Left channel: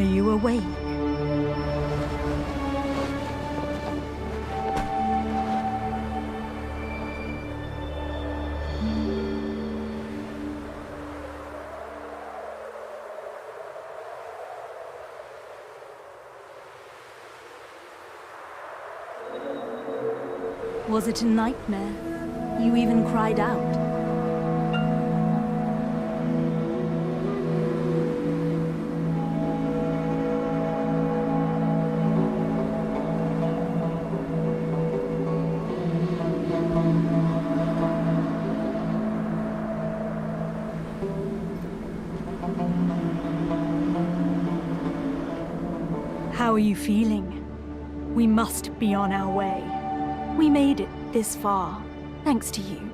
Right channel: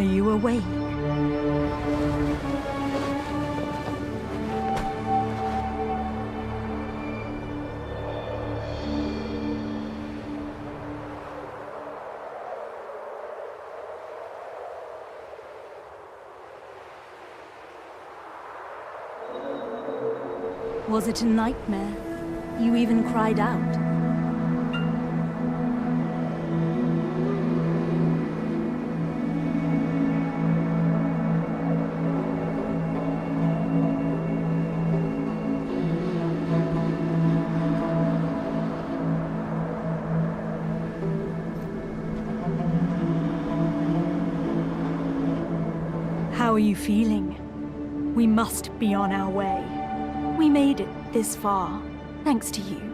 Are you awake? Was it a nightmare? You even cried out. How are you feeling? We must be on our way. We made it this far, thanks to you.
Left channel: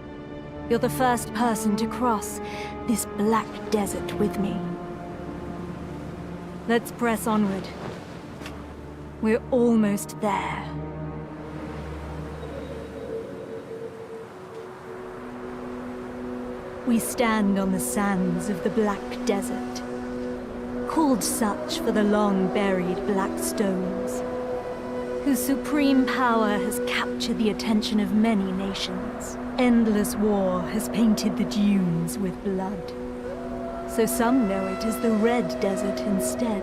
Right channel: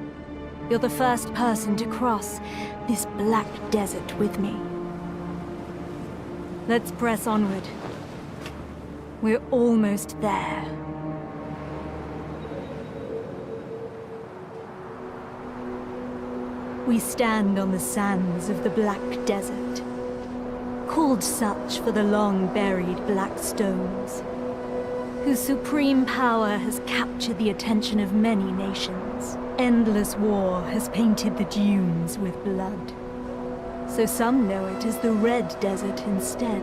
You're the first person to cross this black desert with me. Let's press onward. We're almost there. We stand on the sands of the Black Desert, called such for the long-buried black stones, whose supreme power has captured the attention of many nations. Endless war has painted the dunes with blood, so some know it as the Red Desert instead.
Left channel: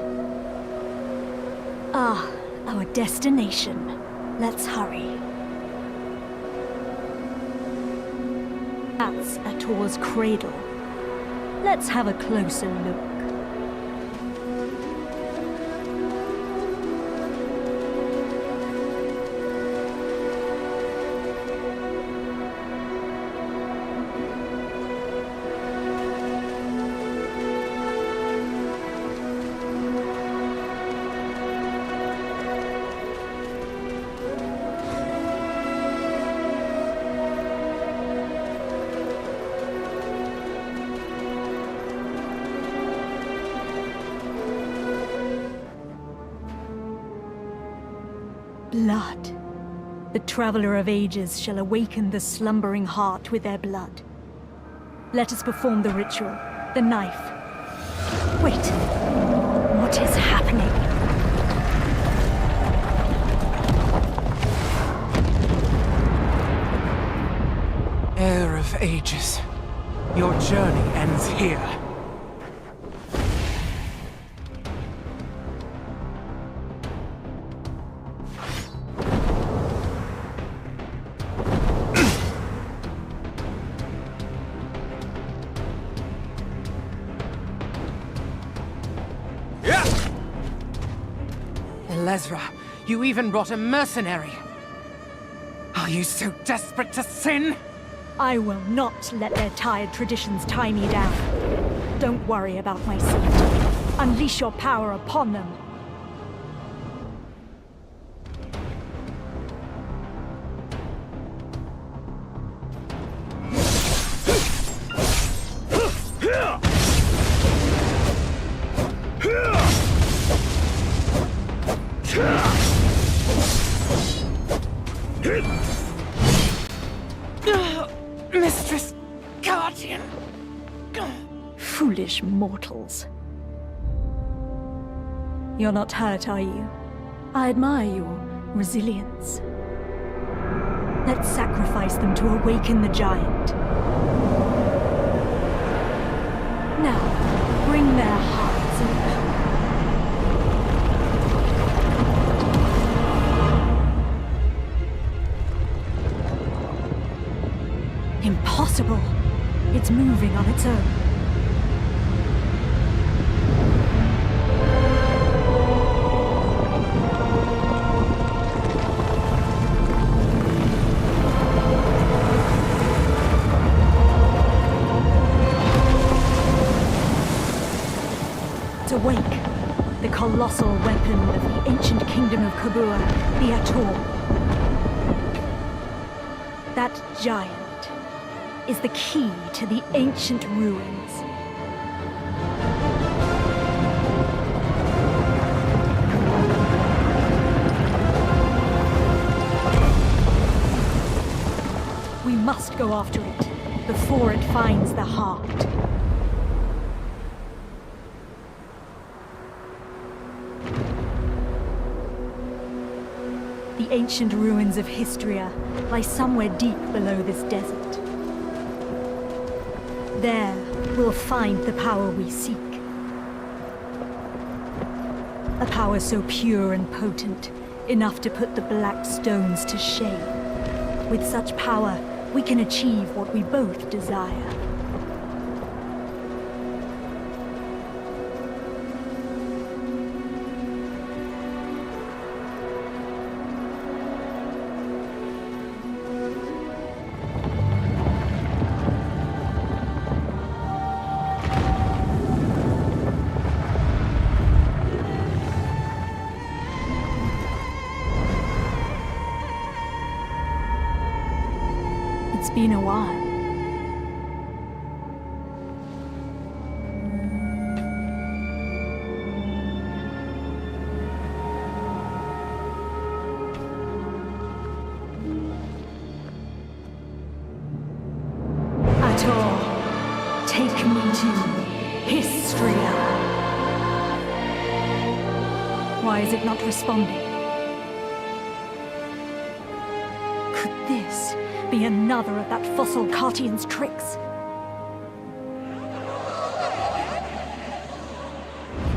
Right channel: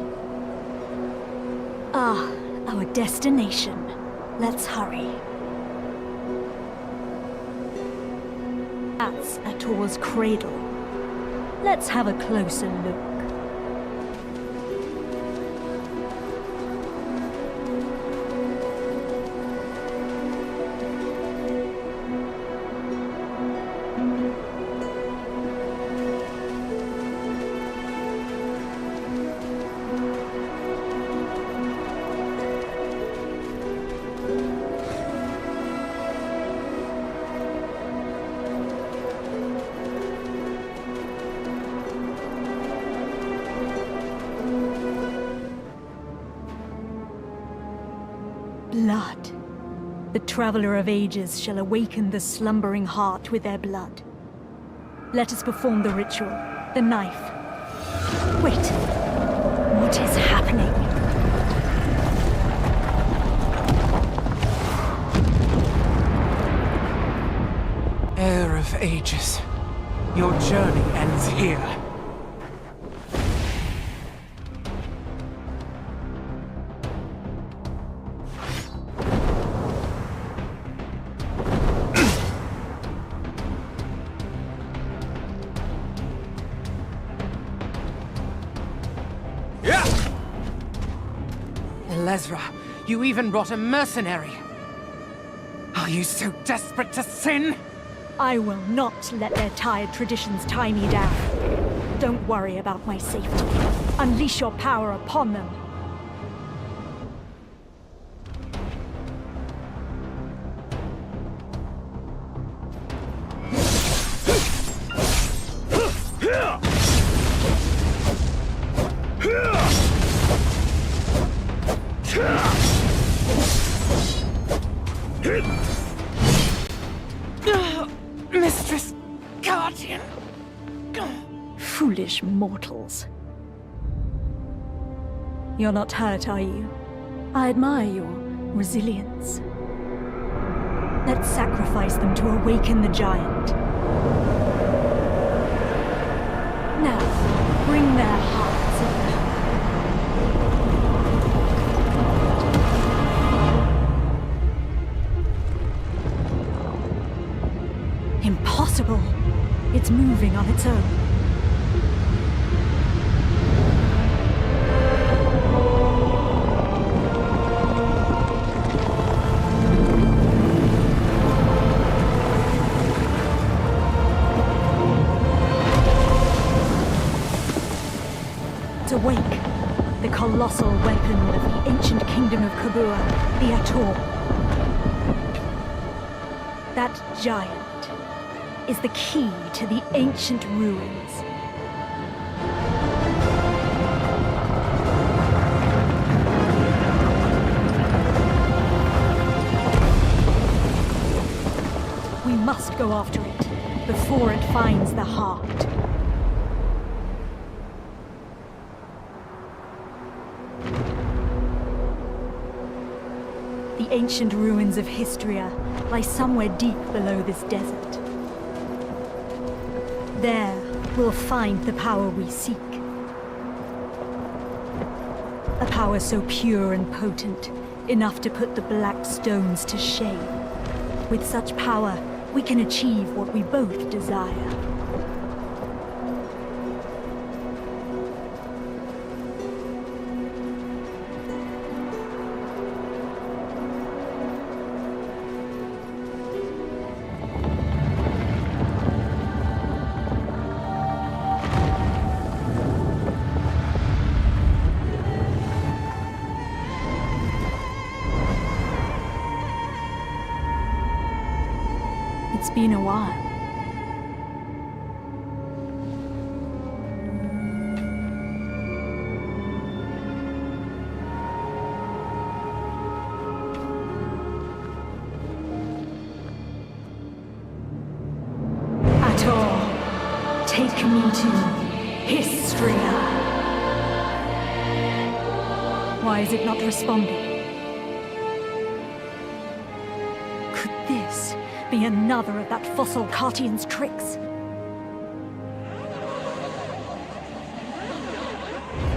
Ah, our destination. Let's hurry. That's Ator's cradle. Let's have a closer look. Blood. The Traveler of Ages shall awaken the slumbering heart with their blood. Let us perform the ritual. The knife. Wait. What is happening? Heir of Ages, your journey ends here. Elezra, you even brought a mercenary. Are you so desperate to sin? I will not let their tired traditions tie me down. Don't worry about my safety. Unleash your power upon them. Mistress Guardian. Foolish mortals. You're not hurt, are you? I admire your resilience. Let's sacrifice them to awaken the giant. Now, bring their hearts in. Impossible! It's moving on its own. It's awake. The colossal weapon of the ancient kingdom of Kabua, the Ator. That giant is the key to the ancient ruins. We must go after it before it finds the heart. The ancient ruins of Histria lie somewhere deep below this desert. There, we'll find the power we seek. A power so pure and potent, enough to put the Black Stones to shame. With such power, we can achieve what we both desire. It's been a while. Ator, take me to Histria. Why is it not responding? Could this be another of that fossil Cartian's tricks?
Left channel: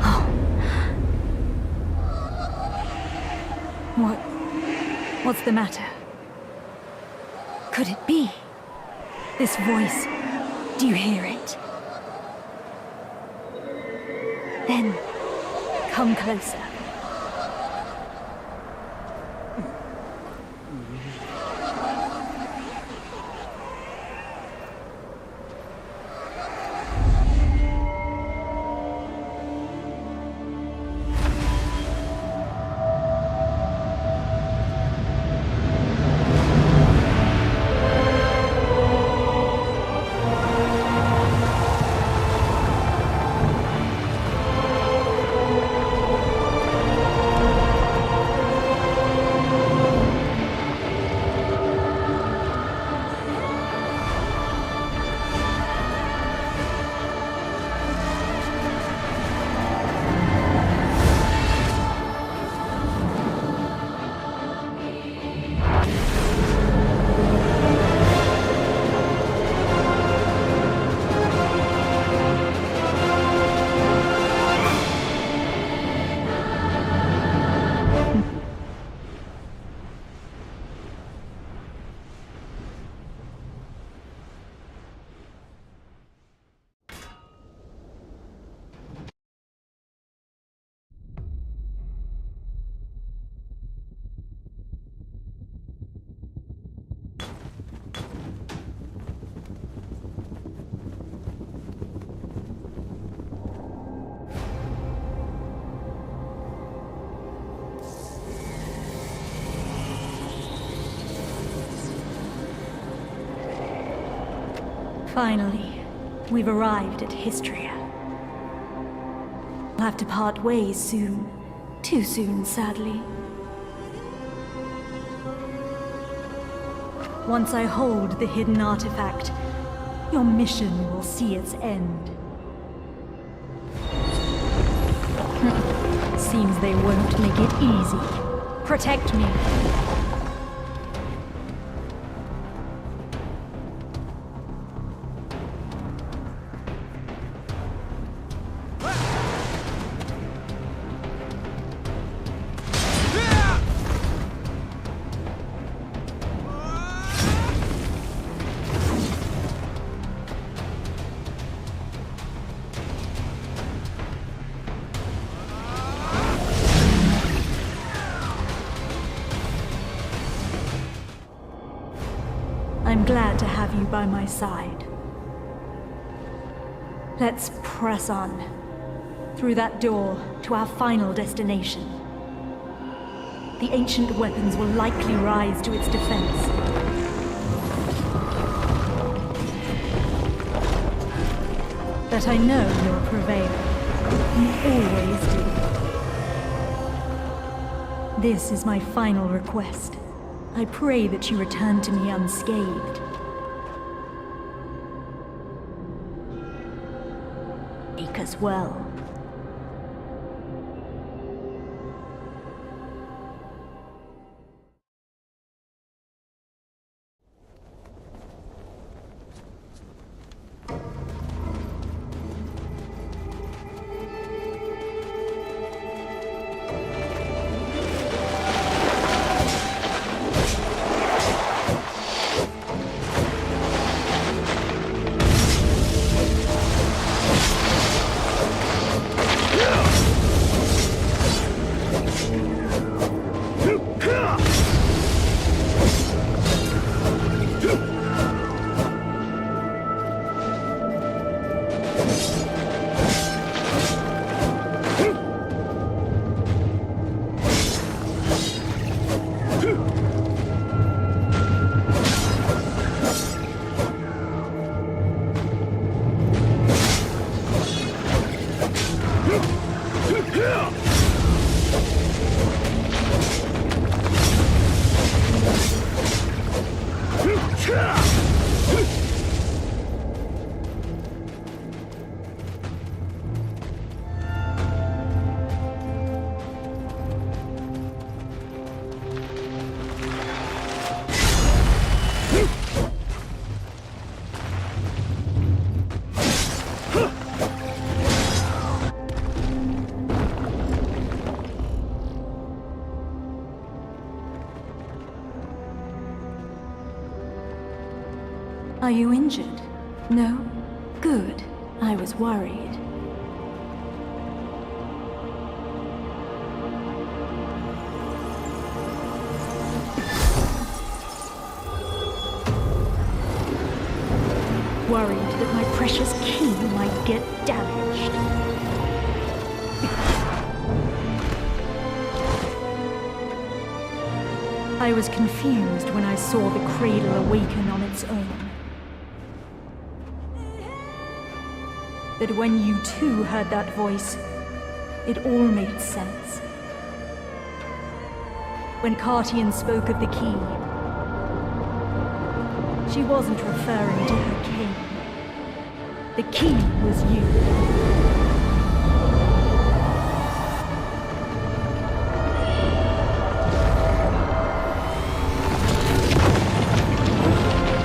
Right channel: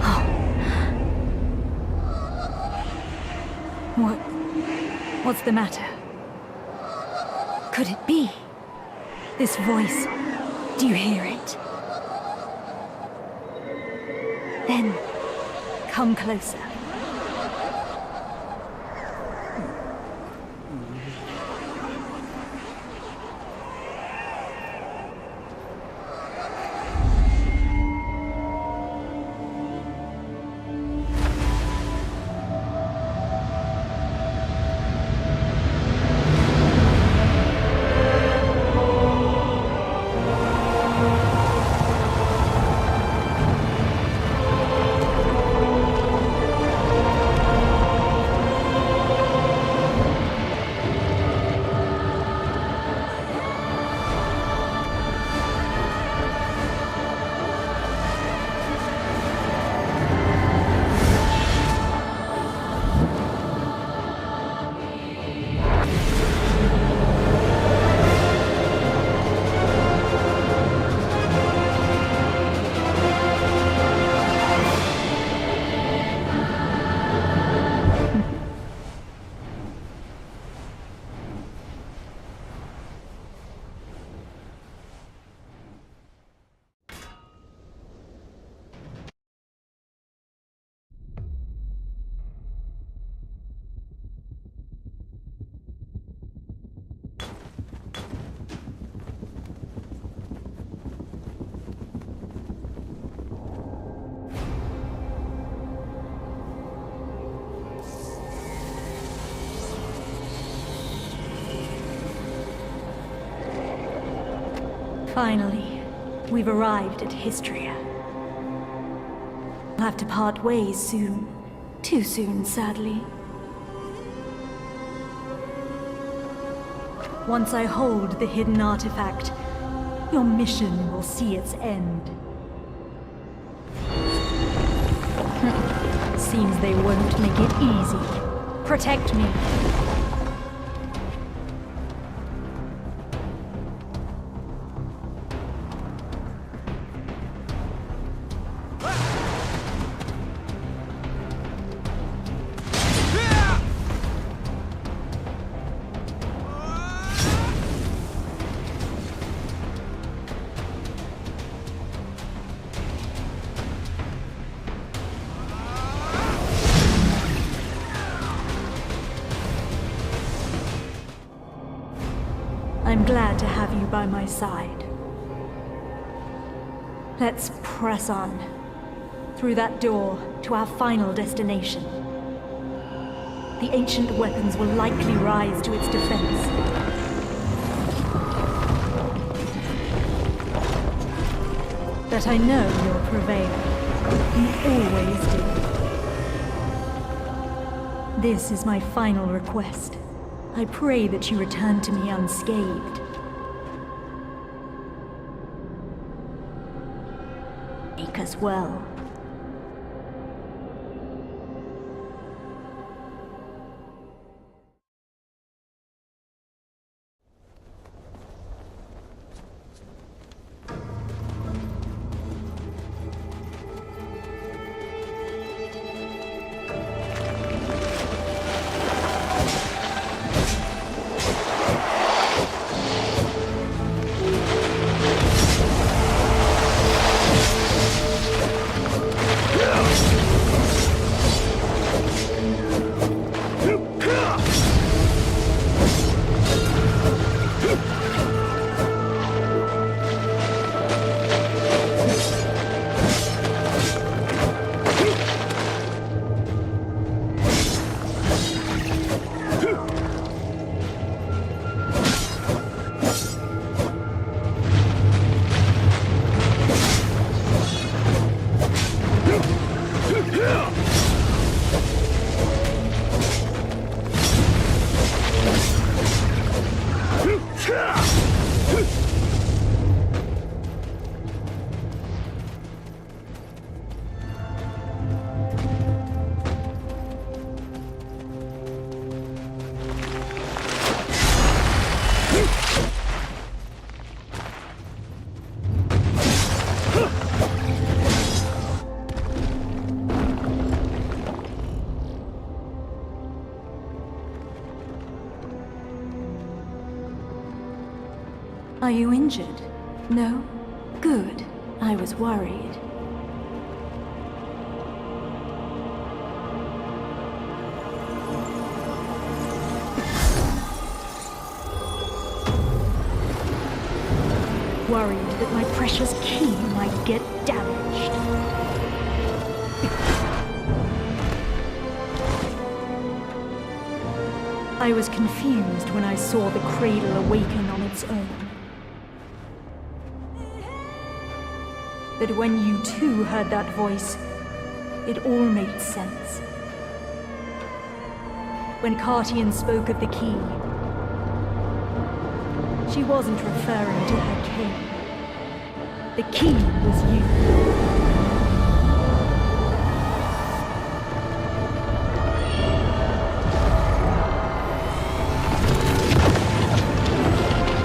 Oh. What's the matter? Could it be? This voice, do you hear it? Then, come closer. Finally, we've arrived at Histria. We'll have to part ways soon. Too soon, sadly. Once I hold the hidden artifact, your mission will see its end. Seems they won't make it easy. Protect me. I'm glad to have you by my side. Let's press on. Through that door, to our final destination. The ancient weapons will likely rise to its defense. But I know you'll prevail. You always do. This is my final request. I pray that you return to me unscathed. Make us well. Are you injured? No? Good. I was worried. Worried that my precious key might get damaged. I was confused when I saw the cradle awaken on its own. But when you too heard that voice, it all made sense. When Cartian spoke of the key, she wasn't referring to her king. The key was you.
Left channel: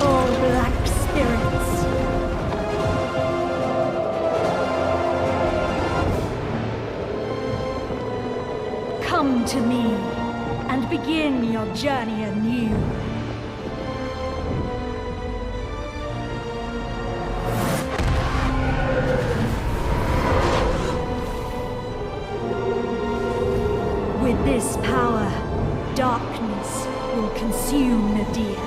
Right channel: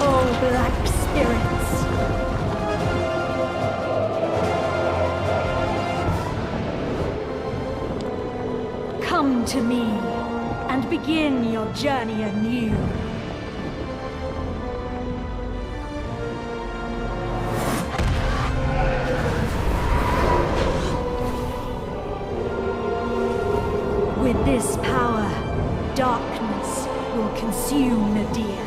Oh, black spirits. Come to me and begin your journey anew. With this power, darkness will consume Nadir.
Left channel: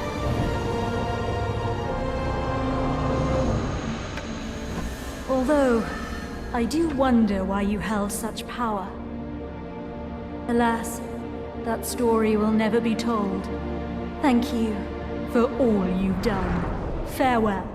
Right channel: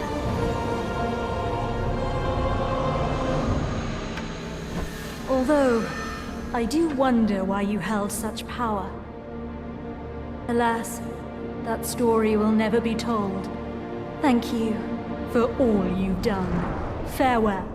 Although, I do wonder why you held such power. Alas, that story will never be told. Thank you for all you've done. Farewell.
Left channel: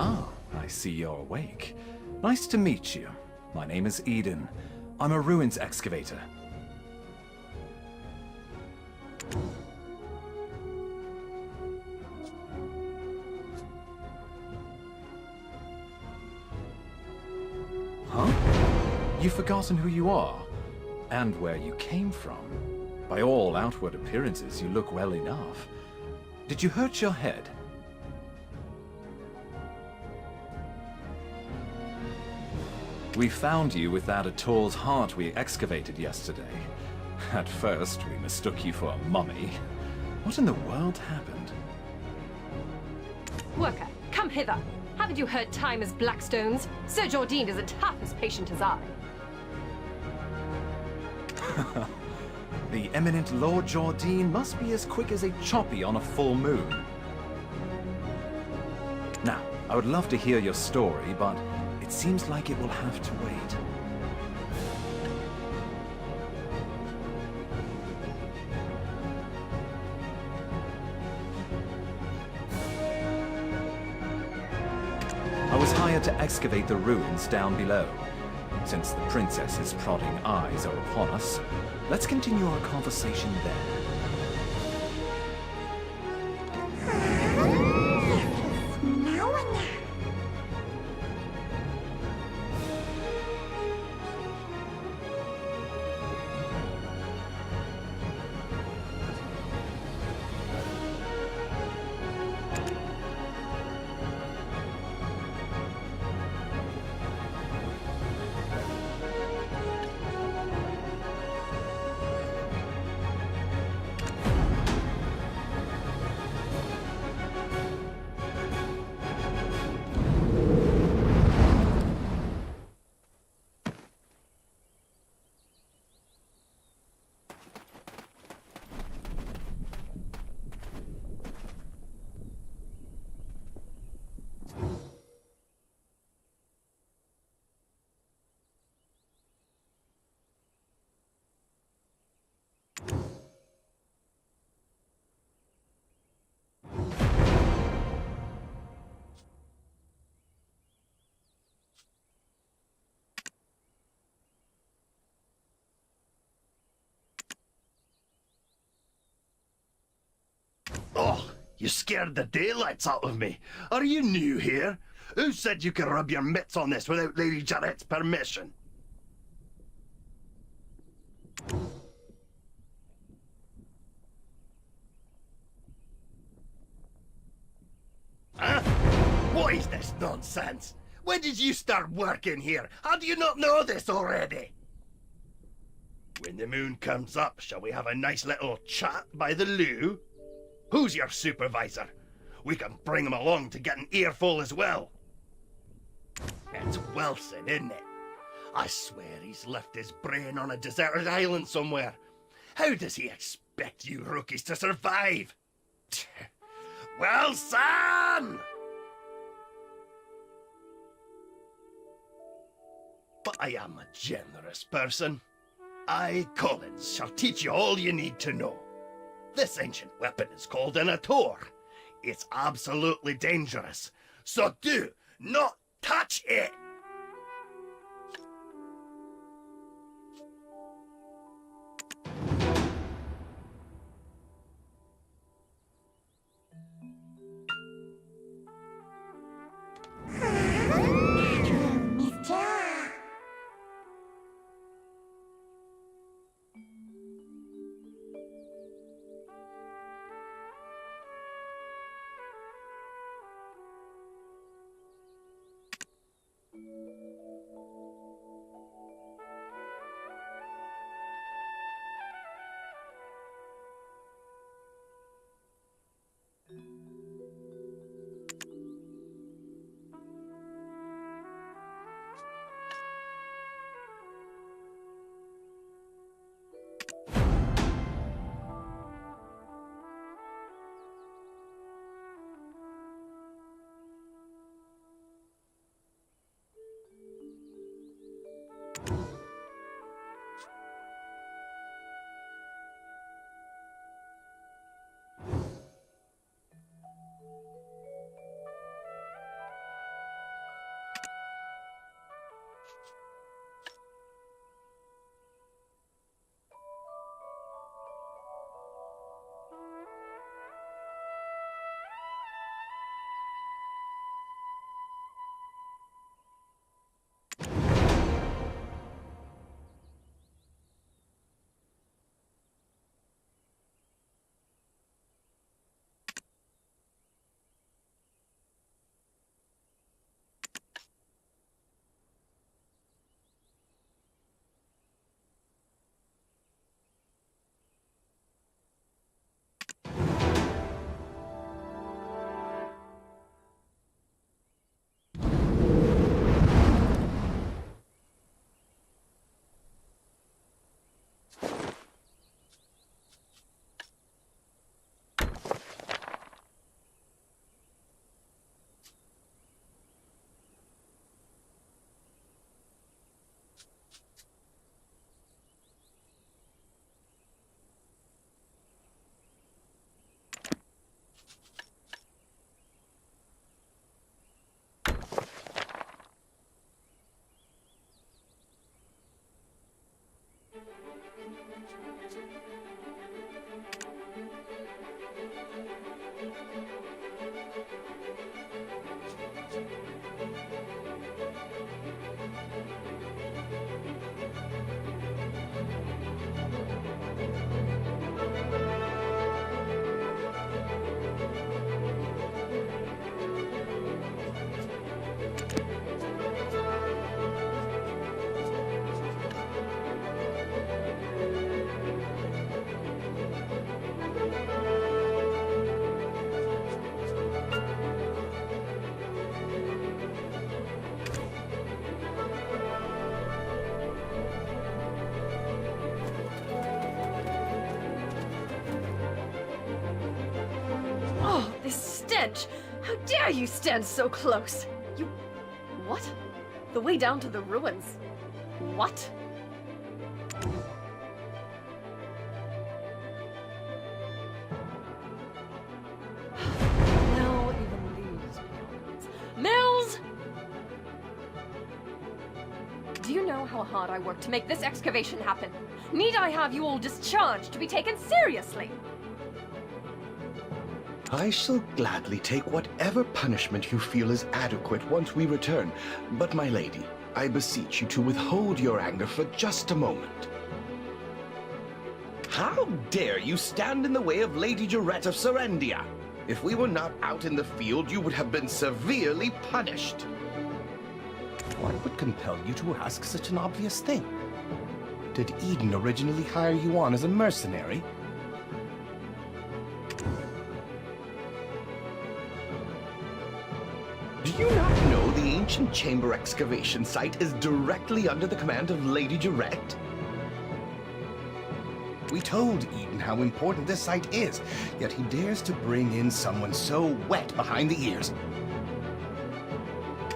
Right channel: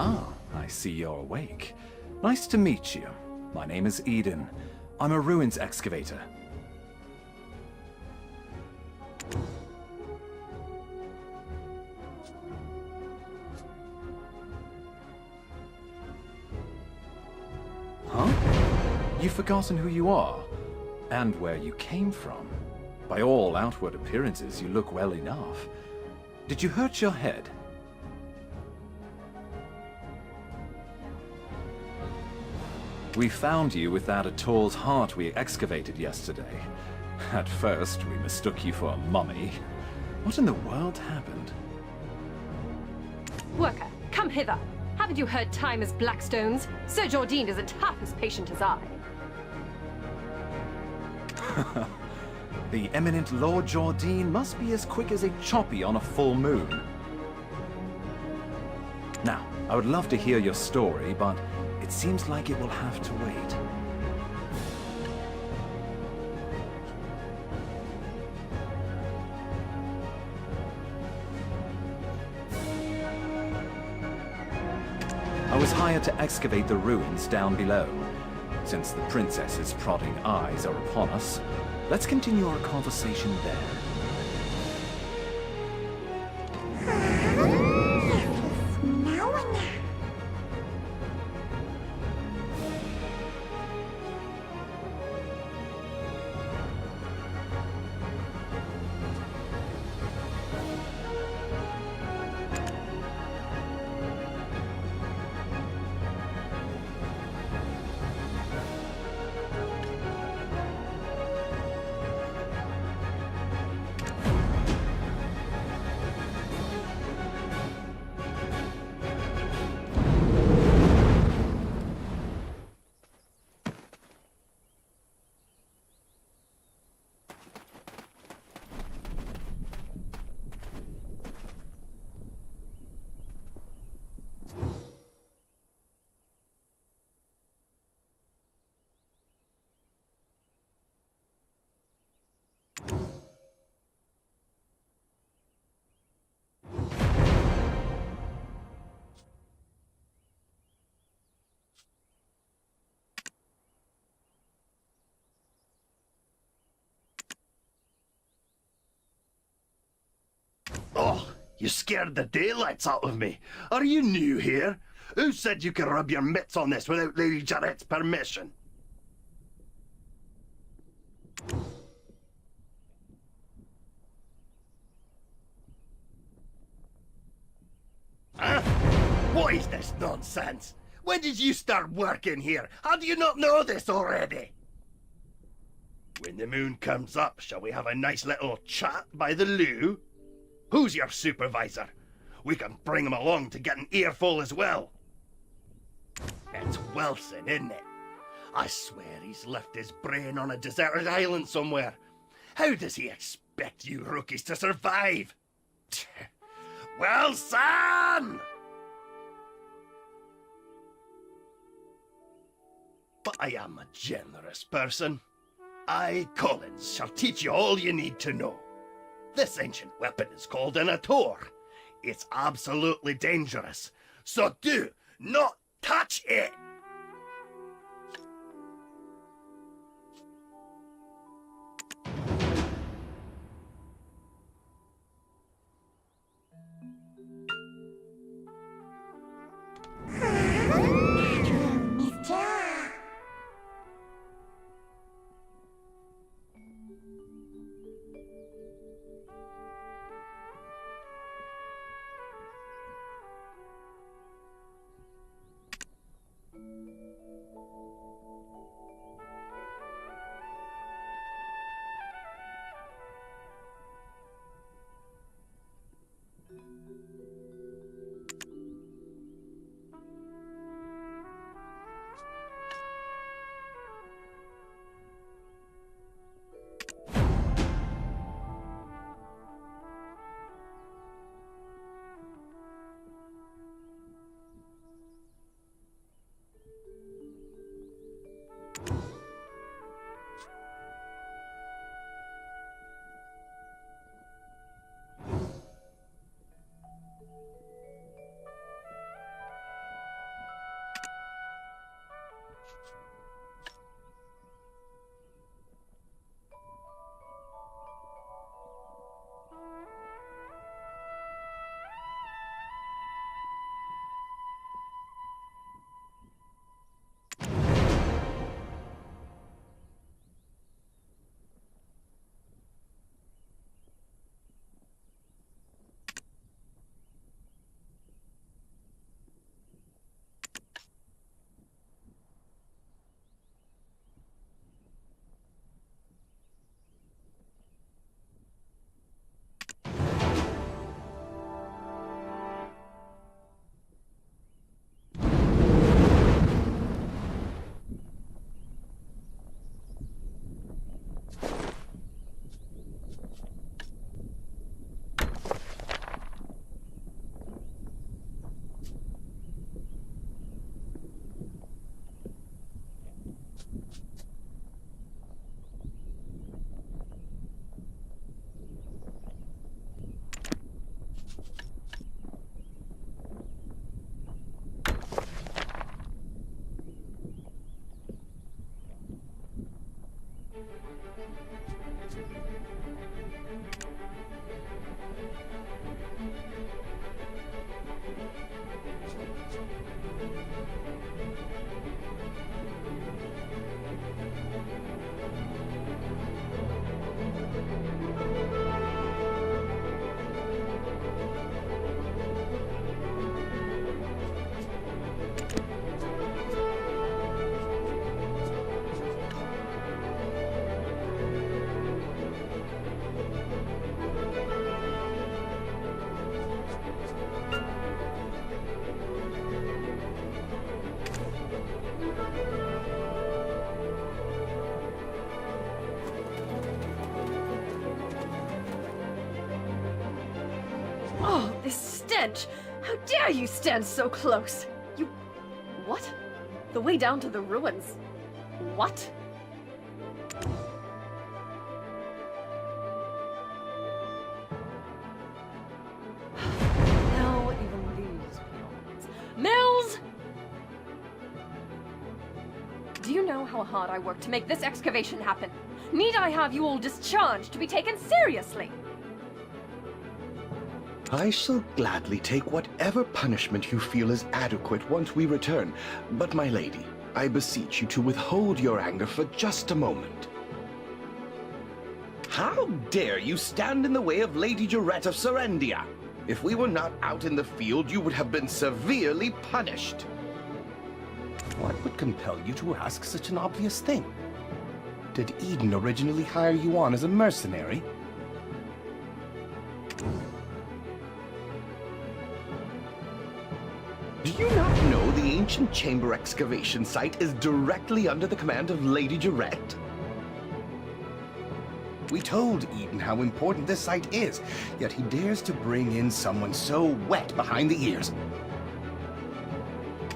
Ah, I see you're awake. Nice to meet you. My name is Eden. I'm a ruins excavator. Huh? You've forgotten who you are? And where you came from? By all outward appearances, you look well enough. Did you hurt your head? We found you with that Ator's heart we excavated yesterday. At first, we mistook you for a mummy. What in the world happened? Worker, come hither. Haven't you heard time as Blackstones? Sir Jordine isn't half as patient as I. The eminent Lord Jordine must be as quick as a choppy on a full moon. Now, I would love to hear your story, but it seems like it will have to wait. I was hired to excavate the ruins down below. Since the princess's prodding eyes are upon us, let's continue our conversation there. Oh, you scared the daylights out of me. Are you new here? Who said you could rub your mitts on this without Lady Jarrett's permission? Huh? What is this nonsense? When did you start working here? How do you not know this already? When the moon comes up, shall we have a nice little chat by the loo? Who's your supervisor? We can bring him along to get an earful as well. It's Wilson, isn't it? I swear he's left his brain on a deserted island somewhere. How does he expect you rookies to survive? Wilson! But I am a generous person. I, Collins, shall teach you all you need to know. This ancient weapon is called an Ator. It's absolutely dangerous, so do not touch it! Oh, this stench! How dare you stand so close? You... What? The way down to the ruins? What? Now even these peons. Mills! Do you know how hard I worked to make this excavation happen? Need I have you all discharged to be taken seriously? I shall gladly take whatever punishment you feel is adequate once we return. But my lady, I beseech you to withhold your anger for just a moment. How dare you stand in the way of Lady Jarette of Serendia? If we were not out in the field, you would have been severely punished. What would compel you to ask such an obvious thing? Did Eden originally hire you on as a mercenary? Do you not know the ancient chamber excavation site is directly under the command of Lady Jarette? We told Eden how important this site is, yet he dares to bring in someone so wet behind the ears.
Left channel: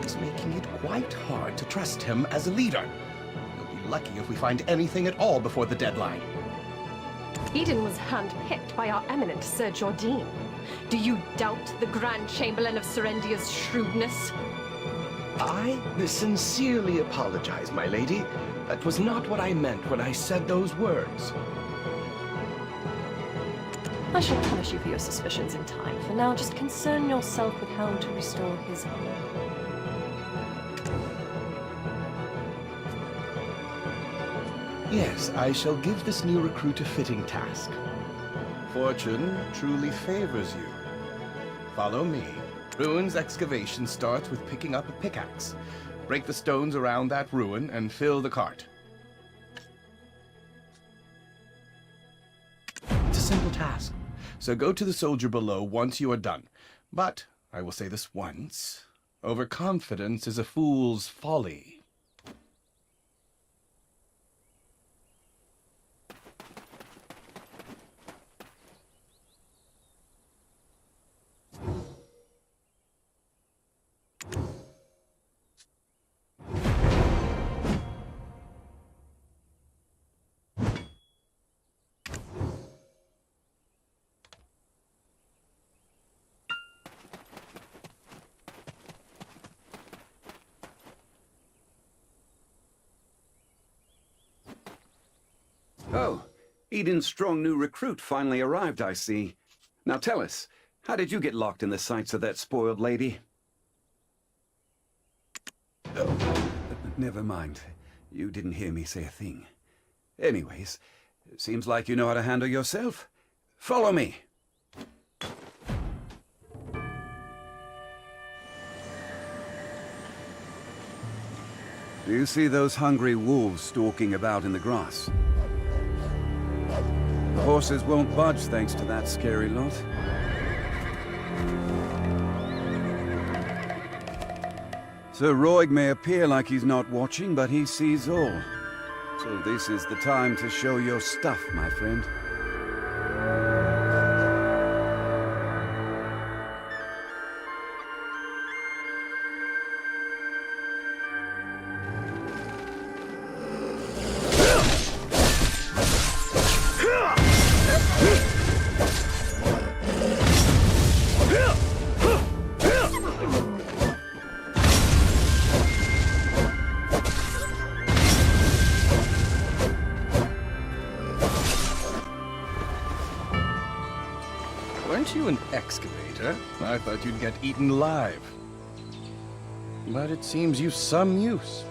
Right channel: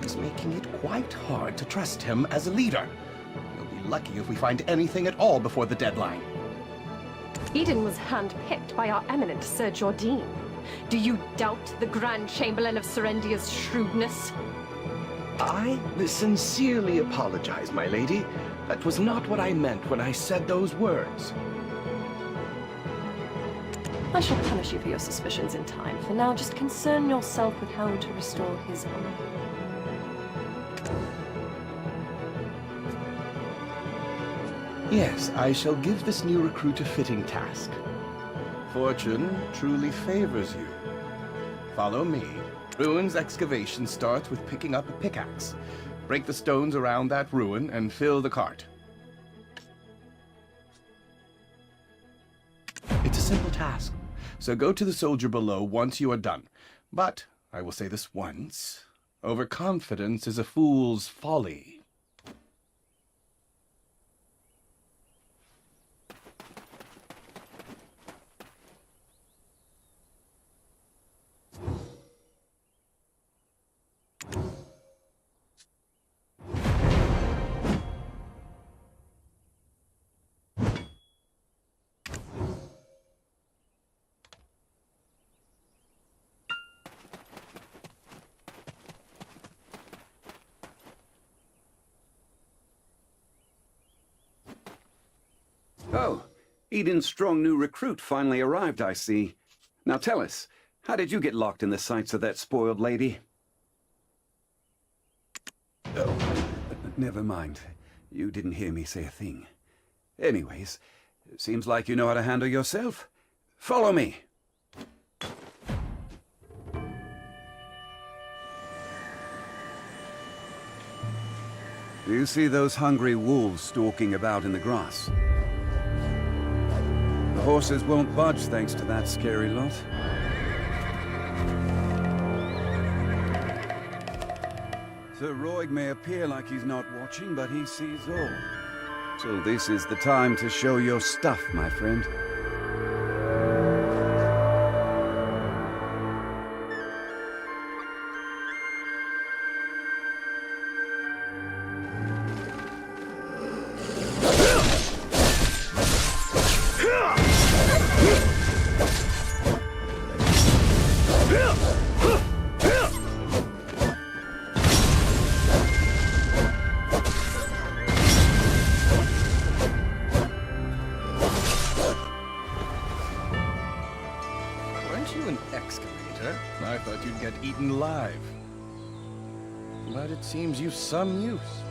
He's making it quite hard to trust him as a leader. You'll be lucky if we find anything at all before the deadline. Eden was handpicked by our eminent Sir Jordine. Do you doubt the Grand Chamberlain of Serendia's shrewdness? I sincerely apologize, my lady. That was not what I meant when I said those words. I shall punish you for your suspicions in time. For now, just concern yourself with how to restore his honor. Yes, I shall give this new recruit a fitting task. Fortune truly favors you. Follow me. Ruins excavation starts with picking up a pickaxe. Break the stones around that ruin and fill the cart. It's a simple task, so go to the soldier below once you are done. But, I will say this once, overconfidence is a fool's folly. Oh, Eden's strong new recruit finally arrived, I see. Now tell us, how did you get locked in the sights of that spoiled lady? Oh, never mind. You didn't hear me say a thing. Anyways, seems like you know how to handle yourself. Follow me. Do you see those hungry wolves stalking about in the grass? The horses won't budge thanks to that scary lot. Sir Roig may appear like he's not watching, but he sees all. So this is the time to show your stuff, my friend. Weren't you an excavator? I thought you'd get eaten alive. But it seems you've some use.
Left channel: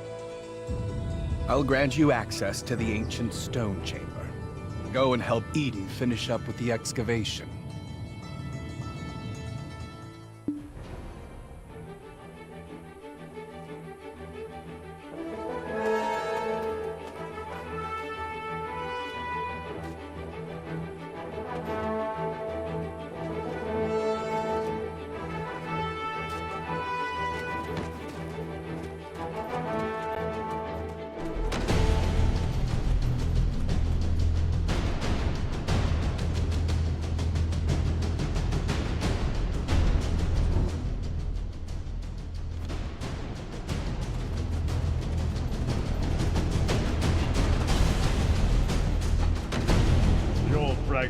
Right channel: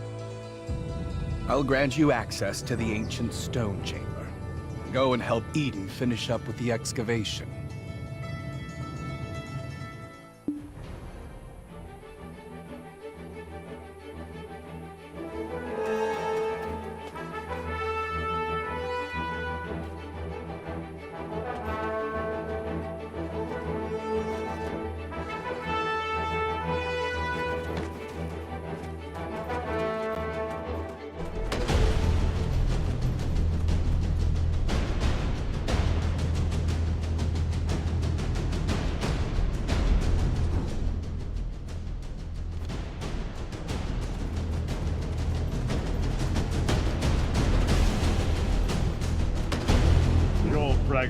I'll grant you access to the ancient stone chamber. Go and help Eden finish up with the excavation.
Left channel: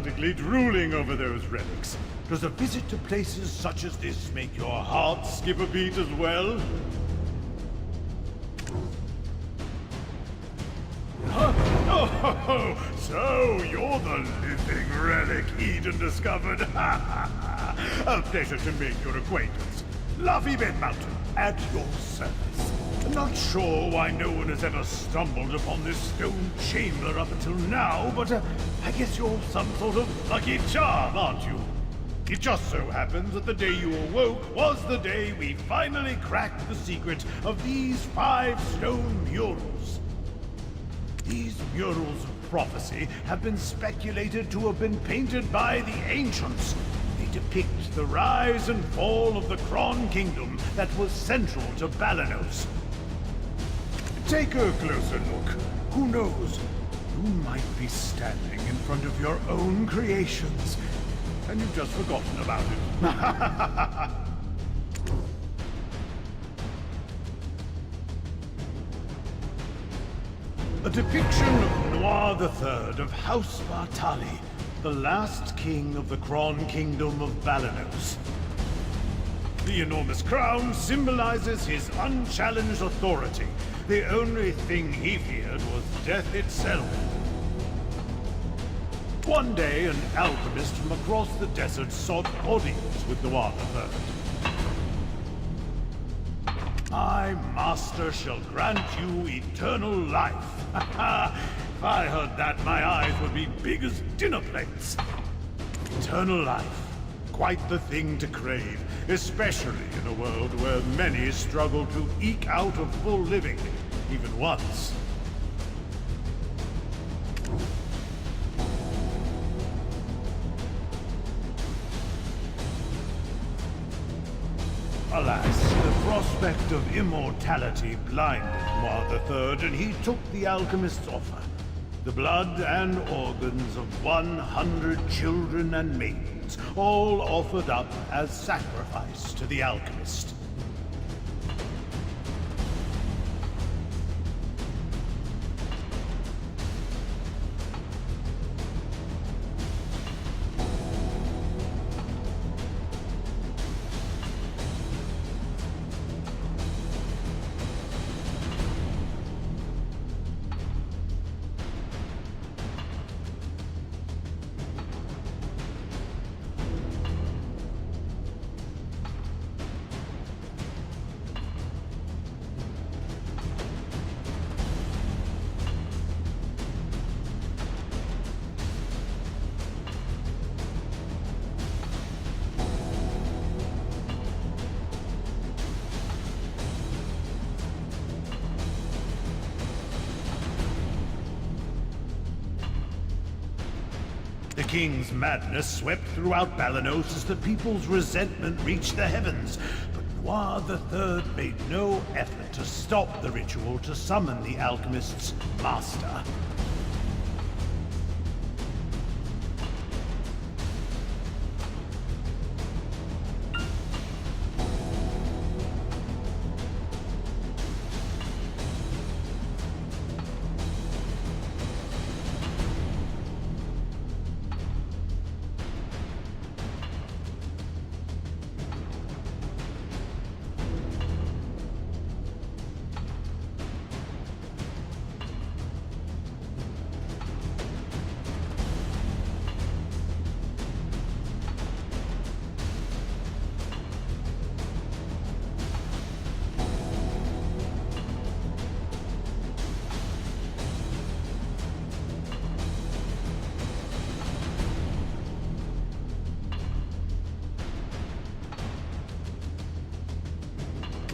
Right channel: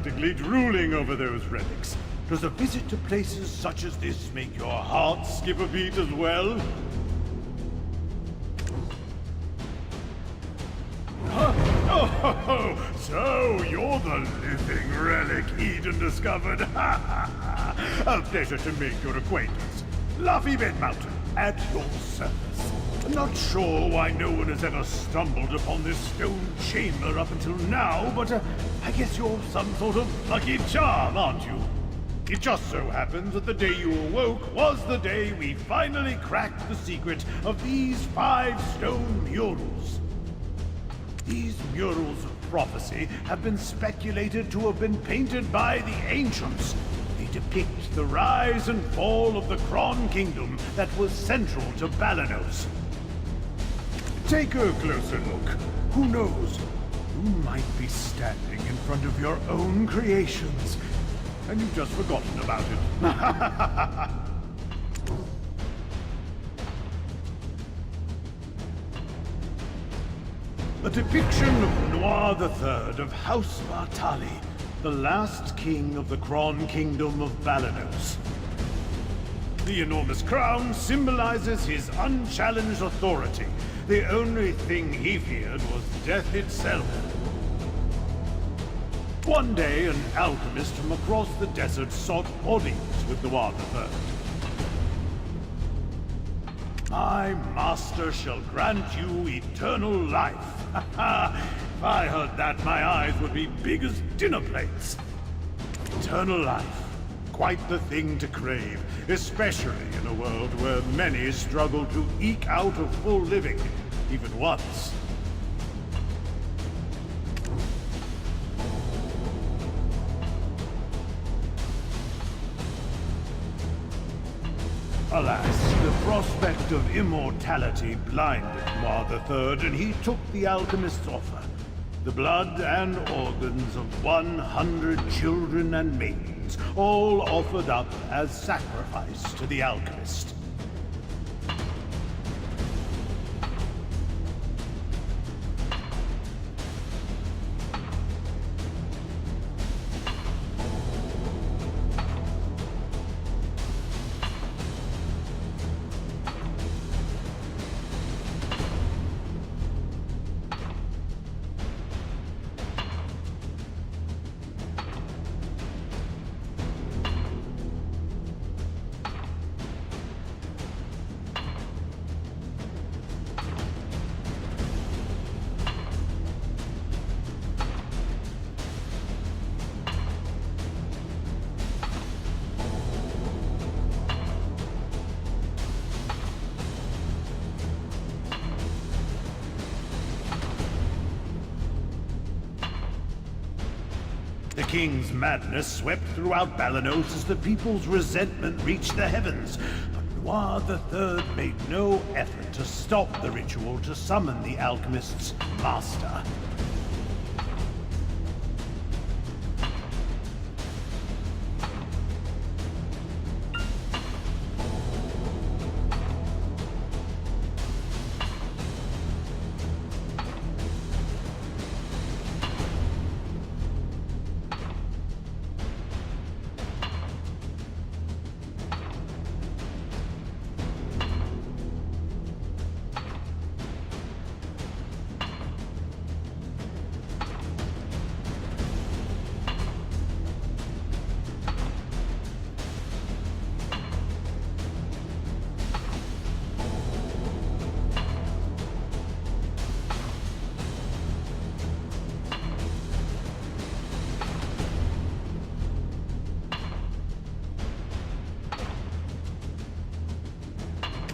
practically drooling over those relics. Does a visit to places such as this make your heart skip a beat as well? Oh, so you're the living relic Eden discovered. A pleasure to make your acquaintance. Luffy Bed Mountain, at your service. Not sure why no one has ever stumbled upon this stone chamber up until now, but I guess you're some sort of lucky charm, aren't you? It just so happens that the day you awoke was the day we finally cracked the secret of these 5 stone murals. These murals of prophecy have been speculated to have been painted by the ancients. They depict the rise and fall of the Kron Kingdom that was central to Balanos. Take a closer look. Who knows? You might be standing in front of your own creations, and you've just forgotten about it. A depiction of Noir III of House Bartali, the last king of the Kron Kingdom of Balanos. The enormous crown symbolizes his unchallenged authority. The only thing he feared was death itself. One day, an alchemist from across the desert sought audience with Noir III. My master shall grant you eternal life. If I heard that, my eyes would be big as dinner plates. Eternal life. Quite the thing to crave, especially in a world where many struggle to eke out a full living, even once. Alas, the prospect of immortality blinded Noir III, and he took the alchemist's offer. The blood and organs of 100 children and maidens, all offered up as sacrifice to the alchemist. The king's madness swept throughout Balanos as the people's resentment reached the heavens. But Noir III made no effort to stop the ritual to summon the alchemist's master.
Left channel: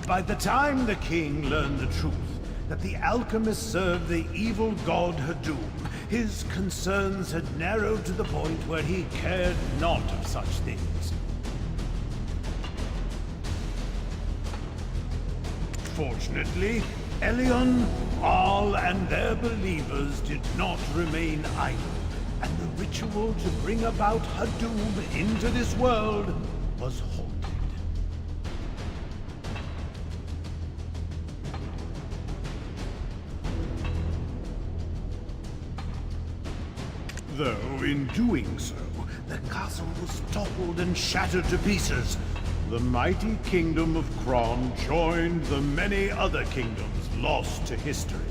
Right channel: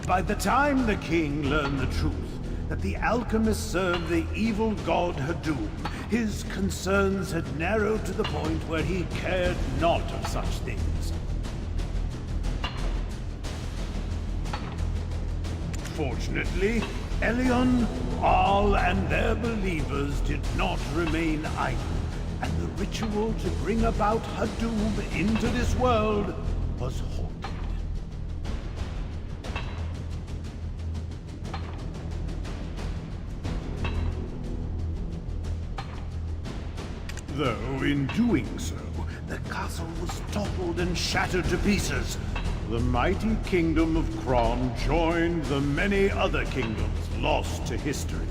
By the time the king learned the truth, that the alchemist served the evil god Hadum, his concerns had narrowed to the point where he cared not of such things. Fortunately, Elion, Arl, and their believers did not remain idle, and the ritual to bring about Hadum into this world was halted. Though, in doing so, the castle was toppled and shattered to pieces. The mighty kingdom of Kron joined the many other kingdoms lost to history.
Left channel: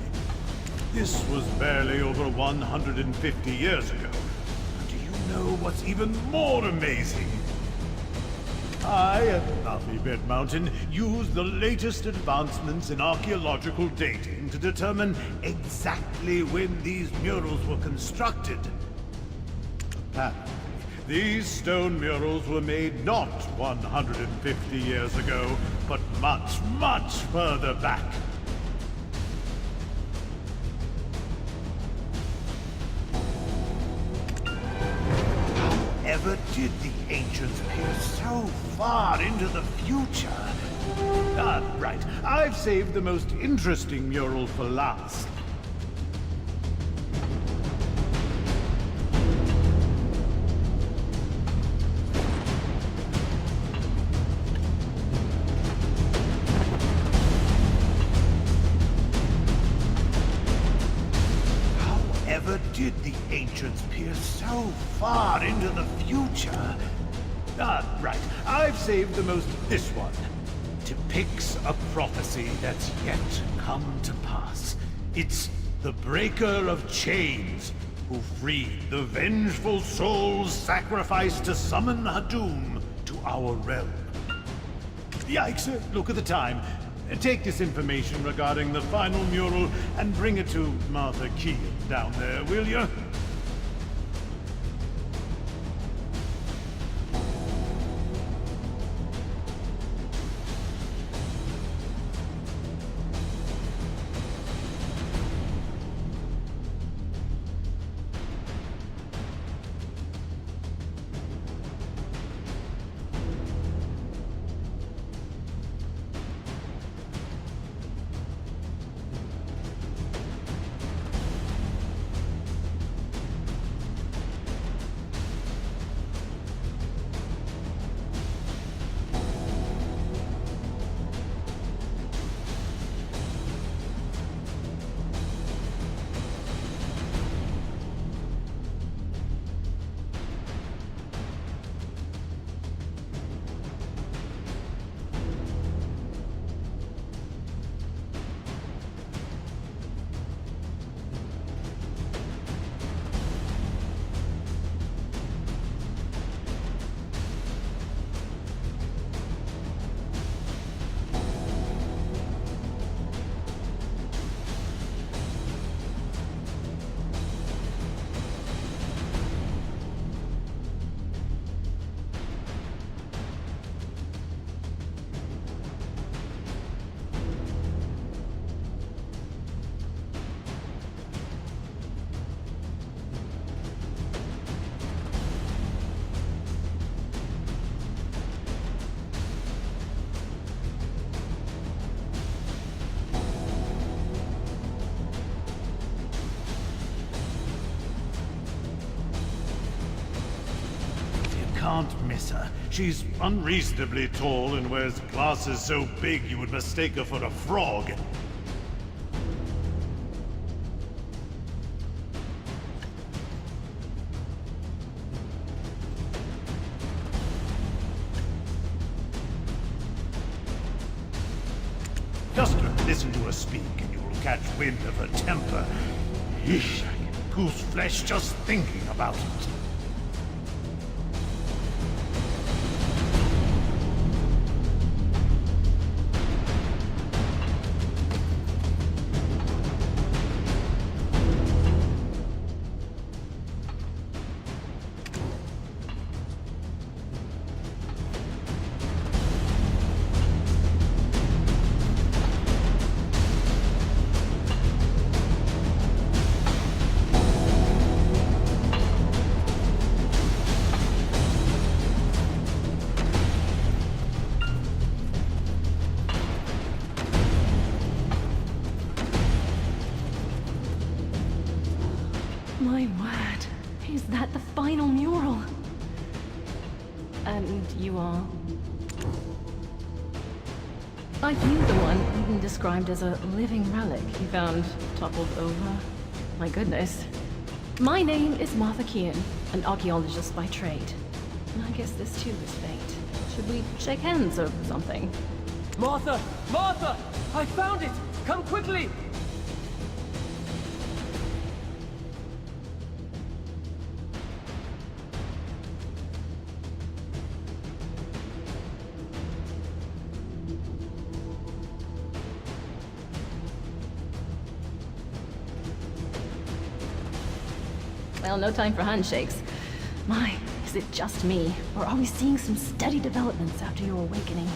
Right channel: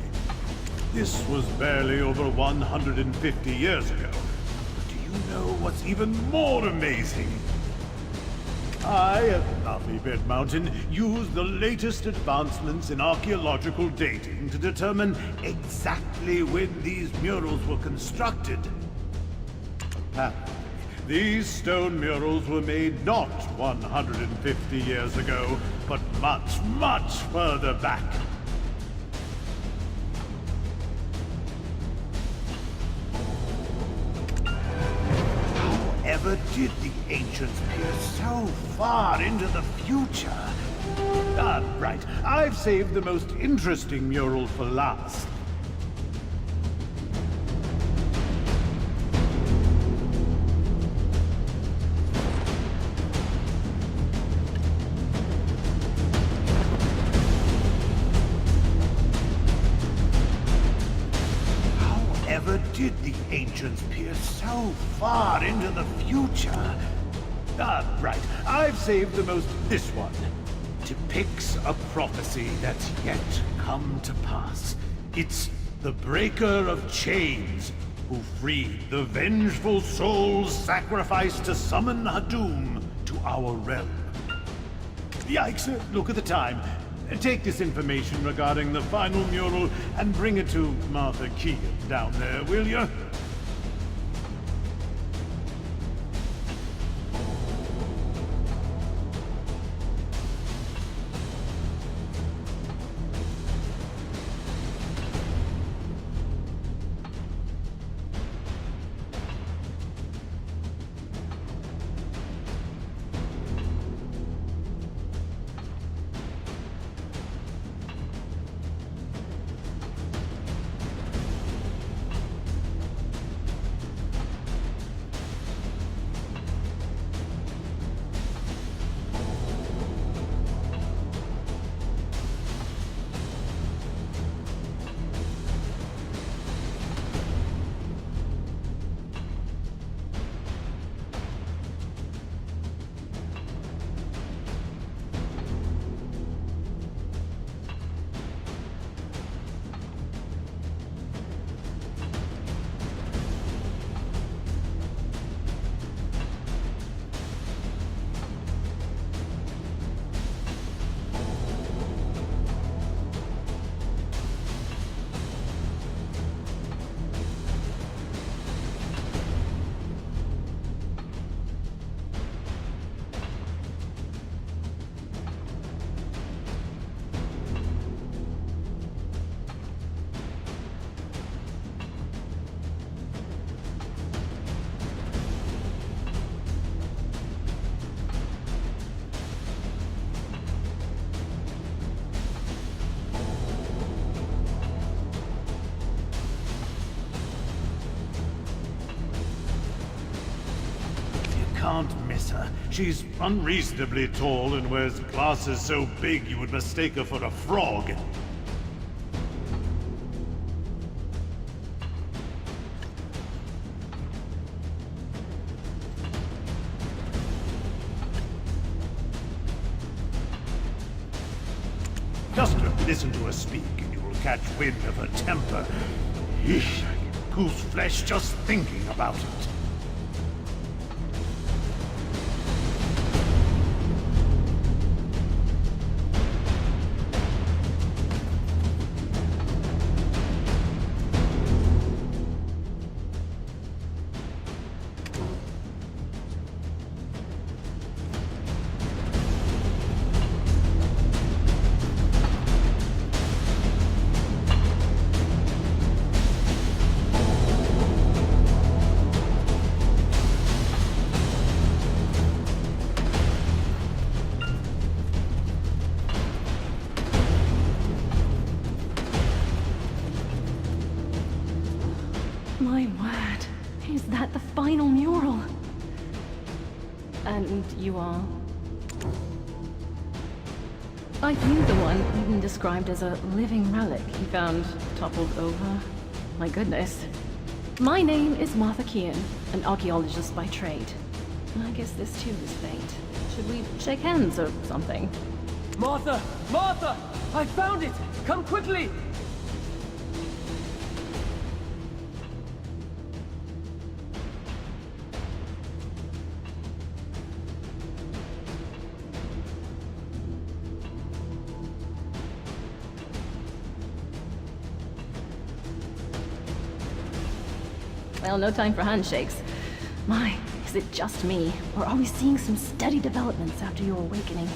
This was barely over 150 years ago. But do you know what's even more amazing? I, at Luffy Bed Mountain, used the latest advancements in archaeological dating to determine exactly when these murals were constructed. Apparently, these stone murals were made not 150 years ago, but much, much further back. However did the ancients peer so far into the future? Right. I've saved the most interesting mural for last. However did the ancients peer so far into the future? Right. I've saved the most... This one depicts a prophecy that's yet come to pass. It's the Breaker of Chains, who freed the vengeful souls sacrificed to summon Hadum to our realm. Yikes, look at the time. Take this information regarding the final mural and bring it to Martha Keegan down there, will you? Can't miss her. She's unreasonably tall and wears glasses so big you would mistake her for a frog. Just listen to her speak and you will catch wind of her temper. Eesh, I get goose flesh just thinking about it. My word, is that the final mural? And you are? Are you the one Eden described as a living relic he found toppled over? My goodness. My name is Martha Kean, an archaeologist by trade. I guess this too is fate. Should we shake hands or something? Martha! Martha! I found it! Come quickly! Well, no time for handshakes. My, is it just me? Or are we seeing some steady developments after your awakening?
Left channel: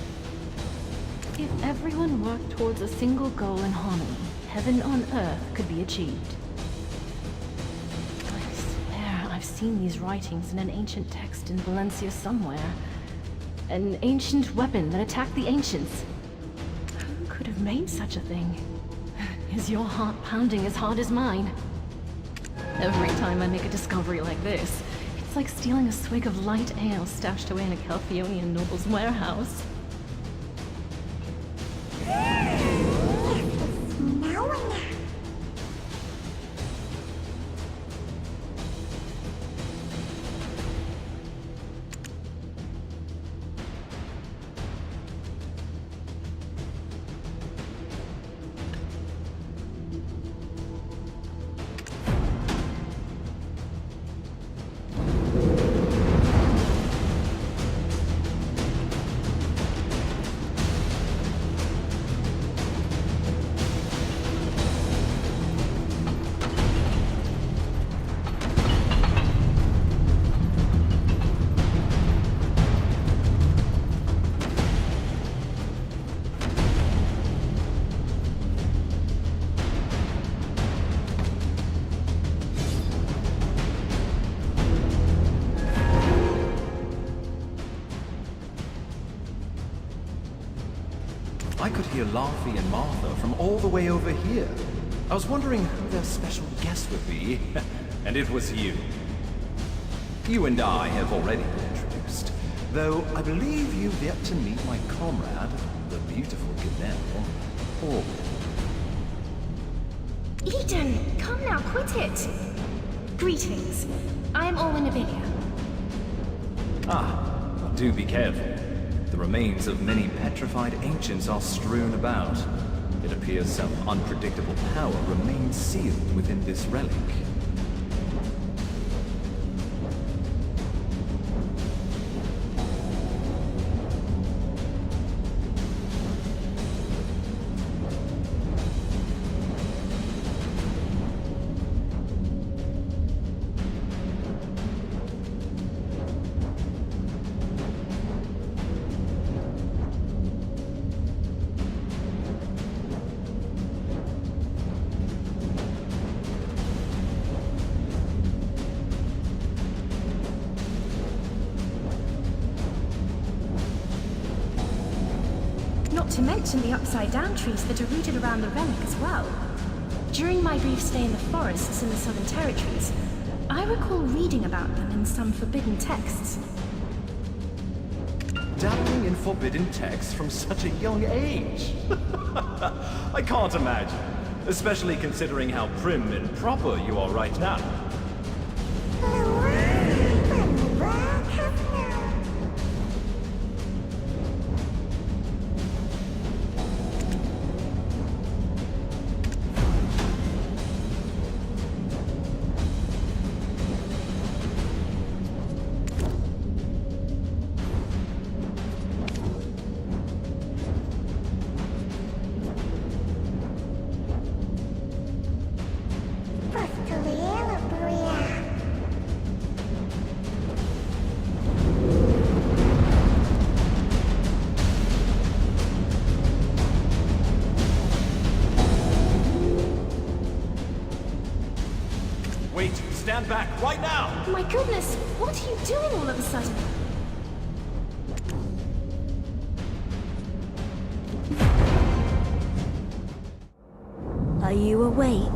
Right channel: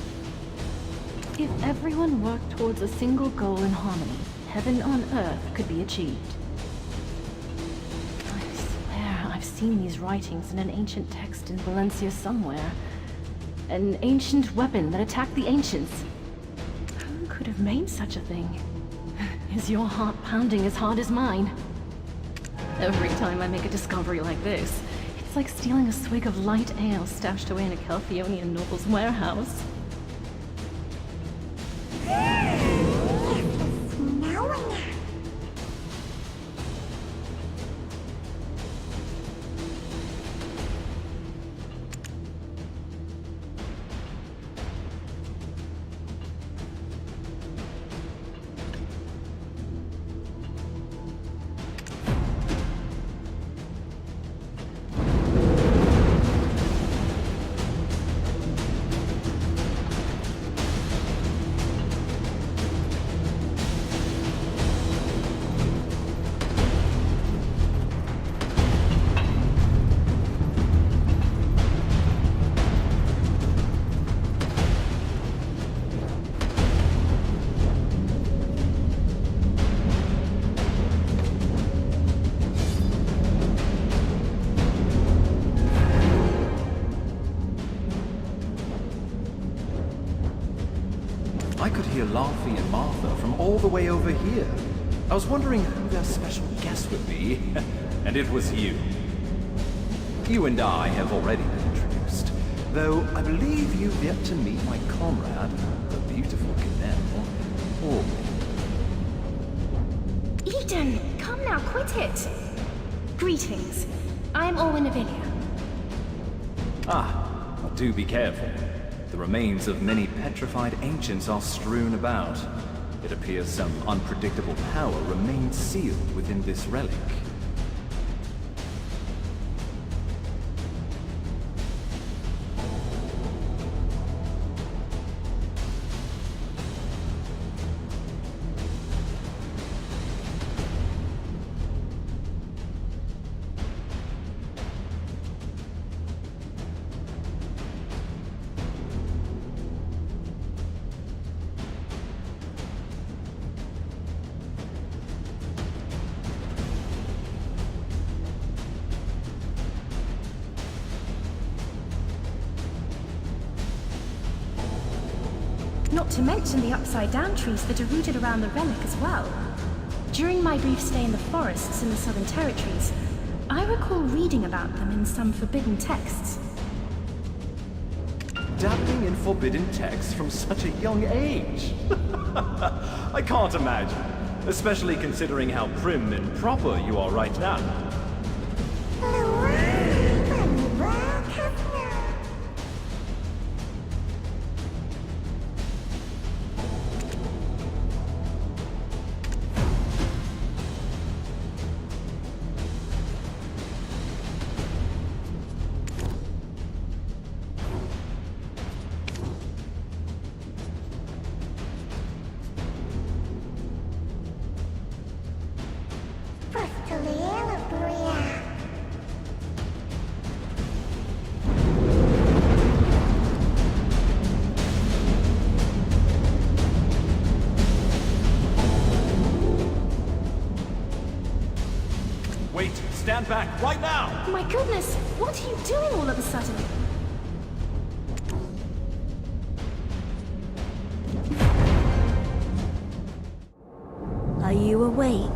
If everyone worked towards a single goal in harmony, heaven on earth could be achieved. I swear I've seen these writings in an ancient text in Valencia somewhere. An ancient weapon that attacked the ancients. Who could have made such a thing? Is your heart pounding as hard as mine? Every time I make a discovery like this, it's like stealing a swig of light ale stashed away in a Calphionian noble's warehouse. I could hear Laufey and Martha from all the way over here. I was wondering who their special guest would be, and it was you. You and I have already been introduced, though I believe you've yet to meet my comrade, the beautiful Ganelle, Orwin. Eden, come now, quit it! Greetings. I'm Orwin Avilia. Well, do be careful. The remains of many petrified ancients are strewn about. It appears some unpredictable power remains sealed within this relic. Not to mention the upside-down trees that are rooted around the relic as well. During my brief stay in the forests in the Southern Territories, I recall reading about them in some forbidden texts. Dabbling in forbidden texts from such a young age? I can't imagine, especially considering how prim and proper you are right now. Wait, stand back, right now! My goodness, what are you doing all of a sudden? Are you awake?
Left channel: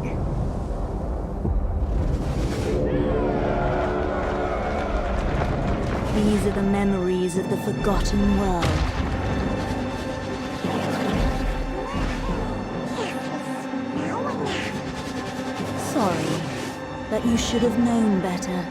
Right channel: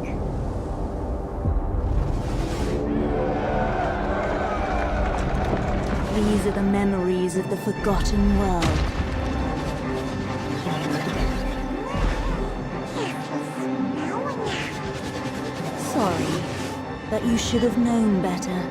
These are the memories of the forgotten world. Sorry, But you should have known better.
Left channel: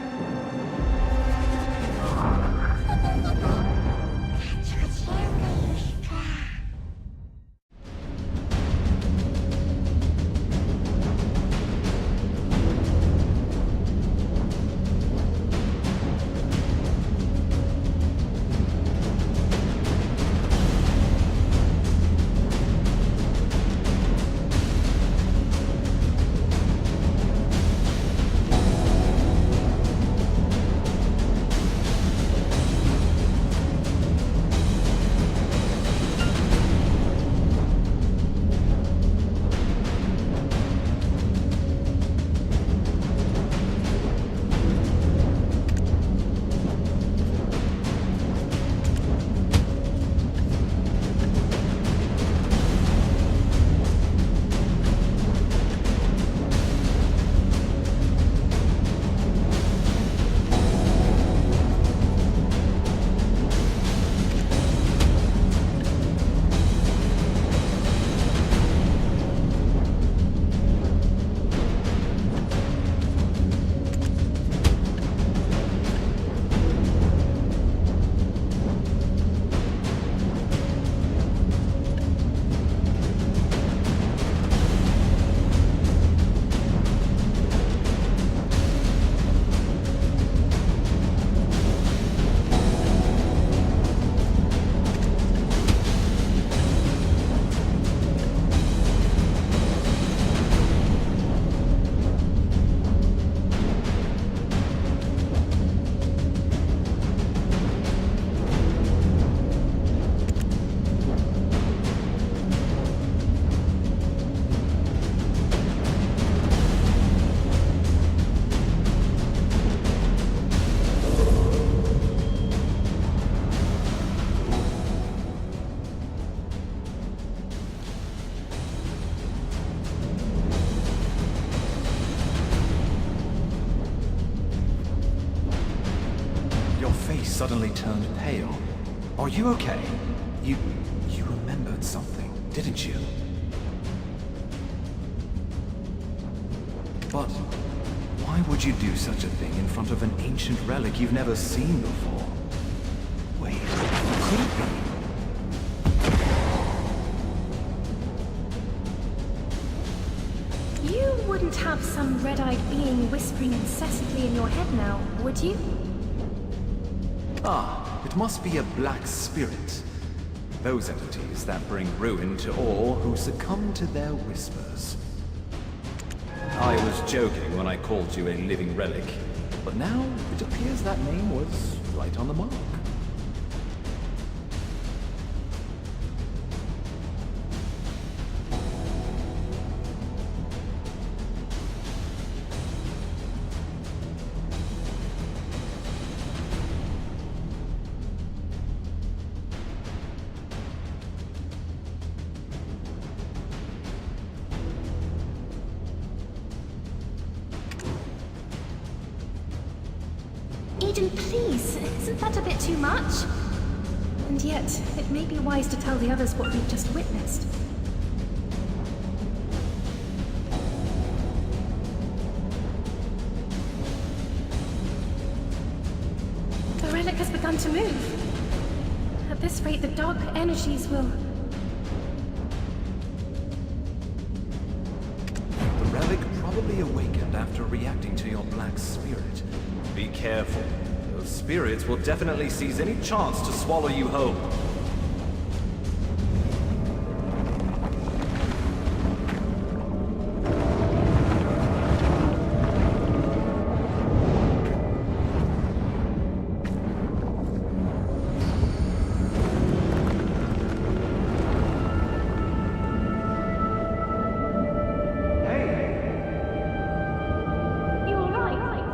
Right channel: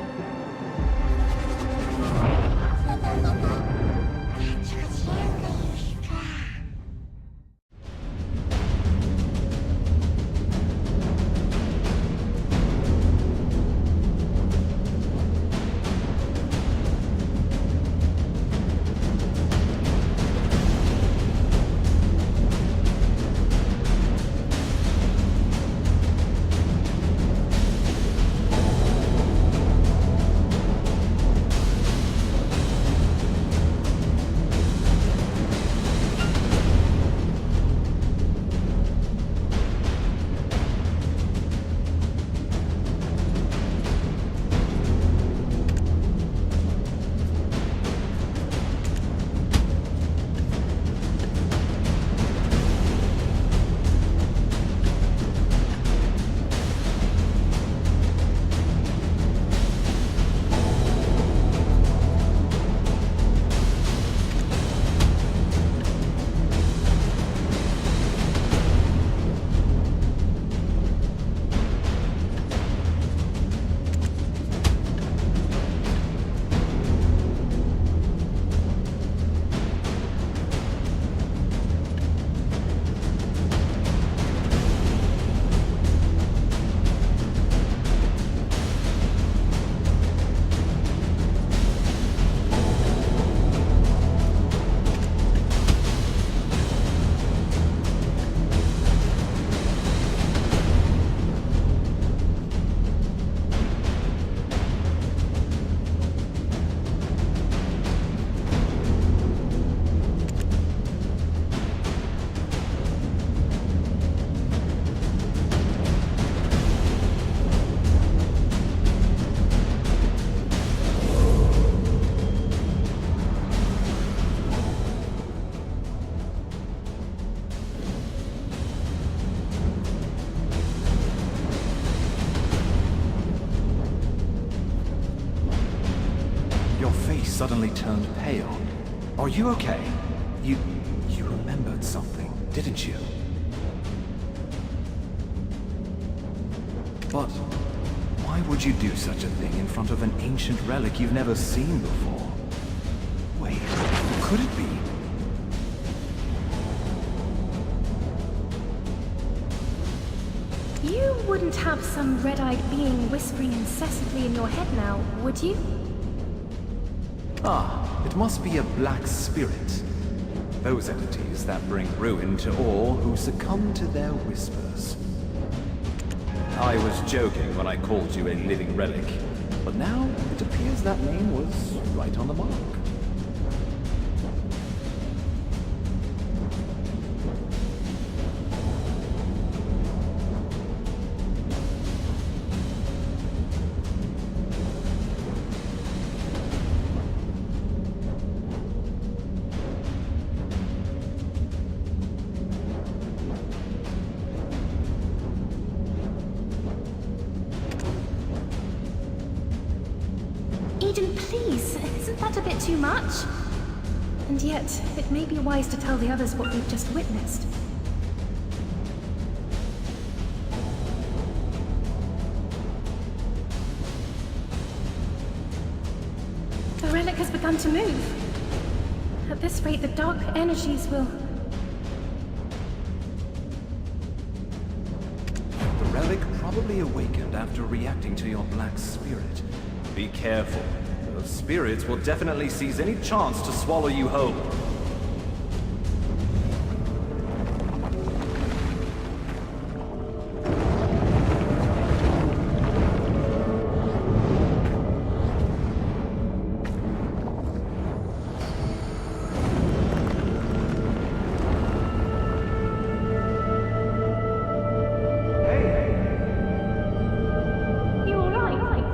Your face suddenly turned pale. Are you okay? You remembered something, didn't you? But why would you do such a thing in front of an ancient relic you've never seen before? Wait, who could it be? You wouldn't have some red-eyed being whispering incessantly in your head now, would you? Ah, it must be a black spirit. Those entities that bring ruin to all who succumb to their whispers. I was joking when I called you a living relic, but now it appears that name was right on the mark. Eden, please, isn't that a bit too much? And yet, it may be wise to tell the others what we've just witnessed. The relic has begun to move. At this rate, the dark energies will... The relic probably awakened after reacting to your black spirit. Be careful. Those spirits will definitely seize any chance to swallow you whole. You all right?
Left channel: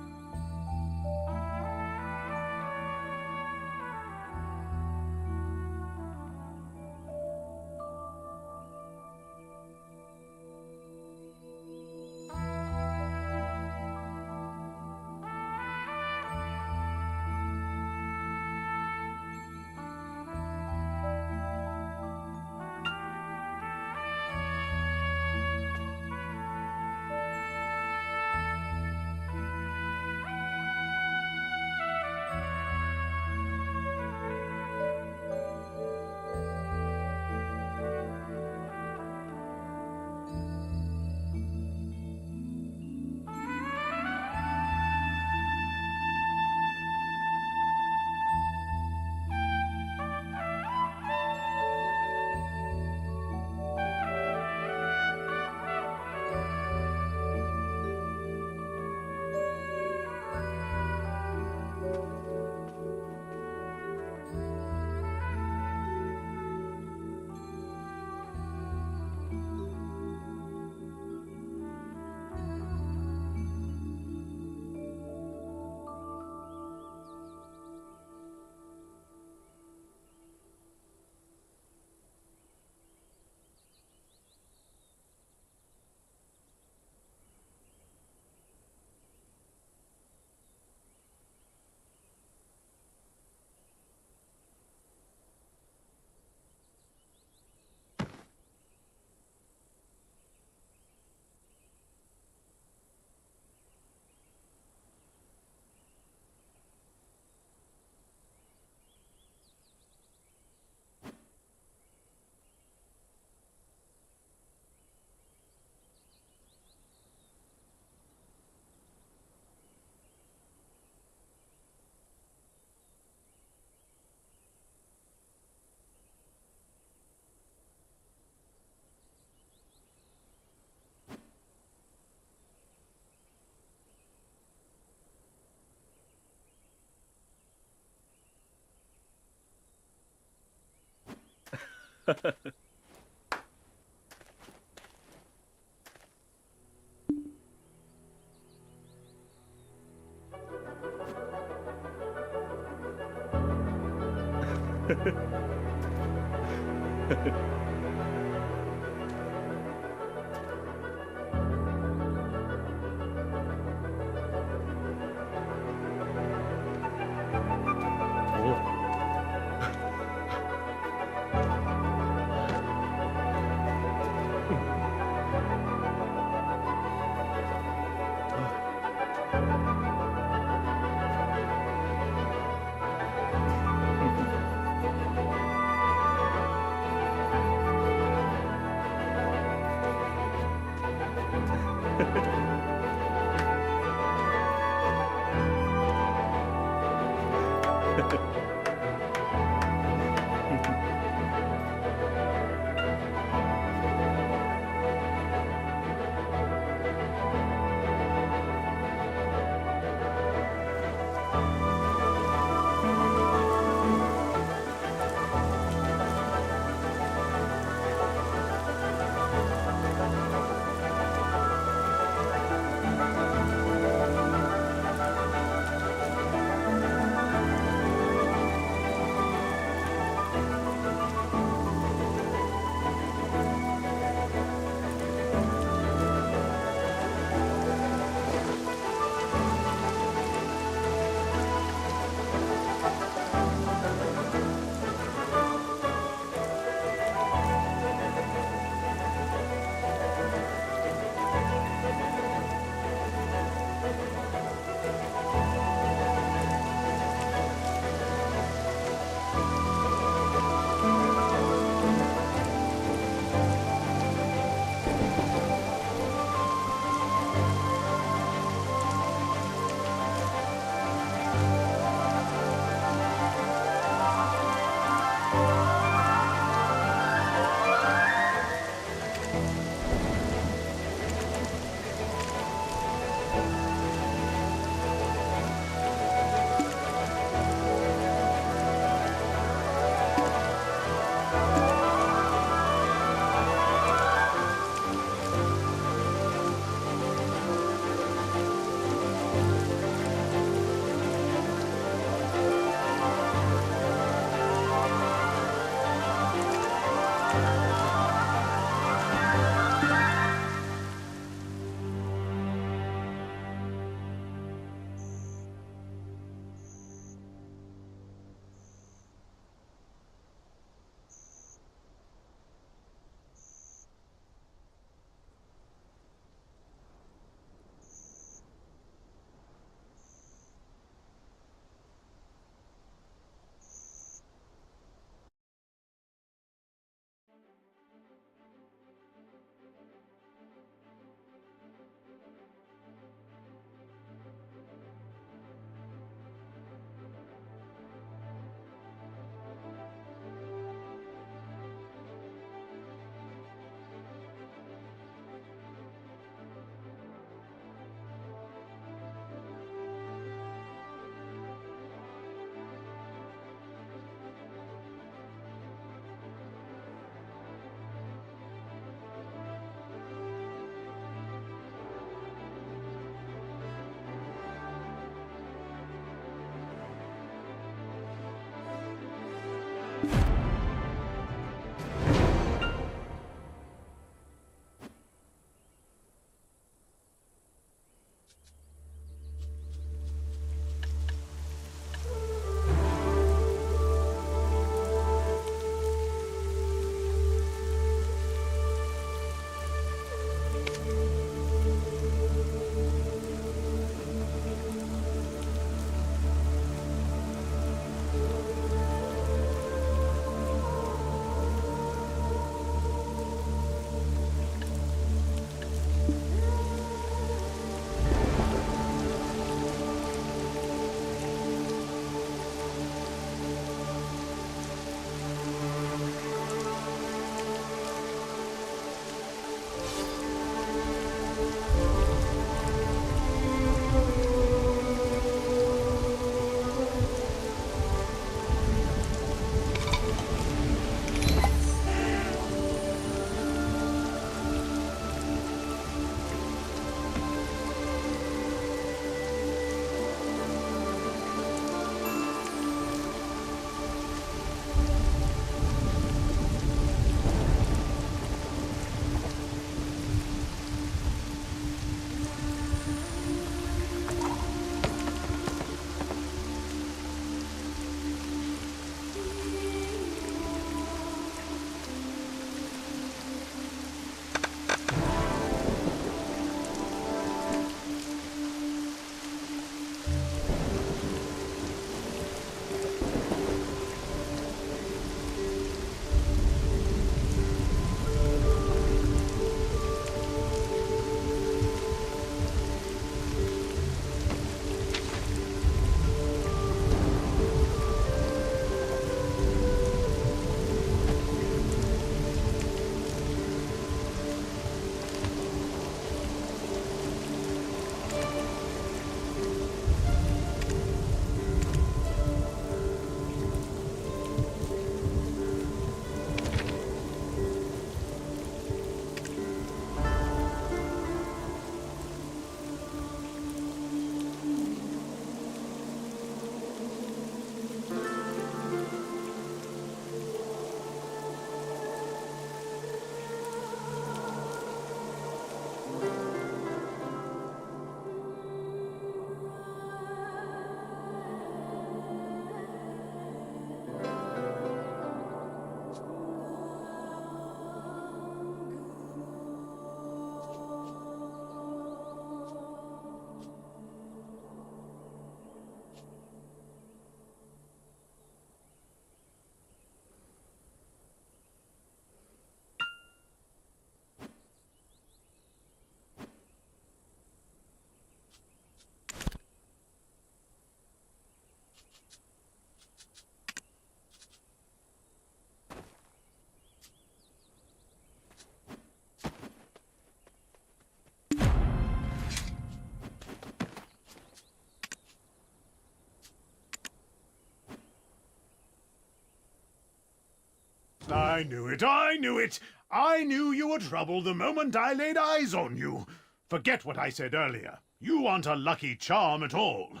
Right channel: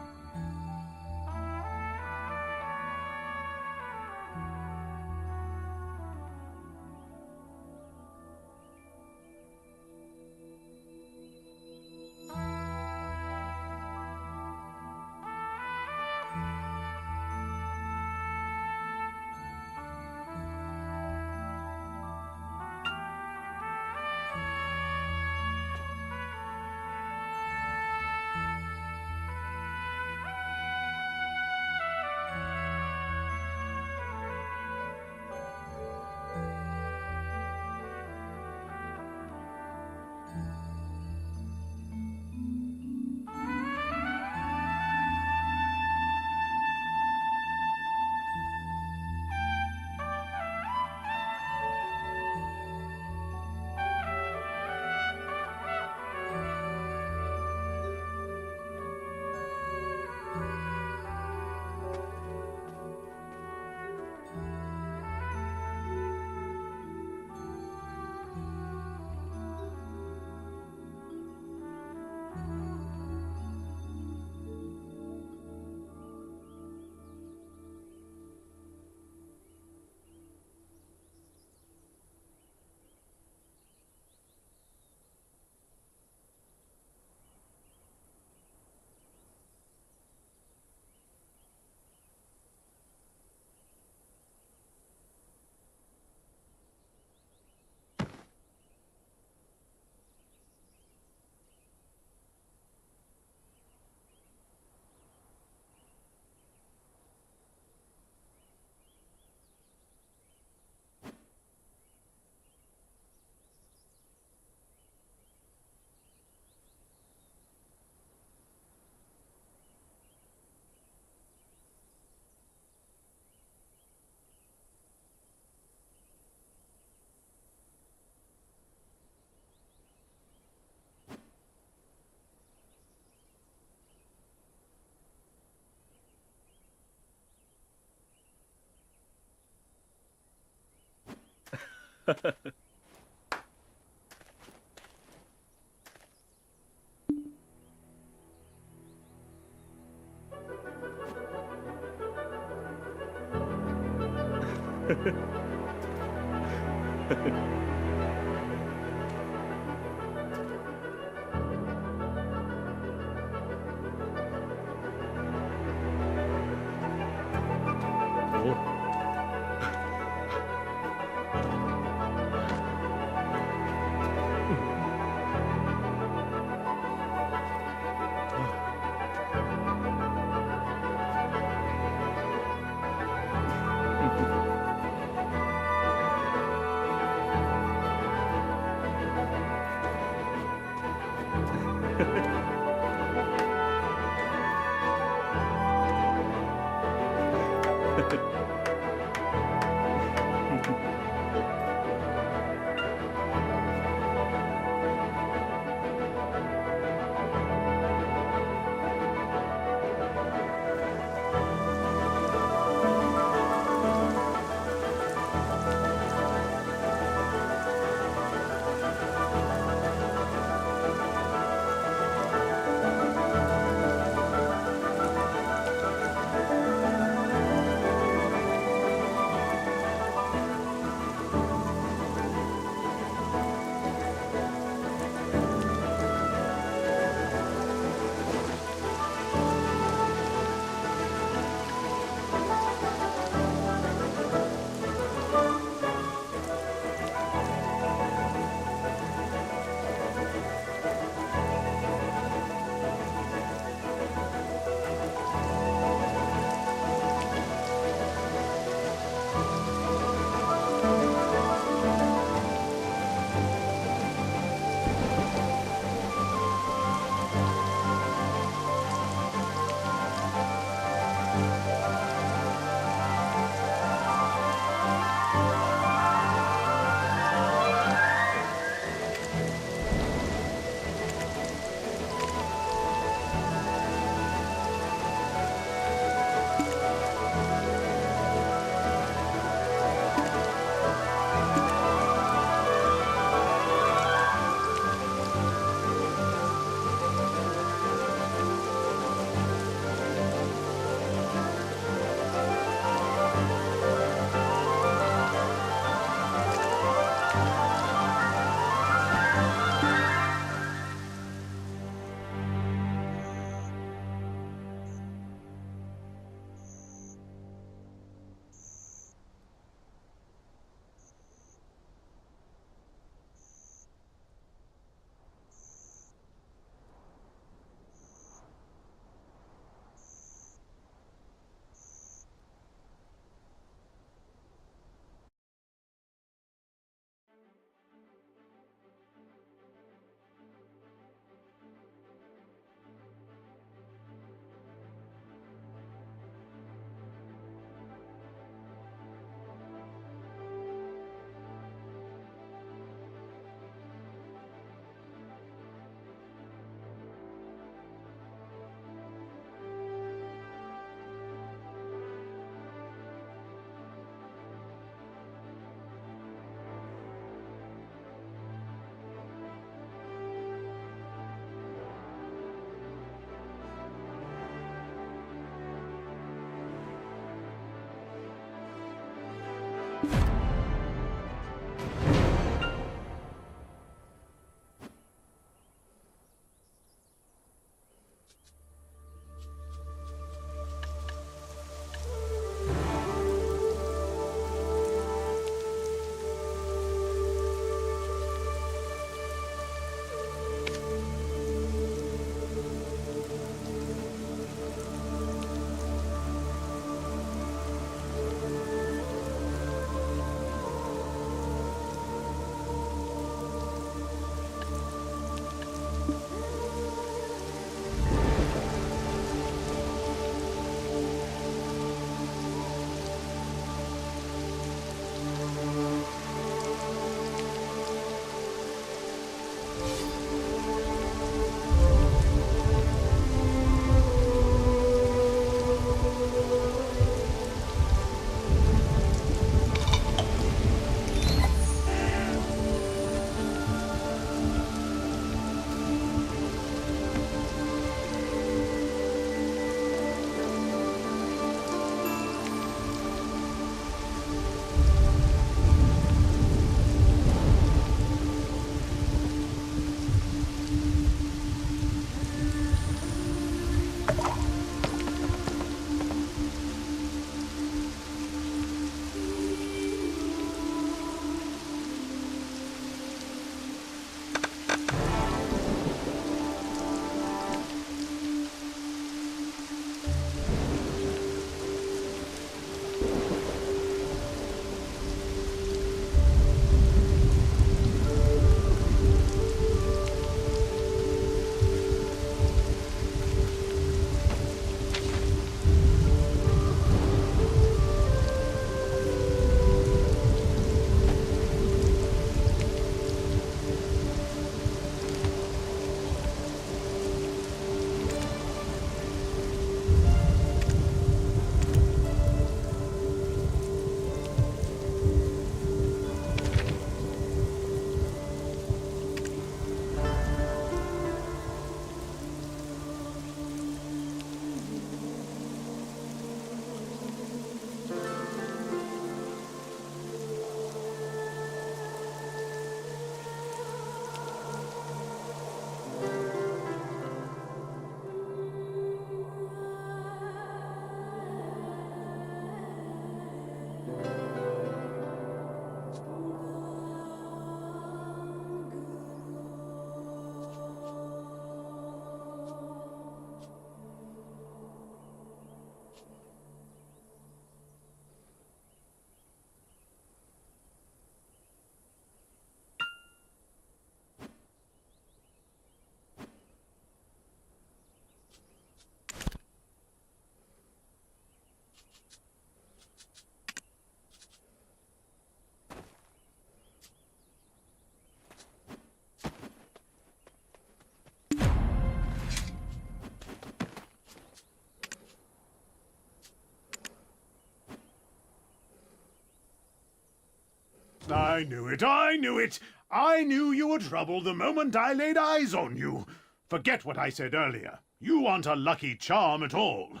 I knew it, I knew it! I knew you were trouble the moment I laid eyes on you. Forget what I said earlier. You aren't a lucky charm at all.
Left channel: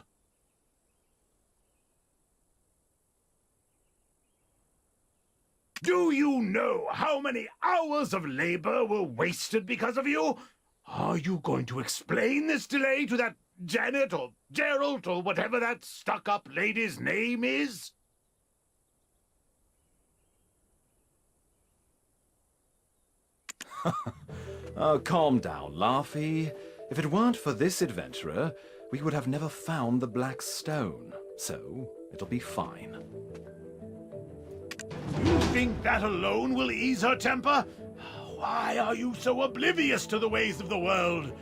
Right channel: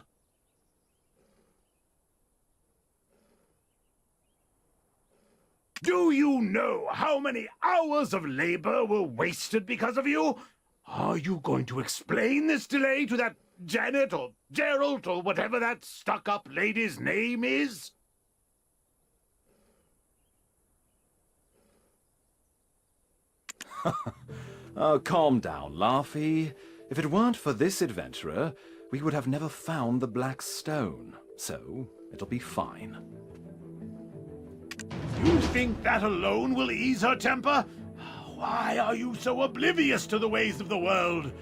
Do you know how many hours of labor were wasted because of you? Are you going to explain this delay to that Janet or Gerald or whatever that stuck-up lady's name is? Oh, calm down, Laufey. If it weren't for this adventurer, we would have never found the Black Stone. So, it'll be fine. You think that alone will ease her temper? Why are you so oblivious to the ways of the world?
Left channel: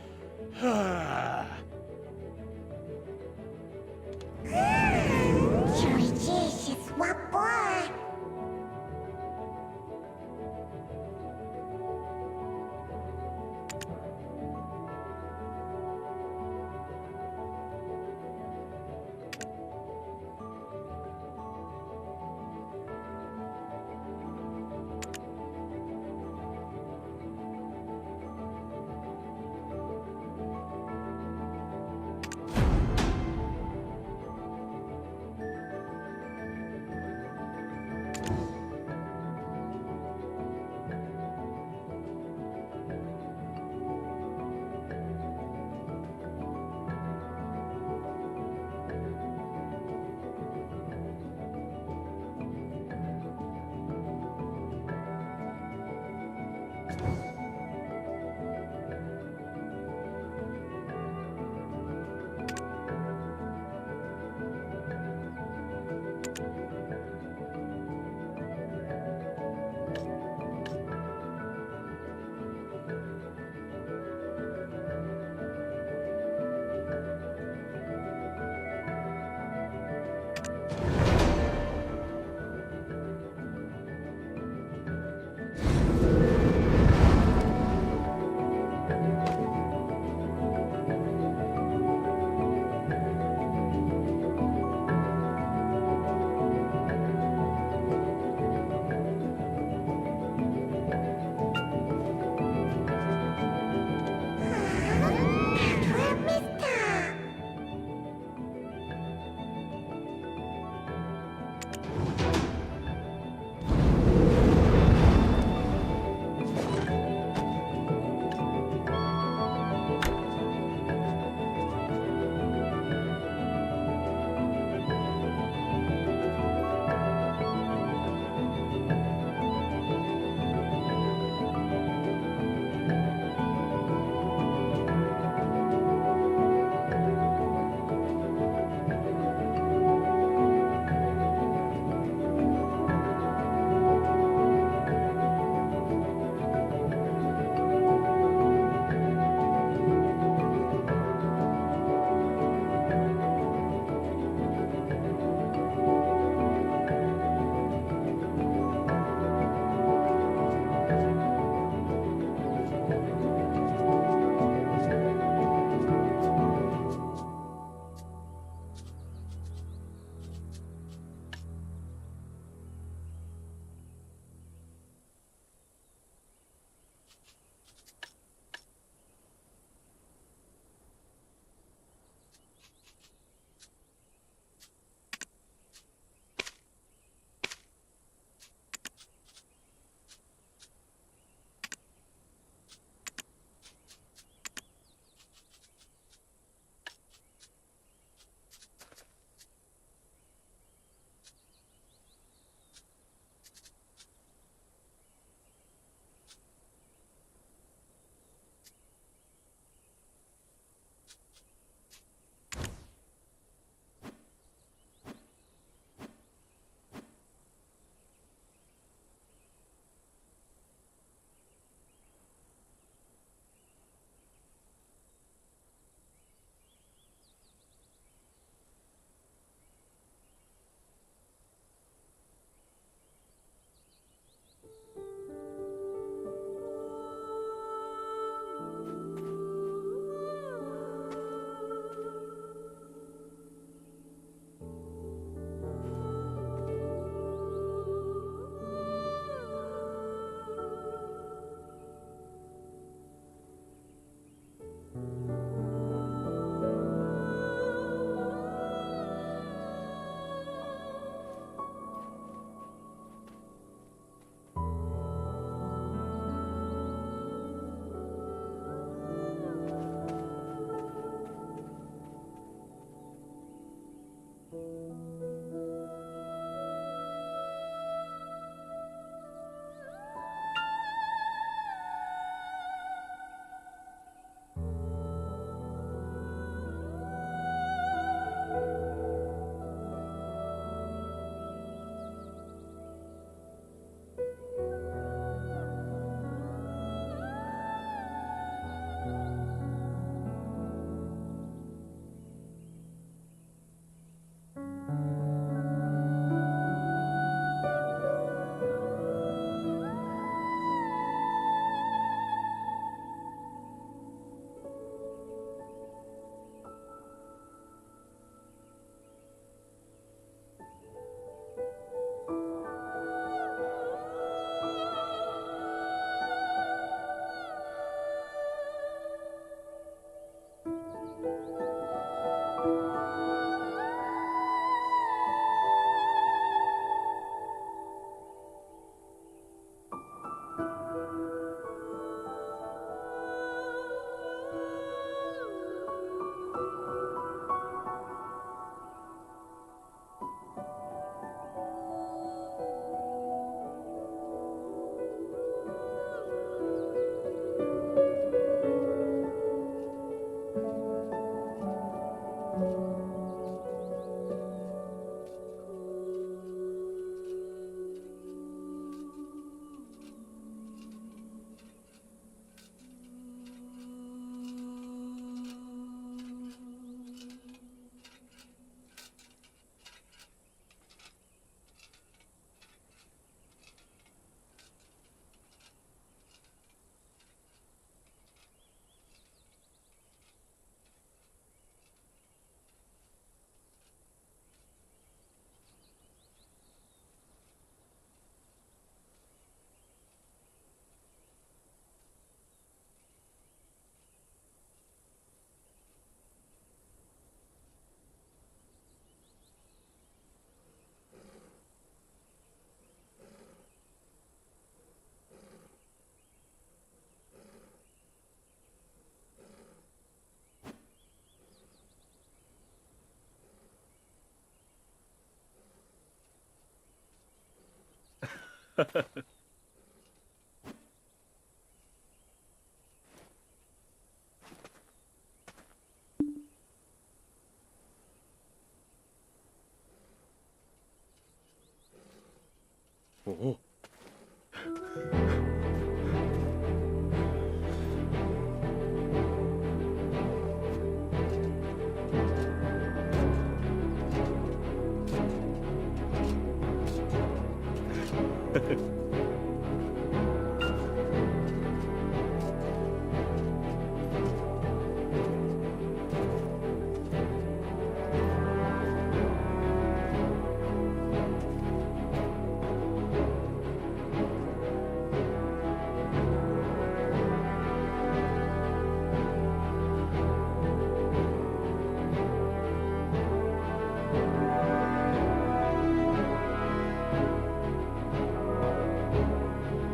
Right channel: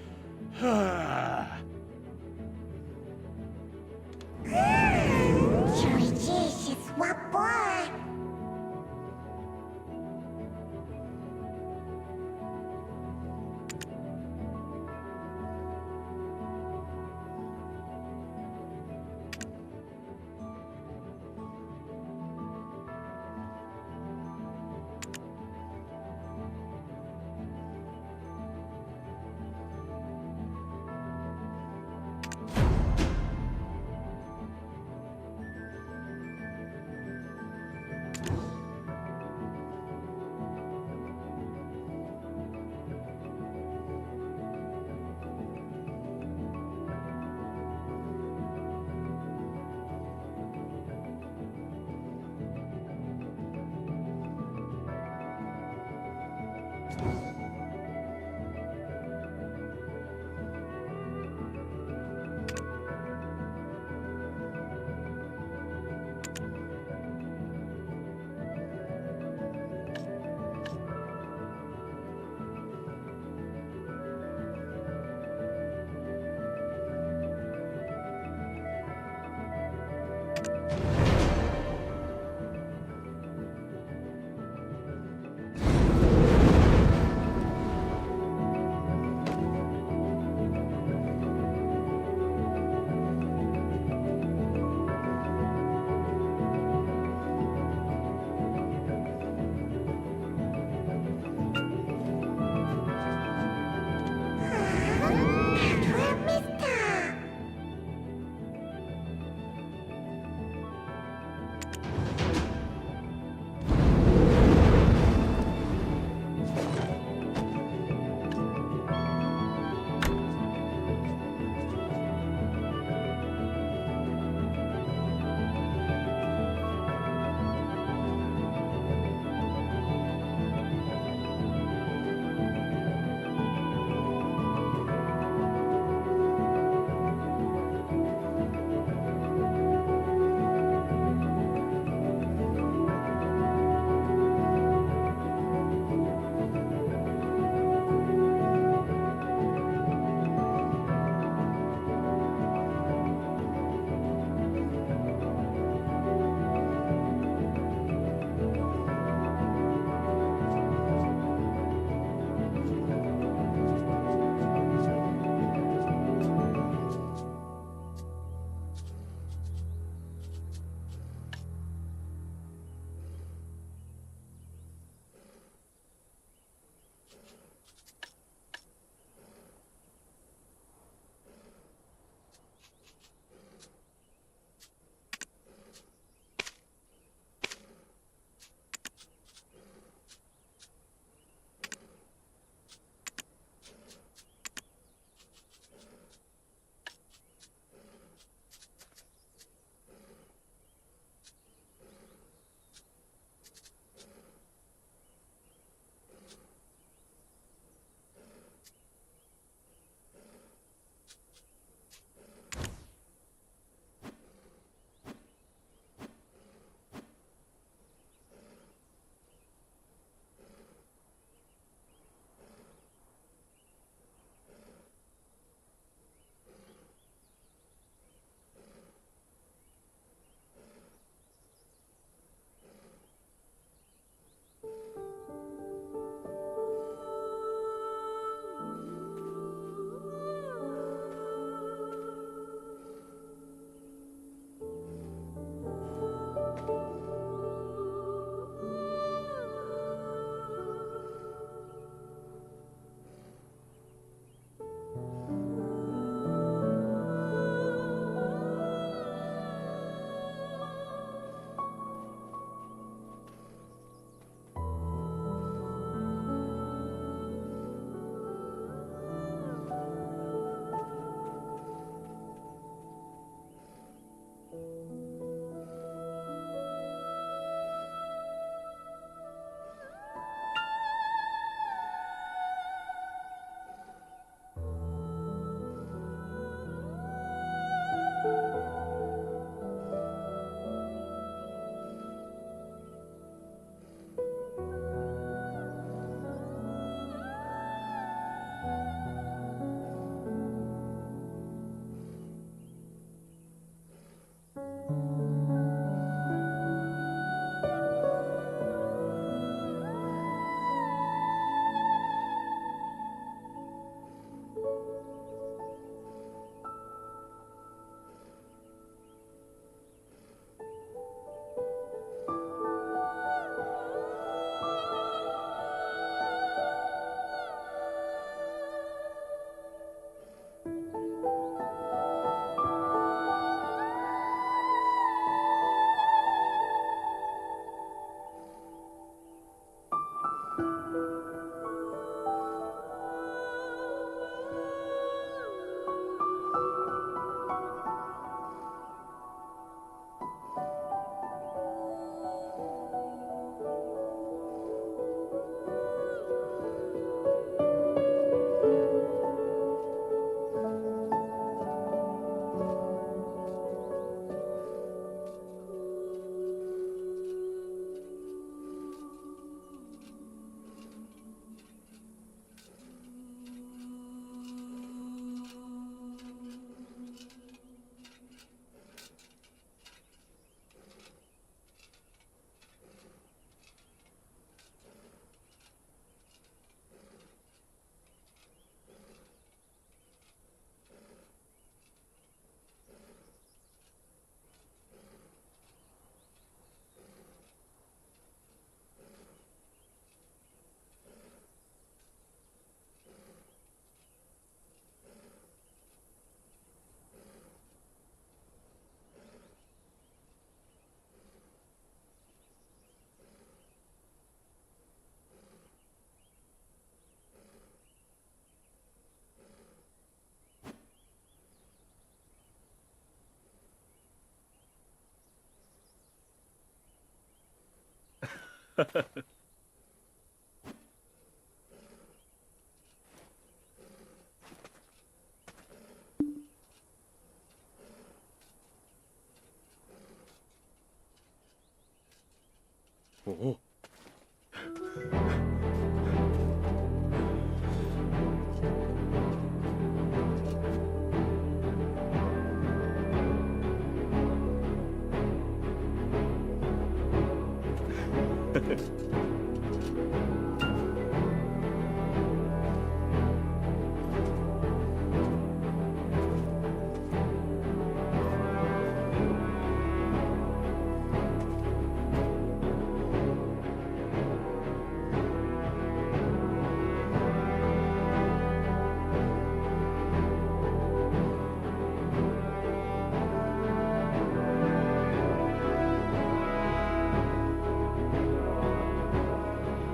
Oh.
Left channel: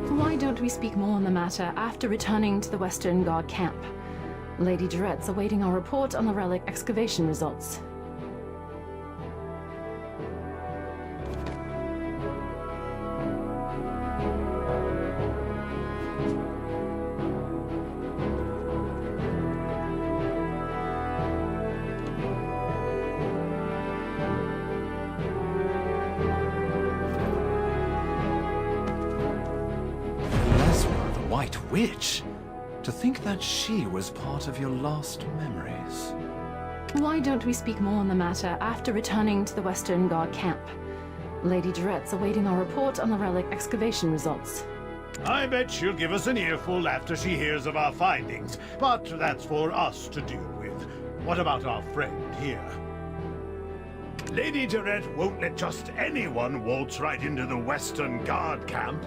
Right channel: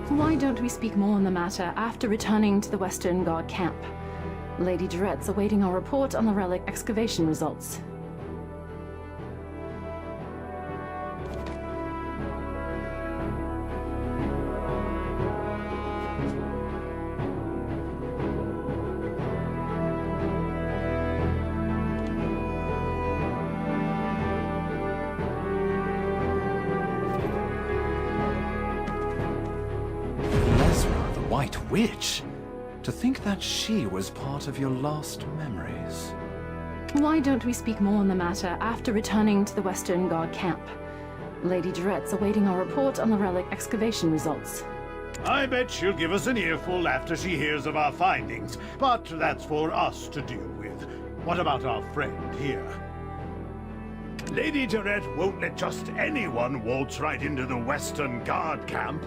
Why don't we speak more on the matter after returning to the Western Guard camp? Lady Durette's awaiting our report on the relic excavation results. Lesra, the White Witch? To think that she was part of your last memories. Why don't we speak more on the matter after returning to the Western Guard camp? Lady Durette's awaiting our report on the relic excavation results. I bet she'll give us an earful after she hears of our findings, but that's for us to deal with. What about our friend here? Lady Durette won't let just anyone waltz right into the Western Guard camp.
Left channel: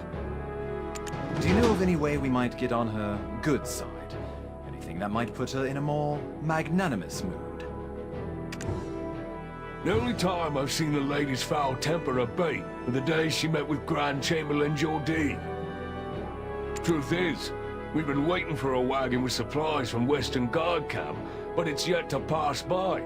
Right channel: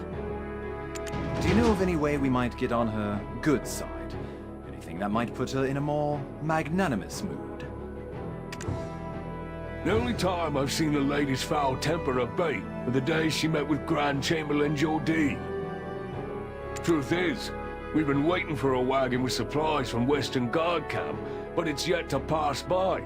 Do you know of any way we might get on her good side? Anything that might put her in a more magnanimous mood? The only time I've seen the lady's foul temper abate were the day she met with Grand Chamberlain Jordine. Truth is, we've been waiting for a wagon with supplies from Western Guard camp, but it's yet to pass by.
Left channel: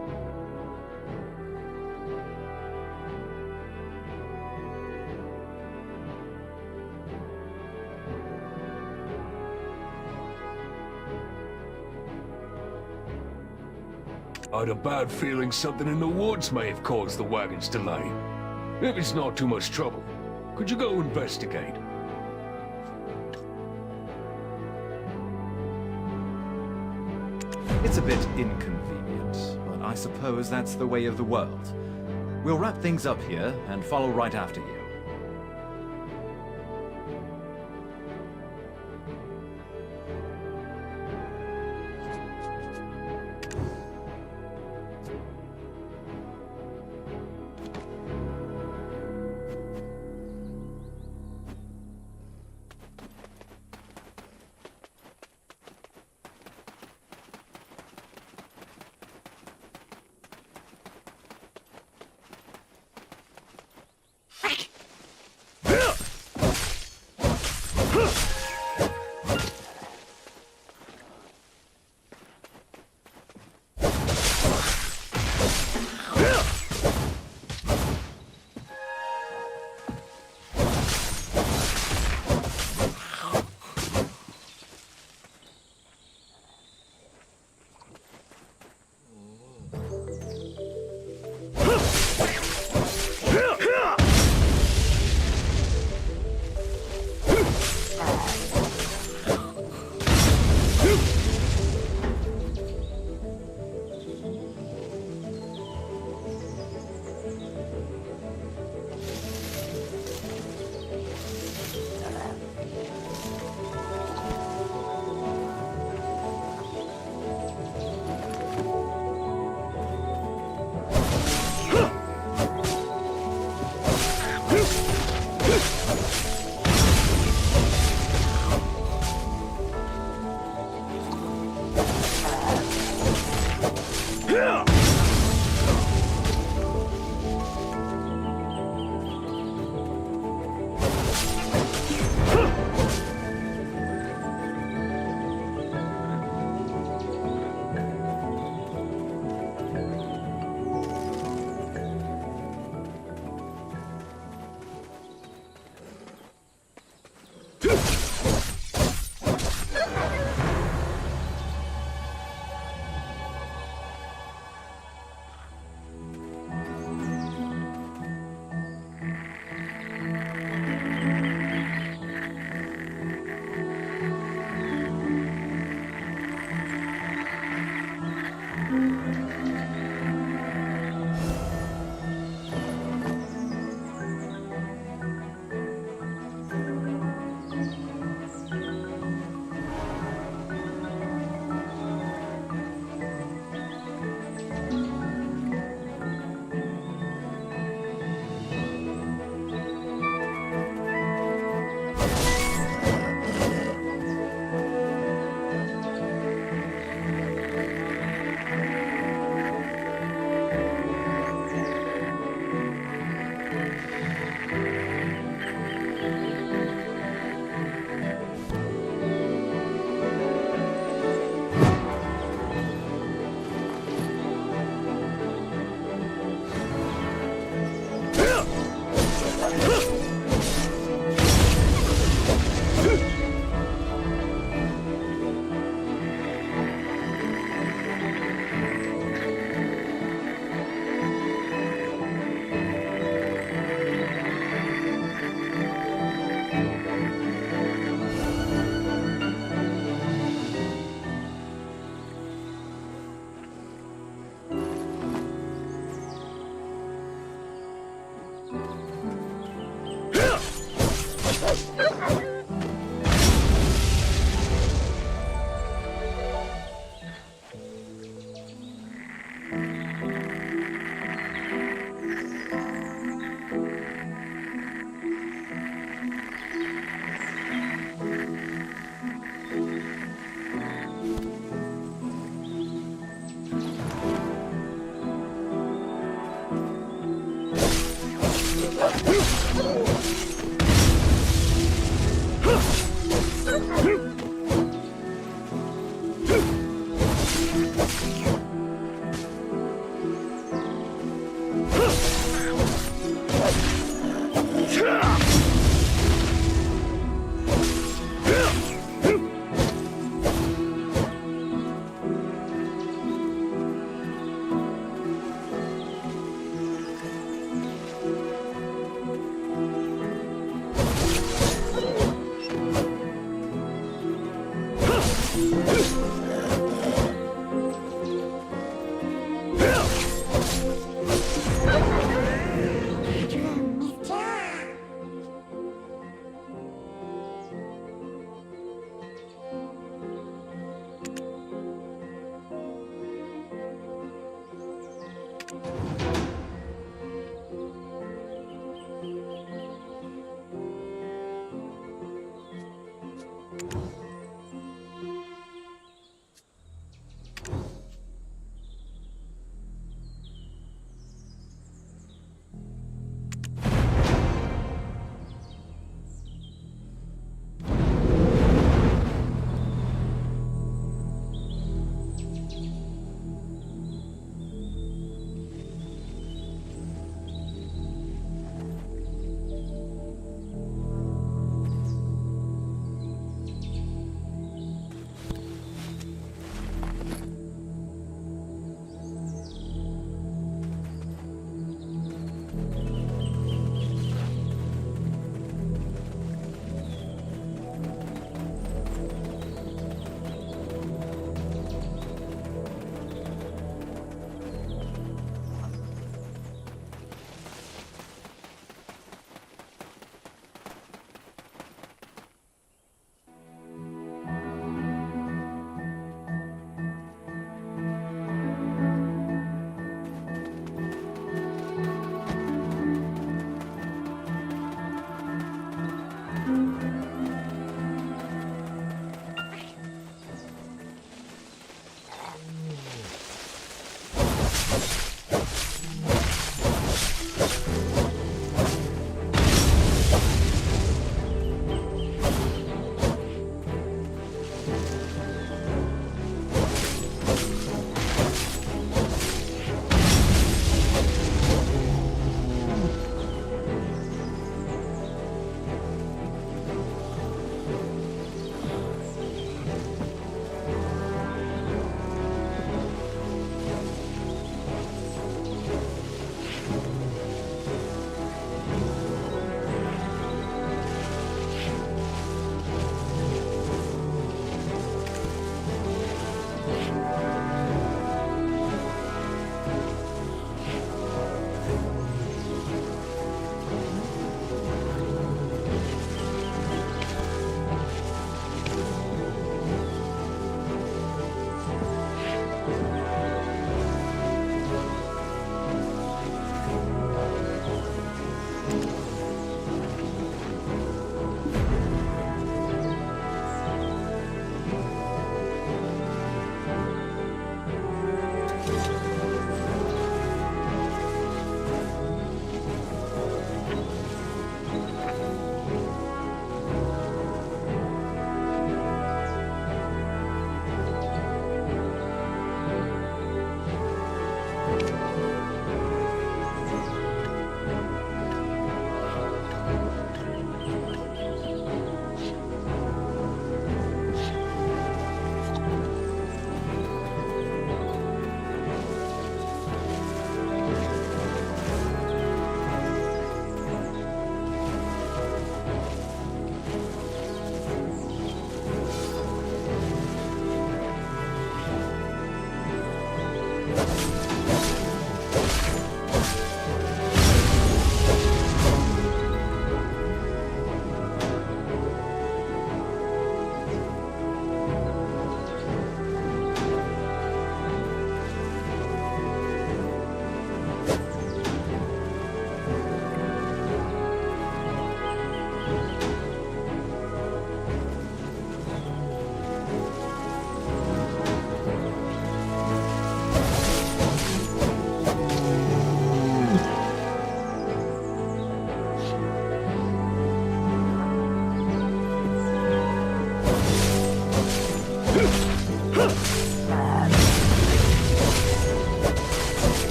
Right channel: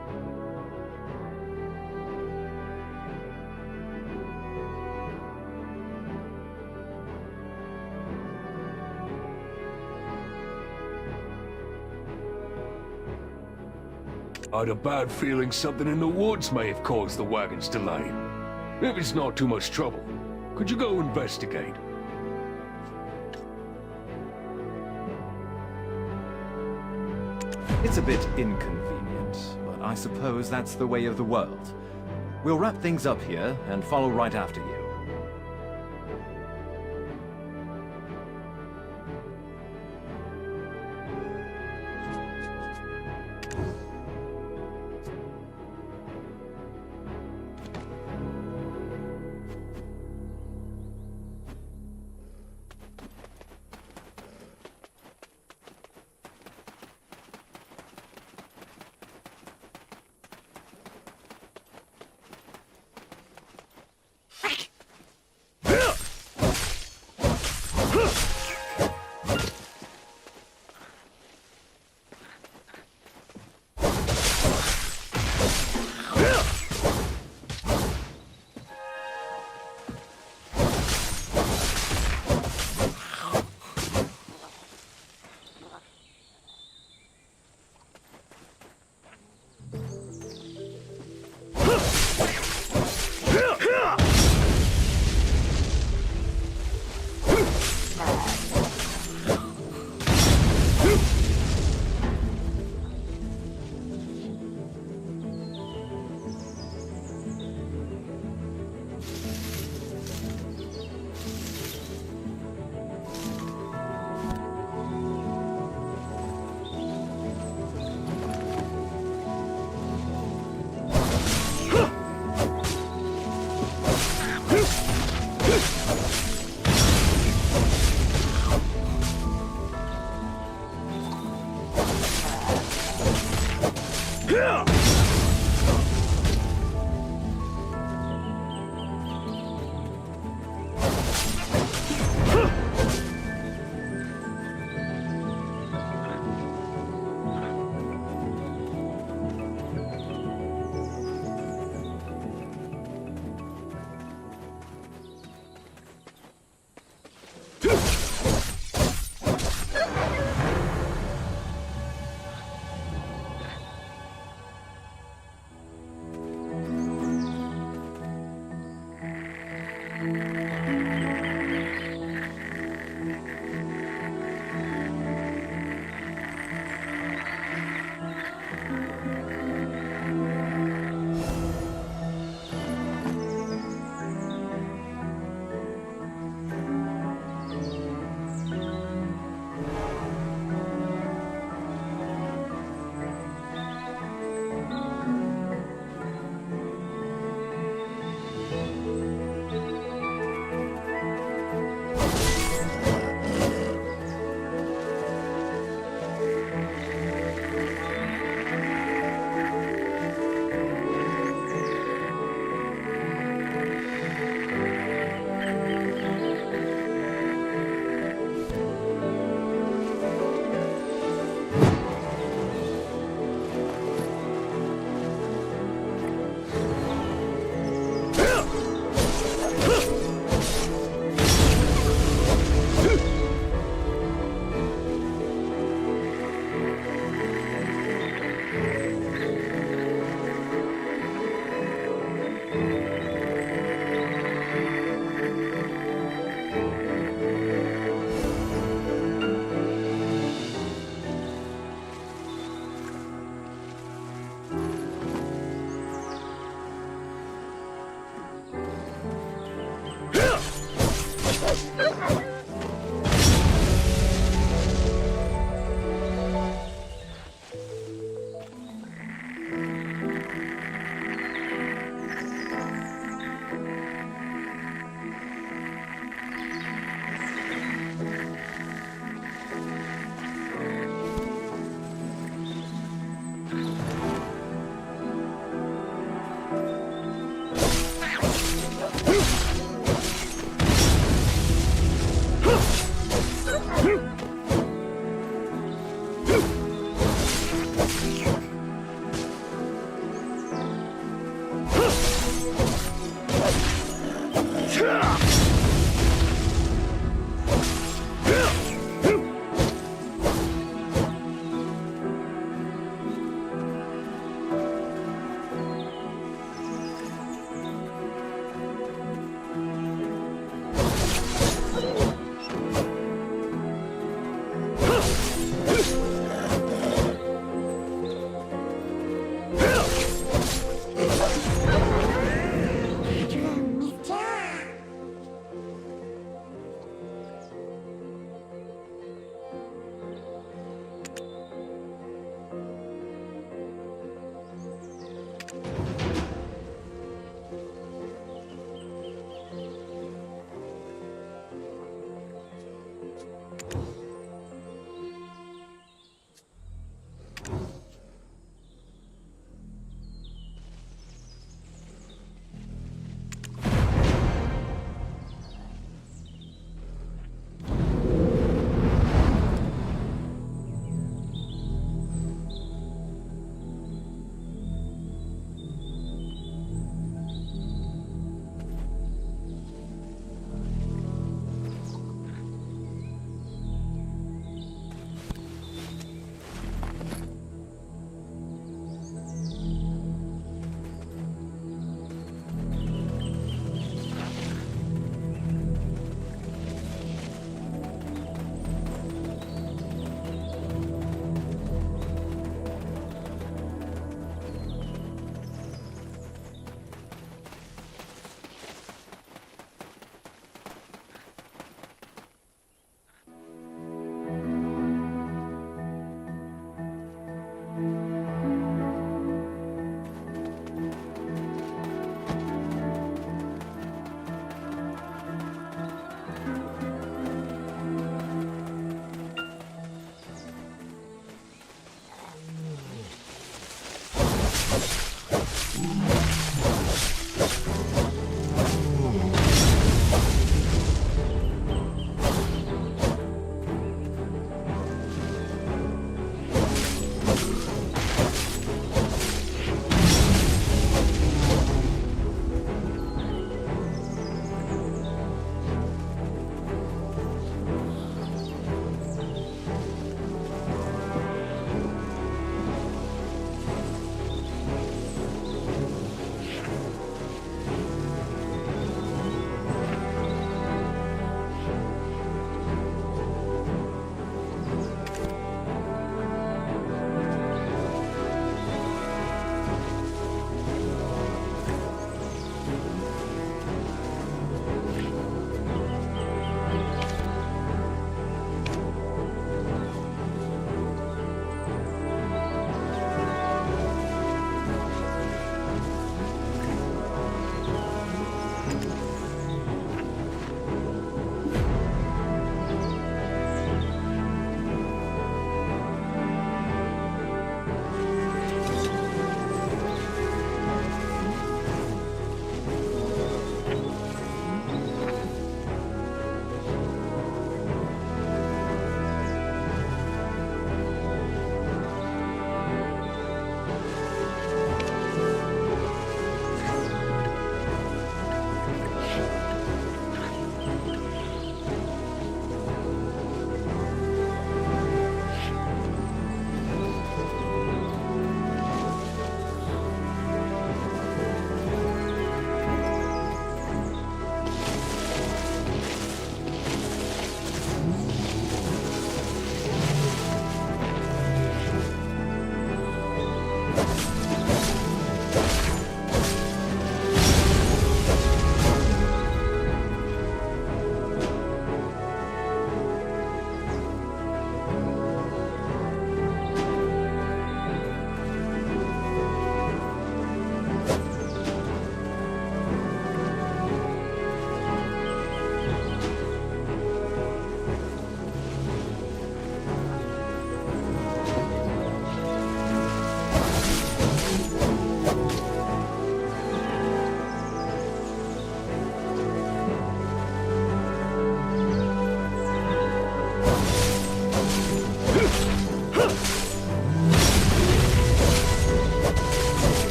I had a bad feeling something in the woods may have caused the wagon's delay. If it's not too much trouble, could you go investigate? It's a bit inconvenient, but I suppose that's the way of the world. We'll wrap things up here and follow right after you.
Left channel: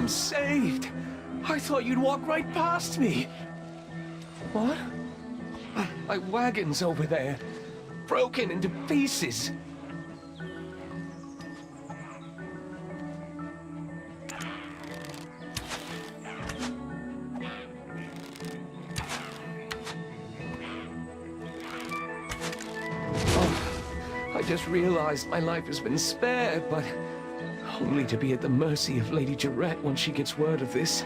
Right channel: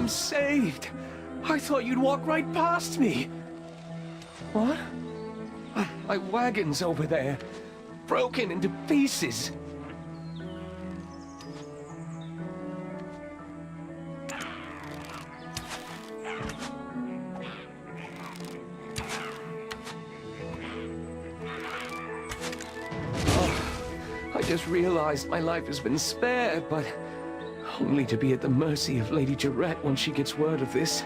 I'm saved. I thought you'd walk right past me. What? My wagon's over there, broken into pieces. I just realized my life has been spared, but only to be at the mercy of Lady Jarette once she gets word of this.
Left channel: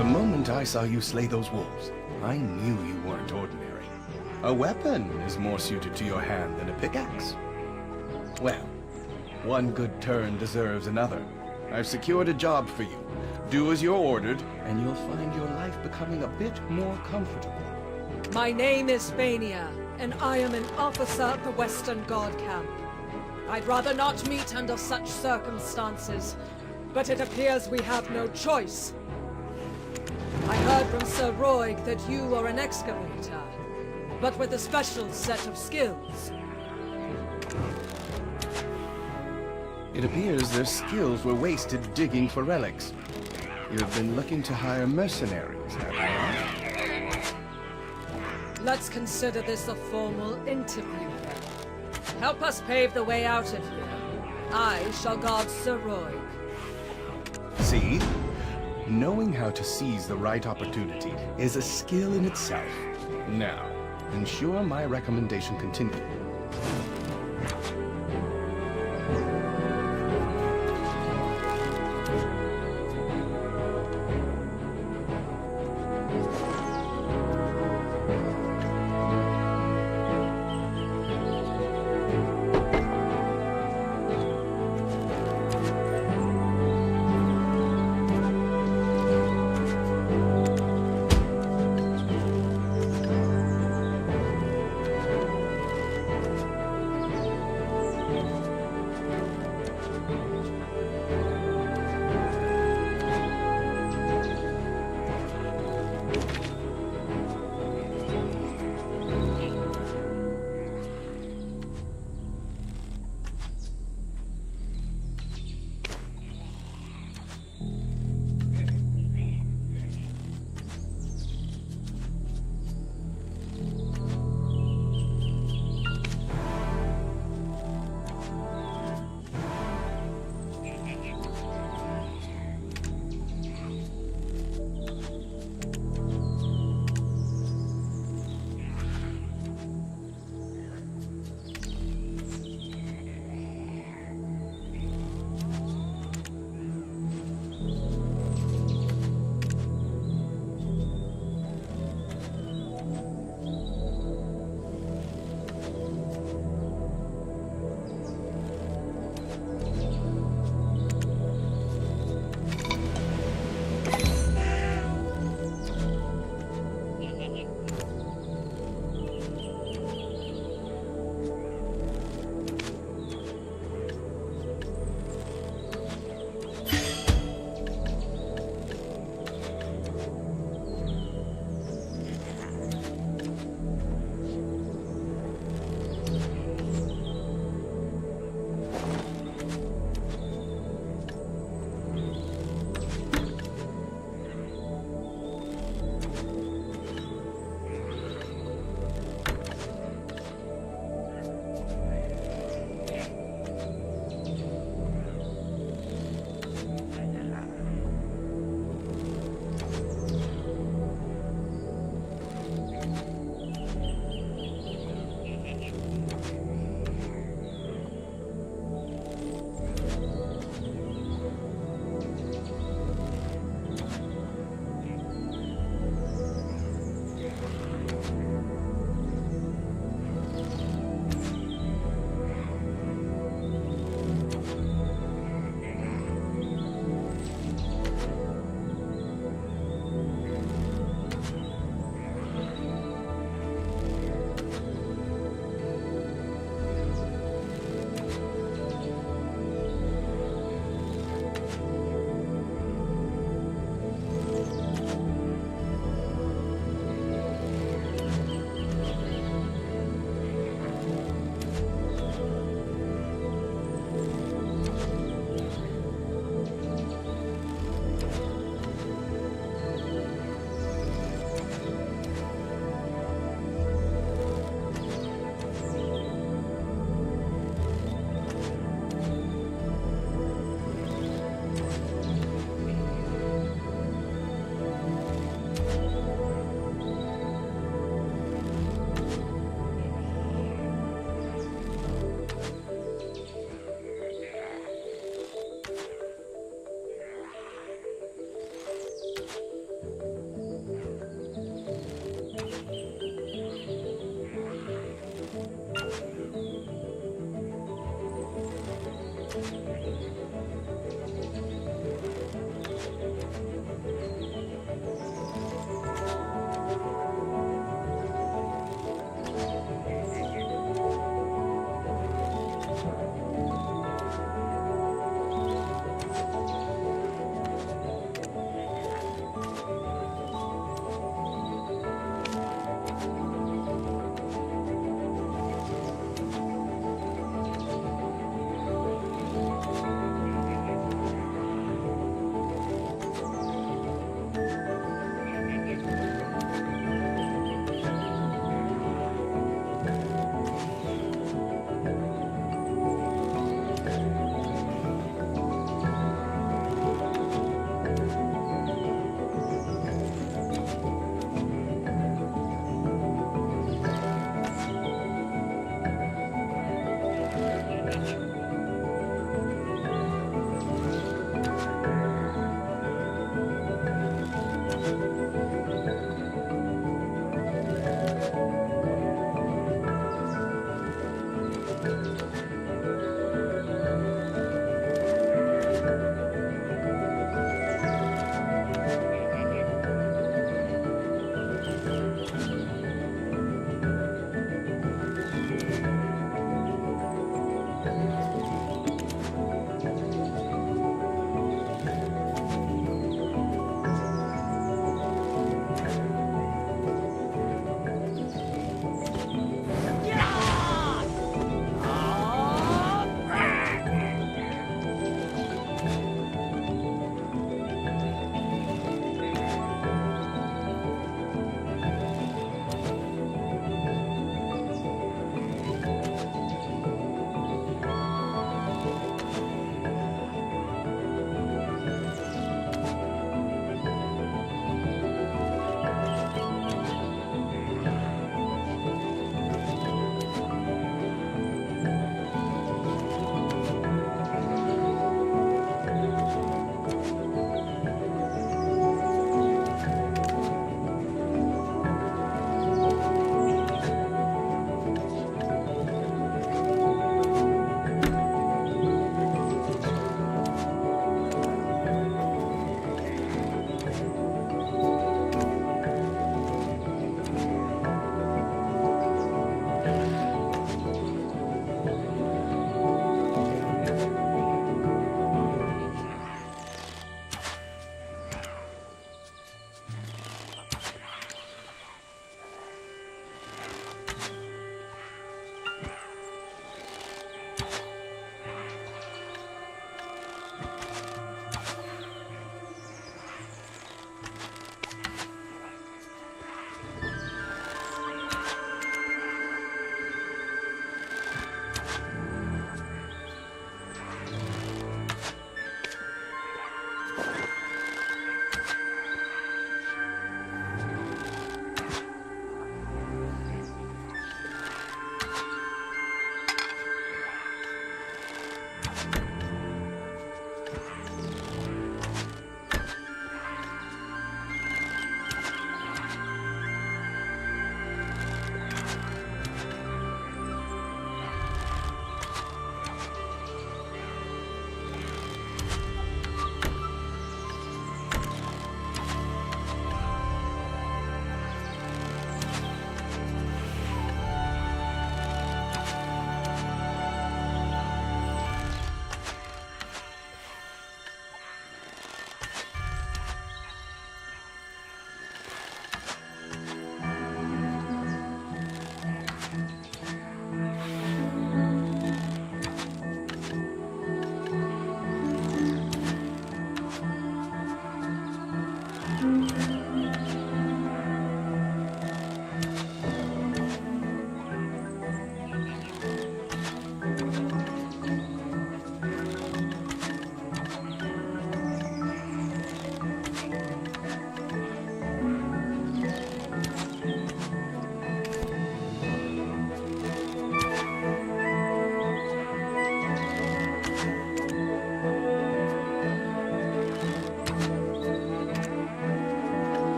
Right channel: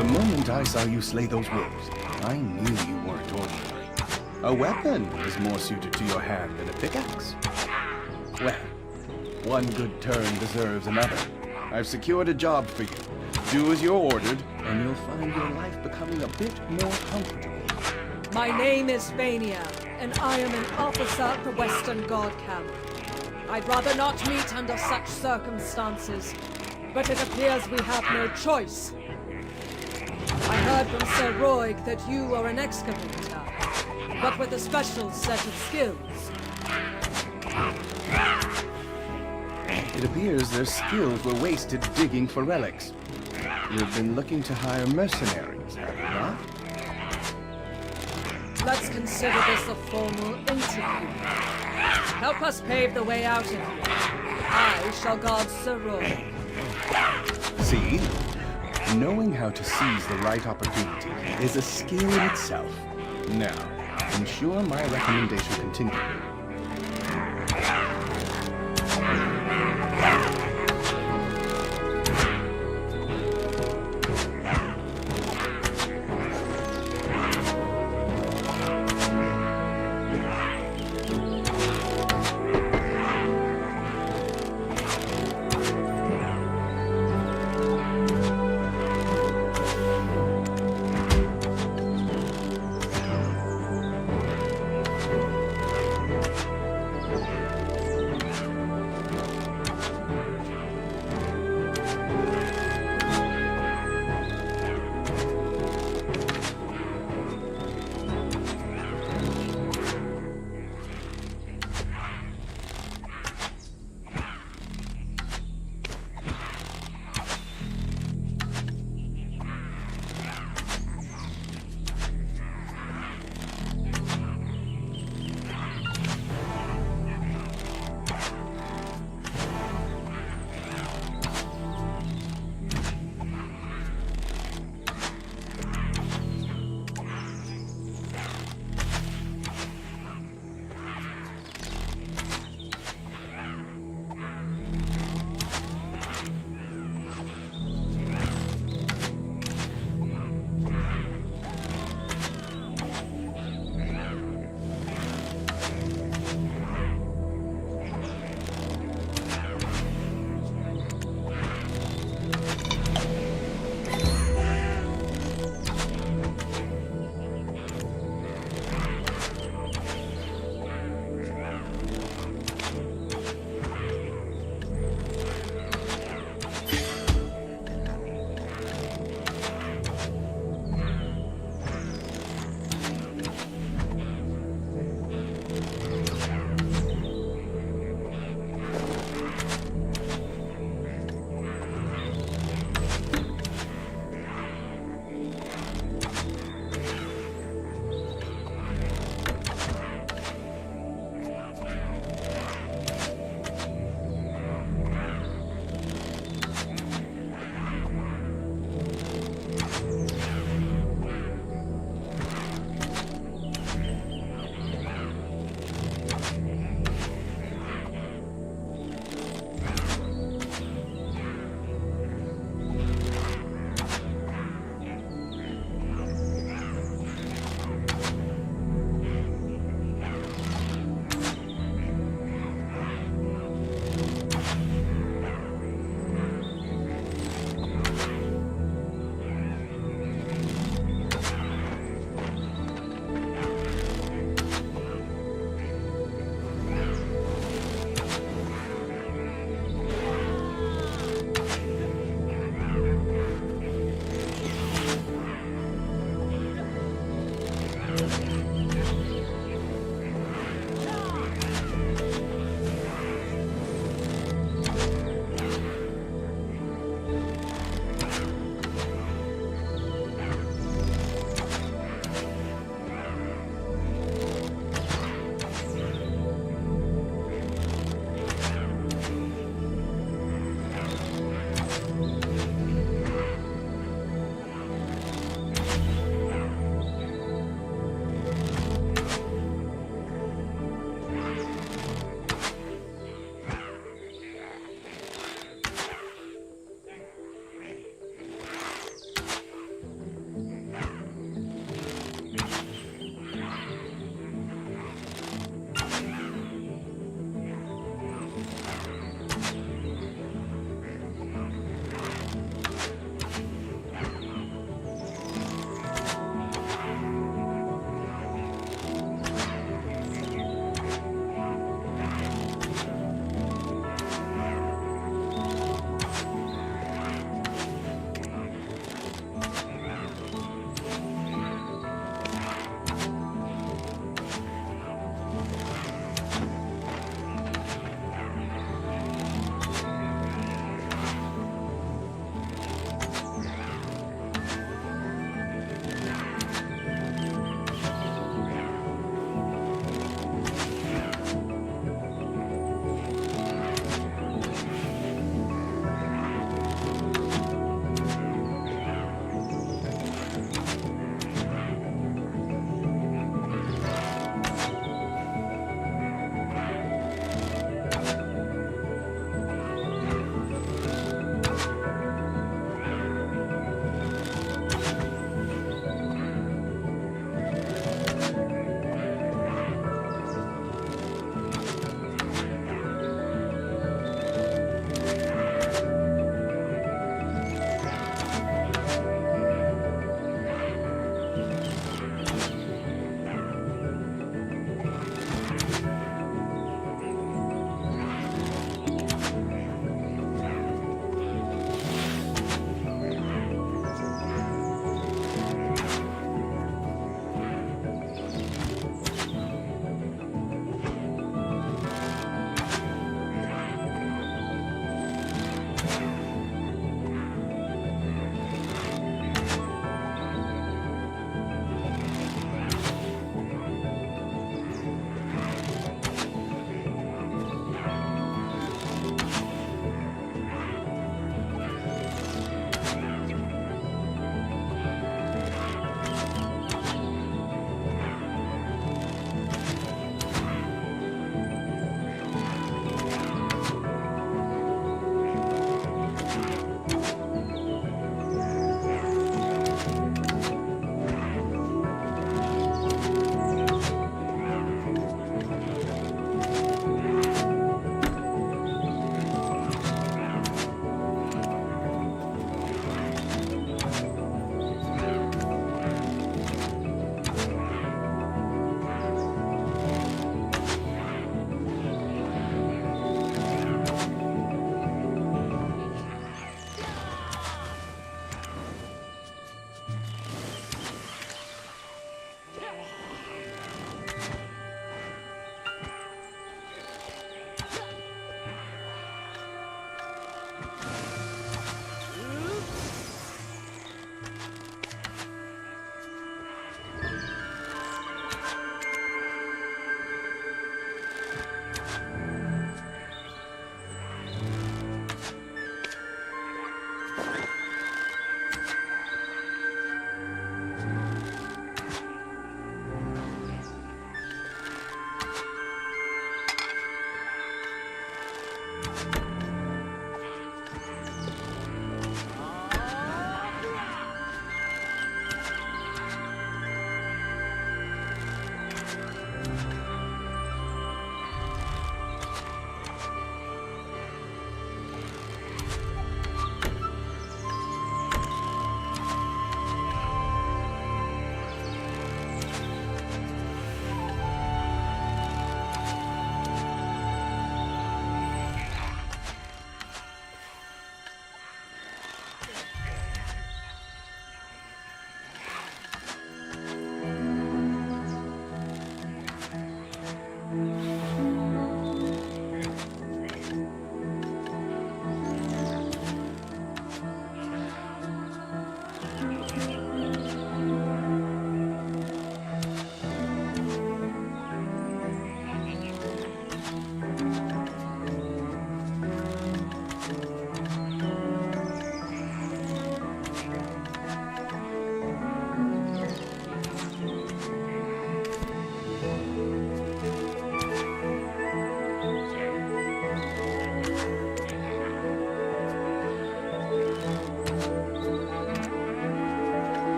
The moment I saw you slay those wolves, I knew you weren't ordinary. A weapon is more suited to your hand than a pickaxe. Well, one good turn deserves another. I've secured a job for you. Do as you're ordered, and you'll find your life becoming a bit more comfortable. My name is Vania, and I am an officer of the Western Guard camp. I'd rather not meet under such circumstances, but it appears we have no choice. I heard from Sir Roig that you are an excavator, but with a special set of skills. It appears their skills were wasted digging for relics. You've been looking to hire mercenaries, have you not? Let's consider this a formal interview. Help us pave the way out of here. I shall guard Sir Roig. See? Knowing how to seize the right opportunity is a skill in itself. Now, ensure my recommendation continues.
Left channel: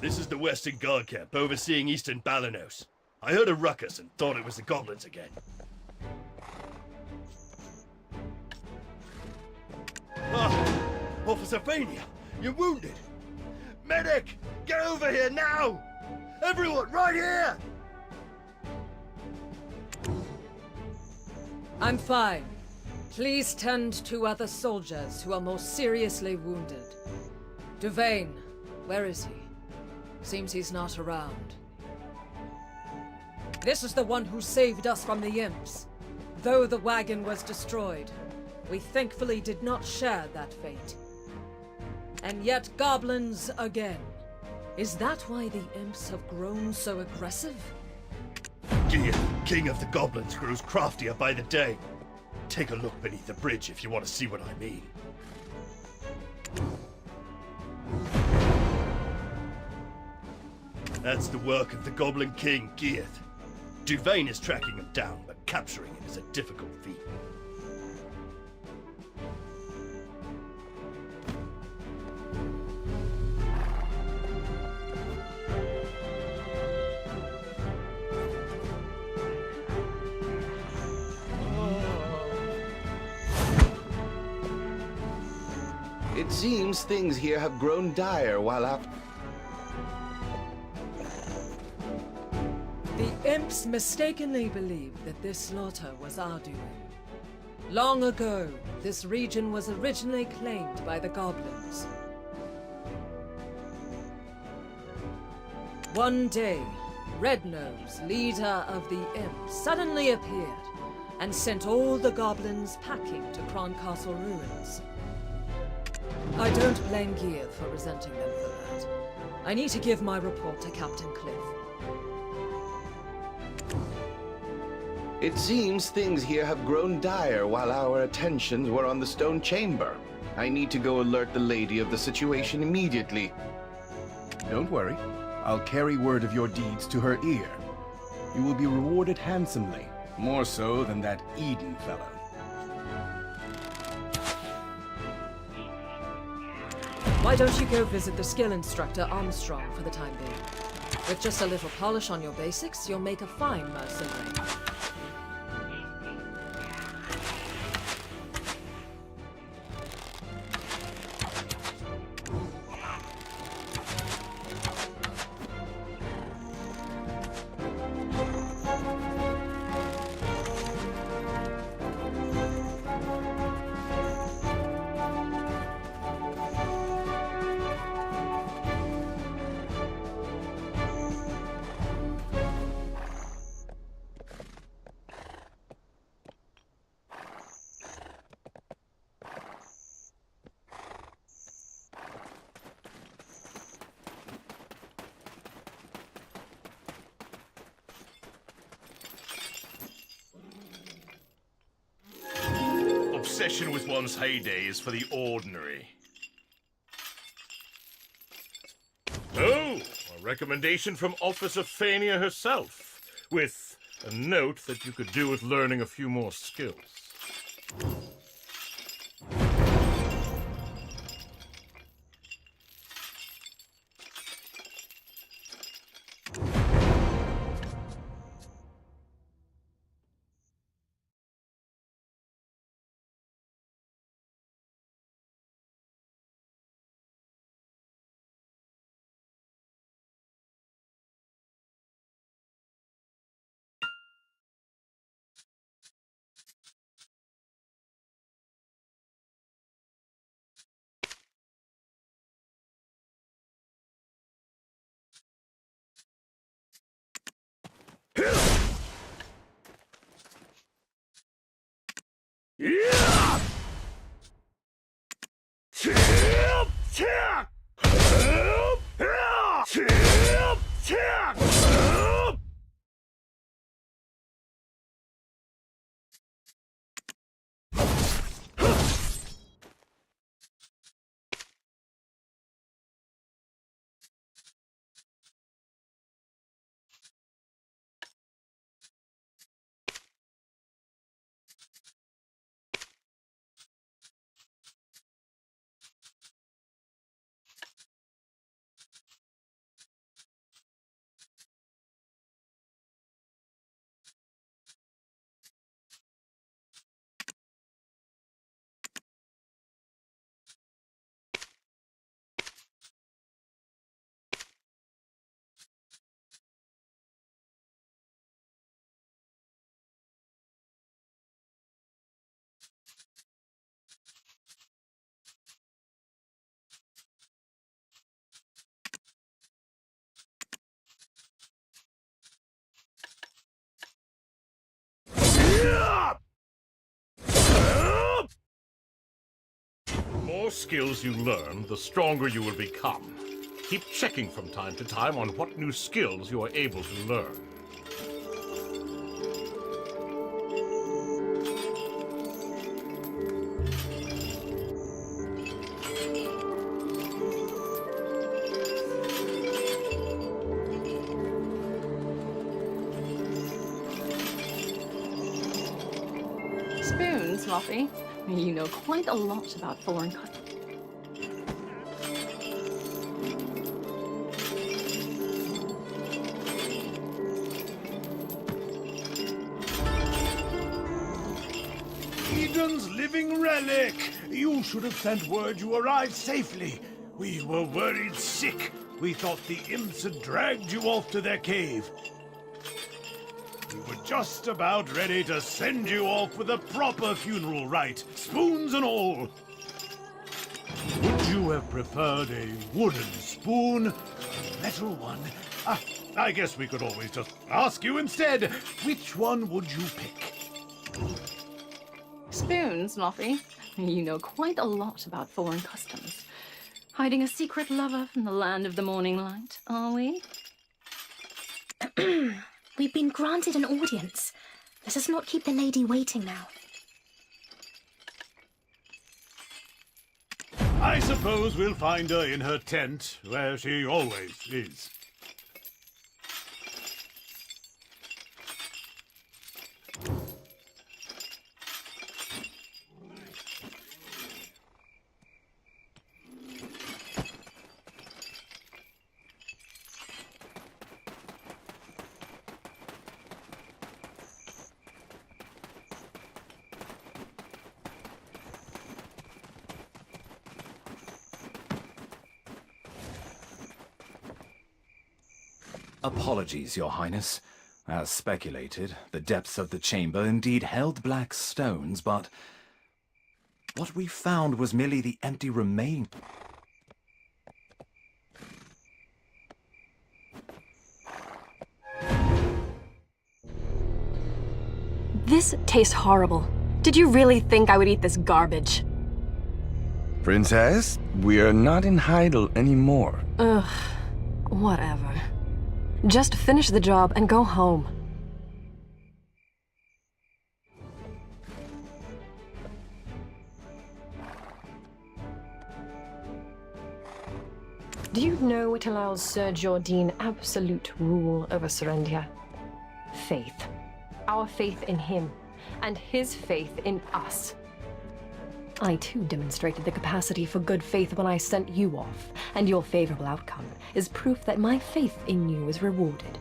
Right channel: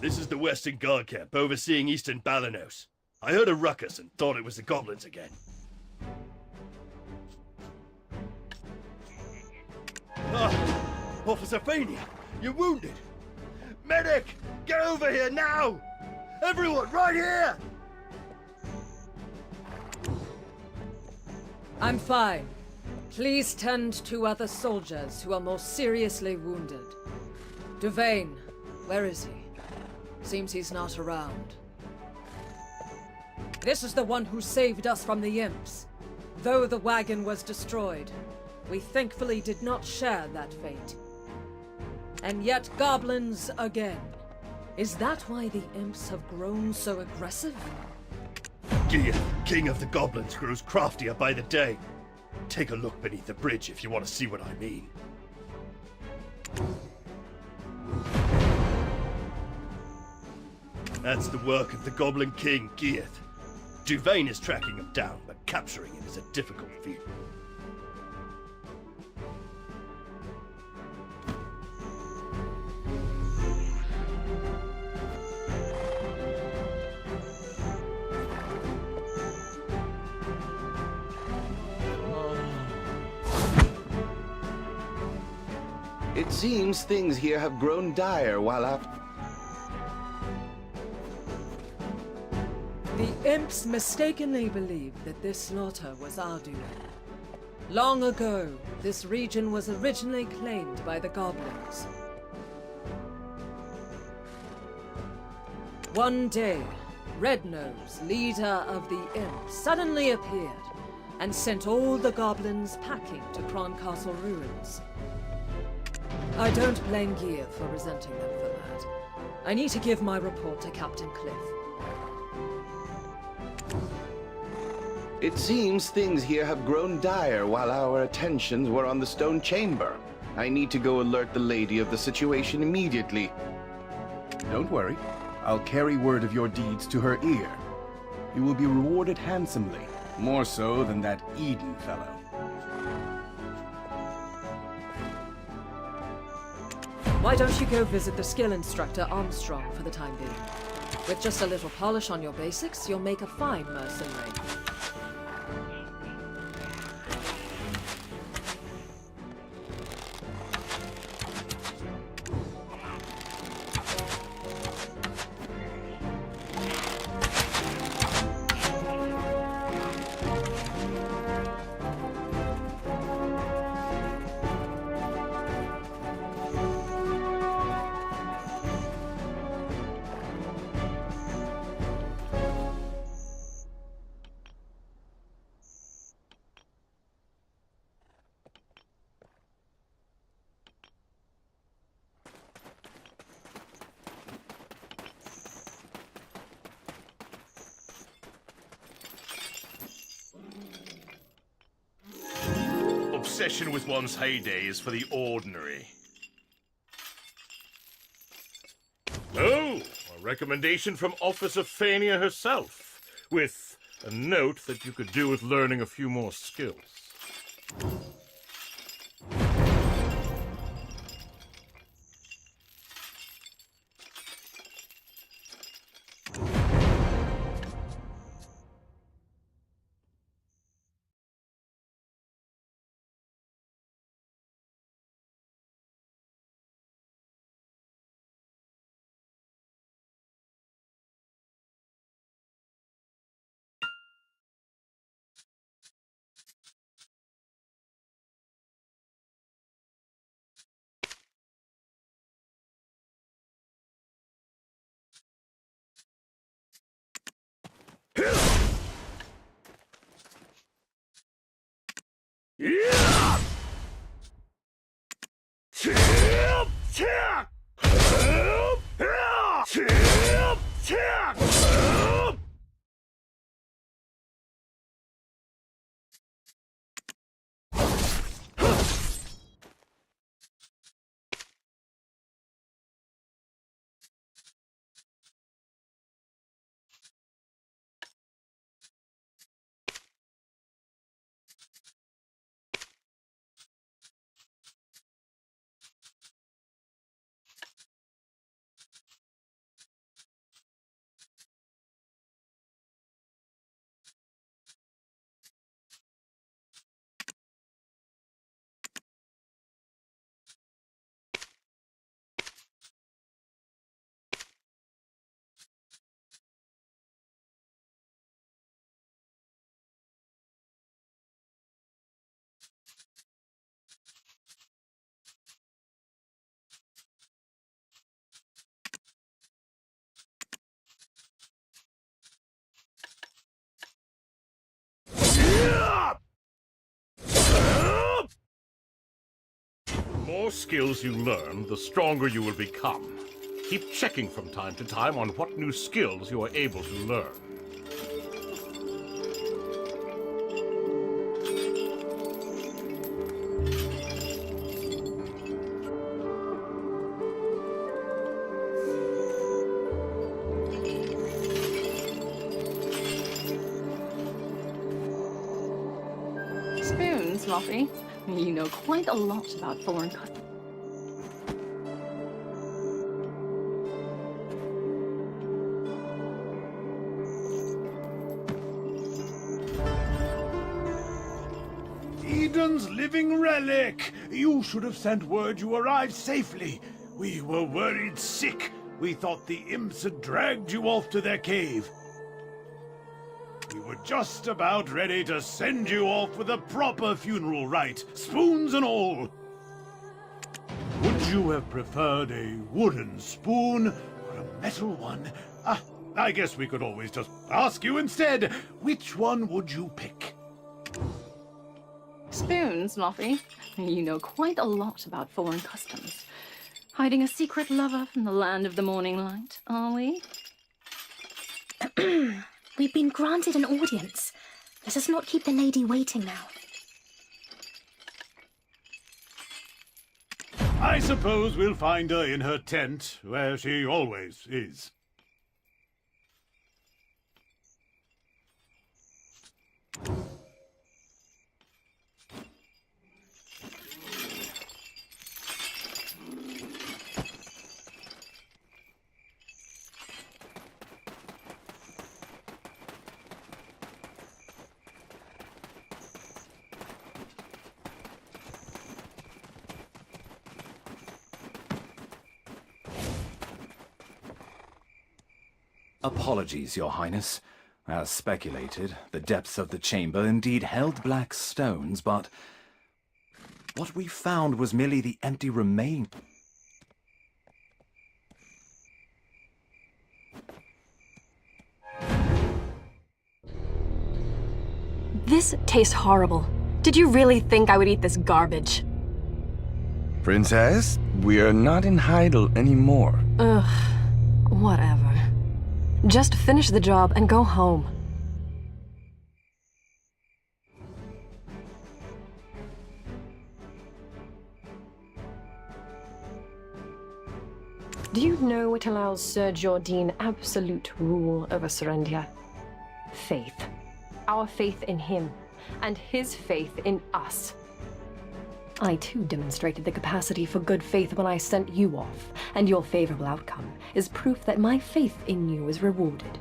This is the Western Guard camp overseeing Eastern Balanos. I heard a ruckus and thought it was the goblins again. Ah! Officer Fania, you're wounded! Medic! Get over here now! Everyone, right here! I'm fine. Please tend to other soldiers who are more seriously wounded. Duvain, where is he? Seems he's not around. This is the one who saved us from the imps. Though the wagon was destroyed, we thankfully did not share that fate. And yet goblins again. Is that why the imps have grown so aggressive? Gia, king of the goblins, grows craftier by the day. Take a look beneath the bridge if you want to see what I mean. That's the work of the Goblin King, Gieth. Duvain is tracking him down, but capturing him is a difficult feat. It seems things here have grown dire while out. The imps mistakenly believed that this slaughter was our doing. Long ago, this region was originally claimed by the goblins. One day, Rednose, leader of the imps, suddenly appeared and sent all the goblins packing to Croncastle ruins. I don't blame Gieth for resenting them for that. I need to give my report to Captain Cliff. It seems things here have grown dire while our attentions were on the stone chamber. I need to go alert the lady of the situation immediately. Don't worry. I'll carry word of your deeds to her ear. You will be rewarded handsomely, more so than that Eden fellow. Why don't you go visit the skill instructor Armstrong for the time being? With just a little polish on your basics, you'll make a fine mercenary. Obsession with one's heyday is for the ordinary. Oh, a recommendation from Officer Fania herself, with a note that you could do with learning a few more skills. more skills you learn, the stronger you will become. Keep checking from time to time on what new skills you are able to learn. Spoons, Luffy. You know quite a lot about foreign customs. Eden's living relic! You should have sent word you arrived safely. We were worried sick. We thought the imps had dragged you off to their cave. We were just about ready to send you off with a proper funeral rite, spoons and all. Would you have preferred a wooden spoon or a metal one? I guess we could always just ask you instead. Which one would you pick? Spoons, Luffy. You know quite a lot about foreign customs. Hiding a secret lover from the land of the morning light, are we? We've been granted an audience. Let us not keep the lady waiting now. I suppose we'll find her in her tent, where she always is. Apologies, Your Highness. As speculated, the depths of the chamber indeed held black stones, but what we found was merely the empty remain. This tastes horrible. Did you really think I would eat this garbage? Princess, we are not in Heidel anymore. Ugh, whatever. Just finish the job and go home. Do you know it allows Sir Jordan absolute rule over Serendia? Faith. Our faith in him, and his faith in us. I too demonstrated the capacity for good faith when I sent you off, and your favorable outcome is proof that my faith in you is rewarded.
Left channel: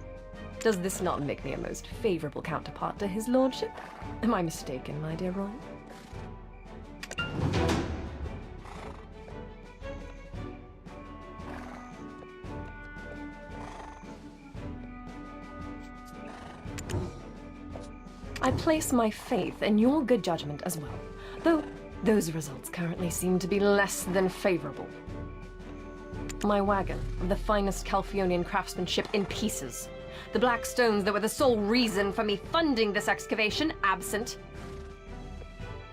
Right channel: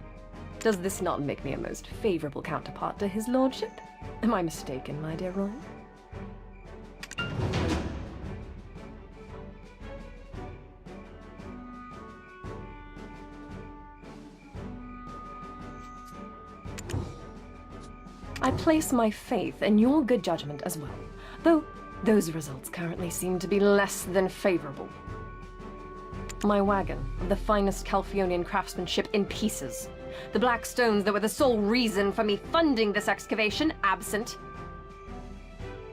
Does this not make me a most favorable counterpart to his lordship? Am I mistaken, my dear Roy? I place my faith in your good judgment as well, though those results currently seem to be less than favorable. My wagon of the finest Calphionian craftsmanship in pieces. The black stones that were the sole reason for me funding this excavation absent.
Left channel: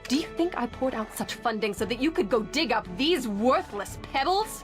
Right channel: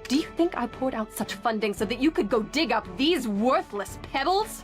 Do you think I poured out such funding so that you could go dig up these worthless pebbles?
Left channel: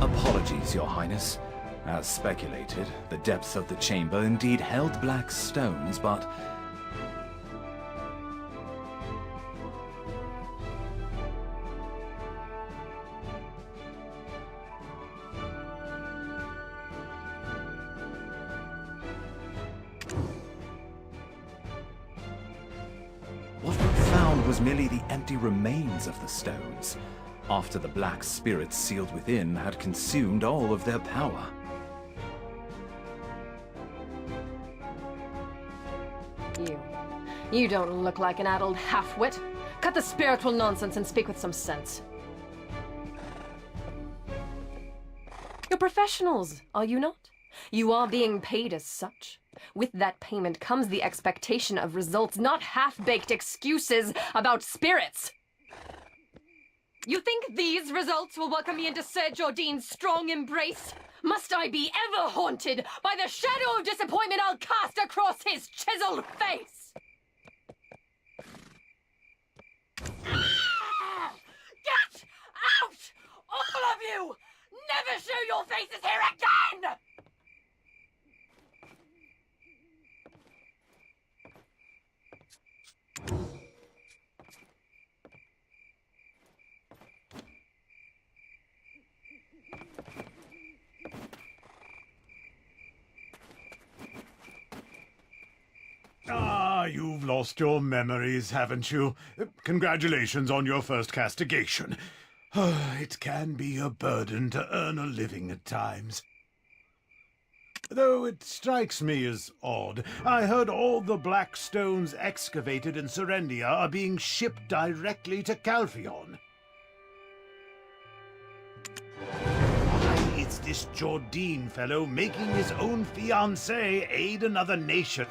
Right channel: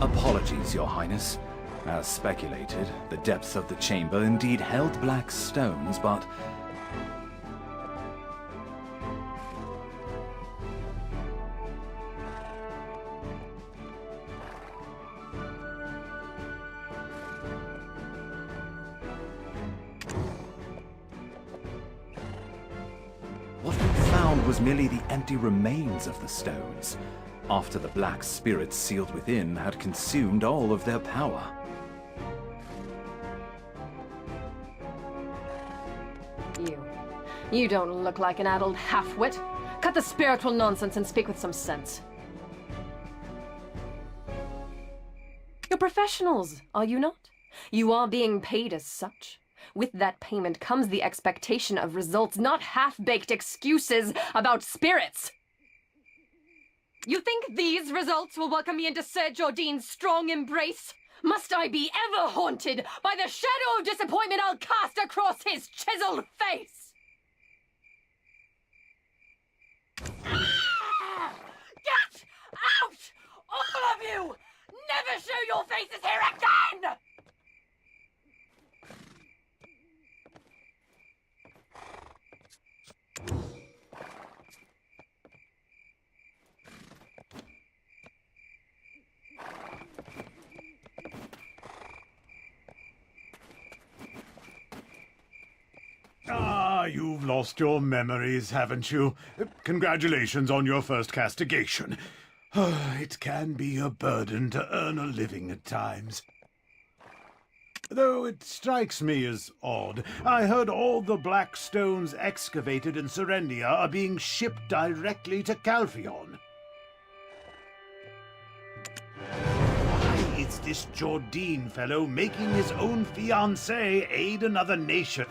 Apologies, Your Highness. As speculated, the depths of the chamber indeed held black stones, but was merely the empty remains of the stones, after the black spirits sealed within had consumed all of their power. You don't look like an addled half-wit. Cut the spiritual nonsense and speak with some sense. You're professionals, are you not? You are being paid as such. With that payment comes the expectation of results, not half-baked excuses about spirits. You think these results will welcome me into Sir Jordine's strong embrace? Must I be ever haunted by the shadow of disappointment I'll cast across his chiseled face? Get out! All of you! Never show your faces here again! Ah, you've lost your memories, haven't you? Congratulations on your first castigation. It can be a burden to earn a living at times. Though it strikes me as odd, I heard all the black stones excavated in Serendia are being shipped directly to Calpheon. Why, it's this Jordine fellow making his own fiancée aid another nation.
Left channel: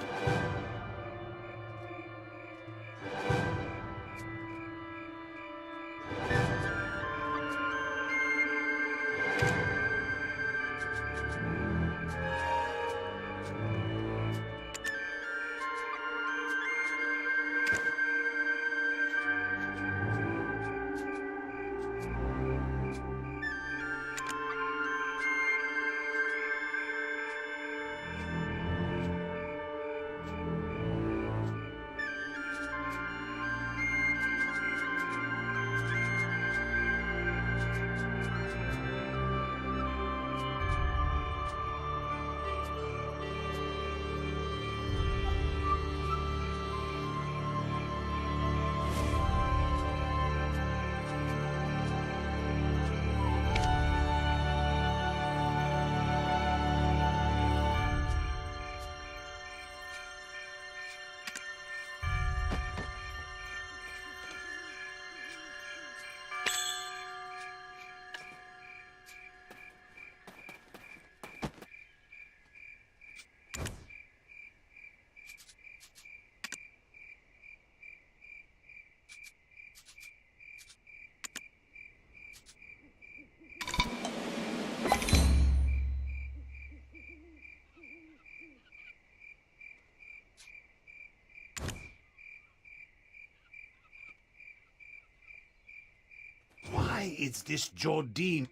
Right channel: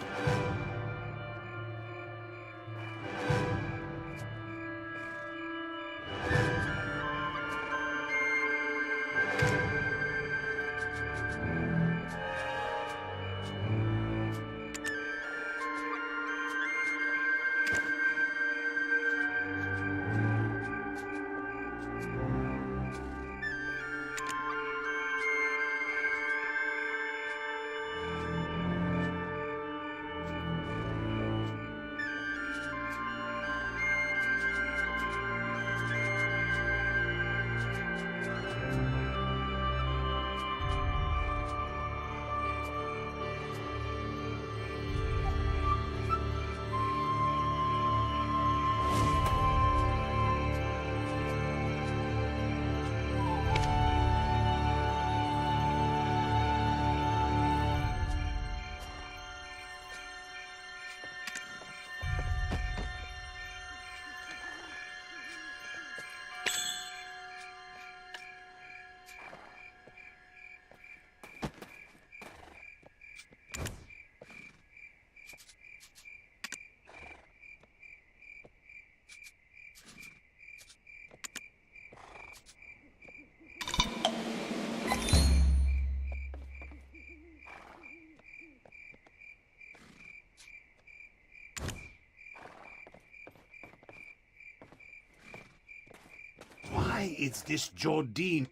Why, it's this Jordine.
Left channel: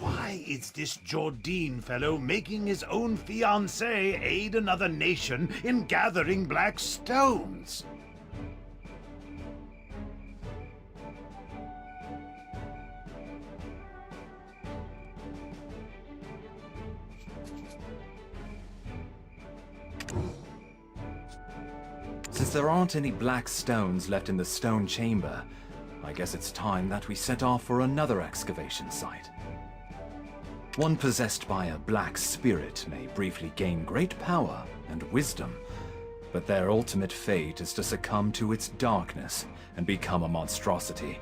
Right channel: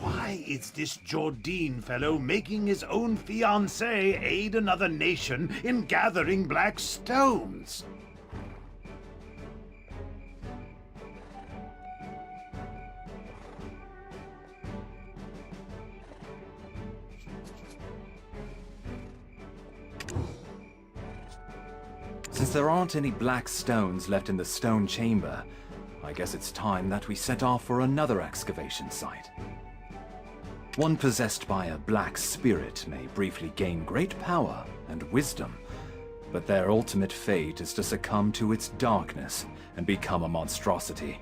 Why, it's this Jordine fellow making his own fiancée aid another nation in gathering black stones. Since there aren't any black stones left in the stone chamber, I guess it's time that we set off for another excavation site. One possessed by a black spirit may briefly gain great power and wisdom, but their ultimate fate is to succumb to its darkness and become a monstrosity.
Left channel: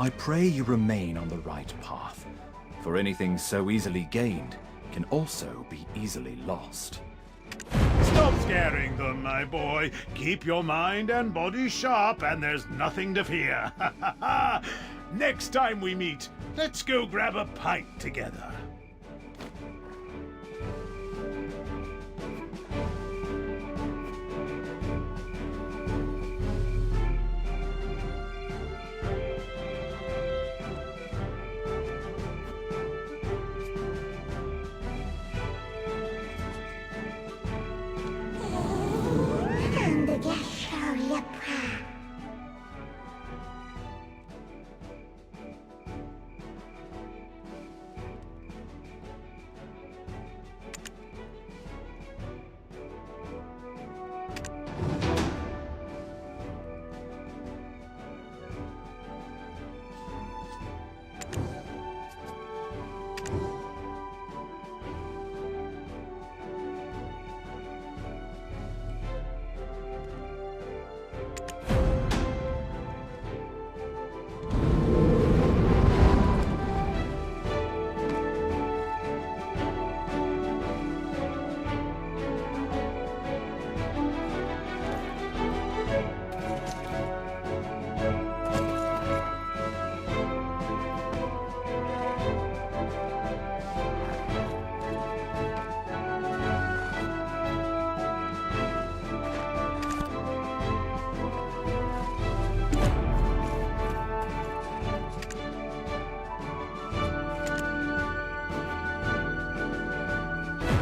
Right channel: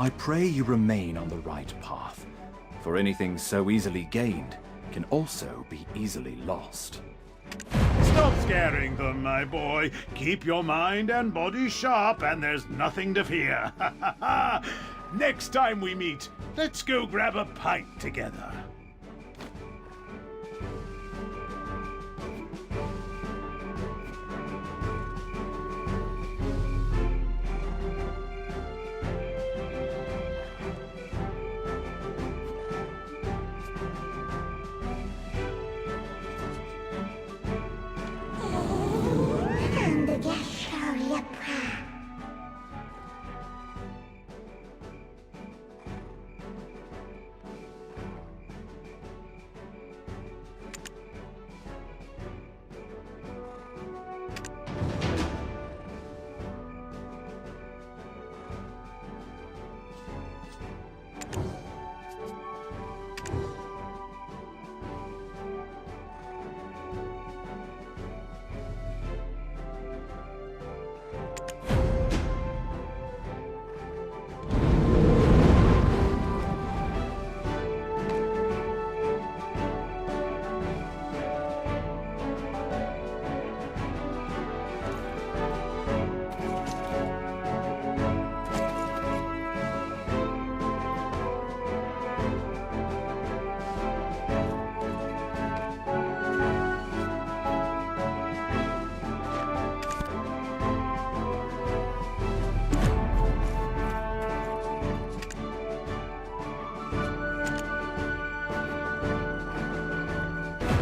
I pray you remain on the right path, for anything so easily gained can also be easily lost. Stop scaring them, my boy. Keep your mind and body sharp, and there's nothing to fear. Next time we meet, Let's go grab a pint together.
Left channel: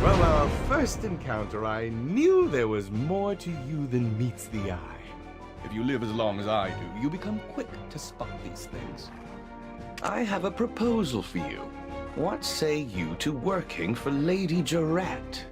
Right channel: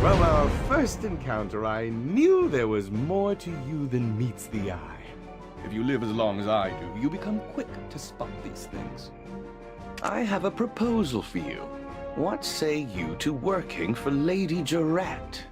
From our first encounter, I knew there was more to you than meets the eye. If you live as long as I do, you become quick to spot these things. I have a proposal for you. What say you to working for Lady Jarette?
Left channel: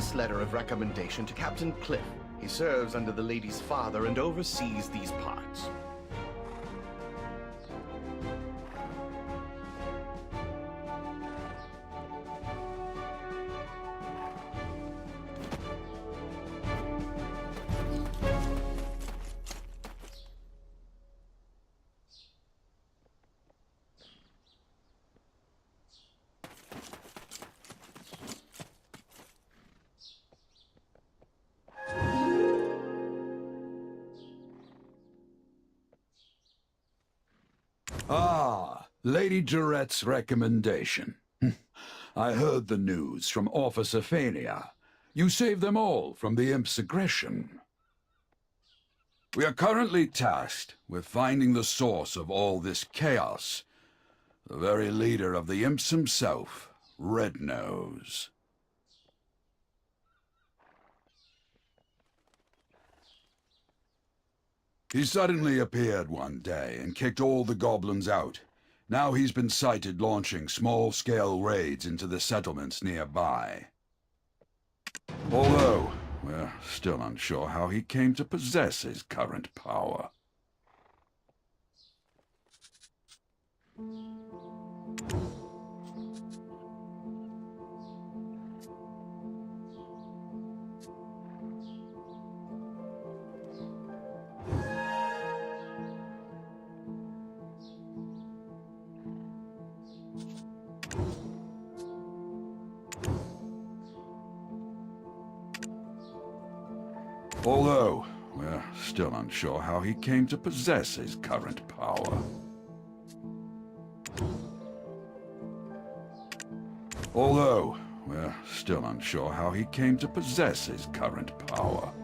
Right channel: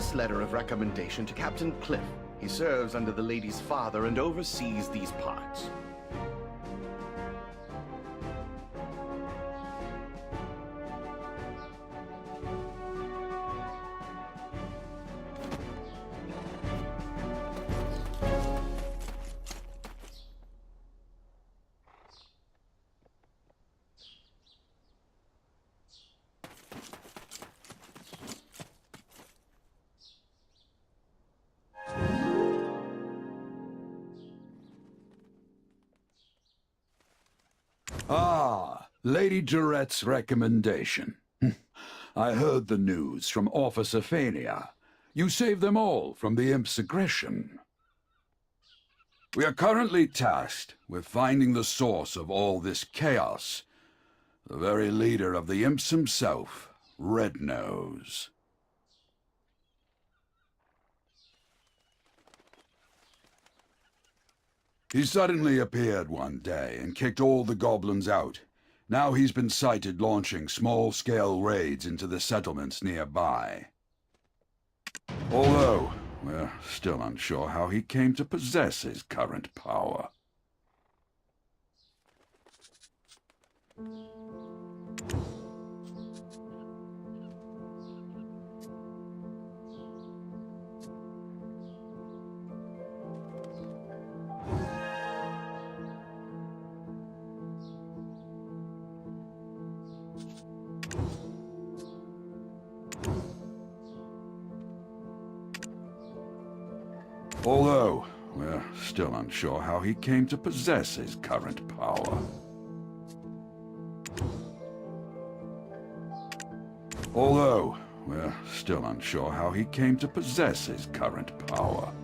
this letter of recommendation to Captain Cliff. He serves under the lady's father and oversees these parts. Ah, Lady Durette's recommendation. I heard the news from Officer Fania. You saved them all from the Imp's aggression. We are currently tasked with finding the source of all this chaos. The very leader of the Imps himself, Rednose. He suddenly appeared one day and kicked all the goblins out. Now he's been sighted launching small-scale raids into the settlements nearby. Although, we're still unsure how he came to possess his current power. Although, we're still unsure how he came to possess his current power. Although, we're still unsure how he came to possess his current power.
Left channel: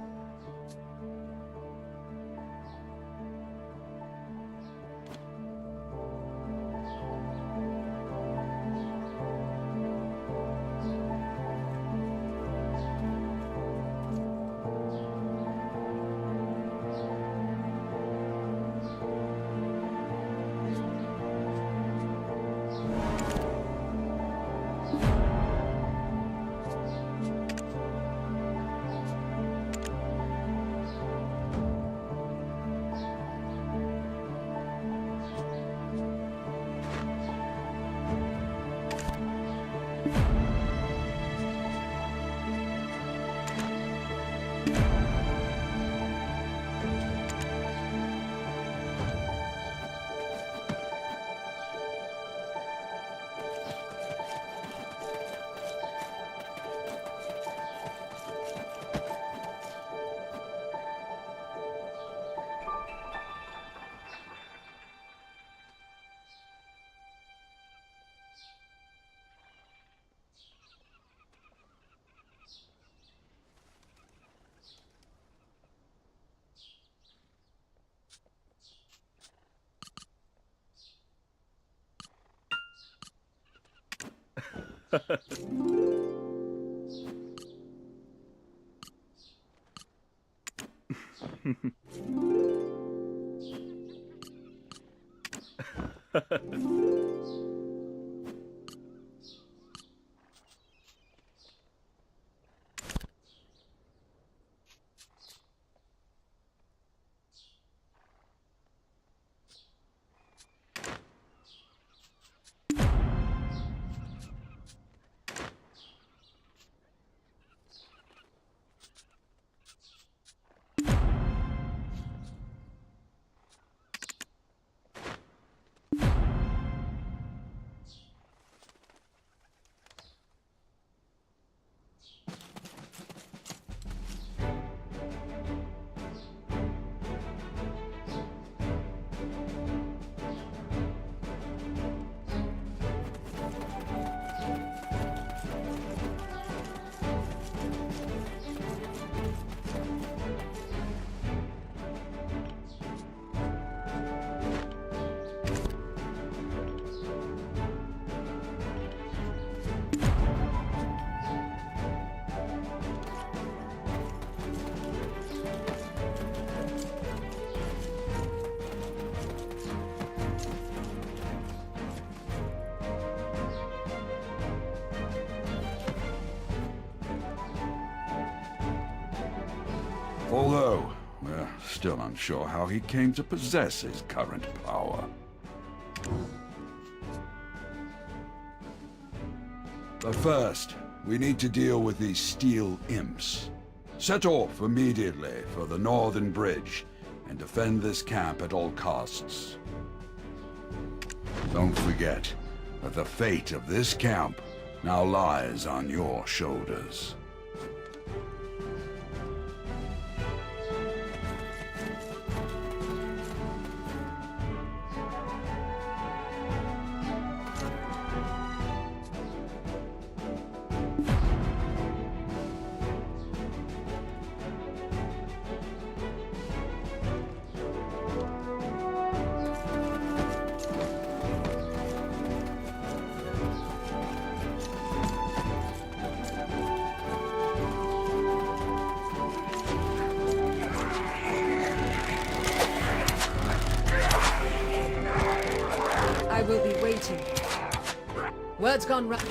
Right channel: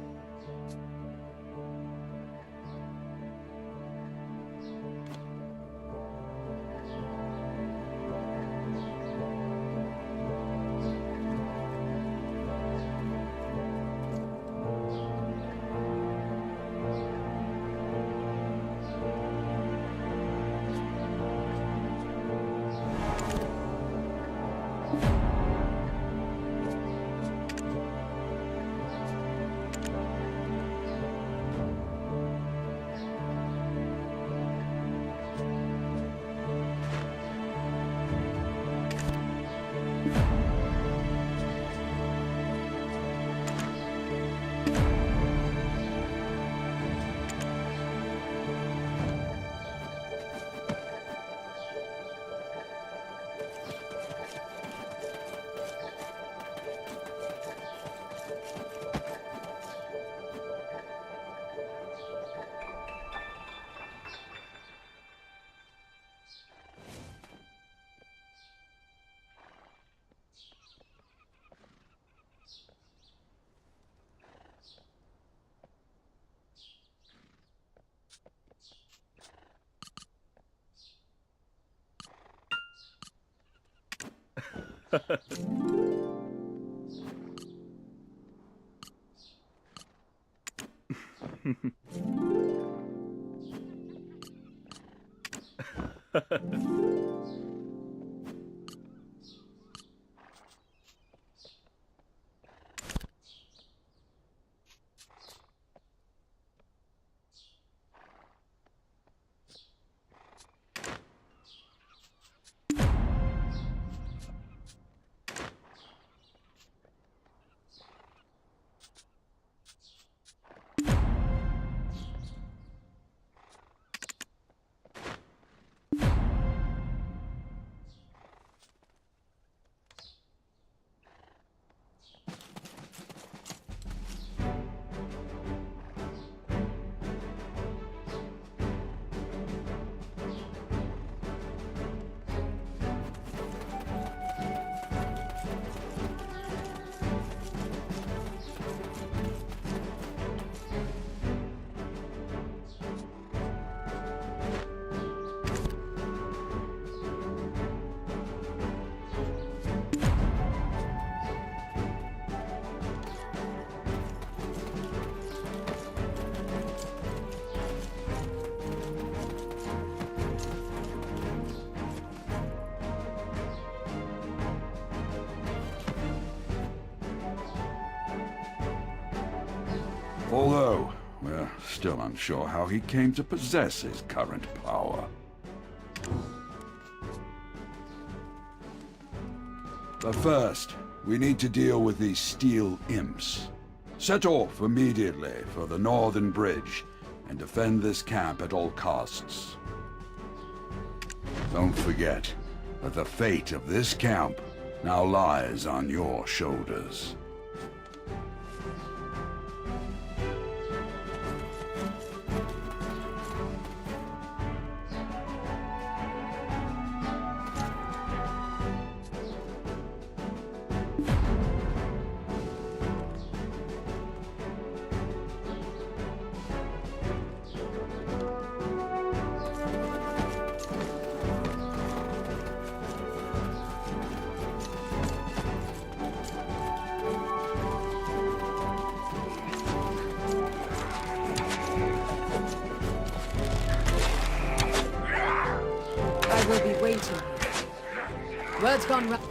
Although, we're still unsure how he came to possess his current power. But first, we need to deal with these steel imps. Set off immediately for the Northern Bridge and defend this camp at all costs. Don't forget that the fate of this camp now lies on your shoulders. I will be waiting. Word's gone round.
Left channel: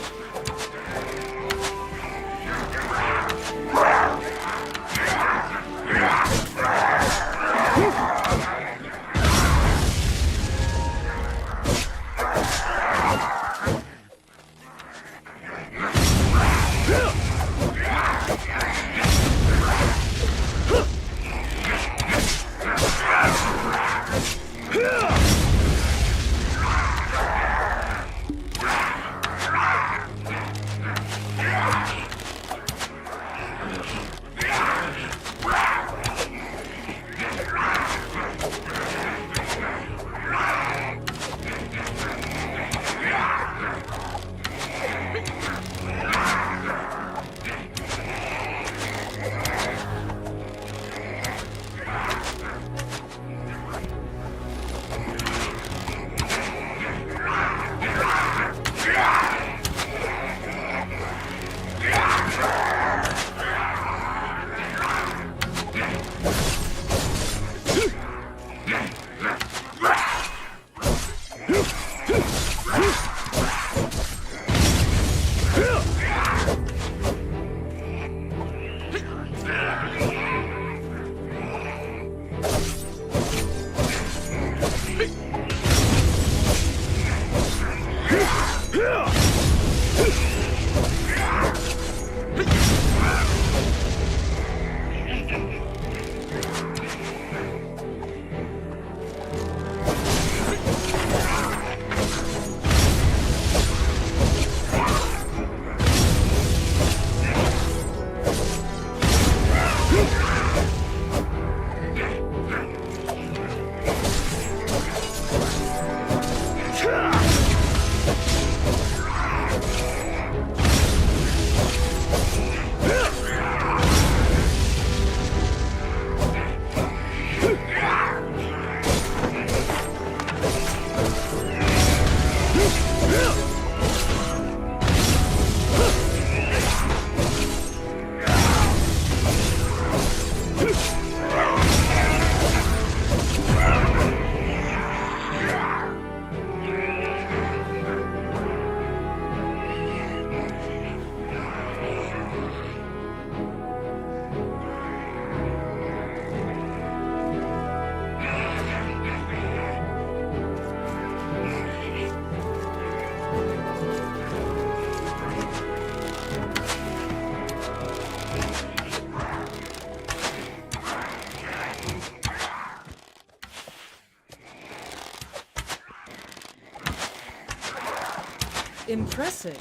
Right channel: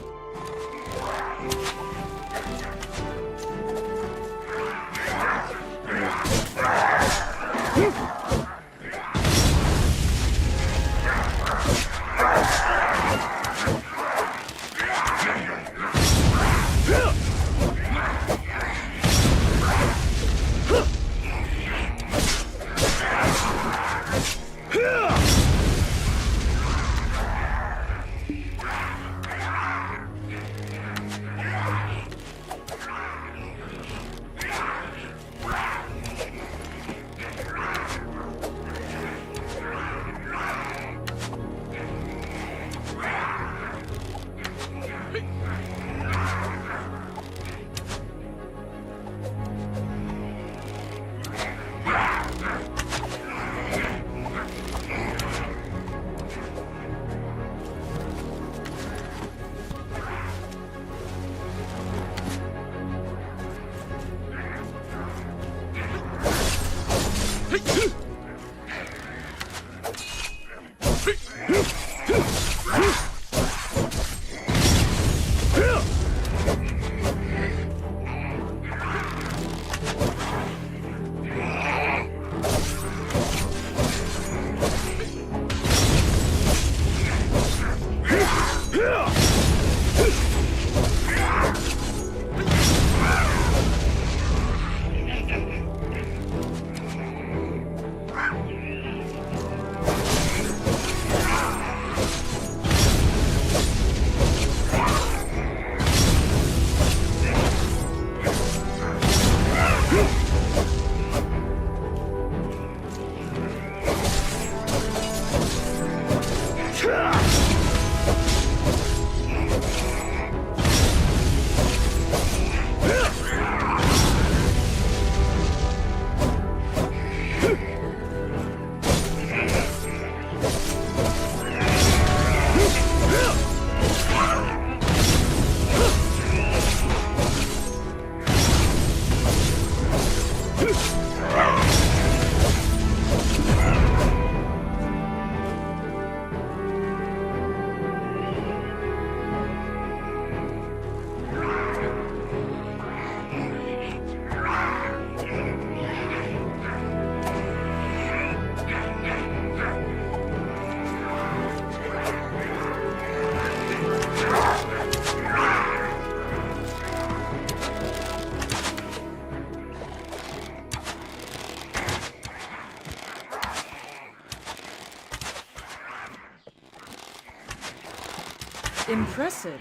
Impressive.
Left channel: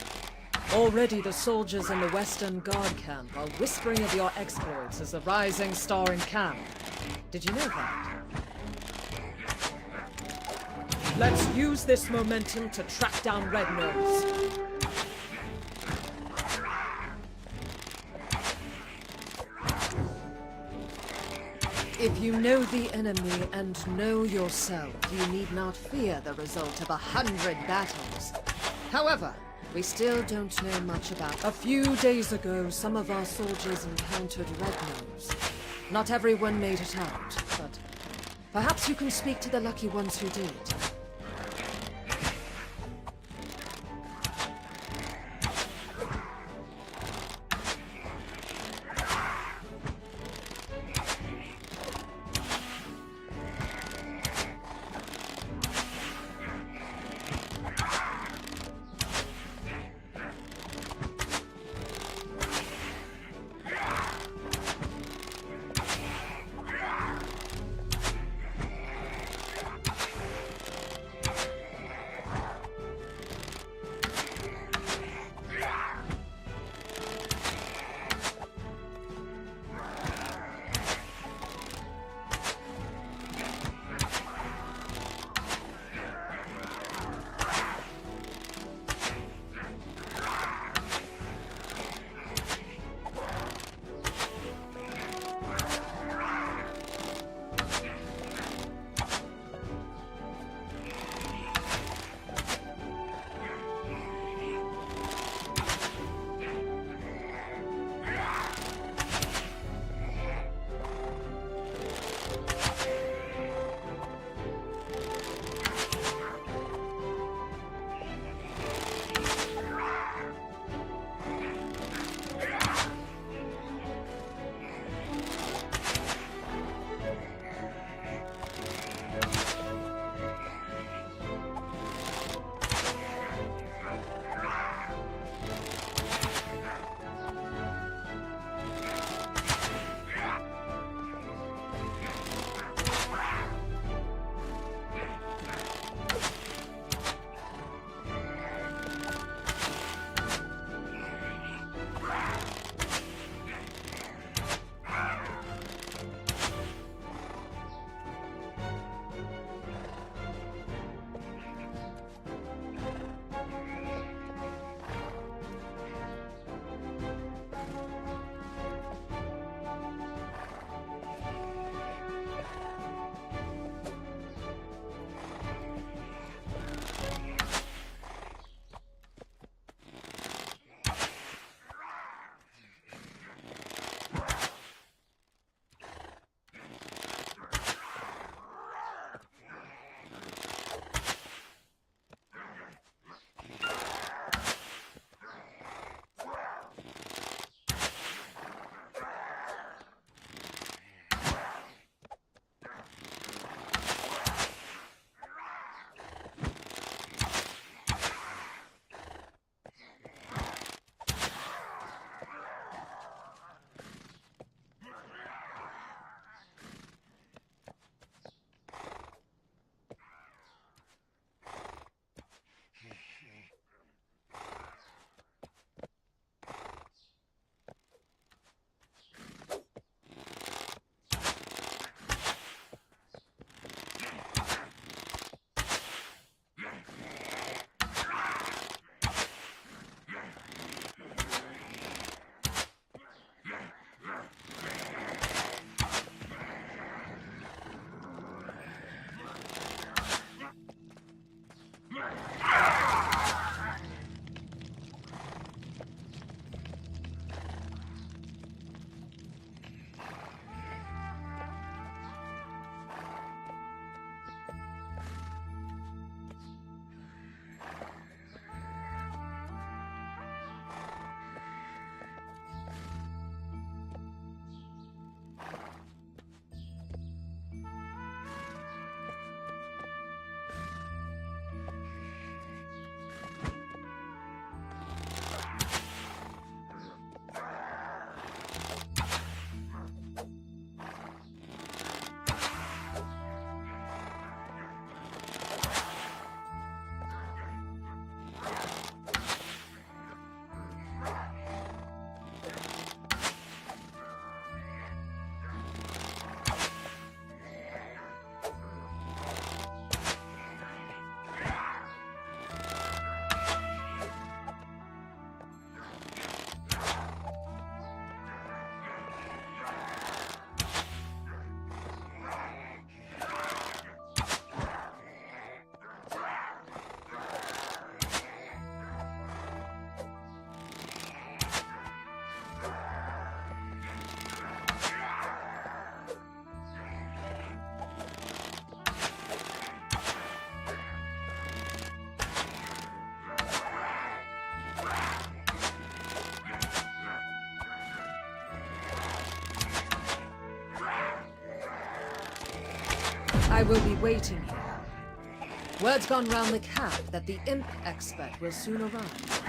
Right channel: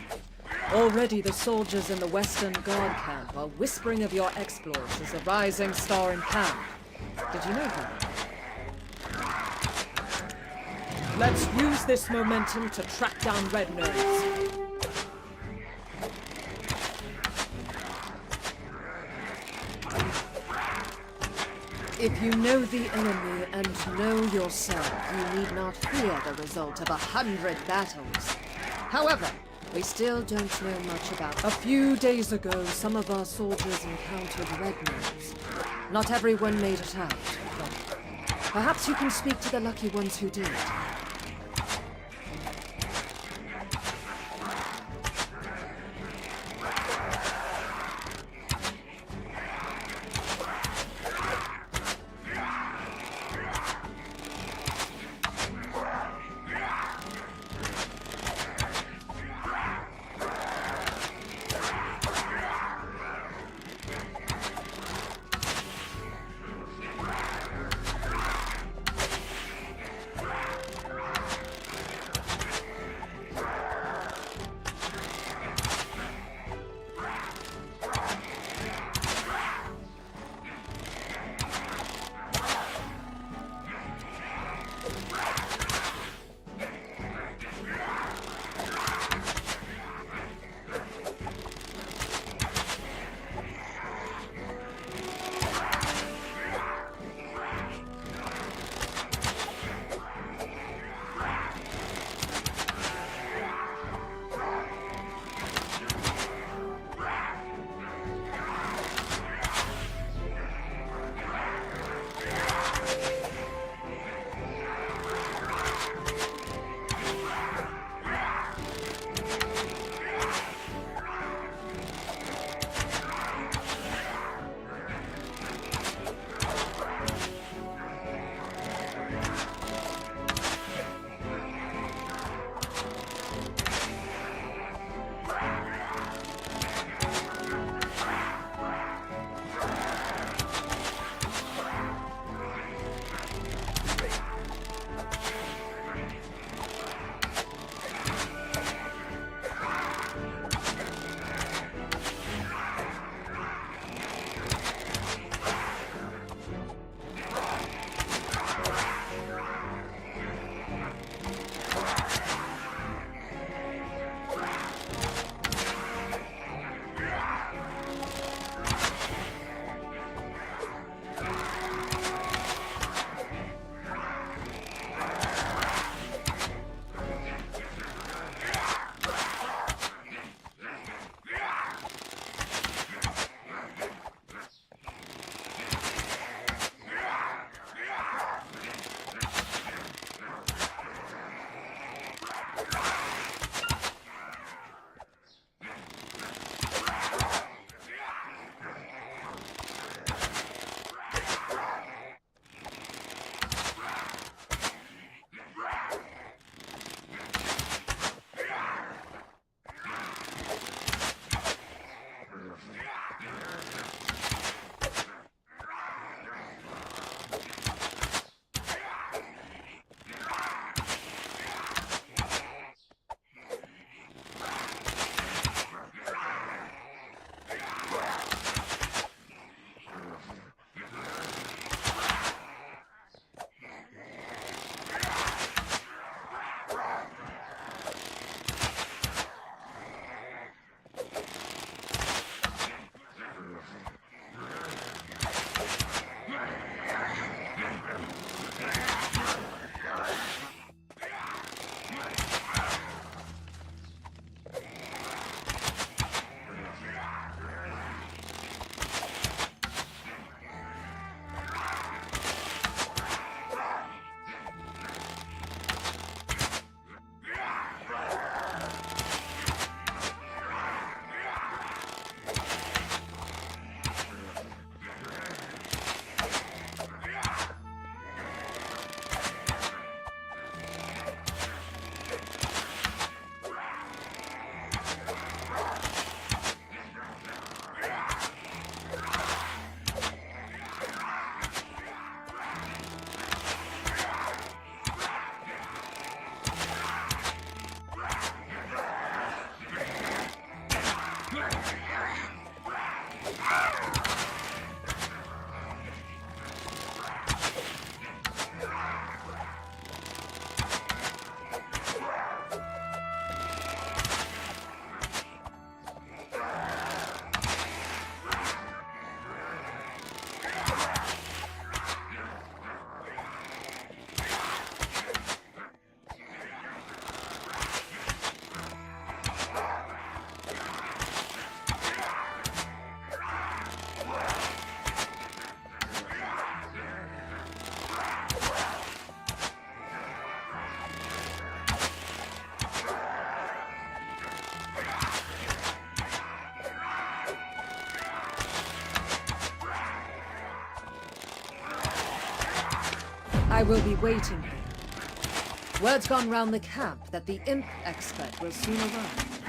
Already the soldiers in the Western Guard camp are whispering of your exploits as a rising star in camp. Did you know that? Let's use this momentum to track down Red Nose. If you know the enemy and know yourself, you need not fear the result of 100 battles. However, we still don't know much about... A few days ago, some of our soldiers encountered Red Nose. Not everyone made it out, but perhaps you can speak to the lucky ones who did. I will be waiting here. Word's gone round the camp that the imp expert will soon arrive.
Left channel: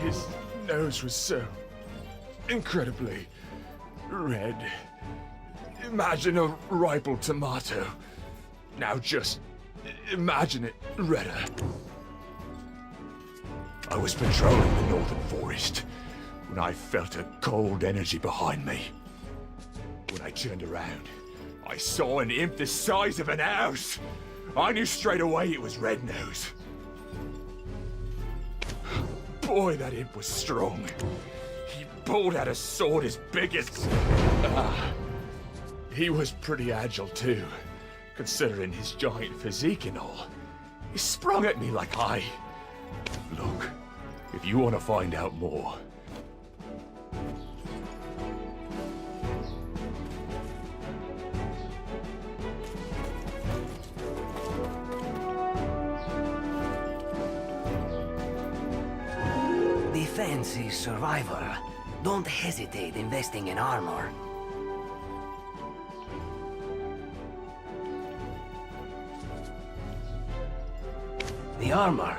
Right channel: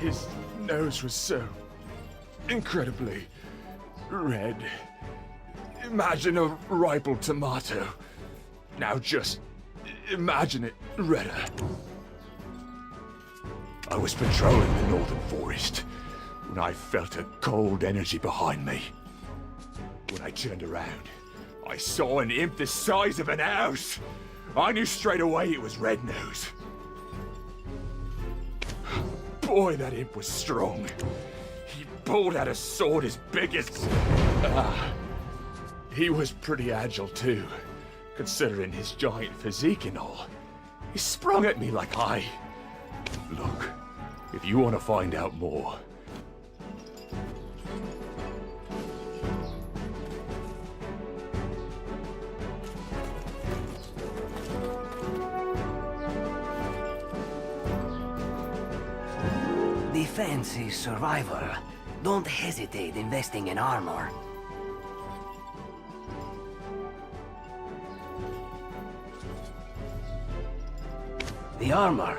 His nose was so incredibly red. Imagine a ripe tomato. Now just imagine it redder. I was patrolling the northern forest when I felt a cold energy behind me. When I turned around, I saw an imp the size of an house. I knew straight away it was Red Nose. Boy, that imp was strong. He pulled out a sword as big as... he was pretty agile too, considering his giant physique and all. He sprung at me like I... Look, if you want to find out more... Defense is survival. Don't hesitate investing in armor. The armor,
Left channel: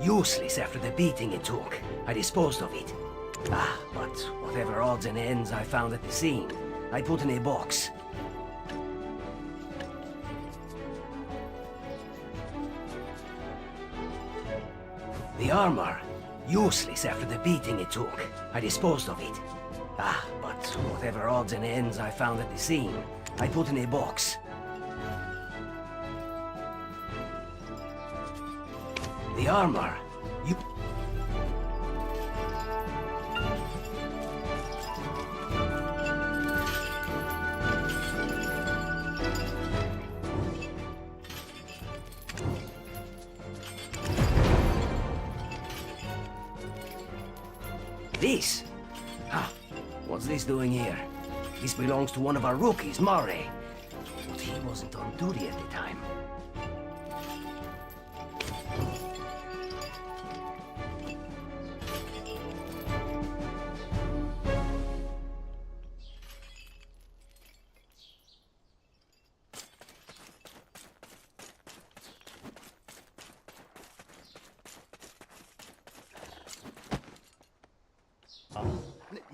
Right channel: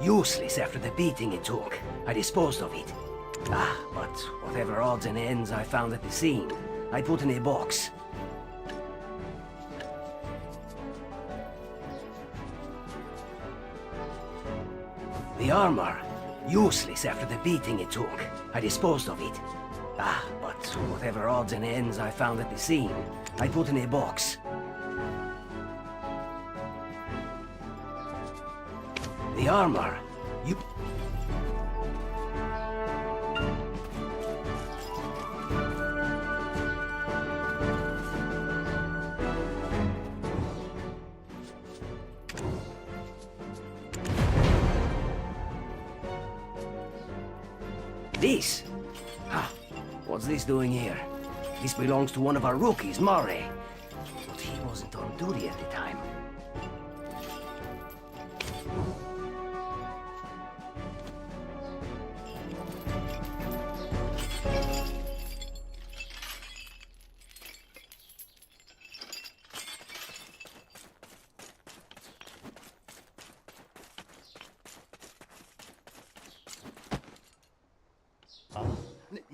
useless after the beating it took. I disposed of it. But whatever odds and ends I found at the scene, I put in a box. The armor, useless after the beating it took. I disposed of it. But whatever odds and ends I found at the scene, I put in a box. The armor, This? What's this doing here? This belongs to one of our rookies, Murray. But he wasn't on duty at the time.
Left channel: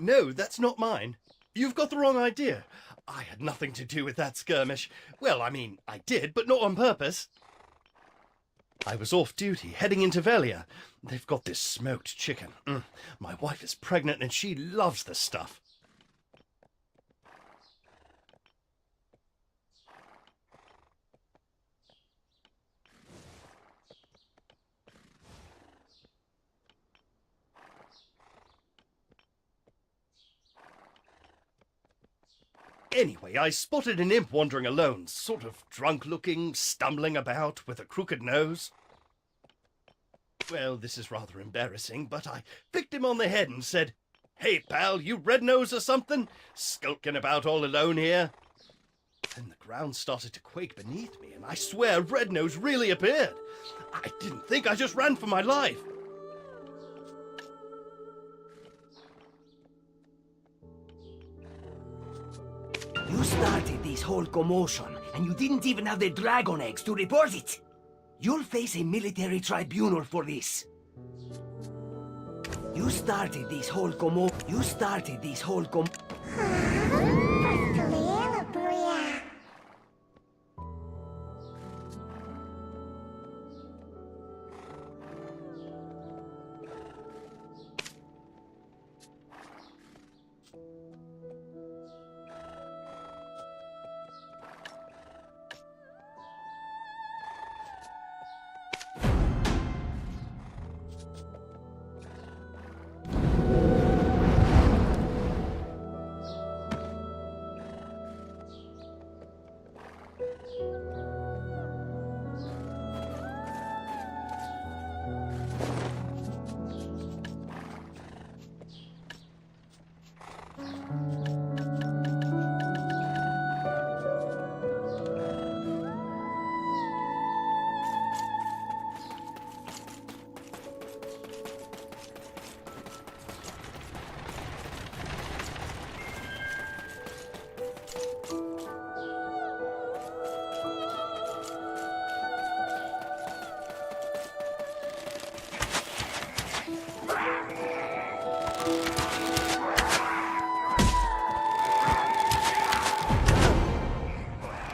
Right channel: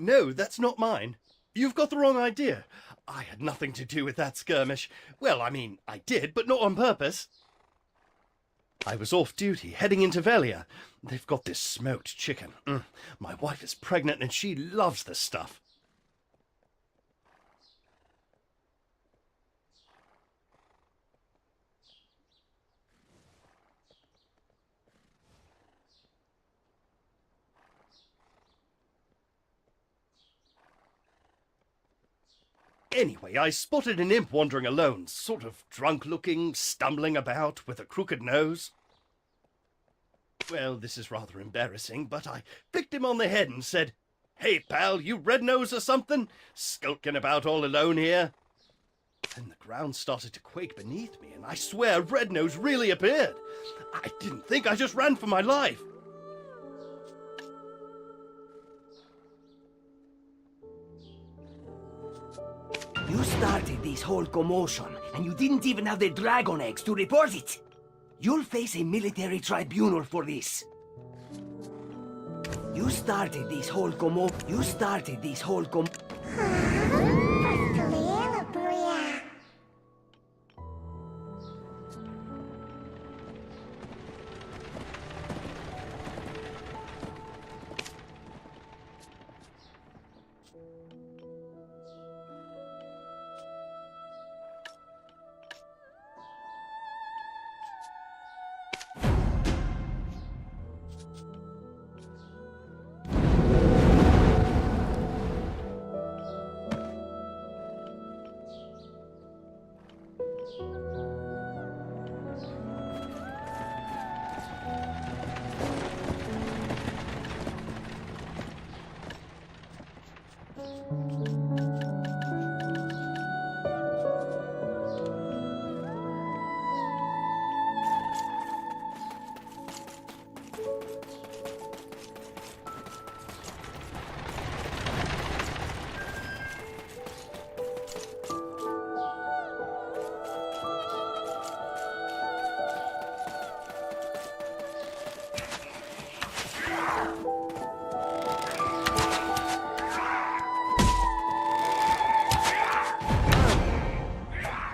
No, that's not mine. You've got the wrong idea. I had nothing to do with that skirmish. Well, I mean, I did, but not on purpose. I was off duty, heading into Velia. They've got this smoked chicken. My wife is pregnant and she loves this stuff. Anyway, I spotted an imp wandering alone, sort of drunk-looking, stumbling about, with a crooked nose. Well, this is rather embarrassing, but I flicked him on the head and said, "Hey, pal, you red nose or something? Skulking about all alone here?" Then the ground started to quake beneath me, and I swear Red Nose really appeared. I didn't think, I just ran for my life. You started this whole commotion, and you didn't even have the dragon eggs to report it. You'll face a military tribunal for this. You started this whole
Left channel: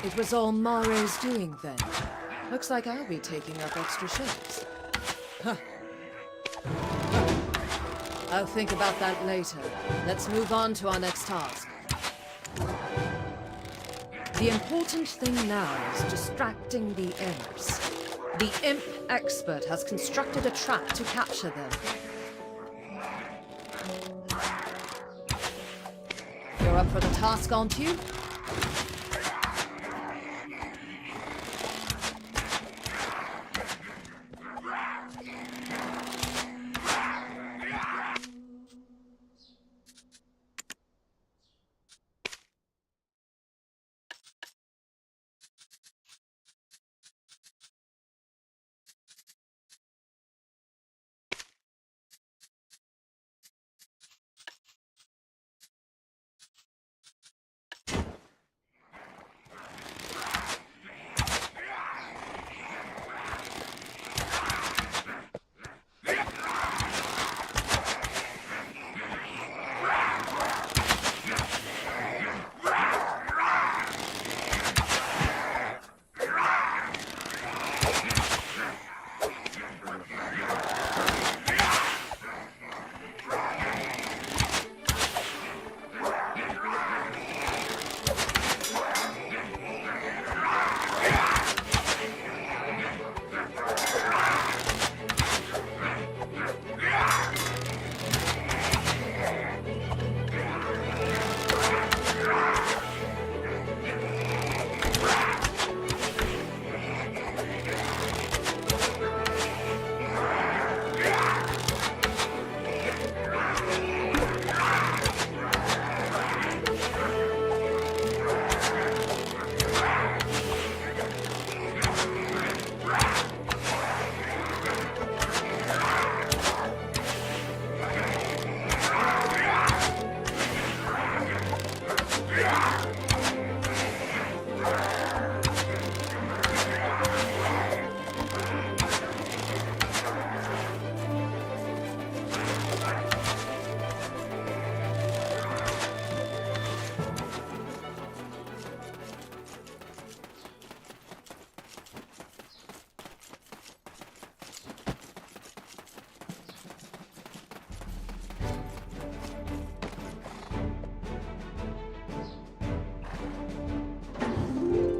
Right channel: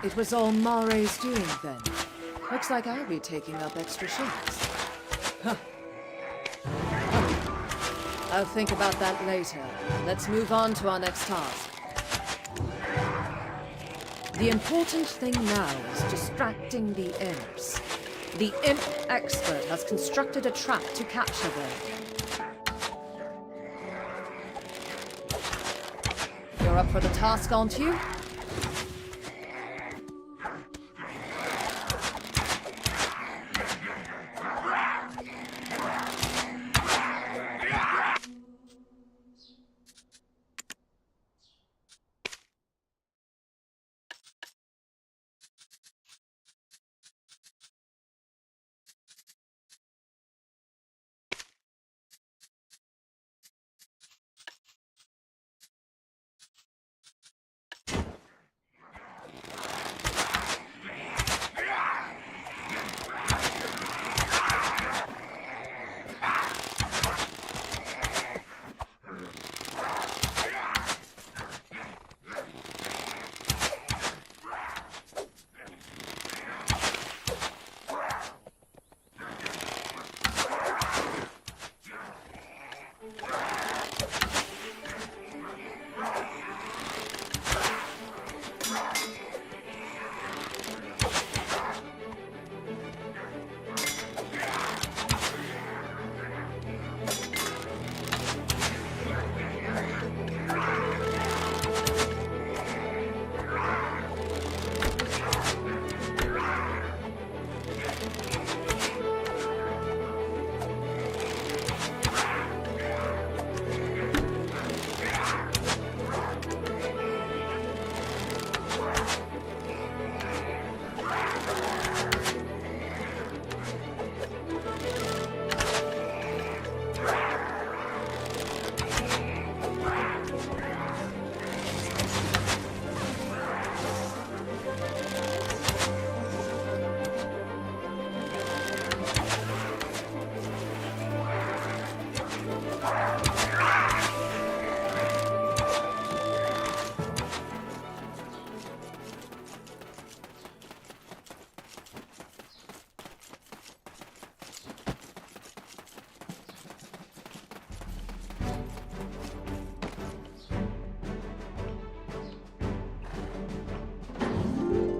It was all Mare's doing then. Looks like I'll be taking up extra shifts. Huh. I'll think about that later. Let's move on to our next task. The important thing now is distracting the imps. The imp expert has constructed a trap to capture them. You're up for the task, aren't you?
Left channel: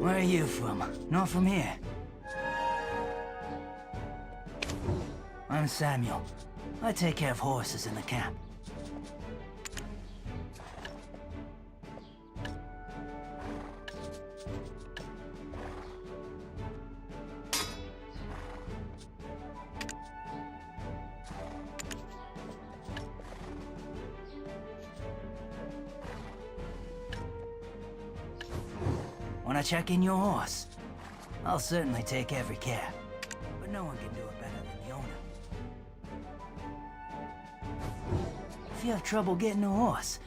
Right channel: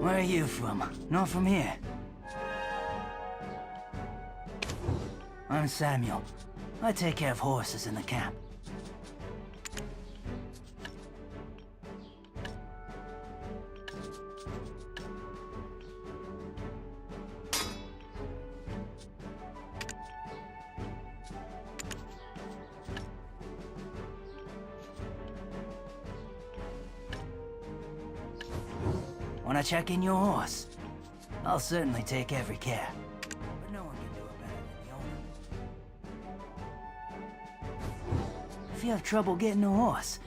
Where are you from? Not from here. I'm Samuel. I take care of horses in the camp. When Want to check in your horse? I'll certainly take every care. But no one can do it better than the owner. If you have trouble getting a horse,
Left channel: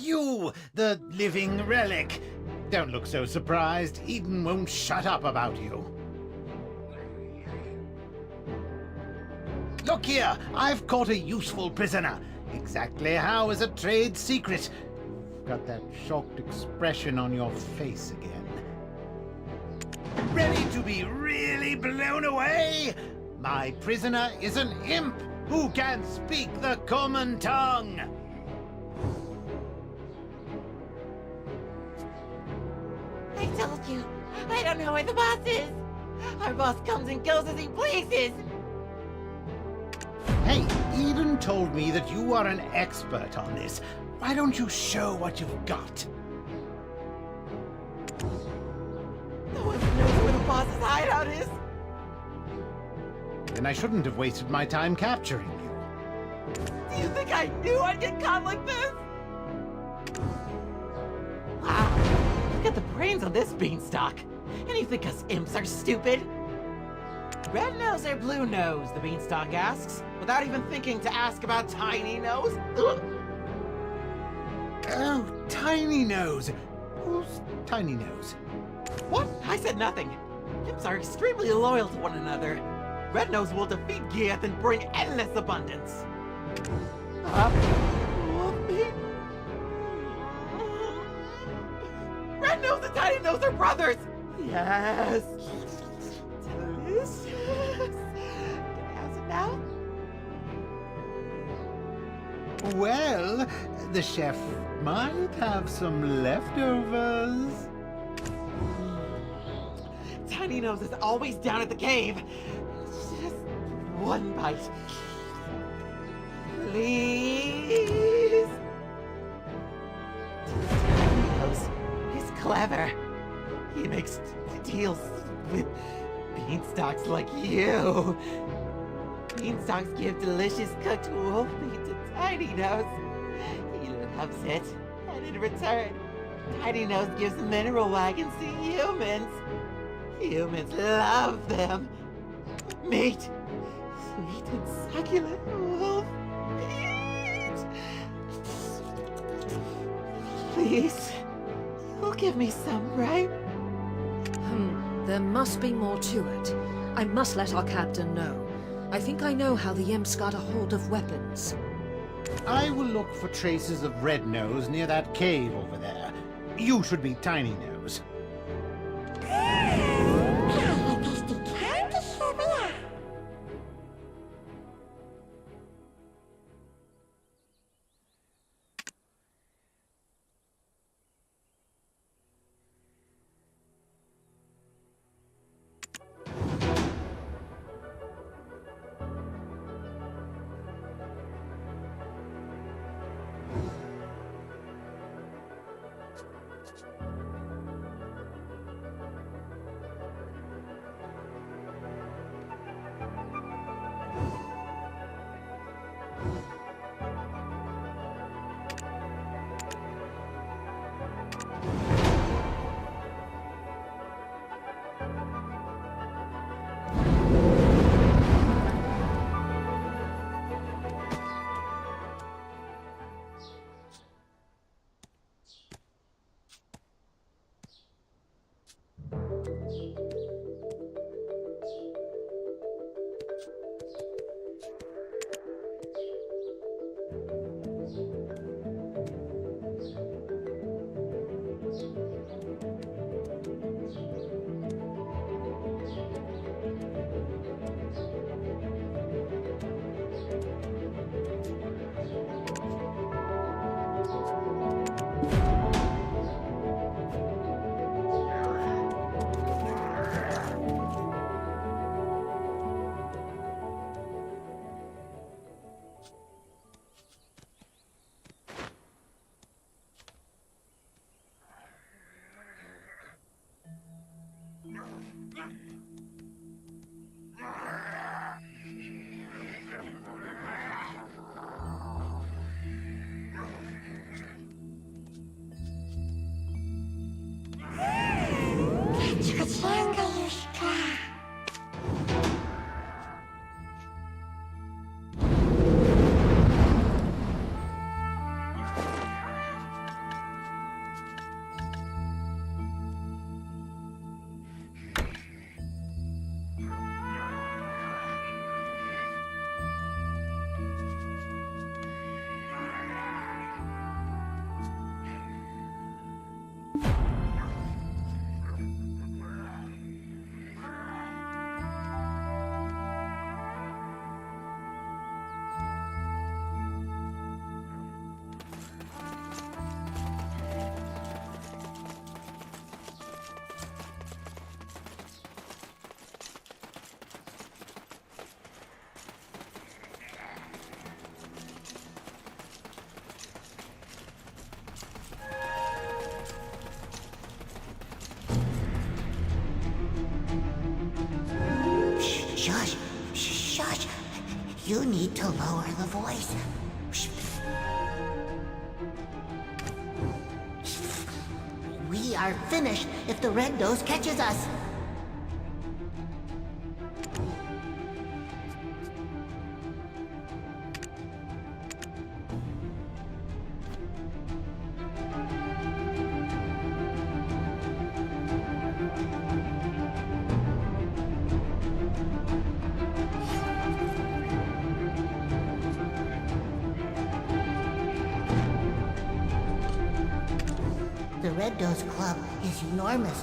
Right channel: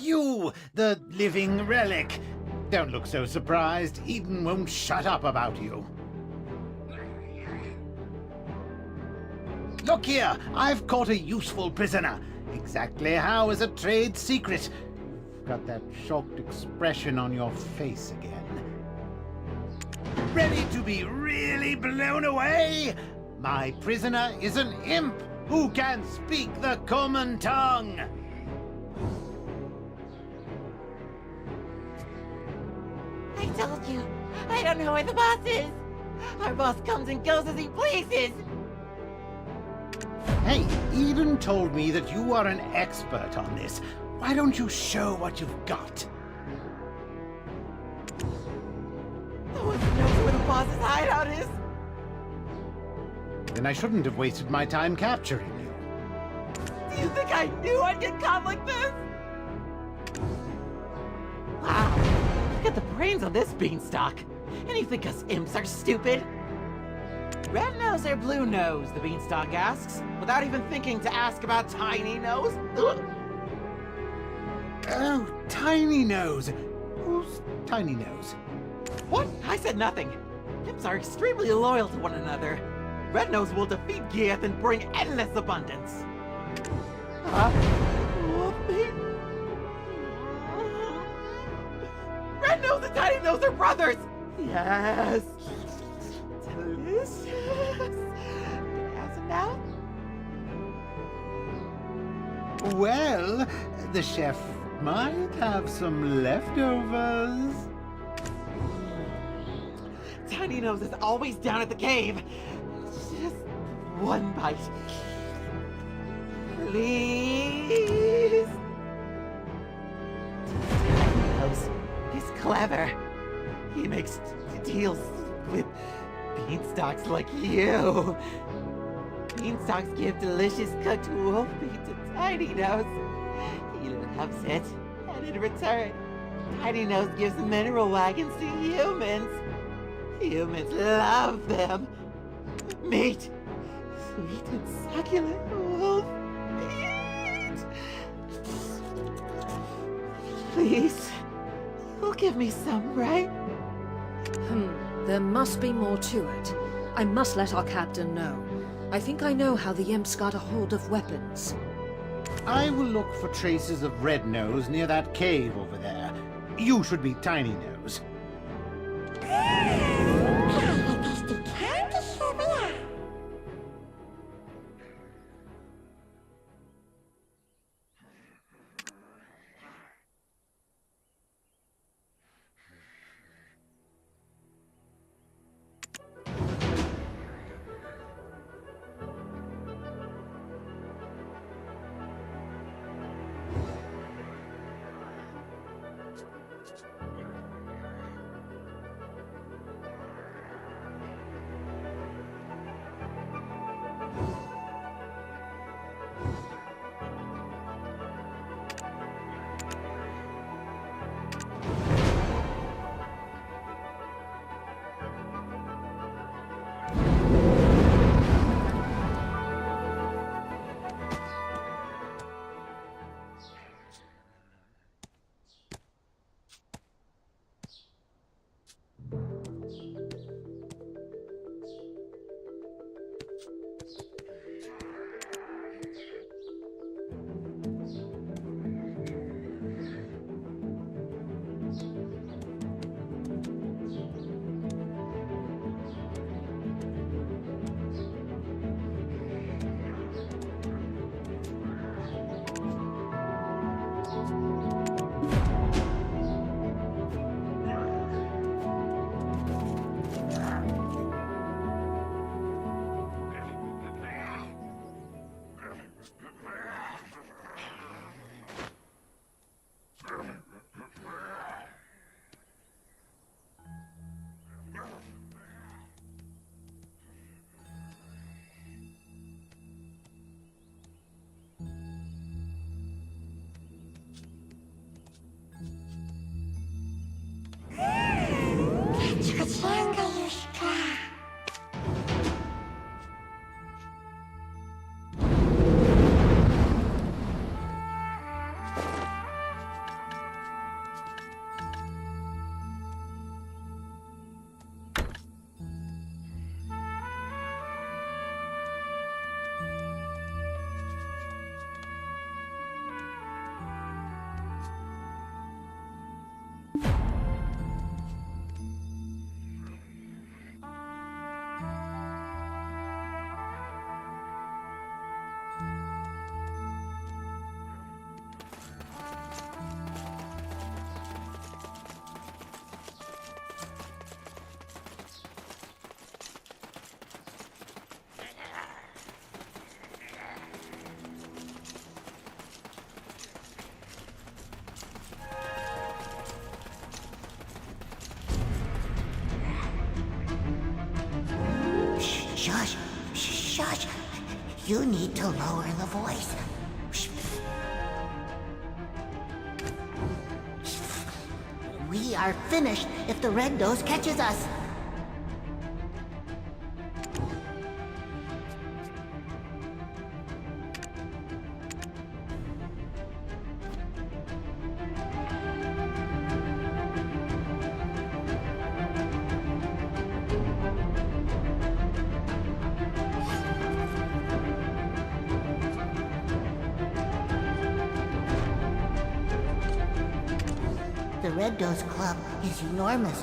you, the living relic. Don't look so surprised. Eden won't shut up about you. Look here, I've caught a useful prisoner. Exactly how is a trade secret. You've got that shocked expression on your face again. Ready to be really blown away? My prisoner is an imp who can speak the common tongue. I told you, I don't know where the boss is. Our boss comes and goes as he pleases. Hey, Eden told me that you are an expert on this. Why don't you show what you've got? No one knows where the boss's hideout is. Then I shouldn't have wasted my time capturing you. Do you think I knew I'd get caught like this? Wow, look at the brains on this beanstalk. And you think us imps are stupid? Red nose or blue nose, the beanstalk asks, without even thinking to ask about Tiny Nose. Oh, Tiny Nose. Who's Tiny Nose? What? I said nothing. Imps are extremely loyal to one another. Red Nose will defeat Gieth and bring endless abundance. Red Nose and Tiny Nose are brothers! Yes! Delicious! Can I have some now? Well, the chef might have some leftovers. Tiny Nose is always down at the cave. Just one bite. Please? Tiny Nose is clever. He makes deals with beanstalks like you. Beanstalks give delicious cooked wolf meat to Tiny Nose. He loves it. And in return, Tiny Nose gives mineral wagons to humans. Humans love them. Meat. Sweet and succulent wolf meat. Please, you'll give me some, right? There must be more to it. I must let our captain know. I think I know how the imps got a hold of weapons. I will look for traces of Red Nose near that cave over there. You should be Tiny Nose. Shush! Shush! You need to lower the voice. We are finished if the Red Nose catches us. The Red Nose Club is enormous.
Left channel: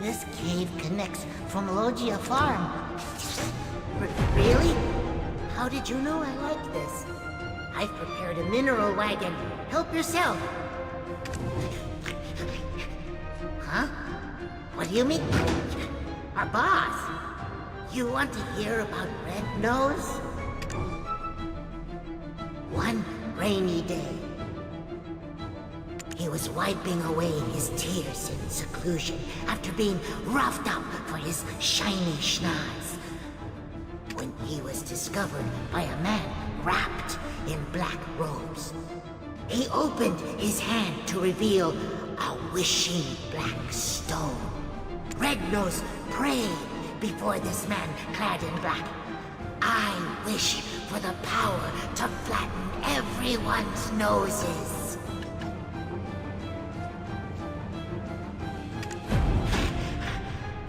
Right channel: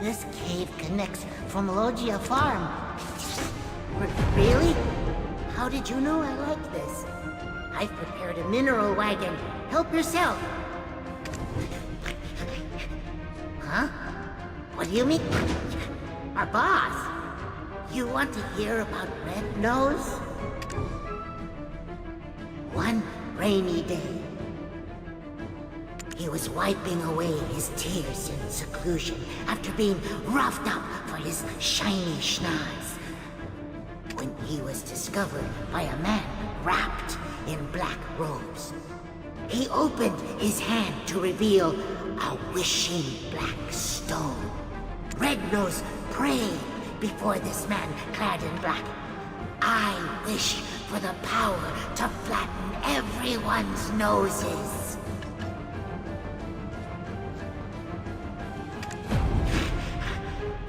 This cave connects from Logia Farm. Really? How did you know I like this? I've prepared a mineral wagon. Help yourself. Huh? What do you mean? Our boss? You want to hear about Red Nose? One rainy day, he was wiping away his tears in seclusion after being roughed up for his shiny schnoz, when he was discovered by a man wrapped in black robes. He opened his hand to reveal a wishing black stone. Red Nose prayed before this man clad in black. I wish for the power to flatten everyone's noses.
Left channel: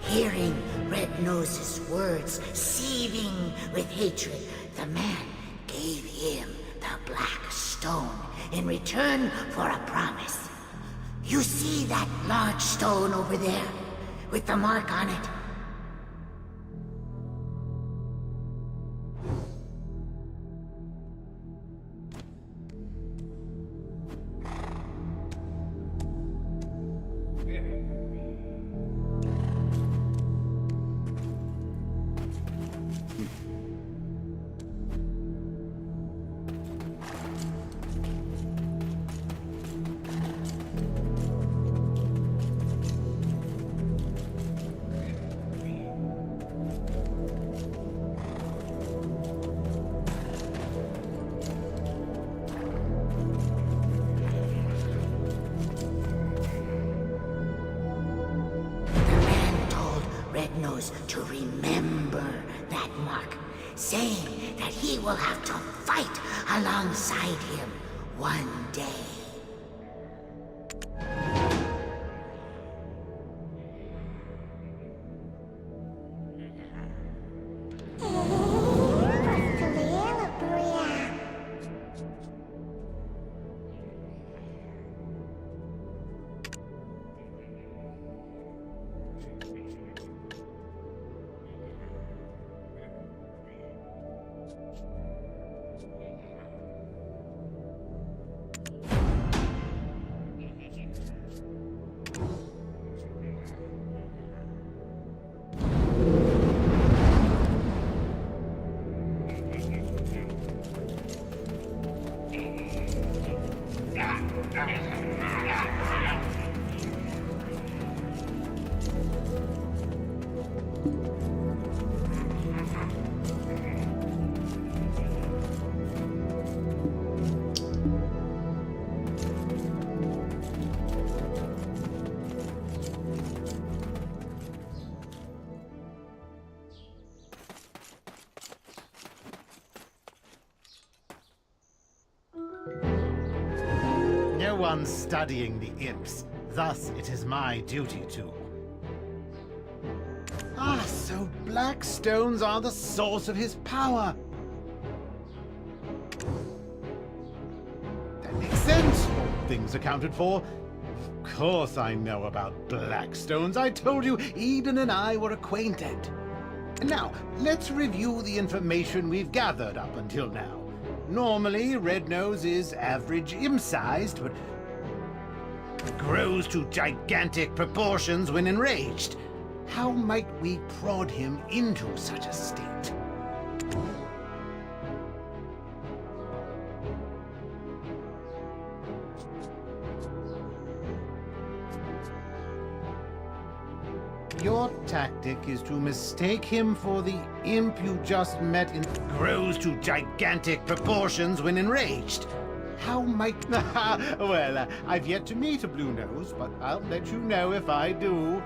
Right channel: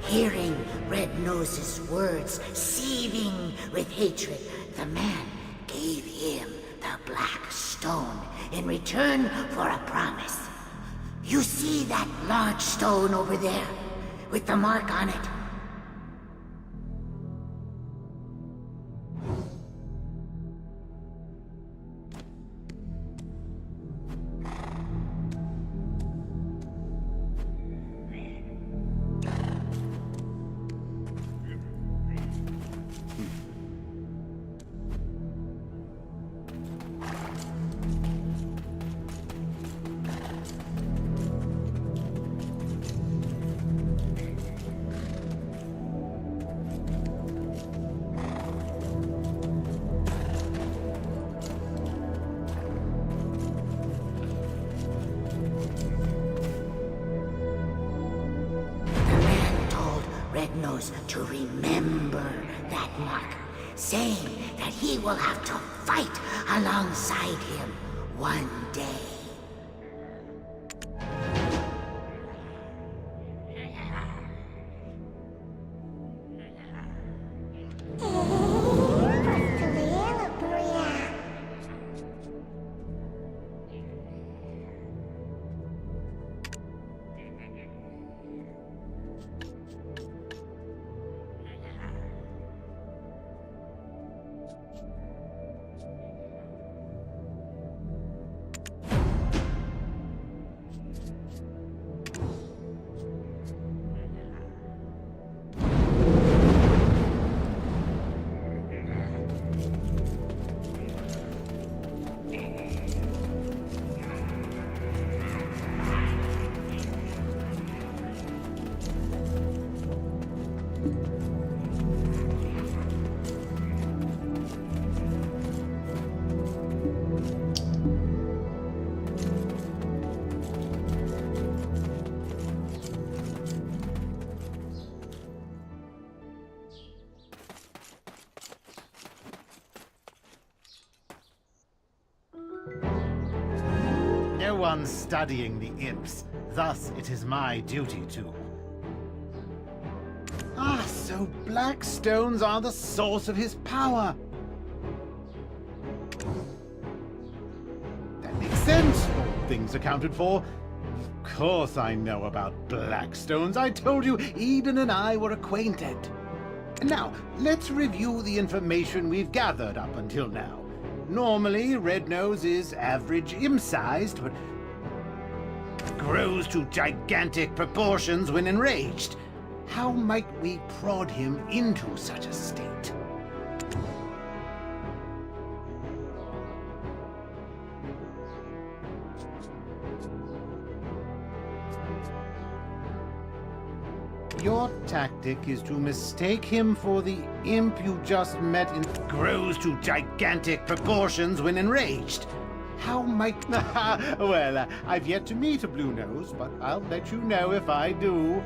Hearing Red Nose's words seething with hatred, the man gave him the black stone in return for a promise. You see that large stone over there, with the mark on it? Red Nose to remember that mark, saying that he will have to fight alongside him one day. No one's studying the imps. Thus, it is my duty to. Ah, so black stones are the source of his power. That makes sense. All things accounted for. Of course I know about black stones. I told you Eden and I were acquainted. Now, let's review the information we've gathered up until now. Normally, Red Nose is average imp-sized, but grows to gigantic proportions when enraged. How might we prod him into such a state? Your tactic is to mistake him for the imp you just met in... Grows to gigantic proportions when enraged. How might... Well, I've yet to meet a Blue Nose, but I'll let you know if I do.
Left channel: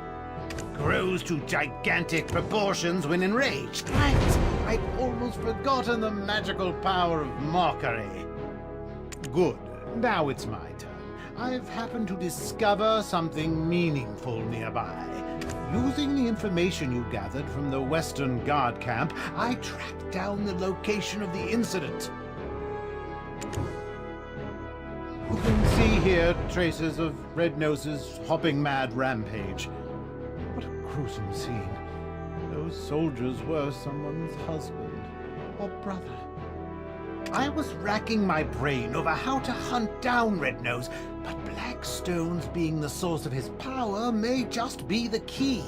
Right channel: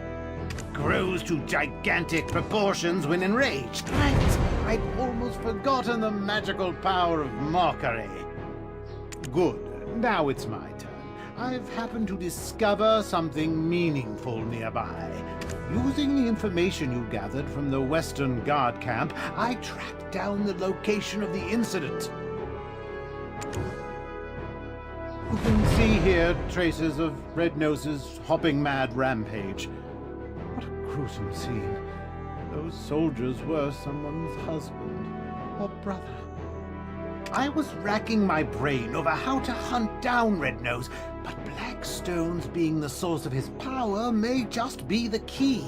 Grows to gigantic proportions when enraged. Right! I'd almost forgotten the magical power of mockery. Good. Now it's my turn. I've happened to discover something meaningful nearby. Using the information you gathered from the Western Guard camp, I tracked down the location of the incident. You can see here traces of Red Nose's hopping mad rampage. What a gruesome scene. Those soldiers were someone's husband or brother. I was racking my brain over how to hunt down Red Nose, but black stones being the source of his power may just be the key.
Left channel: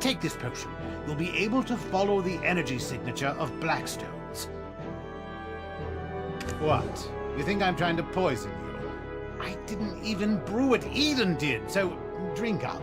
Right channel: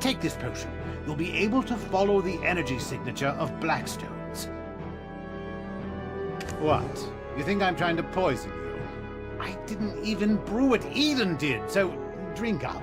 Take this potion. You'll be able to follow the energy signature of black stones. What? You think I'm trying to poison you? I didn't even brew it. Eden did, so drink up.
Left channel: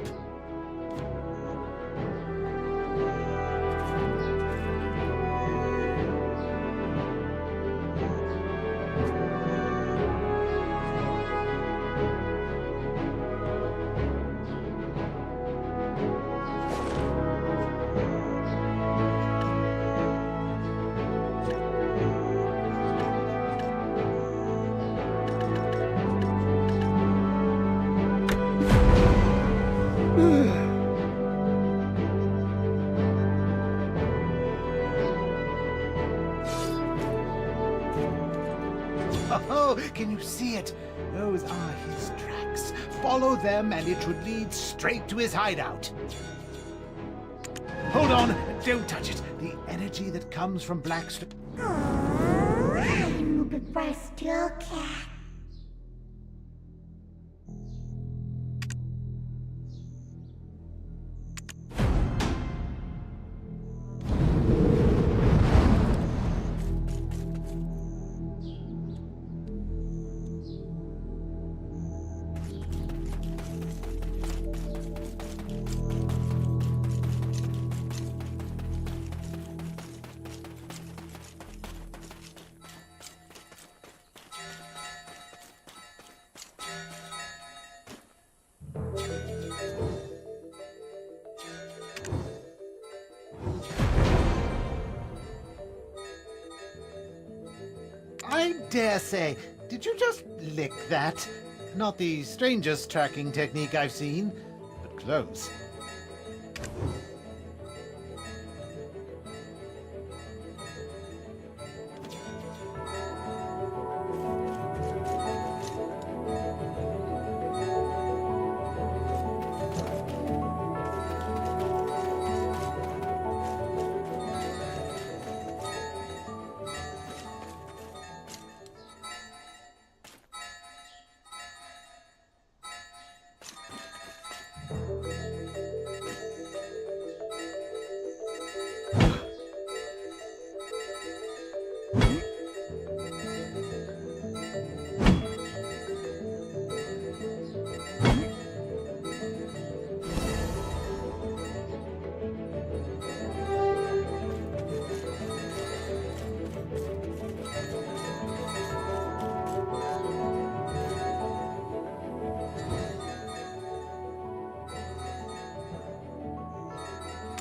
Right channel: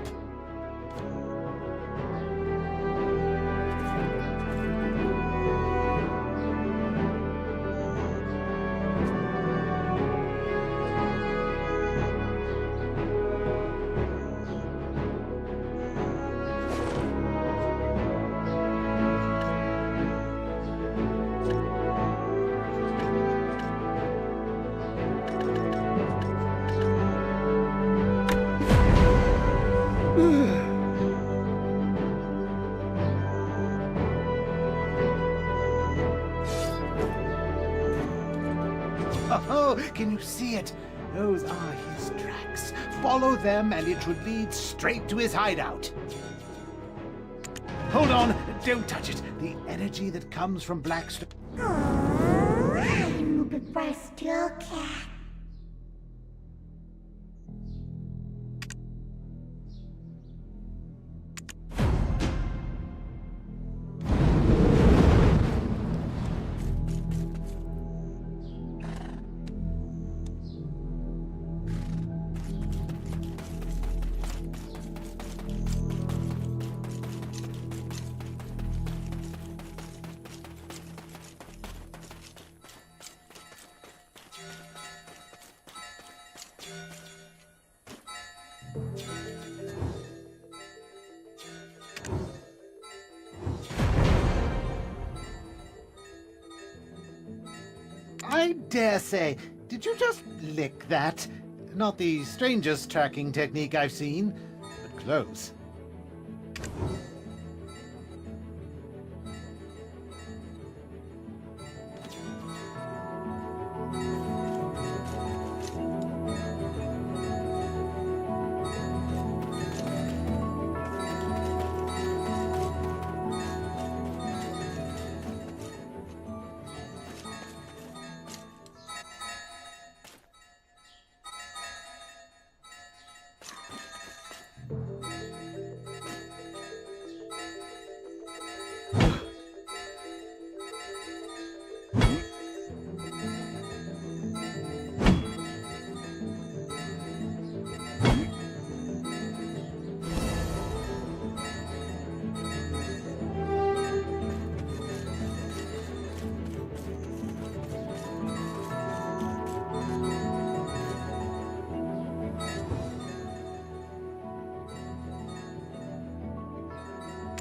Oh, can you see it? Those are his tracks. Follow them and it should lead straight to his hideout. Hold on, don't touch it. The energy that comes from Blackstone. I'm looking for a steel cat. I dare say. Did you just lick that? Not the strangest tracking technique I've seen, but close.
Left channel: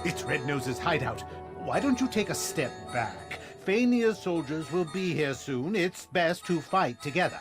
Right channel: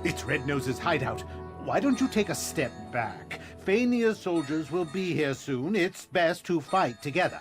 It's Red Nose's hideout. Why don't you take a step back? Fania's soldiers will be here soon. It's best to fight together.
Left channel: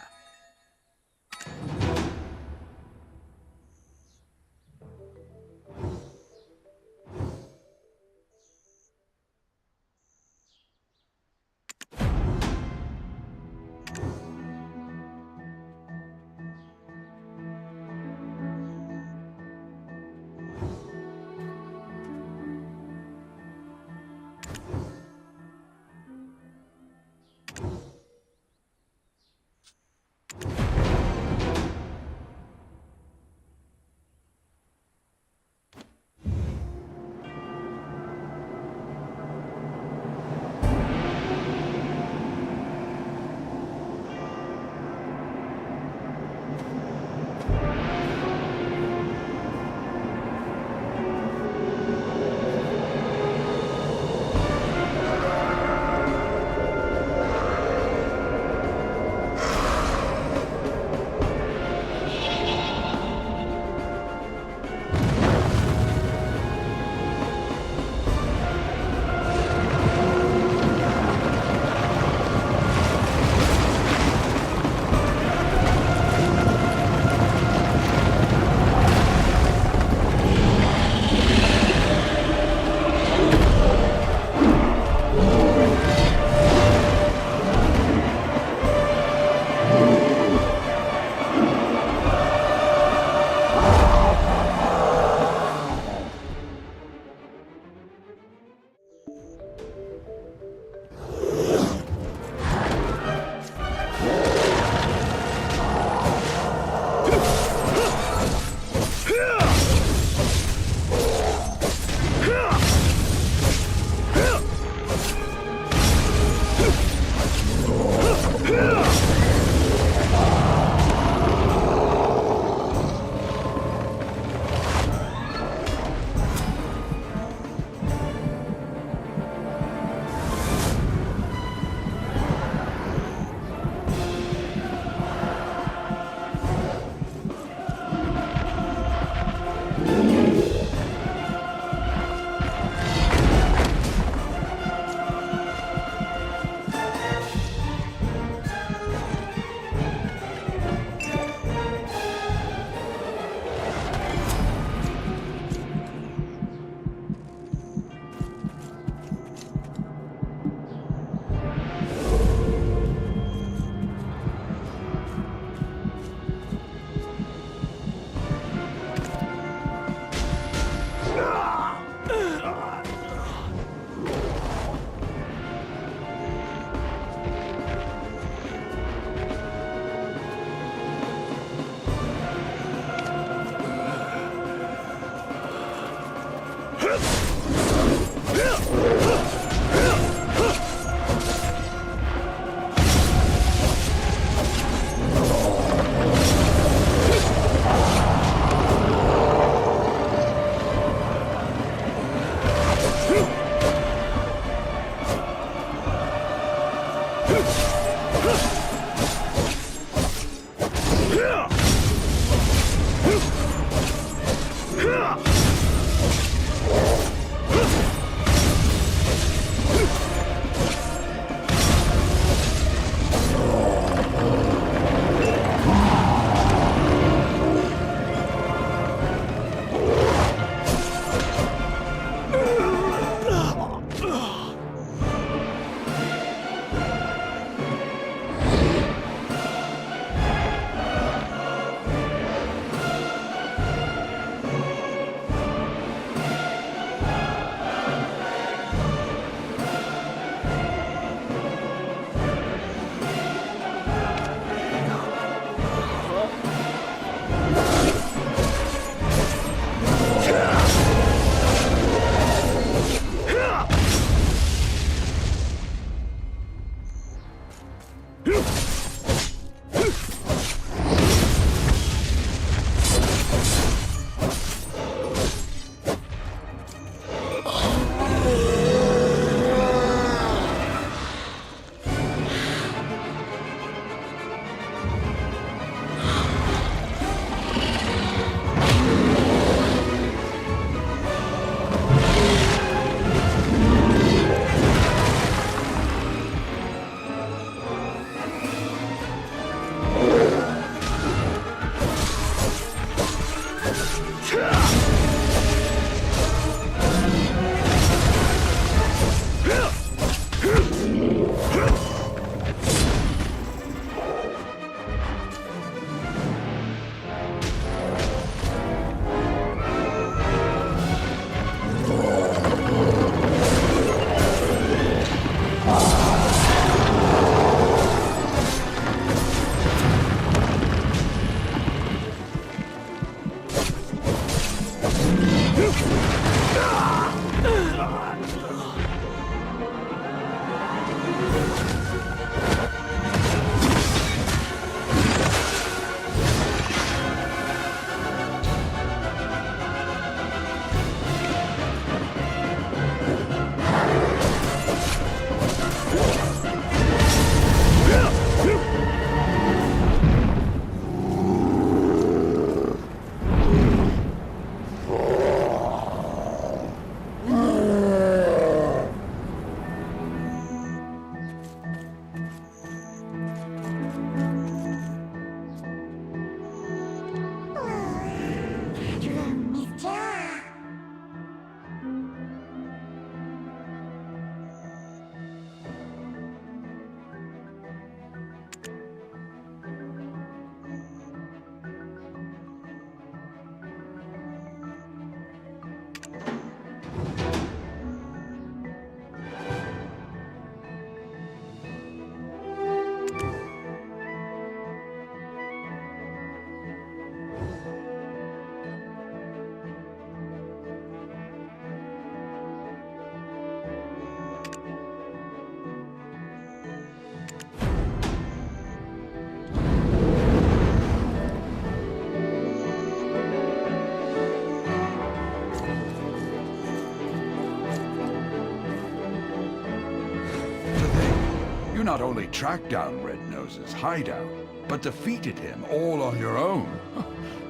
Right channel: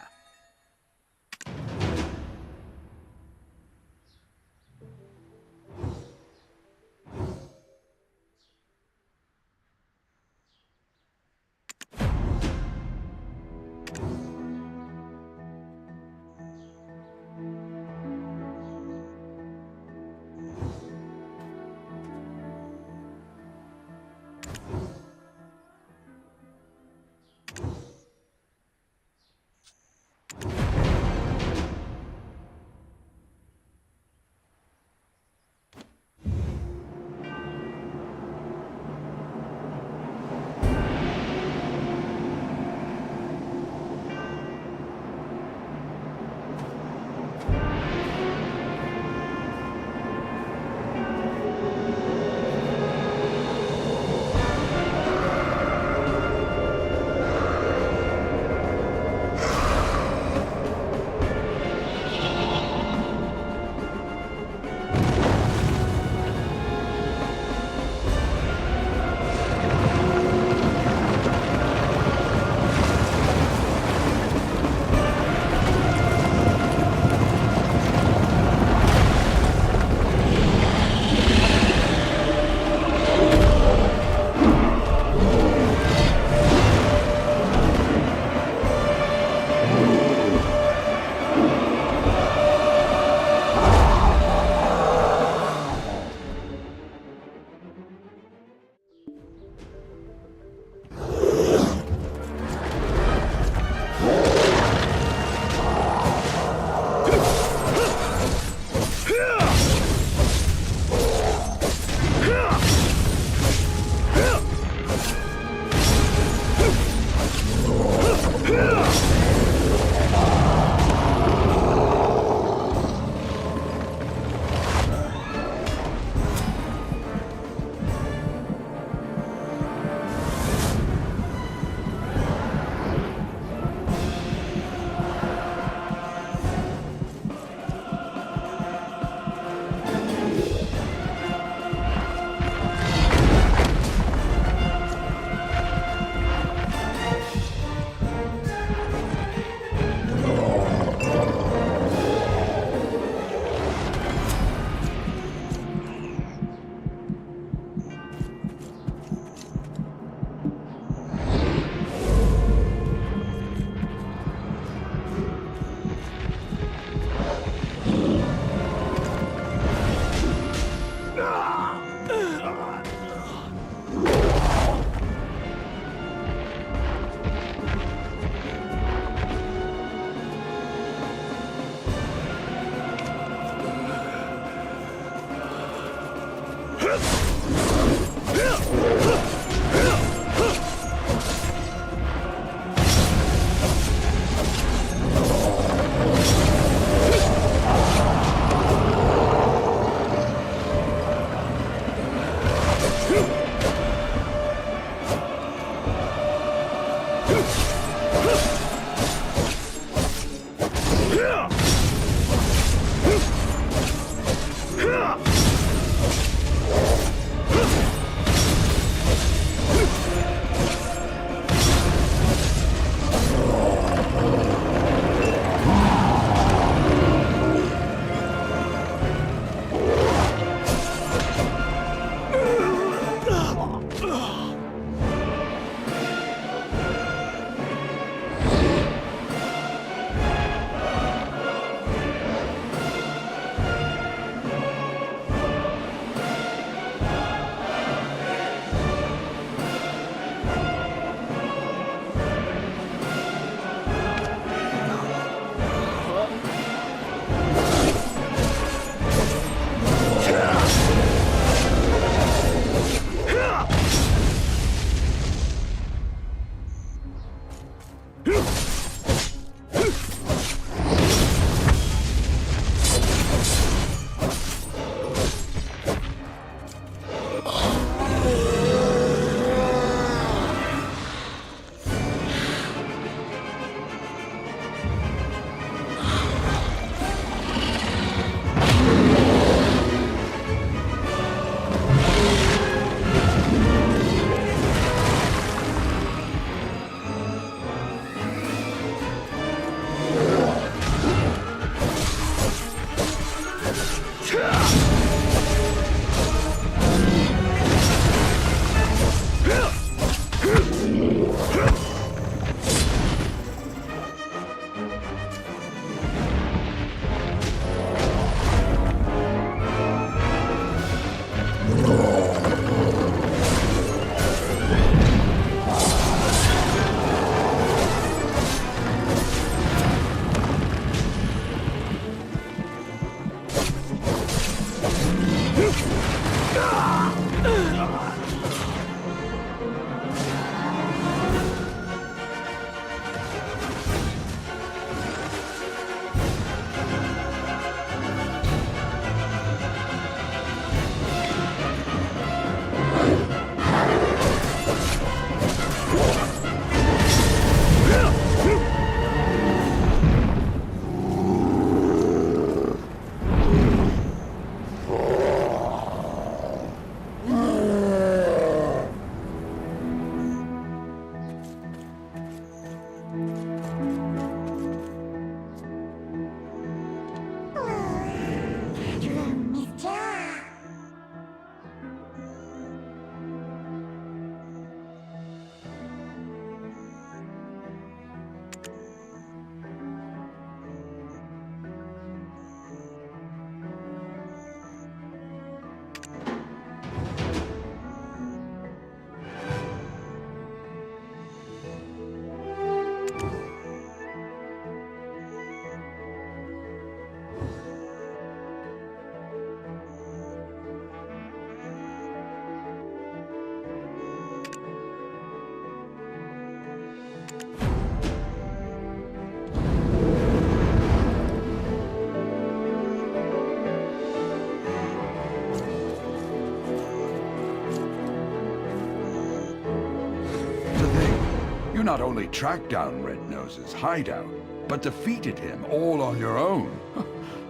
You not only tracked down Red Nose's hideout, but defeated him all on your own.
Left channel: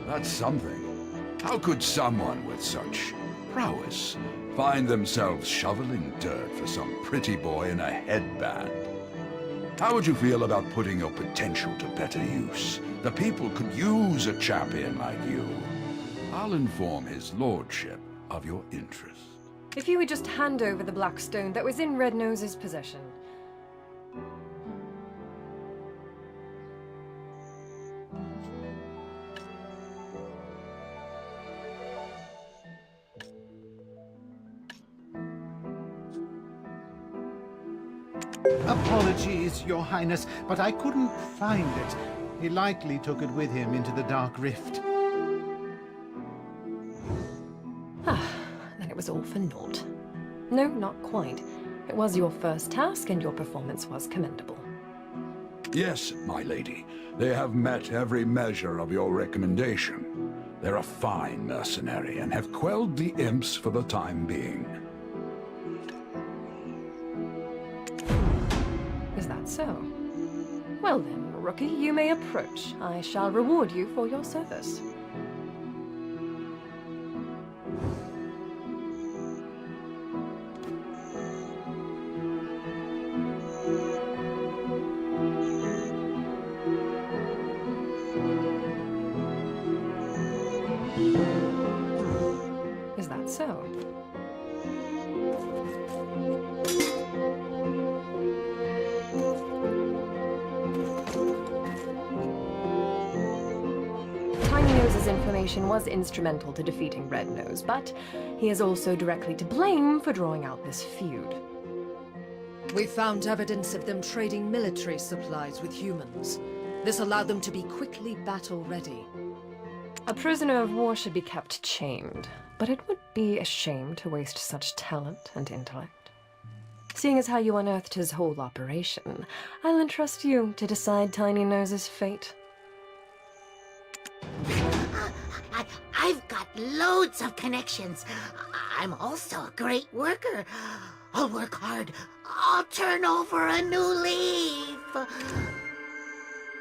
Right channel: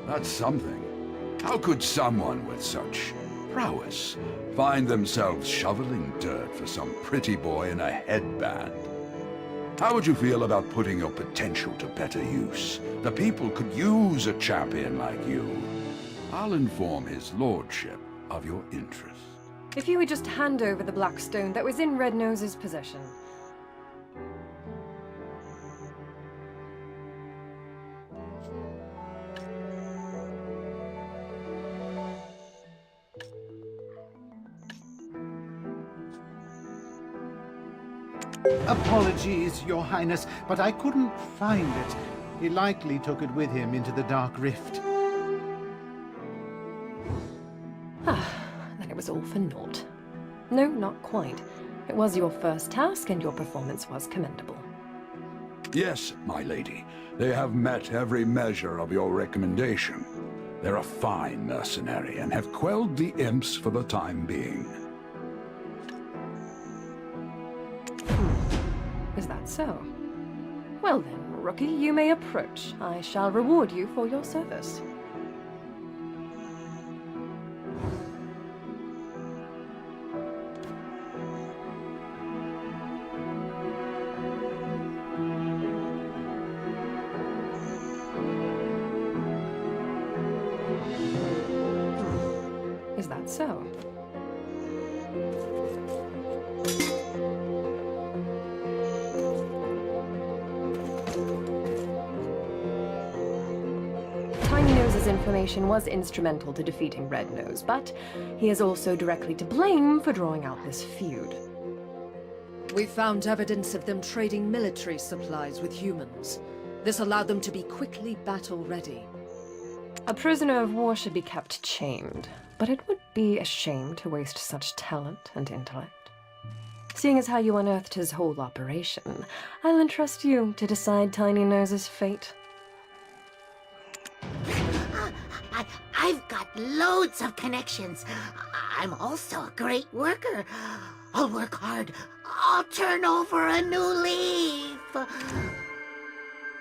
That's something. How could someone with such prowess find themselves shoveling dirt for some pretty boy in a headband? How would you feel about putting your potential to better use? The people could use a champion like you. I'll inform his lordship of your interest. If you would just hand over the black stone that was in Red Nose's possession. Apologies, Your Highness, but I couldn't find it. He likely took it with him into the Dark Rift. Then it was all for naught. No, not quite. It was your first task, and your performance was commendable. Yes, my lady. They have met every measure of your recommendation. They're a fine mercenary and have quelled the imps for the time being. Is that so? Well then, rookie, you may approach. I shall reward you for your service. Is that so? Tiny Nose's information was instrumental to defeating Red Nose, but he is also directly to blame for drawing out this feud. We found evidence of them trading military supplies with humans. This allowed them to be quickly battle-ready. A prisoner of war should be kept chained, but it would be a shame to waste such talent and intellect. Seeing as how you unearthed his whole operation, I'll entrust you to decide Tiny Nose's fate. I've got loads of connections. I'm also a great worker. I'll work hard. I'll turn over a new leaf.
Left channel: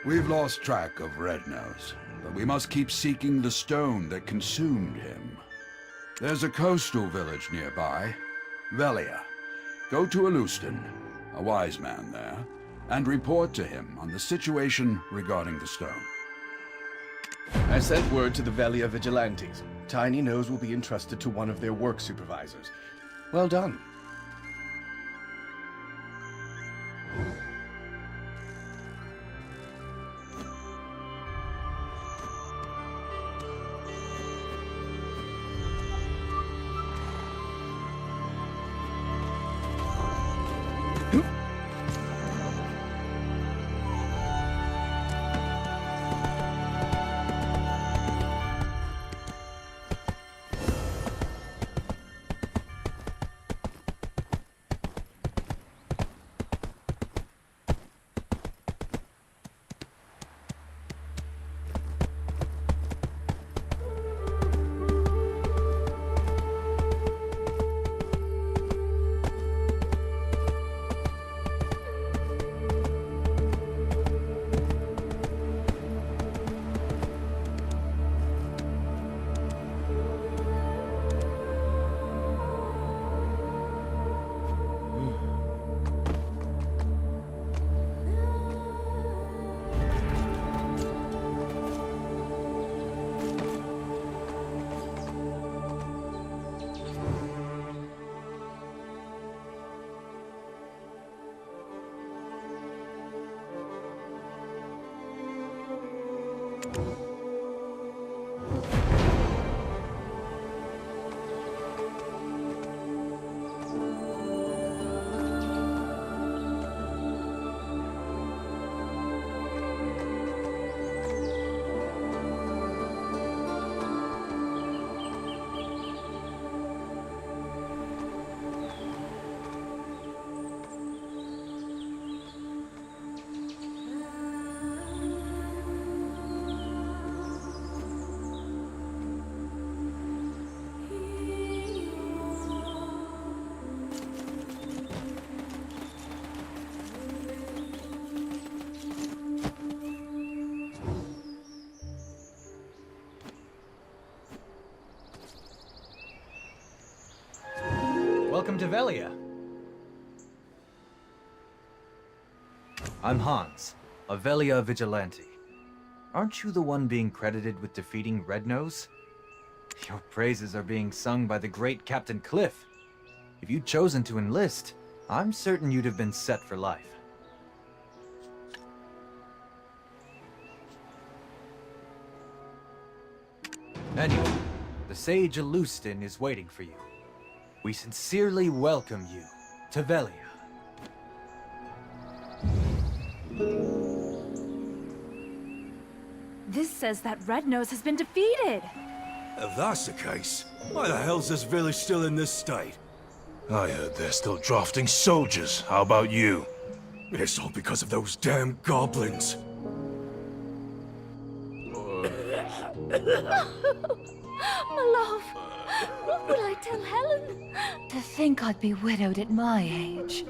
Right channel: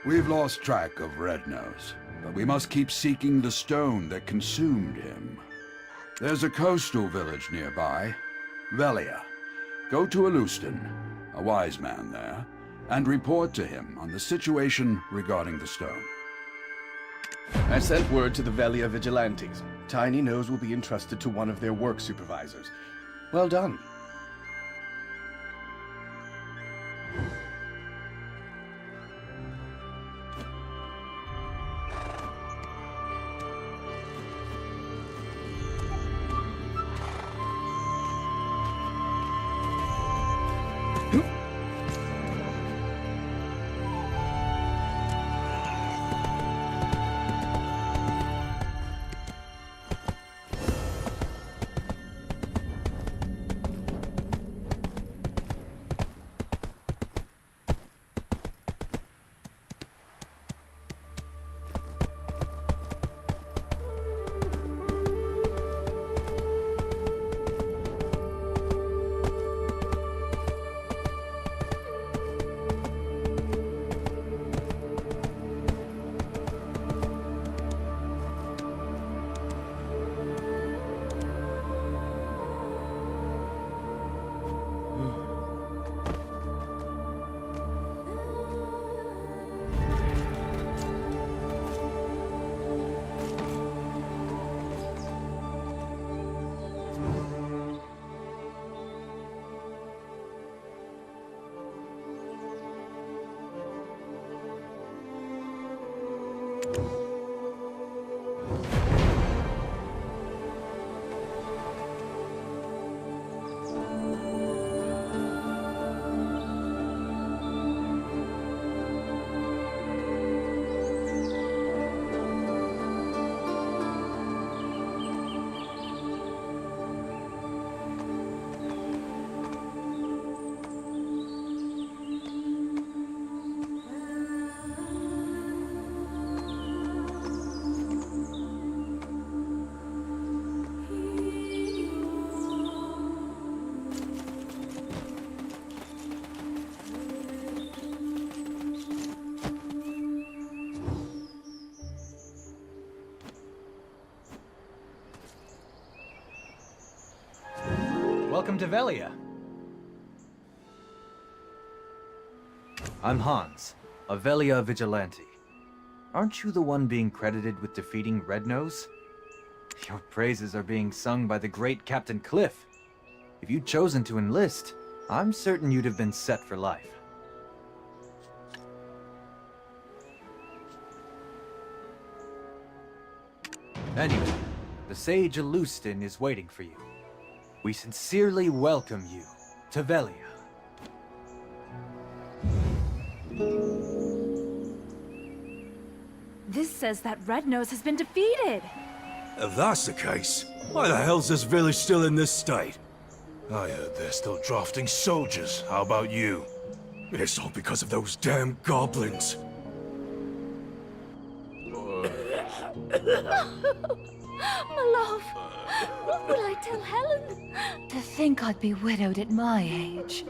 We've lost track of Red Nose, but we must keep seeking the stone that consumed him. There's a coastal village nearby, Velia. Go to Alustan, a wise man there, and report to him on the situation regarding the stone. I sent word to the Velia Vigilantes. Tiny Nose will be entrusted to one of their work supervisors. Well done. Welcome to Velia. I'm Hans, a Velia vigilante. Aren't you the one being credited with defeating Rednose? Your praises are being sung by the great Captain Cliff. If you'd chosen to enlist, I'm certain you'd have been set for life. Anyway, the Sage Alustin is waiting for you. We sincerely welcome you to Velia. This says that Rednose has been defeated. If that's the case, why the hell's this village still in this state? I heard they're still drafting soldiers. How about you? It's all because of those damn goblins. My love, what will I tell Helen? To think I'd be widowed at my age.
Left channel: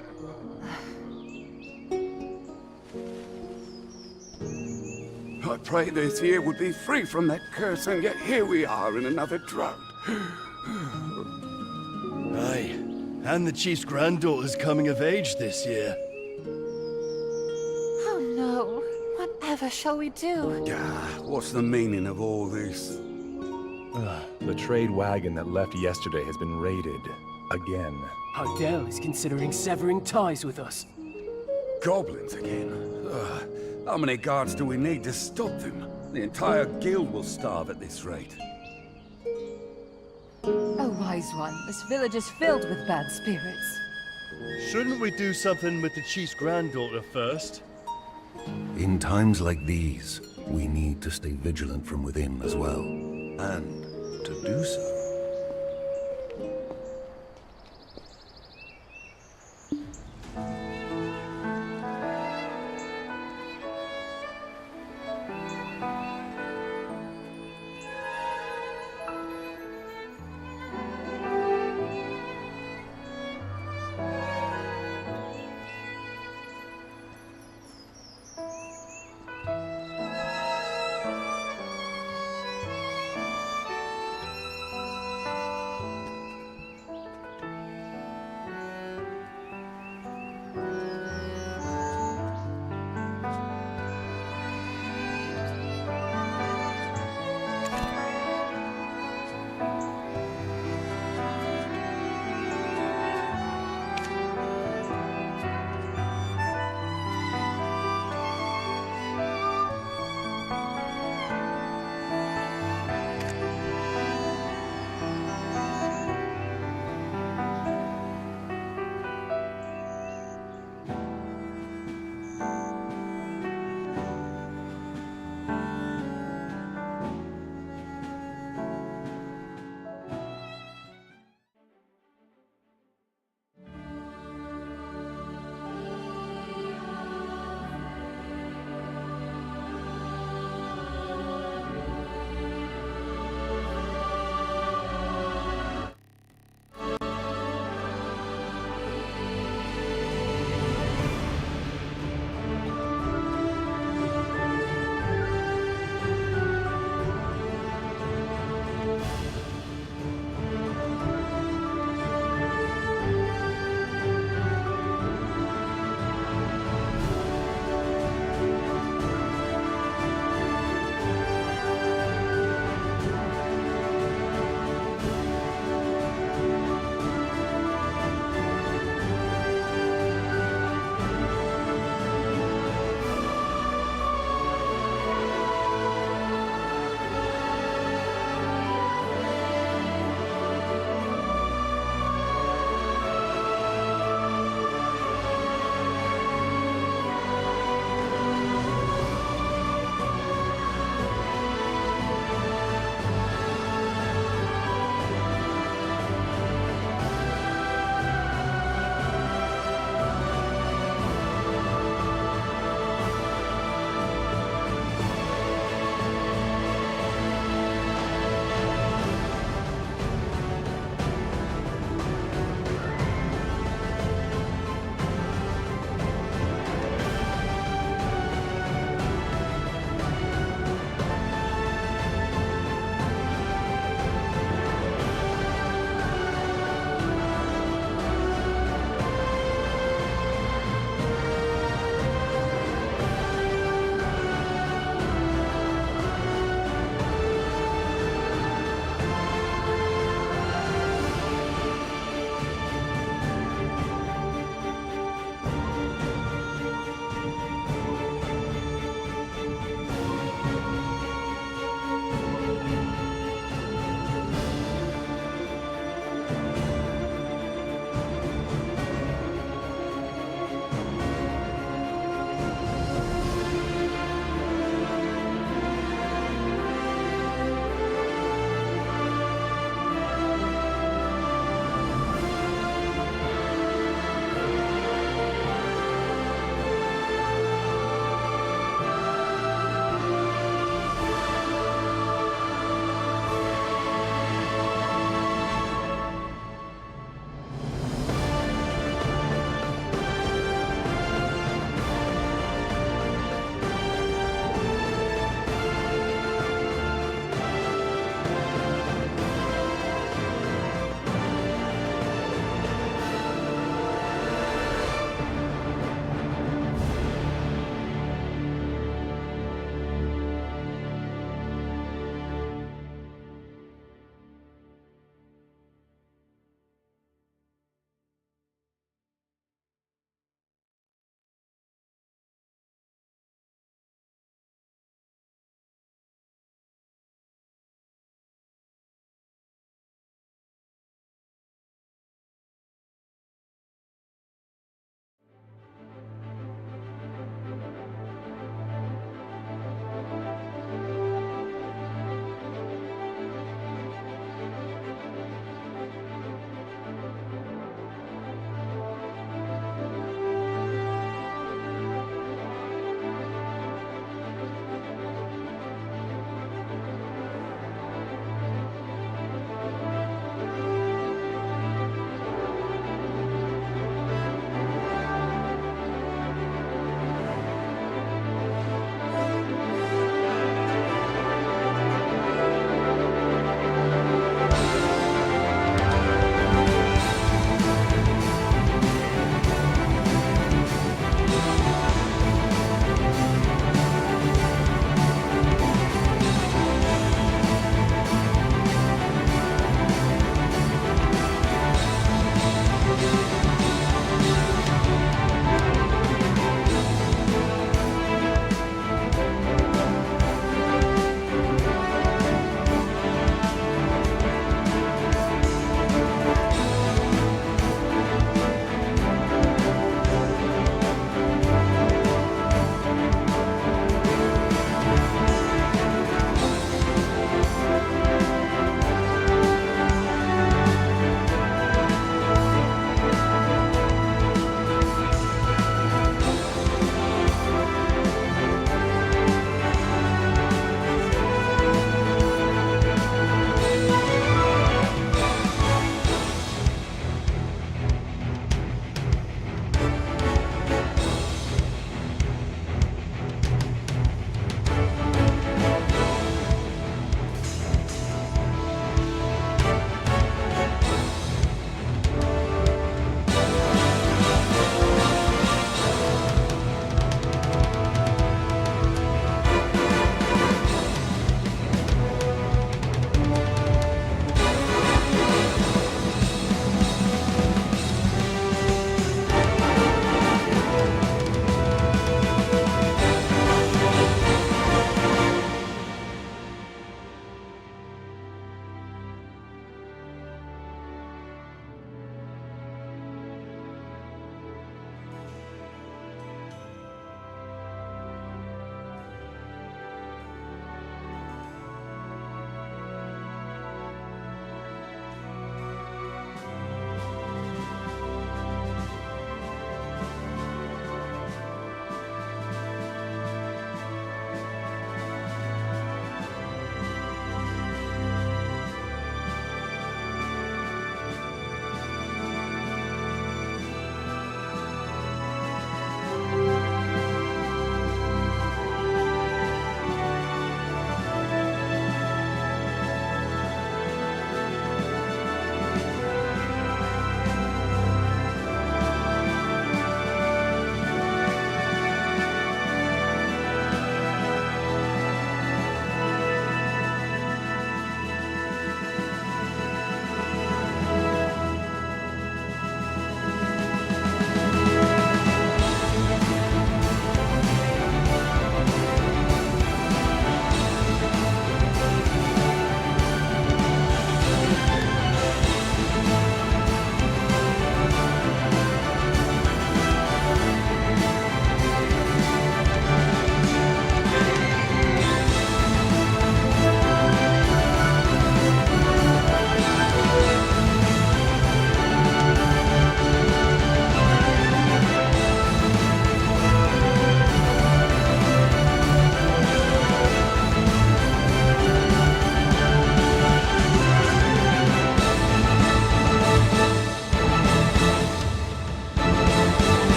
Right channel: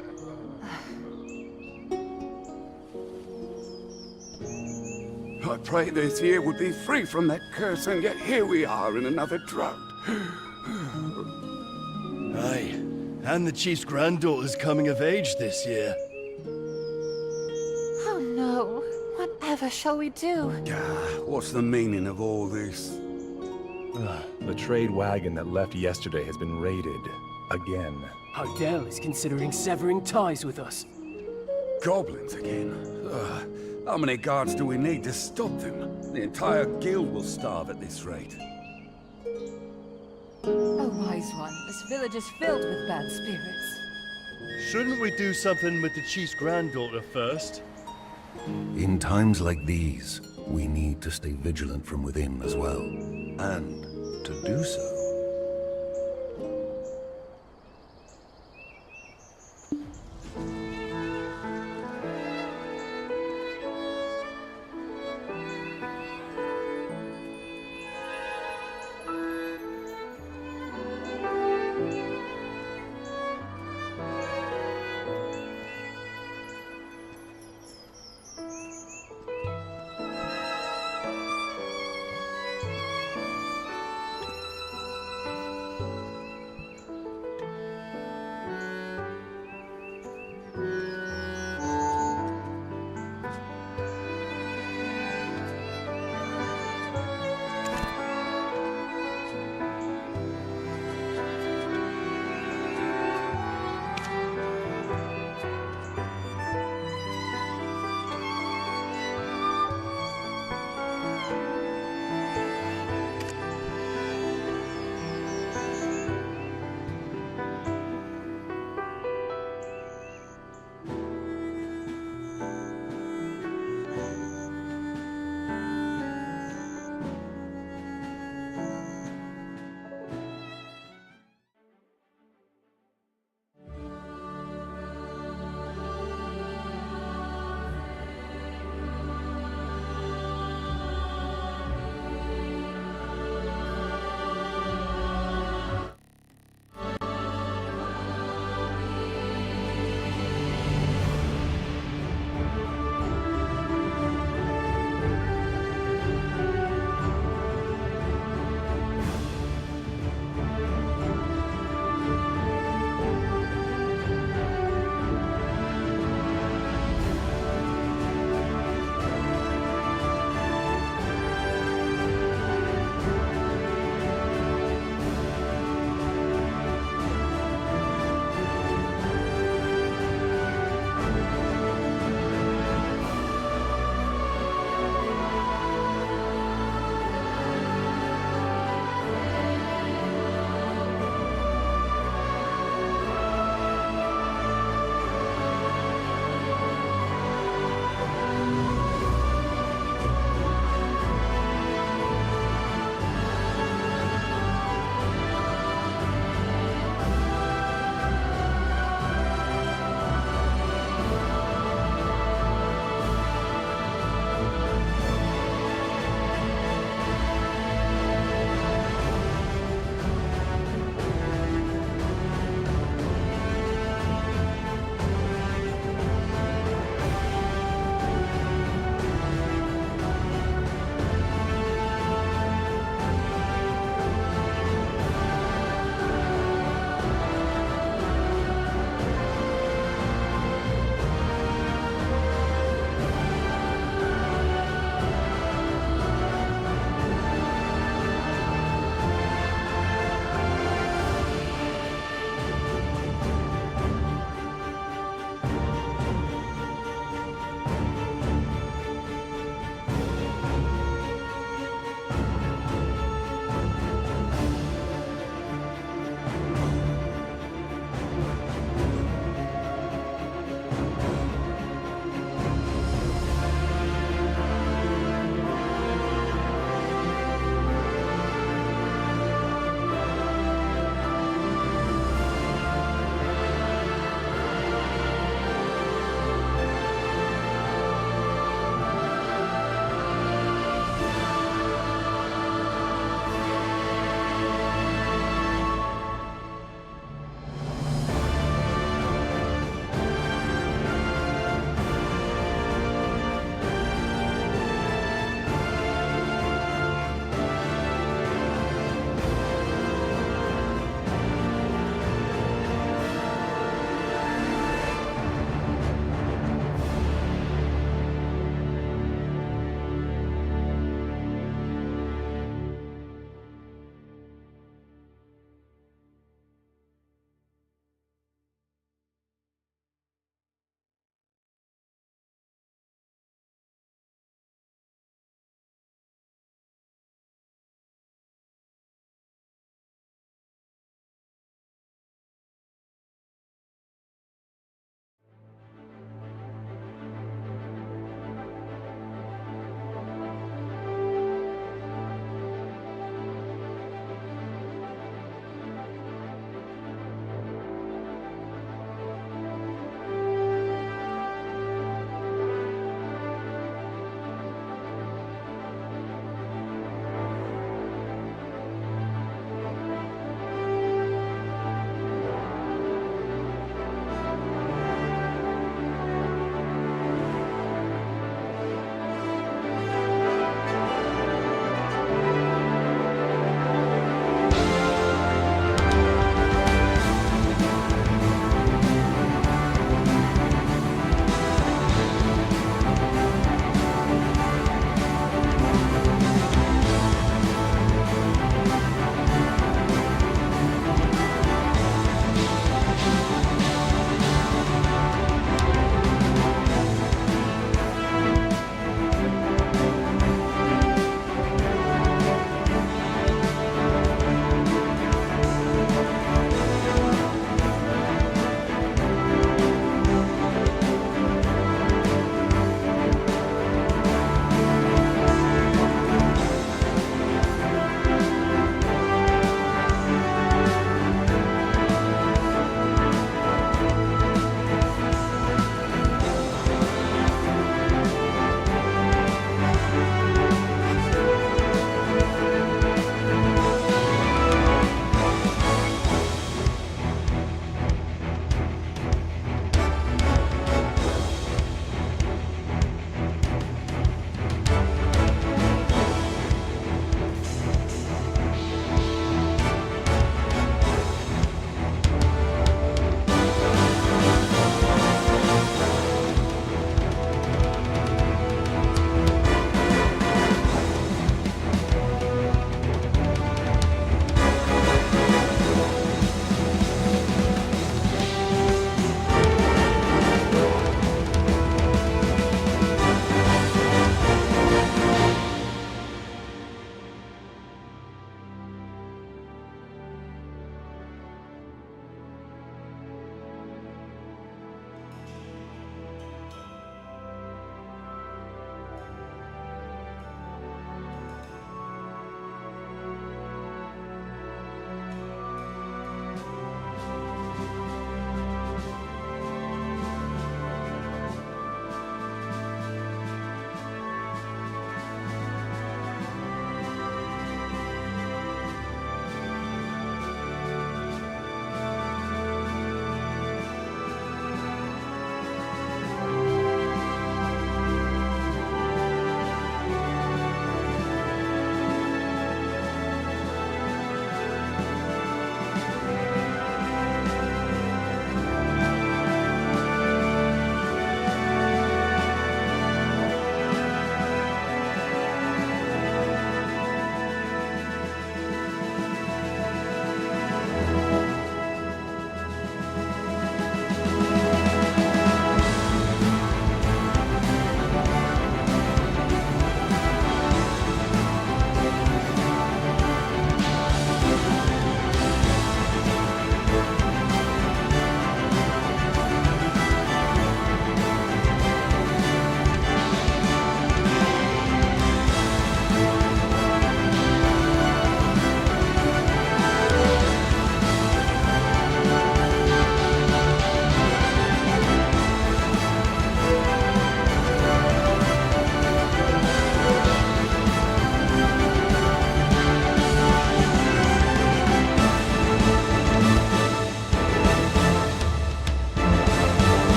I prayed this year would be free from that curse, and yet here we are in another drought. Aye, and the chief's granddaughter's coming of age this year. Oh no, whatever shall we do? What's the meaning of all this? The trade wagon that left yesterday has been raided. Again. Ardell is considering severing ties with us. Goblins again? How many guards do we need to stop them? The entire guild will starve at this rate. Oh, wise one, this village is filled with bad spirits. Shouldn't we do something with the chief's granddaughter first? In times like these, we need to stay vigilant from within as well. And to do so,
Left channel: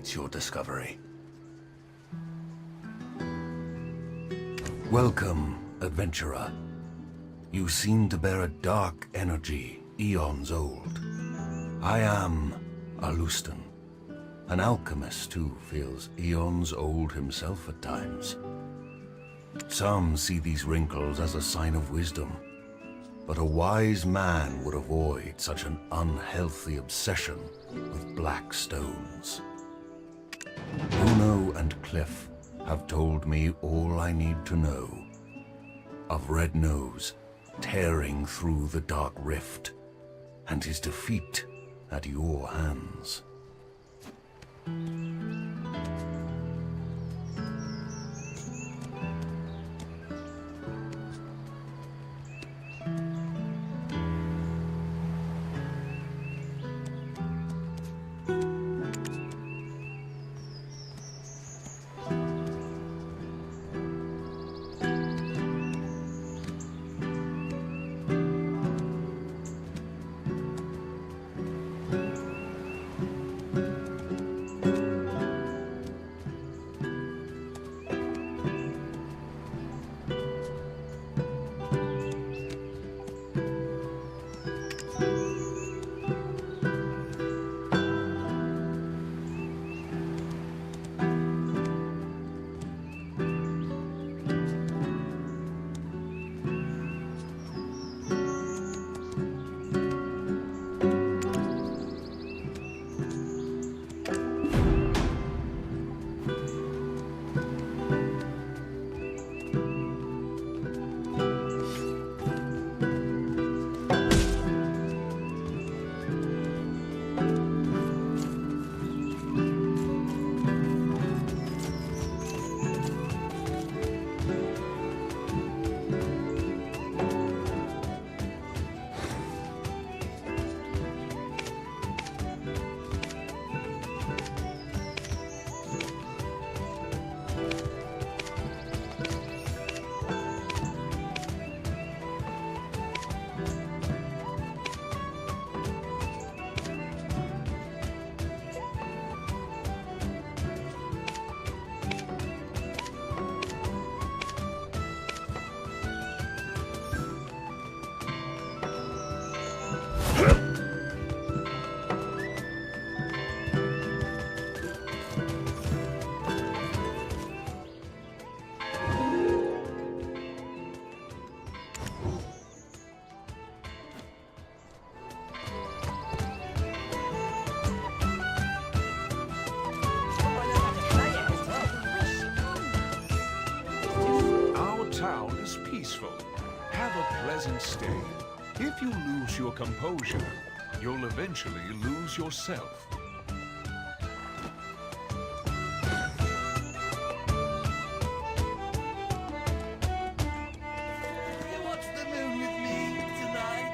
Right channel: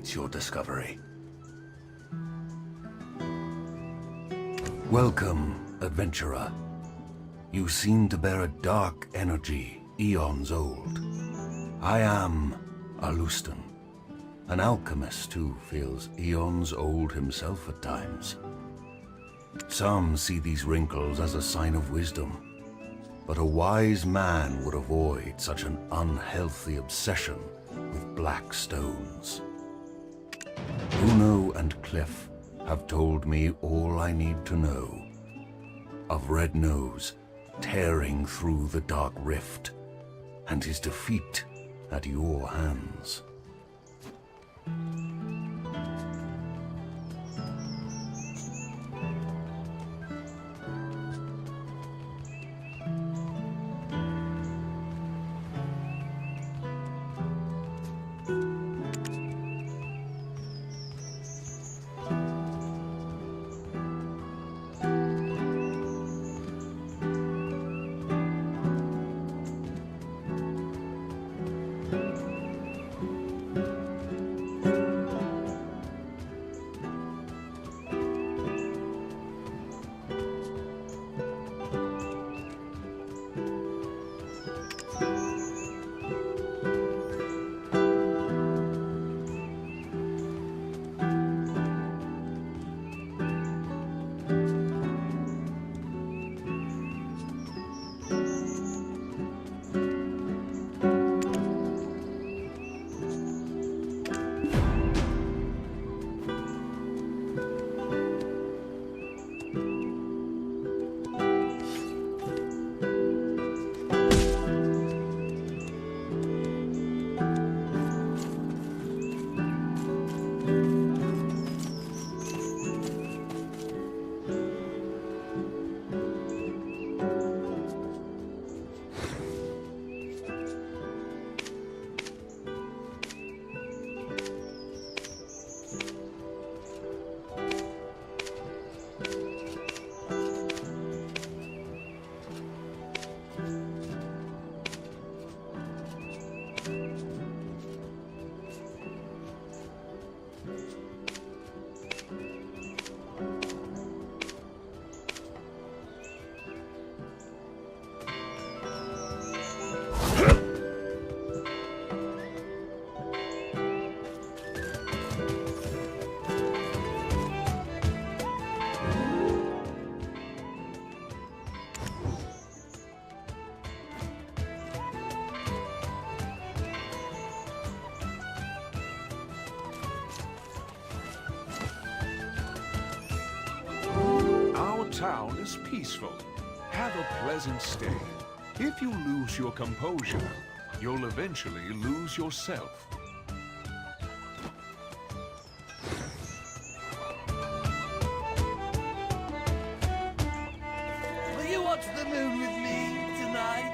awaits your discovery. Welcome, adventurer. You seem to bear a dark energy, eons old. I am Alustan, an alchemist who feels eons old himself at times. Some see these wrinkles as a sign of wisdom, but a wise man would avoid such an unhealthy obsession with black stones. Bruno and Cliff have told me all I need to know of Red Nose tearing through the Dark Rift and his defeat at your hands. Town is peaceful. Have a pleasant stay. If you lose your composure, you'll eventually lose yourself. Will you watch the moon with me tonight?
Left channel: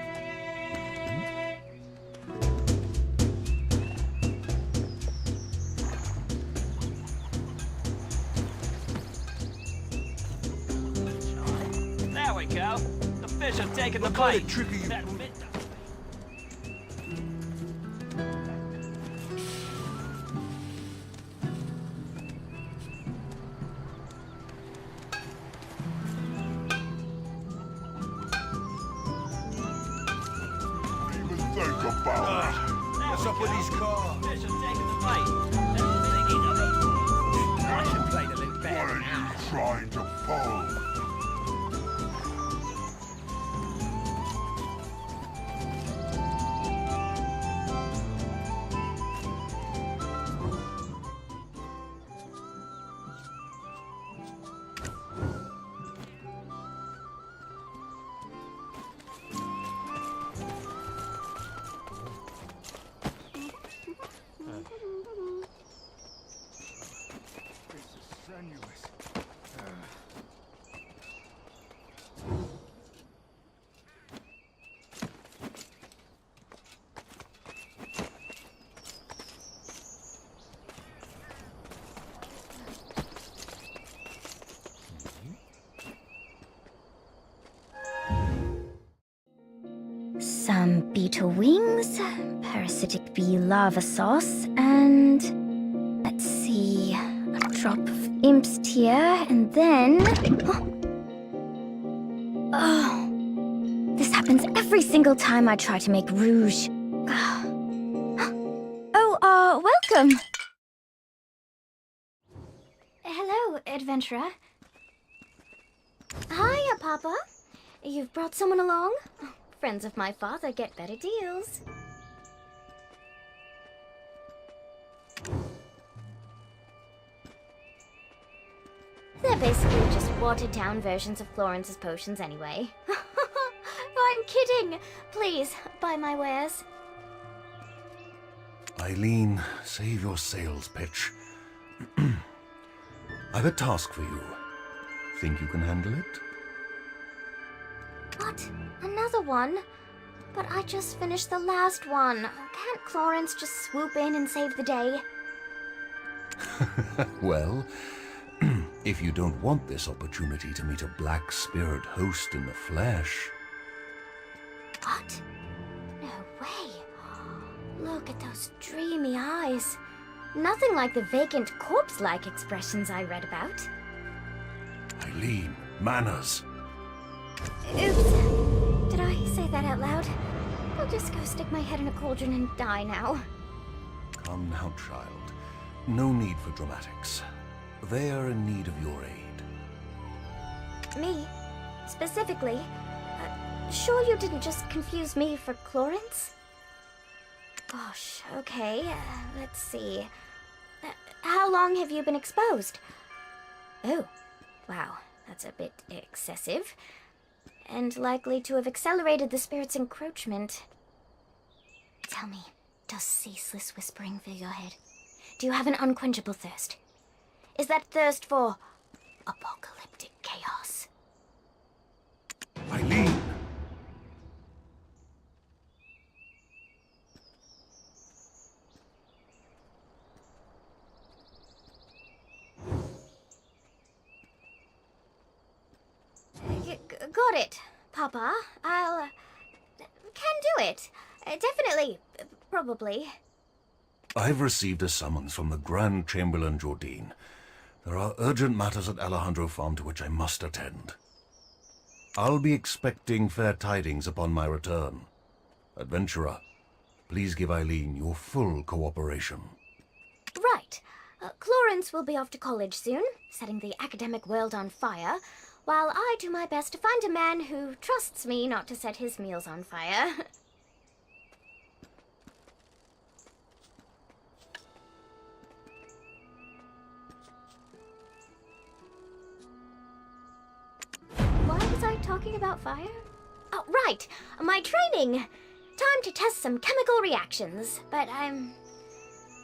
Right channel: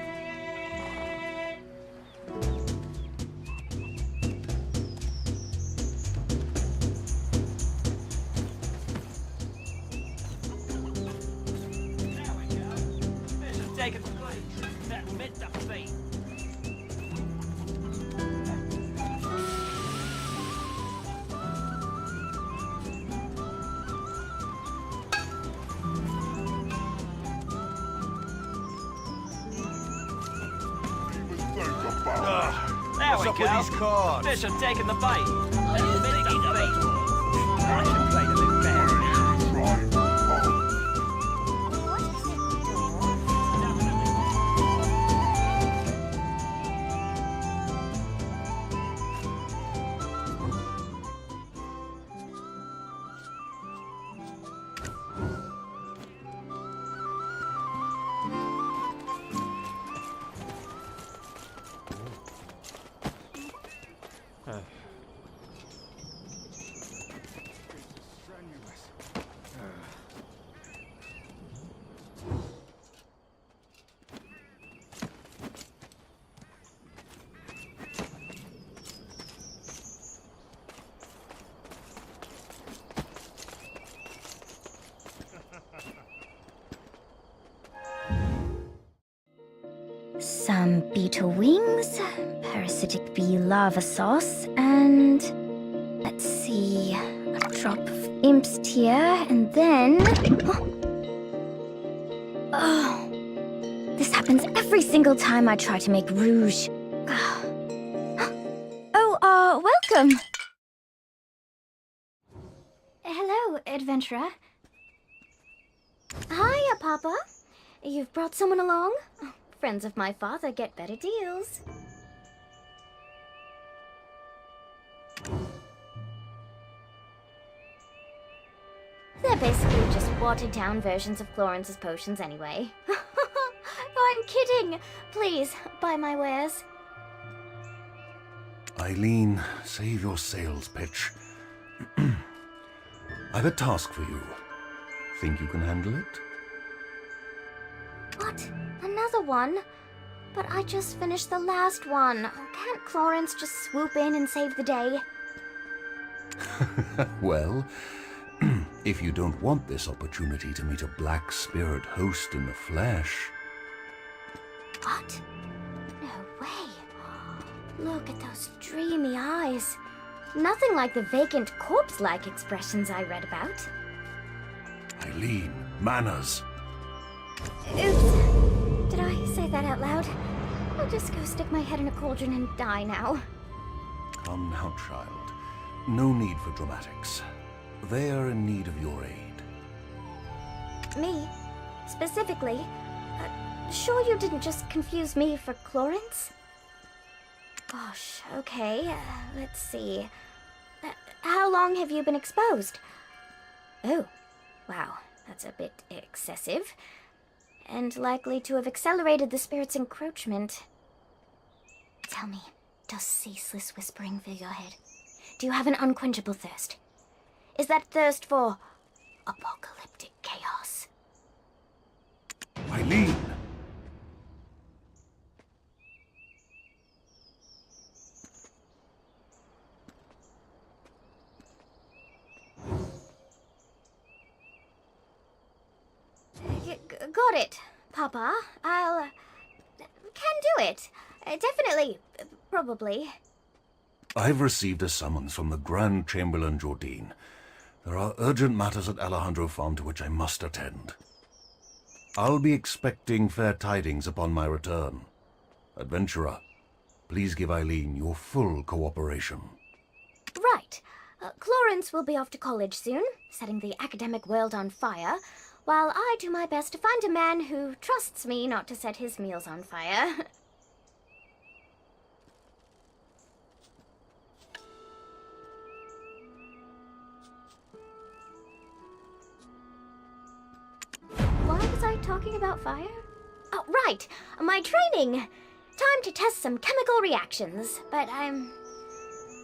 There we go. The fish have taken the bait. That meant the bait. There we go. These cards? Fish have taken the bait. That meant the bait. I can play the little bear. Trying to pull. Some beetle wings, parasitic bee lava sauce, and let's drop of Imp's tear, and then... Oh, this happens every single time I try to make rouge. Oh, welcome. Hello, adventurer. Hiya, Papa. You've brought someone along? Friends of my father get better deals. They're basically just watered-down versions of Florence's potions anyway. I'm kidding! Please, buy my wares. Eileen, save your sales pitch. I've a task for you. Think you can handle it? What? Another one? But I just finished the last one. Can't Florence just swoop in and save the day? Well, if you don't want this opportunity to meet a black spirit host in the flesh... What? No way. Look at those dreamy eyes. Nothing like the vacant corpse-like expressions I read about. Eileen, manners. Oops. Did I say that out loud? I'll just go stick my head in a cauldron and die now. Come now, child. No need for dramatics. They are in need of your aid. Me? Specifically? Sure you didn't just confuse me for Clorence? Gosh, okay. Let's see. How long have you been exposed? Oh, wow. That's a bit excessive. And likely to have accelerated the spirit's encroachment. Tell me, does ceaseless whispering fill your head? Do you have an unquenchable thirst? Is that thirst for apocalyptic chaos? Eileen! Got it, Papa. I'll... can do it. Definitely. Probably. I've received a summons from the Grand Chamberlain Jordine. There are urgent matters at Alejandro Farm to which I must attend. I'll be expecting fair tidings upon my return. Adventurer, please give Eileen your full cooperation. Right. Clorence will be off to college soon, setting the academic world on fire, while I do my best to find a man who trusts me not to set his meals on fire. Why was I talking about fire? Oh, right! My training! Time to test some chemical reactions, but I'm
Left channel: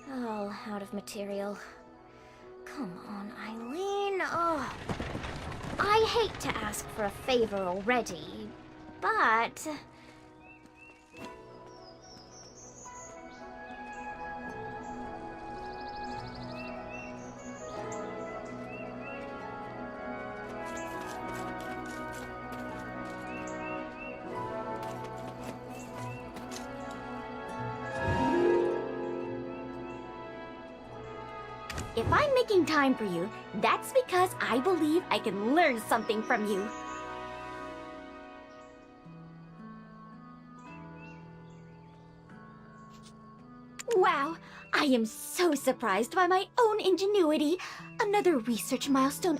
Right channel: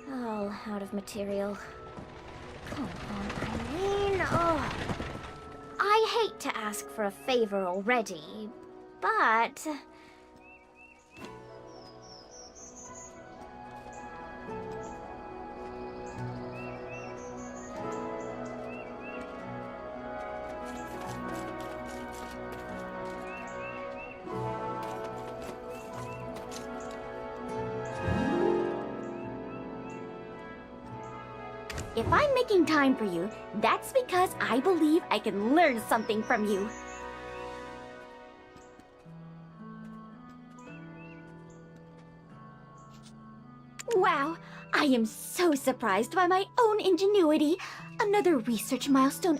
all out of material. Come on, Eileen. Oh, I hate to ask for a favor already, but... If I'm making time for you, that's because I believe I can learn something from you. Wow, I am so surprised by my own ingenuity. Another research milestone.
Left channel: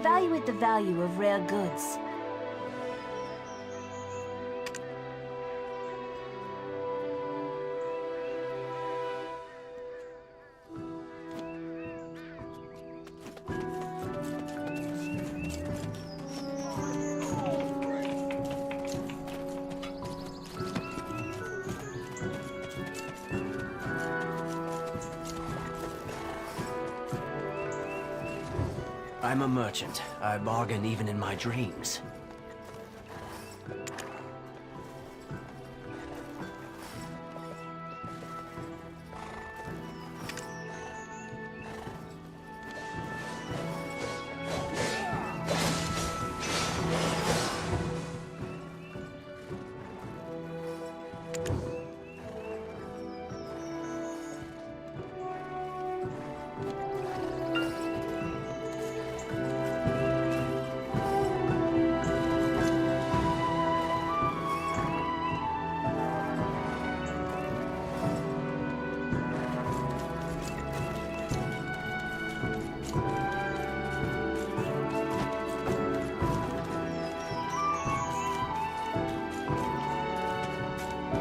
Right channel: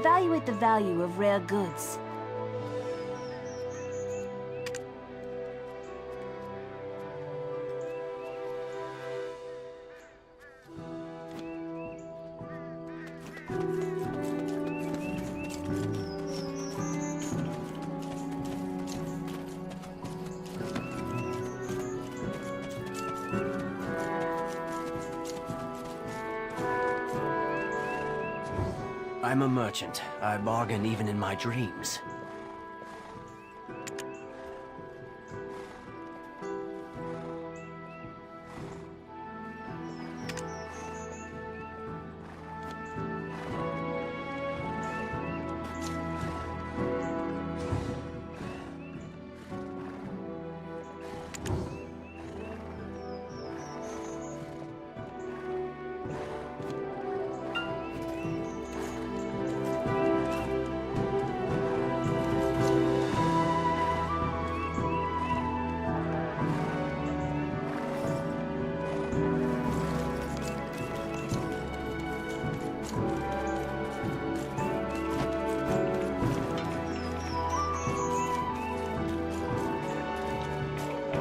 evaluate the value of rare goods. I'm a merchant. I bargain even in my dreams.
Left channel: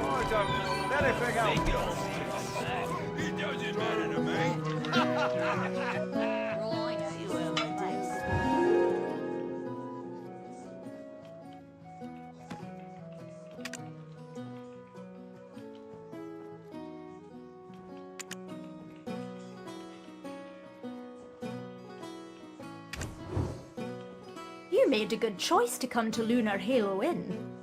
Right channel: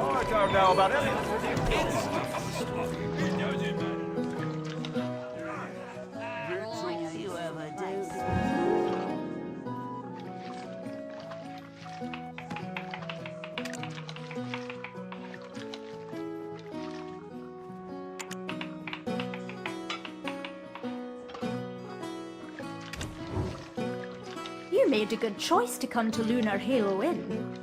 I don't know about anything else. It doesn't matter to me. You made a good choice to come to Lunar Halo Inn.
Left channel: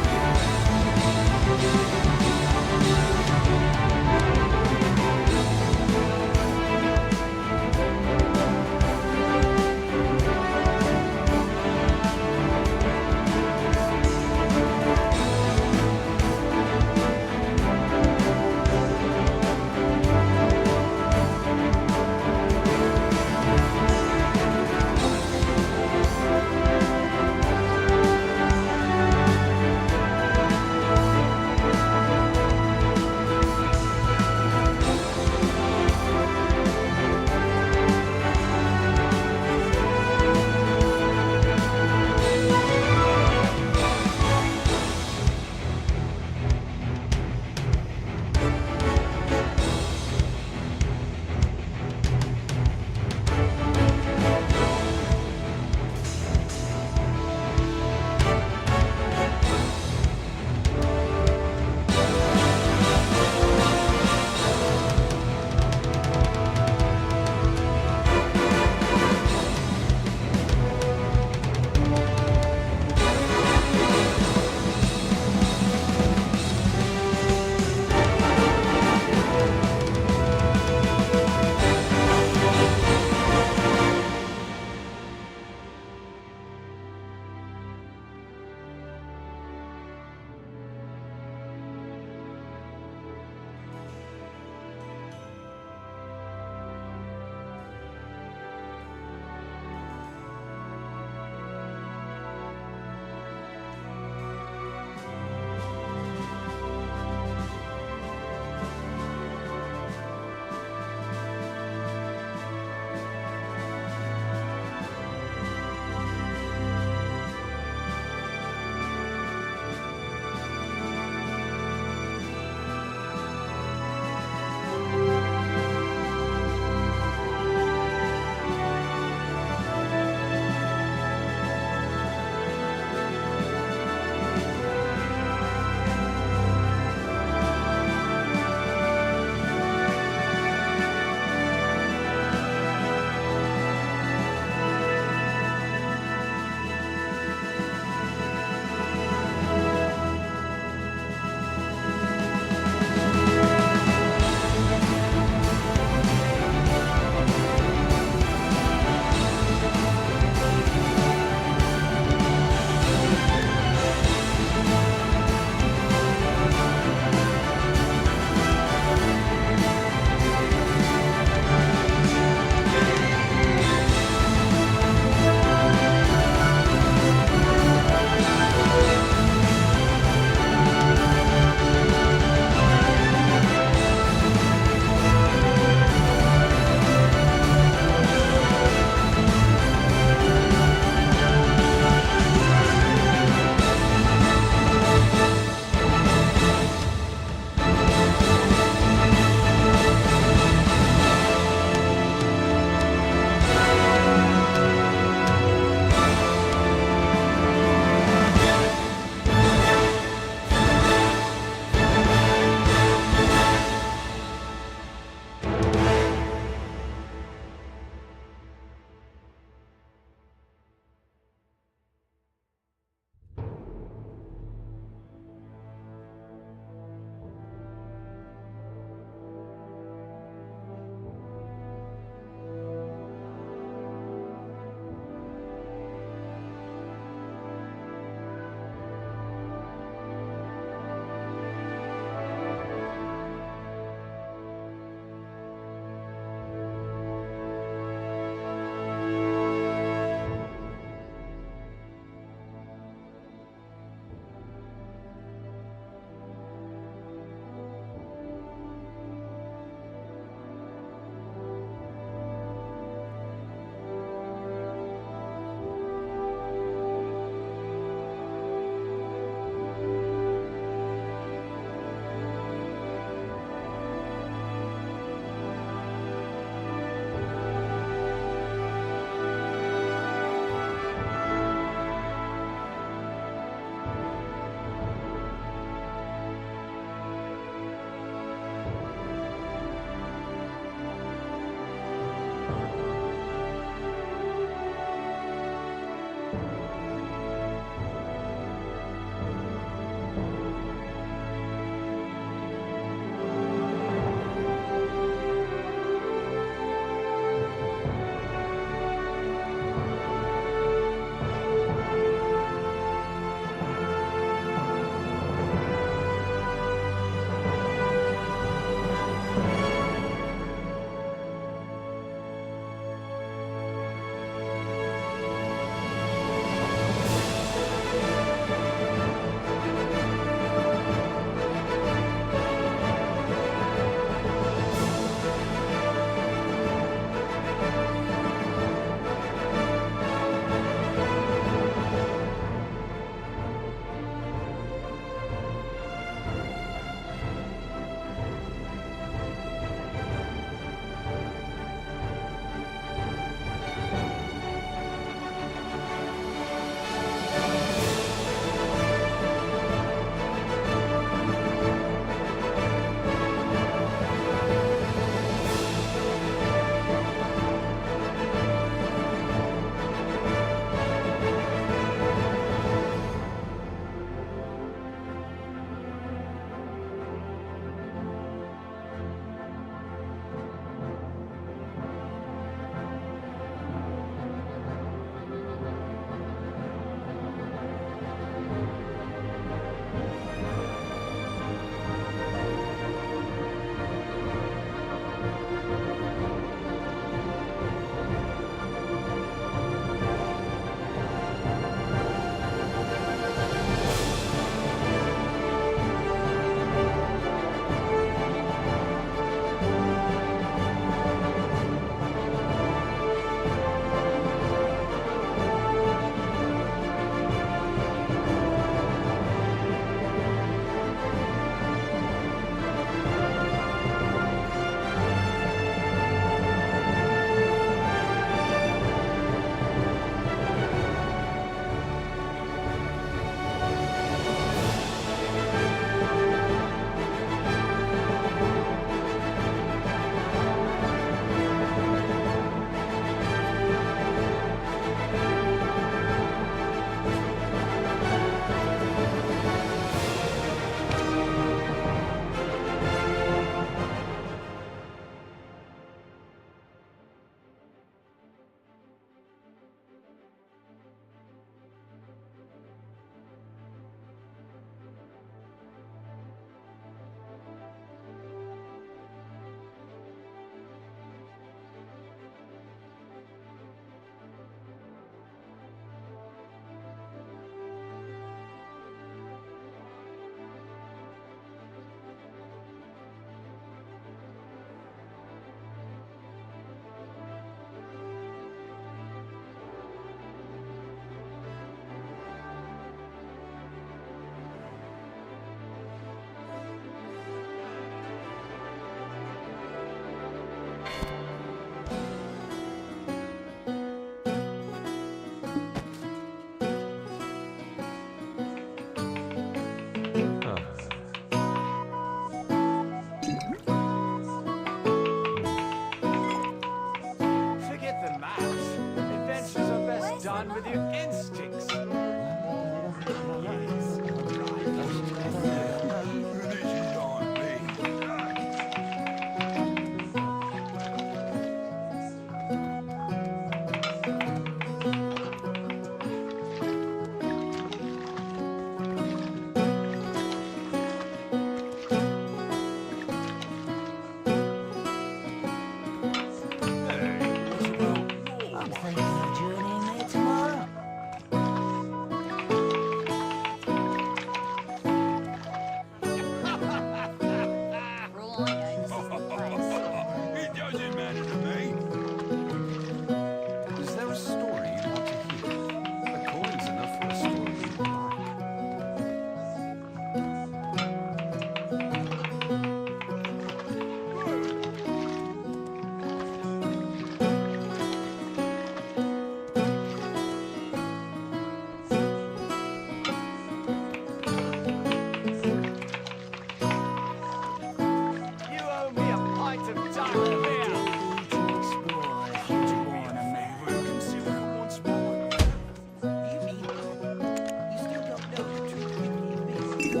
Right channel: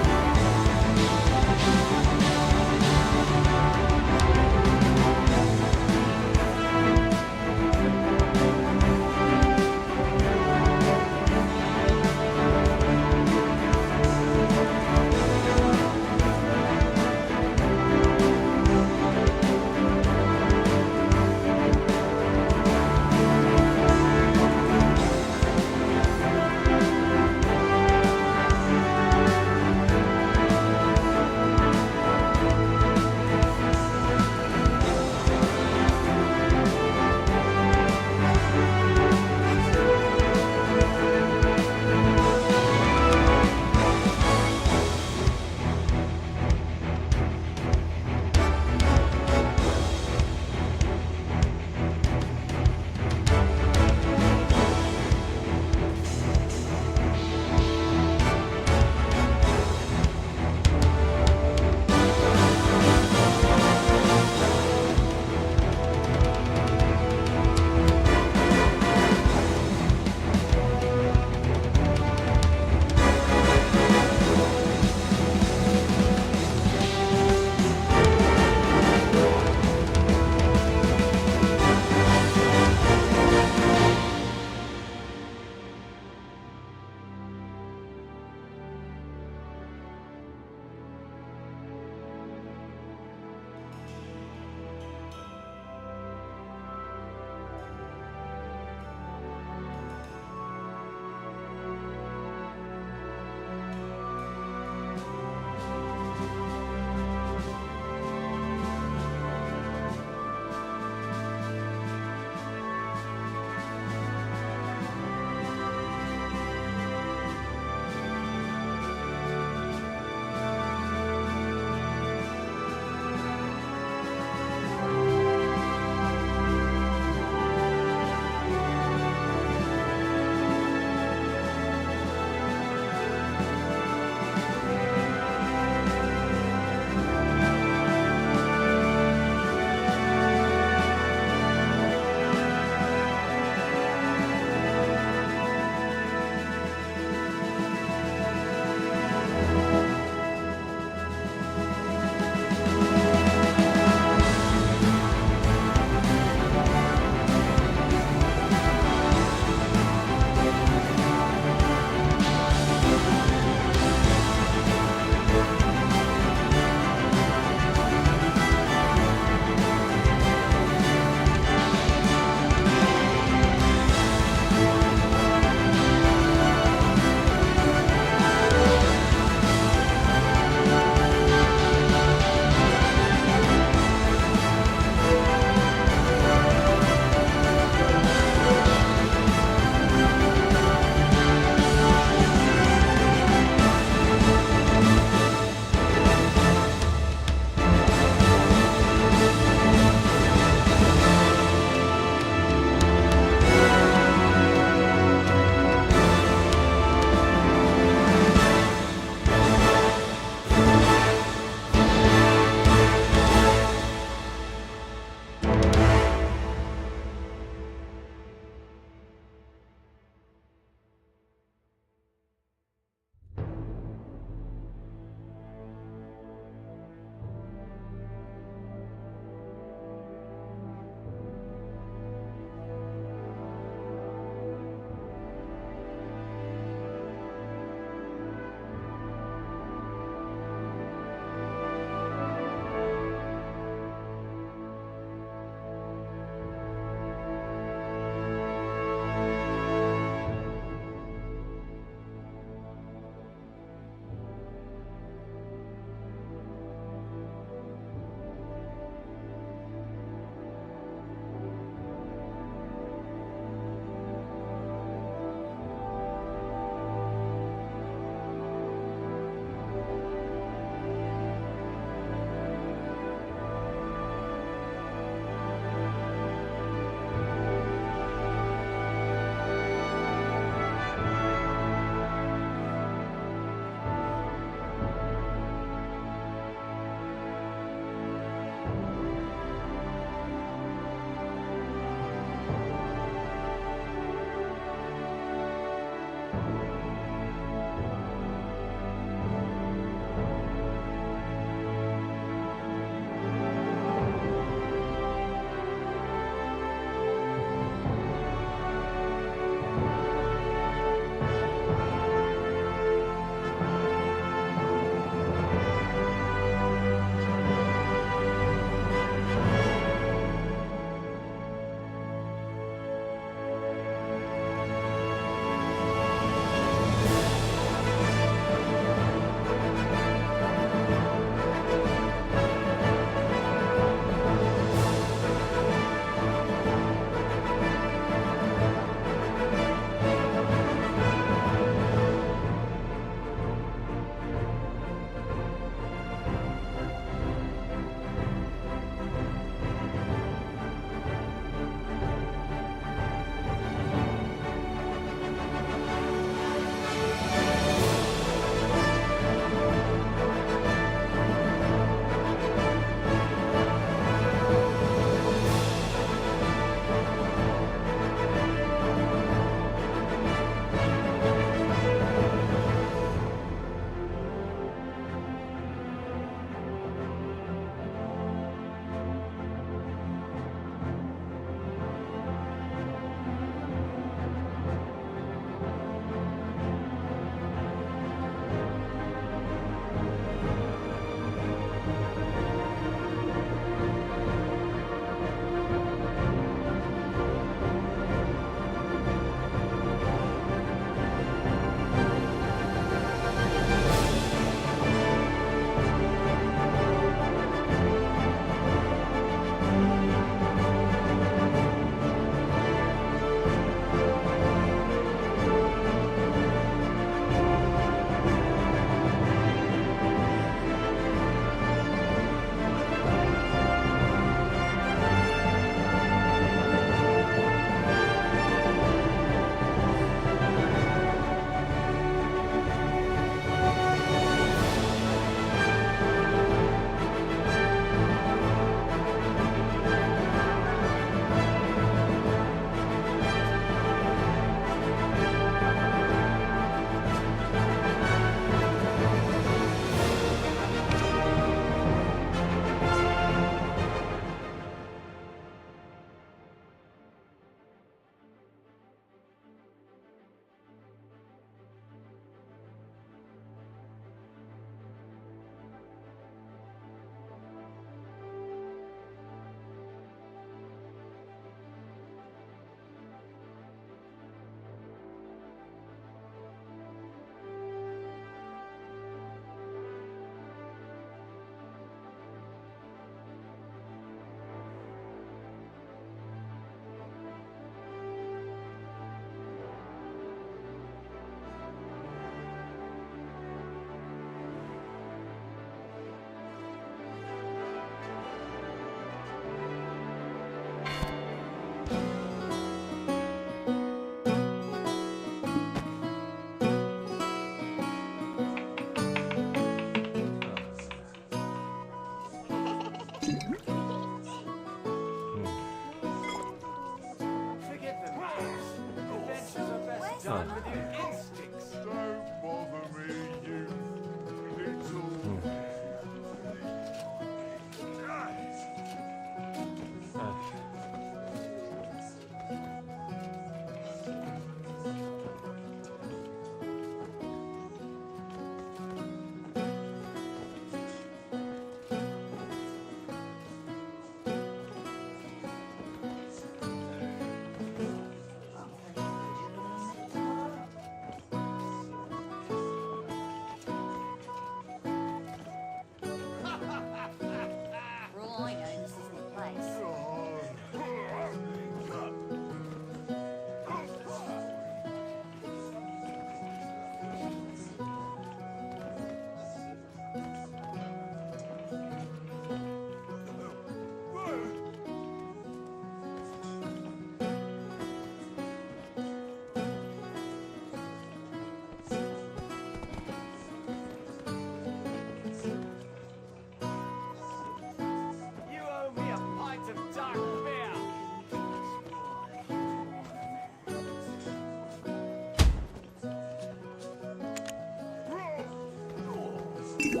the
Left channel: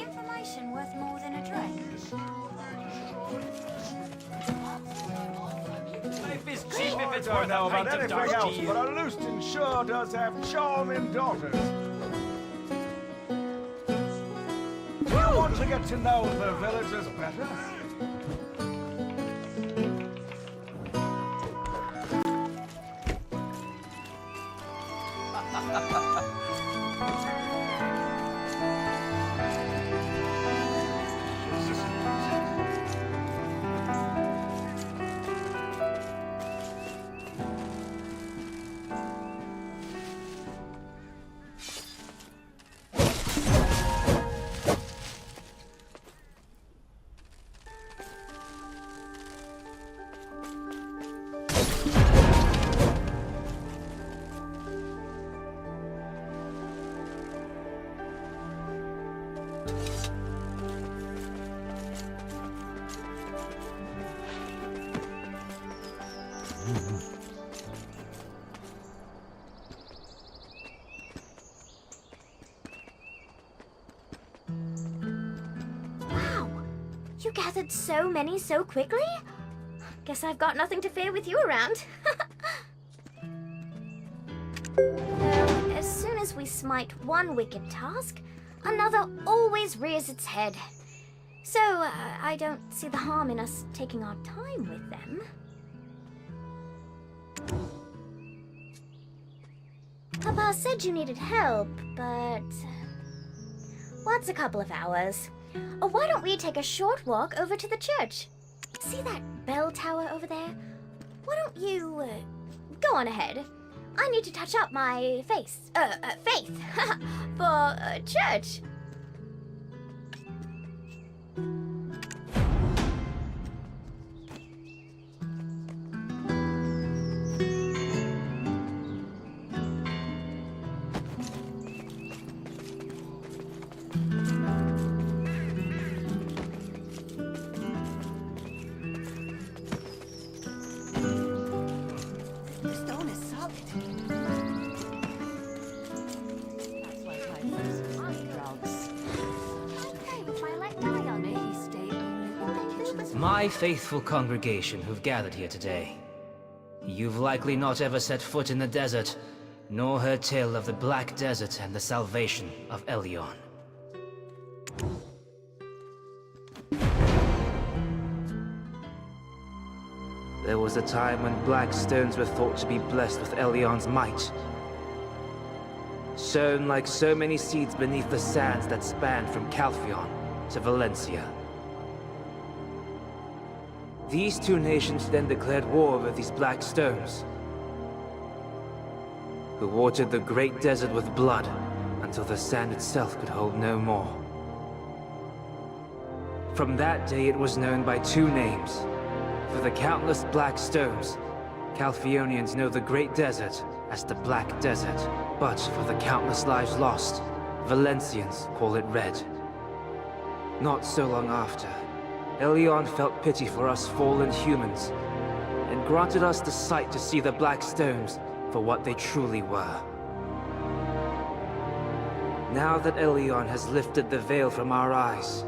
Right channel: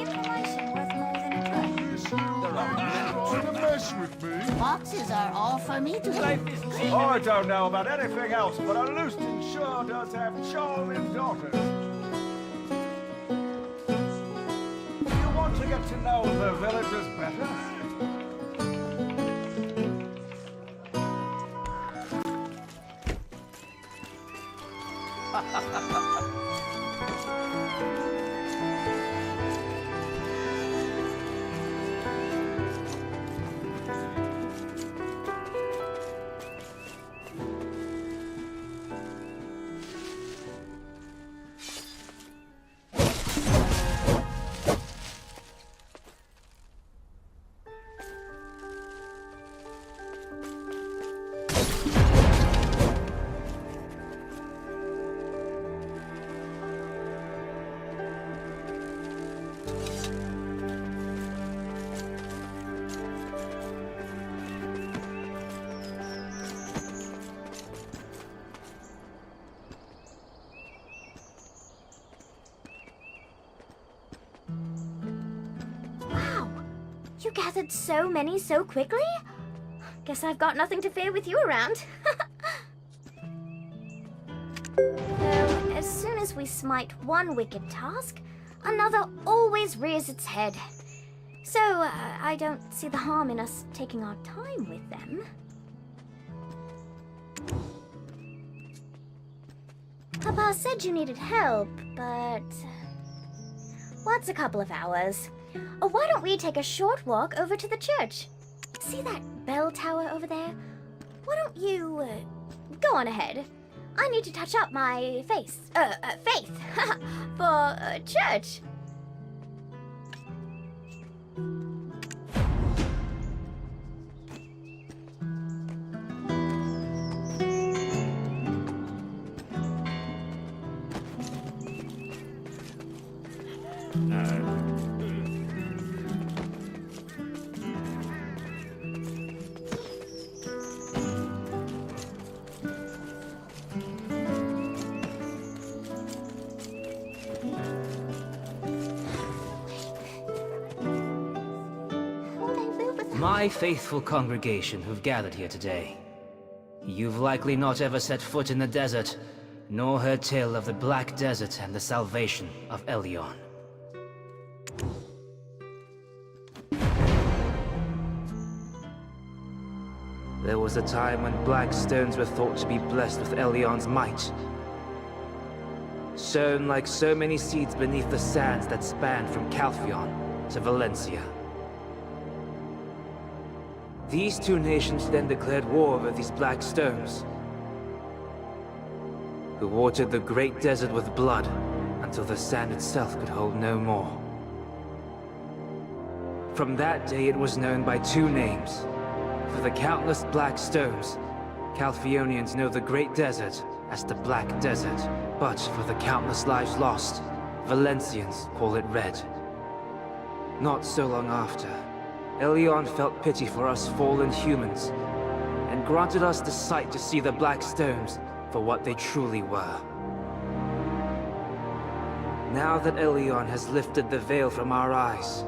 information worth more than a drink? Boxes are all for me to I don't know about anything else, but a Lewiston sure does have charming daughters. Do you want to get to know the villagers better? You gathered so many so quickly? Guess I've got nothing to fear with you around. Though, as soon as we smite one wicked task, another always rears its head. So, I don't see the harm in us taking our time with them. Papa said you needed help, but... what's a couple of hours? Or why don't we take a short walk over to the church? See that bell tower over there? Why don't you, go on ahead. I need to touch up my faith for church. My faithful congregation who've gathered here today. You've likely not ever set foot in the desert, nor heard tale of the Black Desert and the salvation of Elyon. There was a time when black stones were thought to be blessed with Elyon's might. Sown like so many seeds beneath the sands that spanned from Calphion to Valencia. These two nations then declared war over these black stones, who watered the great desert with blood until the sand itself could hold no more. From that day it was known by two names. For the countless black stones, Calphionians know the great desert as the Black Desert. But for the countless lives lost, Valencians call it Red. Not so long after, Elyon felt pity for us fallen humans, and granted us the sight to see the black stones for what they truly were. Now that Elyon has lifted the veil from our eyes,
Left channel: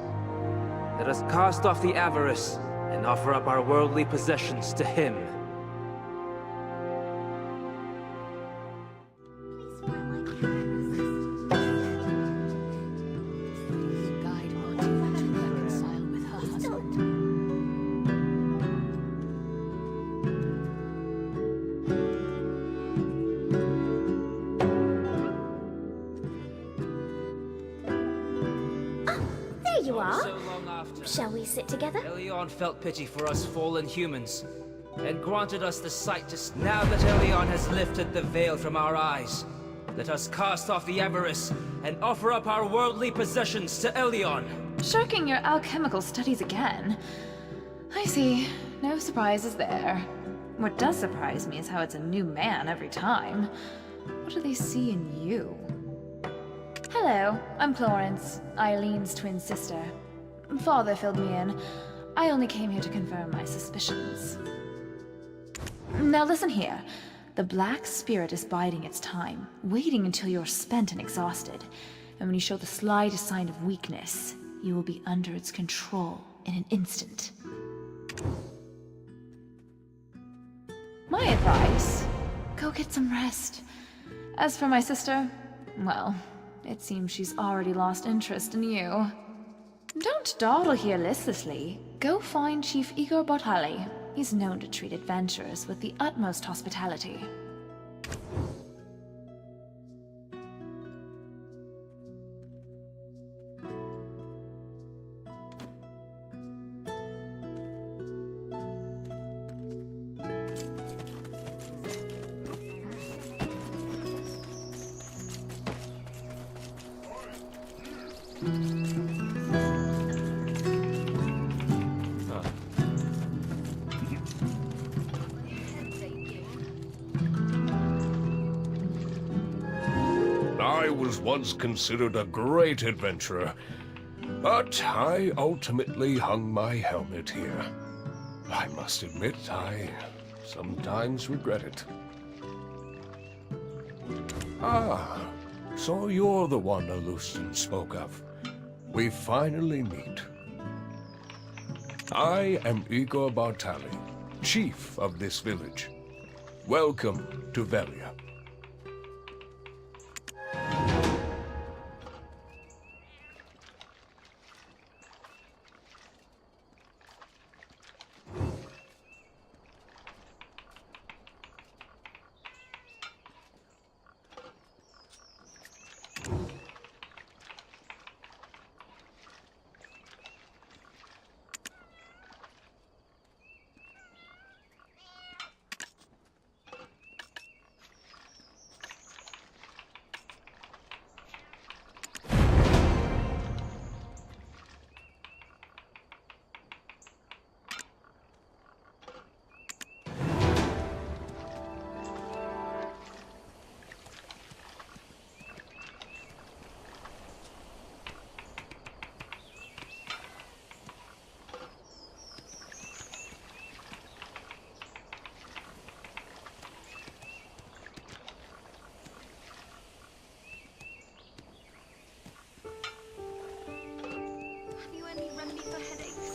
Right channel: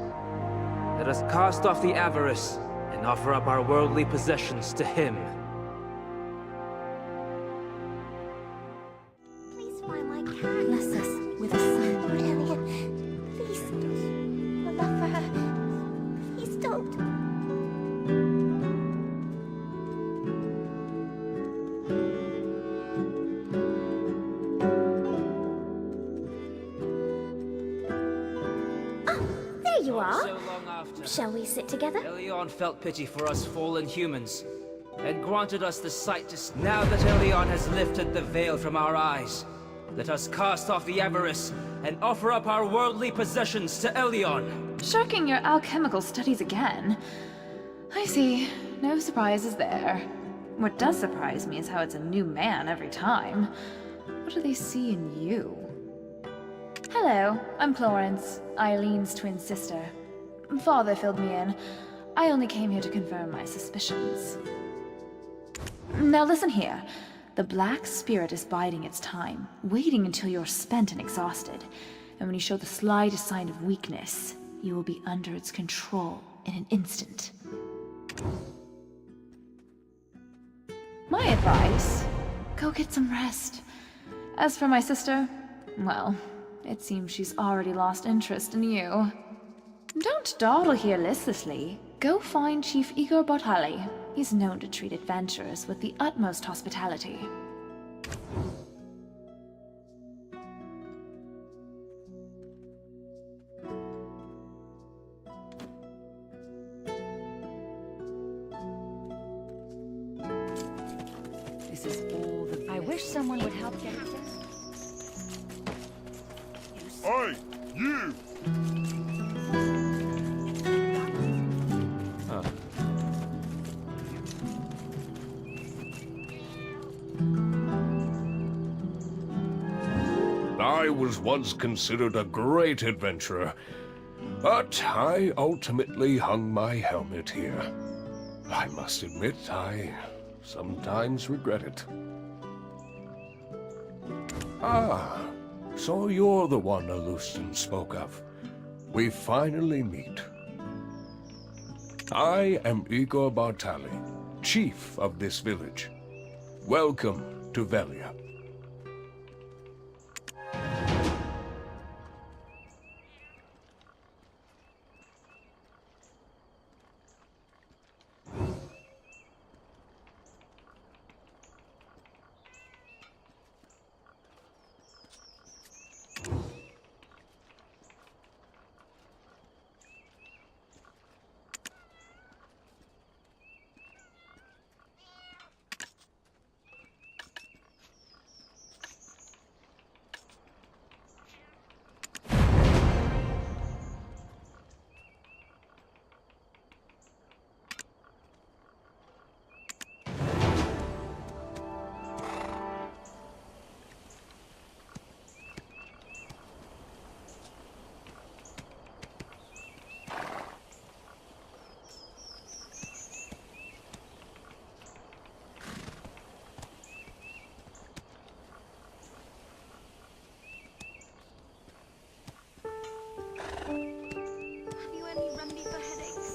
let us cast off the avarice and offer up our worldly possessions to him. Please find my cat. Bless us with a son. Please, love for her. Please don't. Oh, there you are. Shall we sit together? Elyon felt pity for us fallen humans, and granted us the sight to... Now that Elyon has lifted the veil from our eyes, let us cast off the avarice and offer up our worldly possessions to Elyon. Shirking your alchemical studies again. I see. No surprises there. What does surprise me is how it's a new man every time. What do they see in you? Hello, I'm Florence, Eileen's twin sister. Father filled me in. I only came here to confirm my suspicions. Now listen here. The Black Spirit is biding its time, waiting until you're spent and exhausted. And when you show the slightest sign of weakness, you will be under its control in an instant. My advice, go get some rest. As for my sister, well, it seems she's already lost interest in you. Don't dawdle here listlessly. Go find Chief Igor Bartali. He's known to treat adventurers with the utmost hospitality. I wish someone would help get this. Oi, you! I was once considered a great adventurer, but I ultimately hung my helmet here. I must admit, I sometimes regret it. Ah, so you're the one Alustin spoke of. We finally meet. I am Igor Bartali, chief of this village. Welcome to Velia. Have you any remedy for headaches?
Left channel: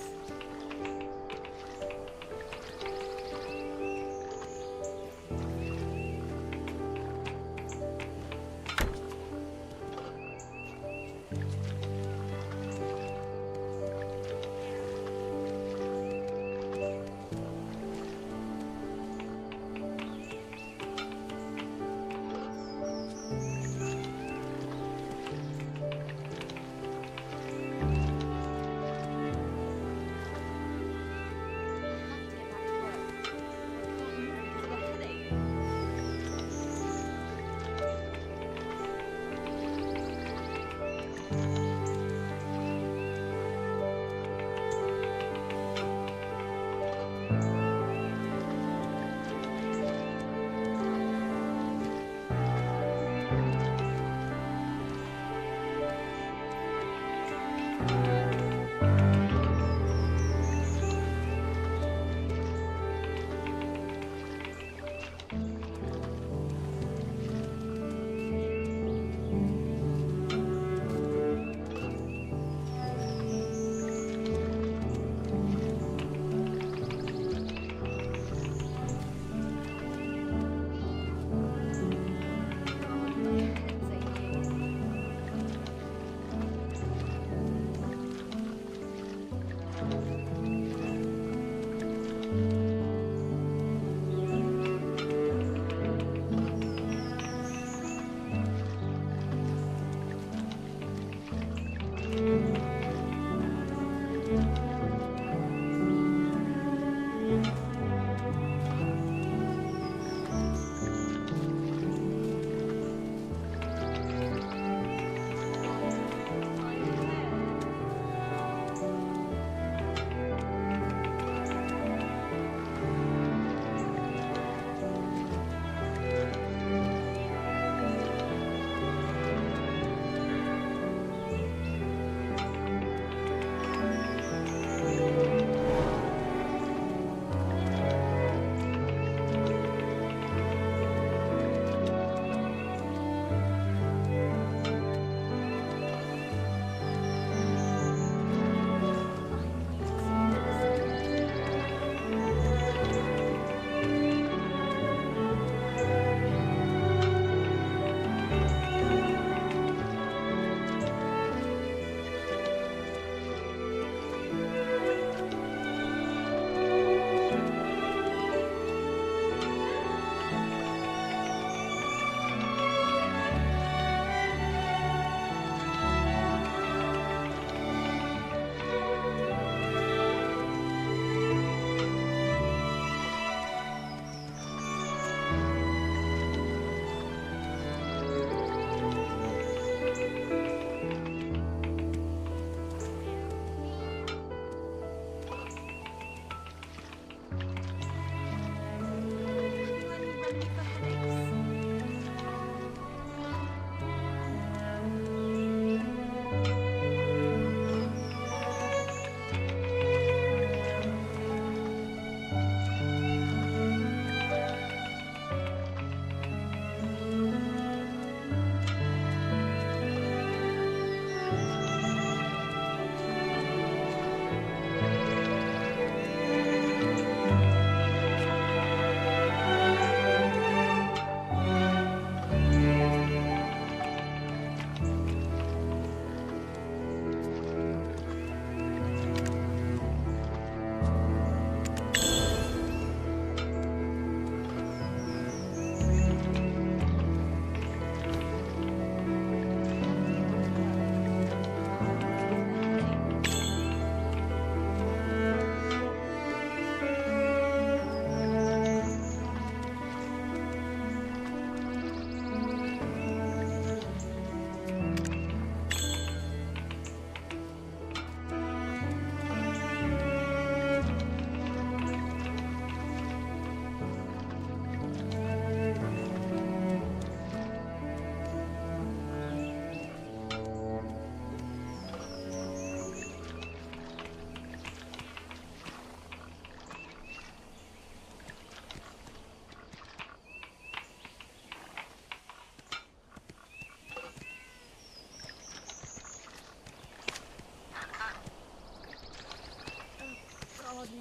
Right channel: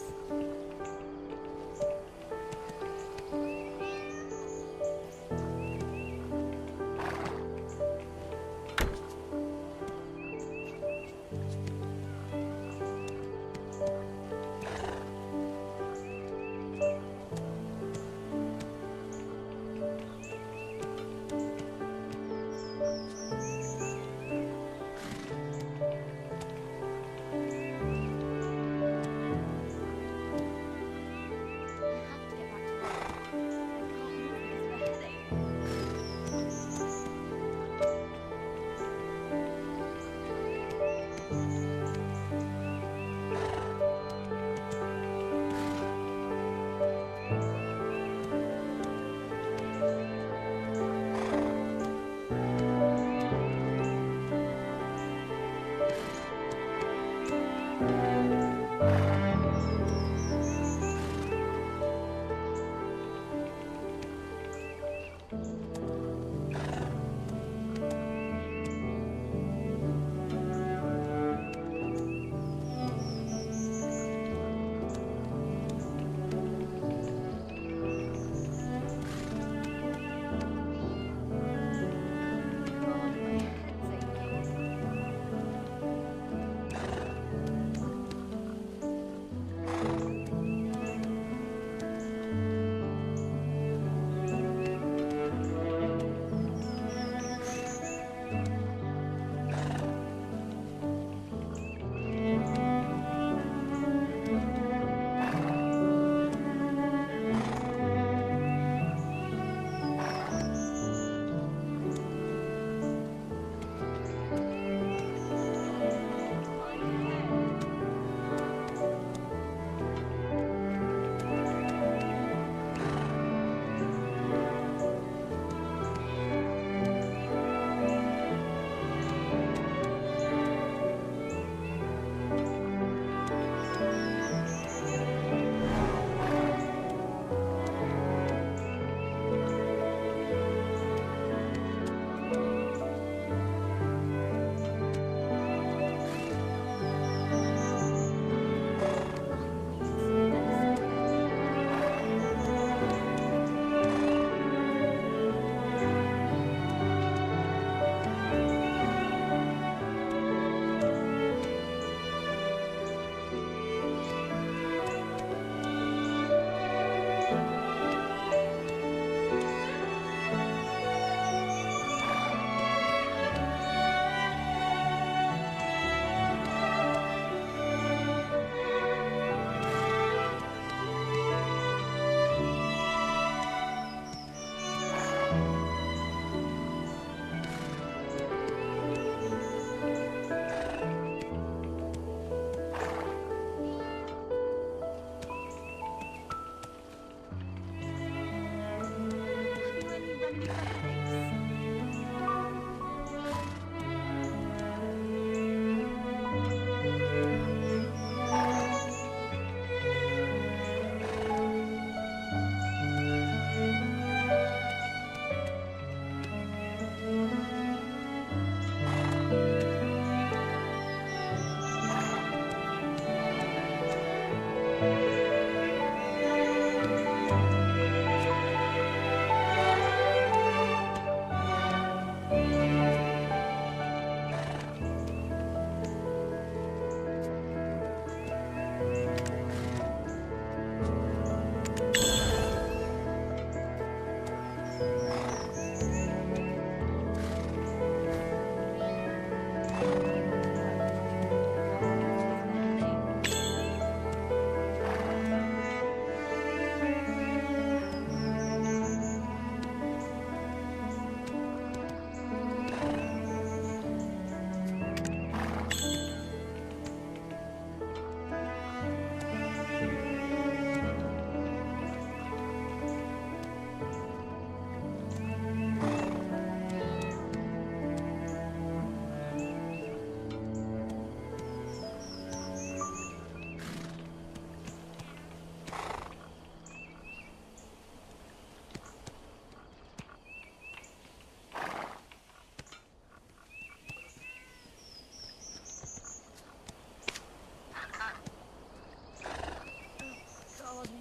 God,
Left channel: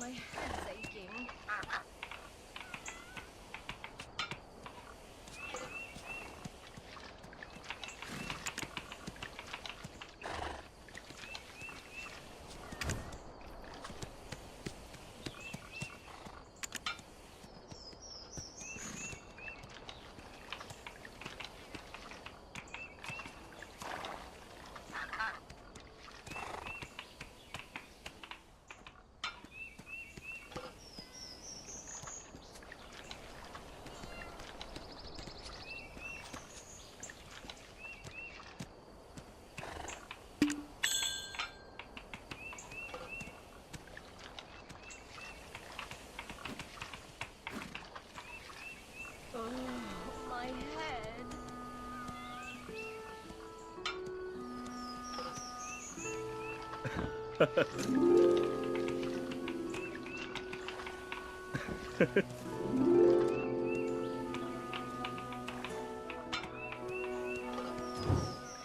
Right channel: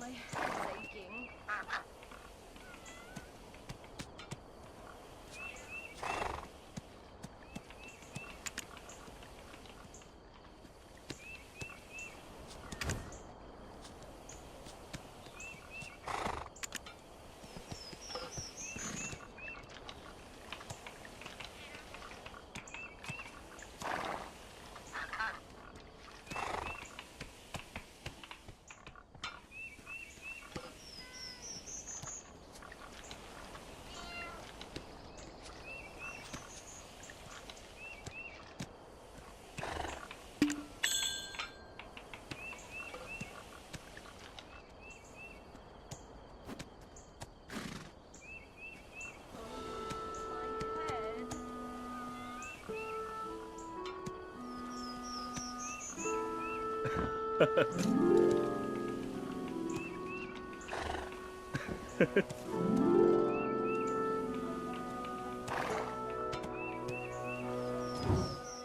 my head's aching.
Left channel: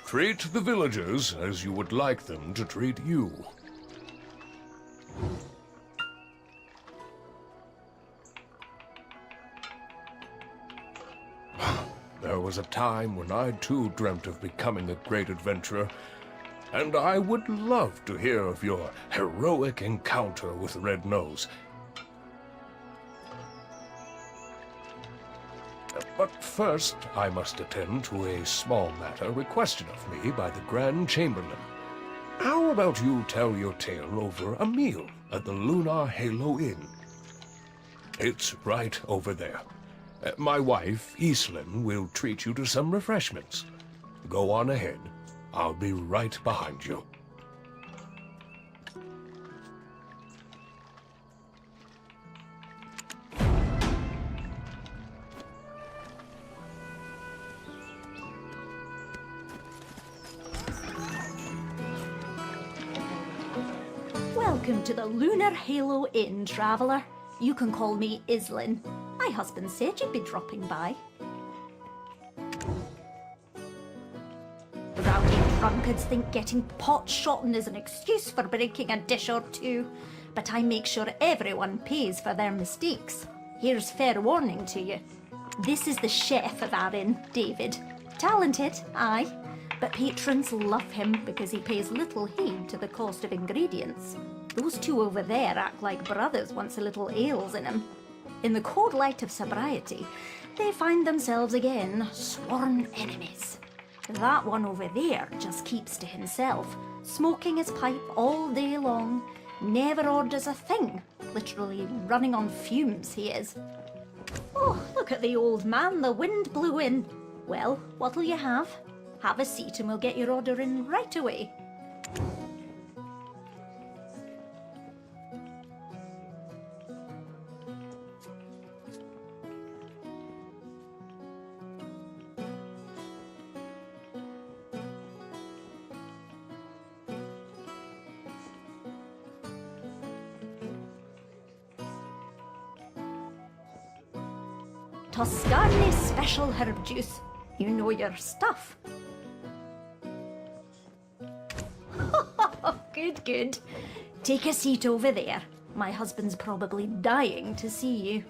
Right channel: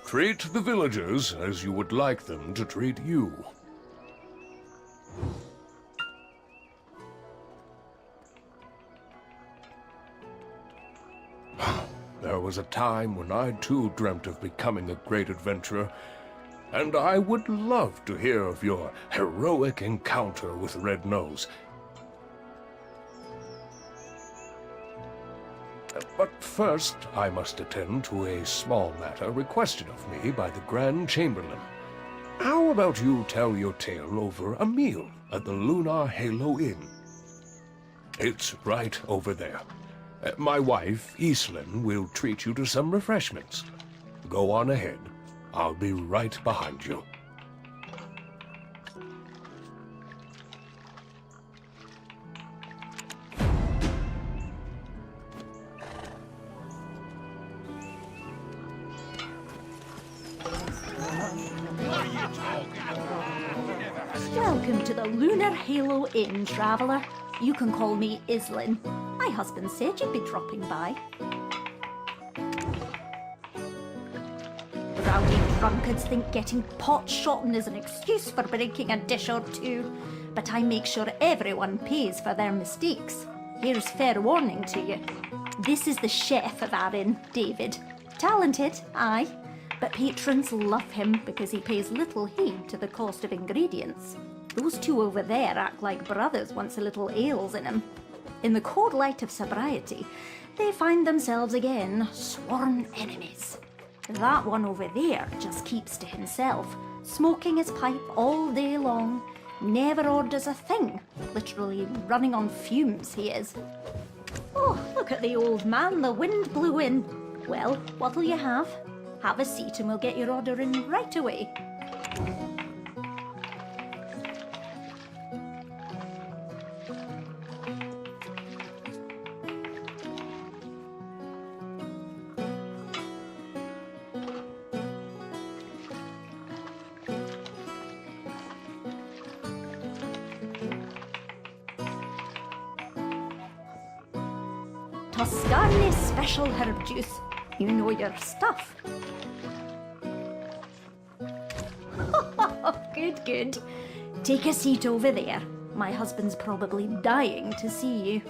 Treat the villagers as you would like them to treat you. There was a time when I too dreamt of becoming a great adventurer, and I would love to hear of your heroic encounter with Red Nose. But first, I must attend to a small matter requested of me by the Grand Chamberlain. How about you tell your tale over a meal at the Lunar Halo Inn? It's right over there. My wife, Iselin, will treat you to some refreshments. Go on ahead. I'll be right behind you. Welcome to the Lunar Halo Inn, traveller. You can call me Iselin. My husband said you'd be dropping by. Rowdy drunkards think getting pot-shotting is an excuse for breaking a dish or two, but I make sure everyone pays for their mistakes. Here's fair warning to you. This is the chef of our inn, David. Talented, aye, but patrons love him because he pays little heed to the cost of ingredients. Those two over there act like brothers once a little ale's in them. In the cold light of sobriety, they find themselves again sworn enemies. That one over there just keeps to himself, smoking his pipe all day long, never orders a thing, literally running on fumes he is. Oh, look at the old man, the wind blew in. Well, what'll you have? Have a seat and we'll get your order in right away. Toscani special herb juice. You know your stuff. Good, good. Take a seat over there. My husband's probably dying to see you.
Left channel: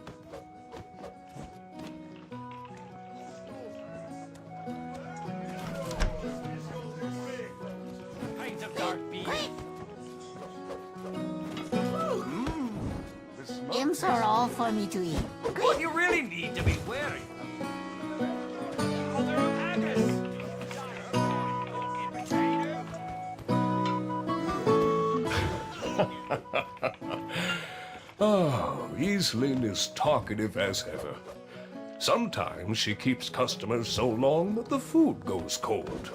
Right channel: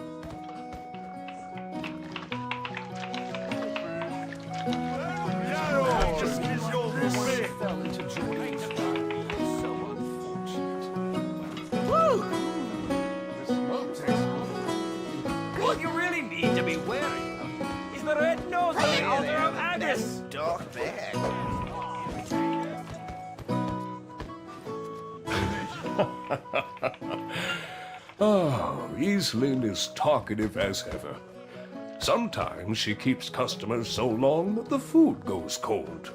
Imps are all funny to eat. What you really need to be wary of is the red nose on the altar of Haggis. Oh, Easlyn is talkative as ever. Sometimes she keeps customers so long that the food goes cold.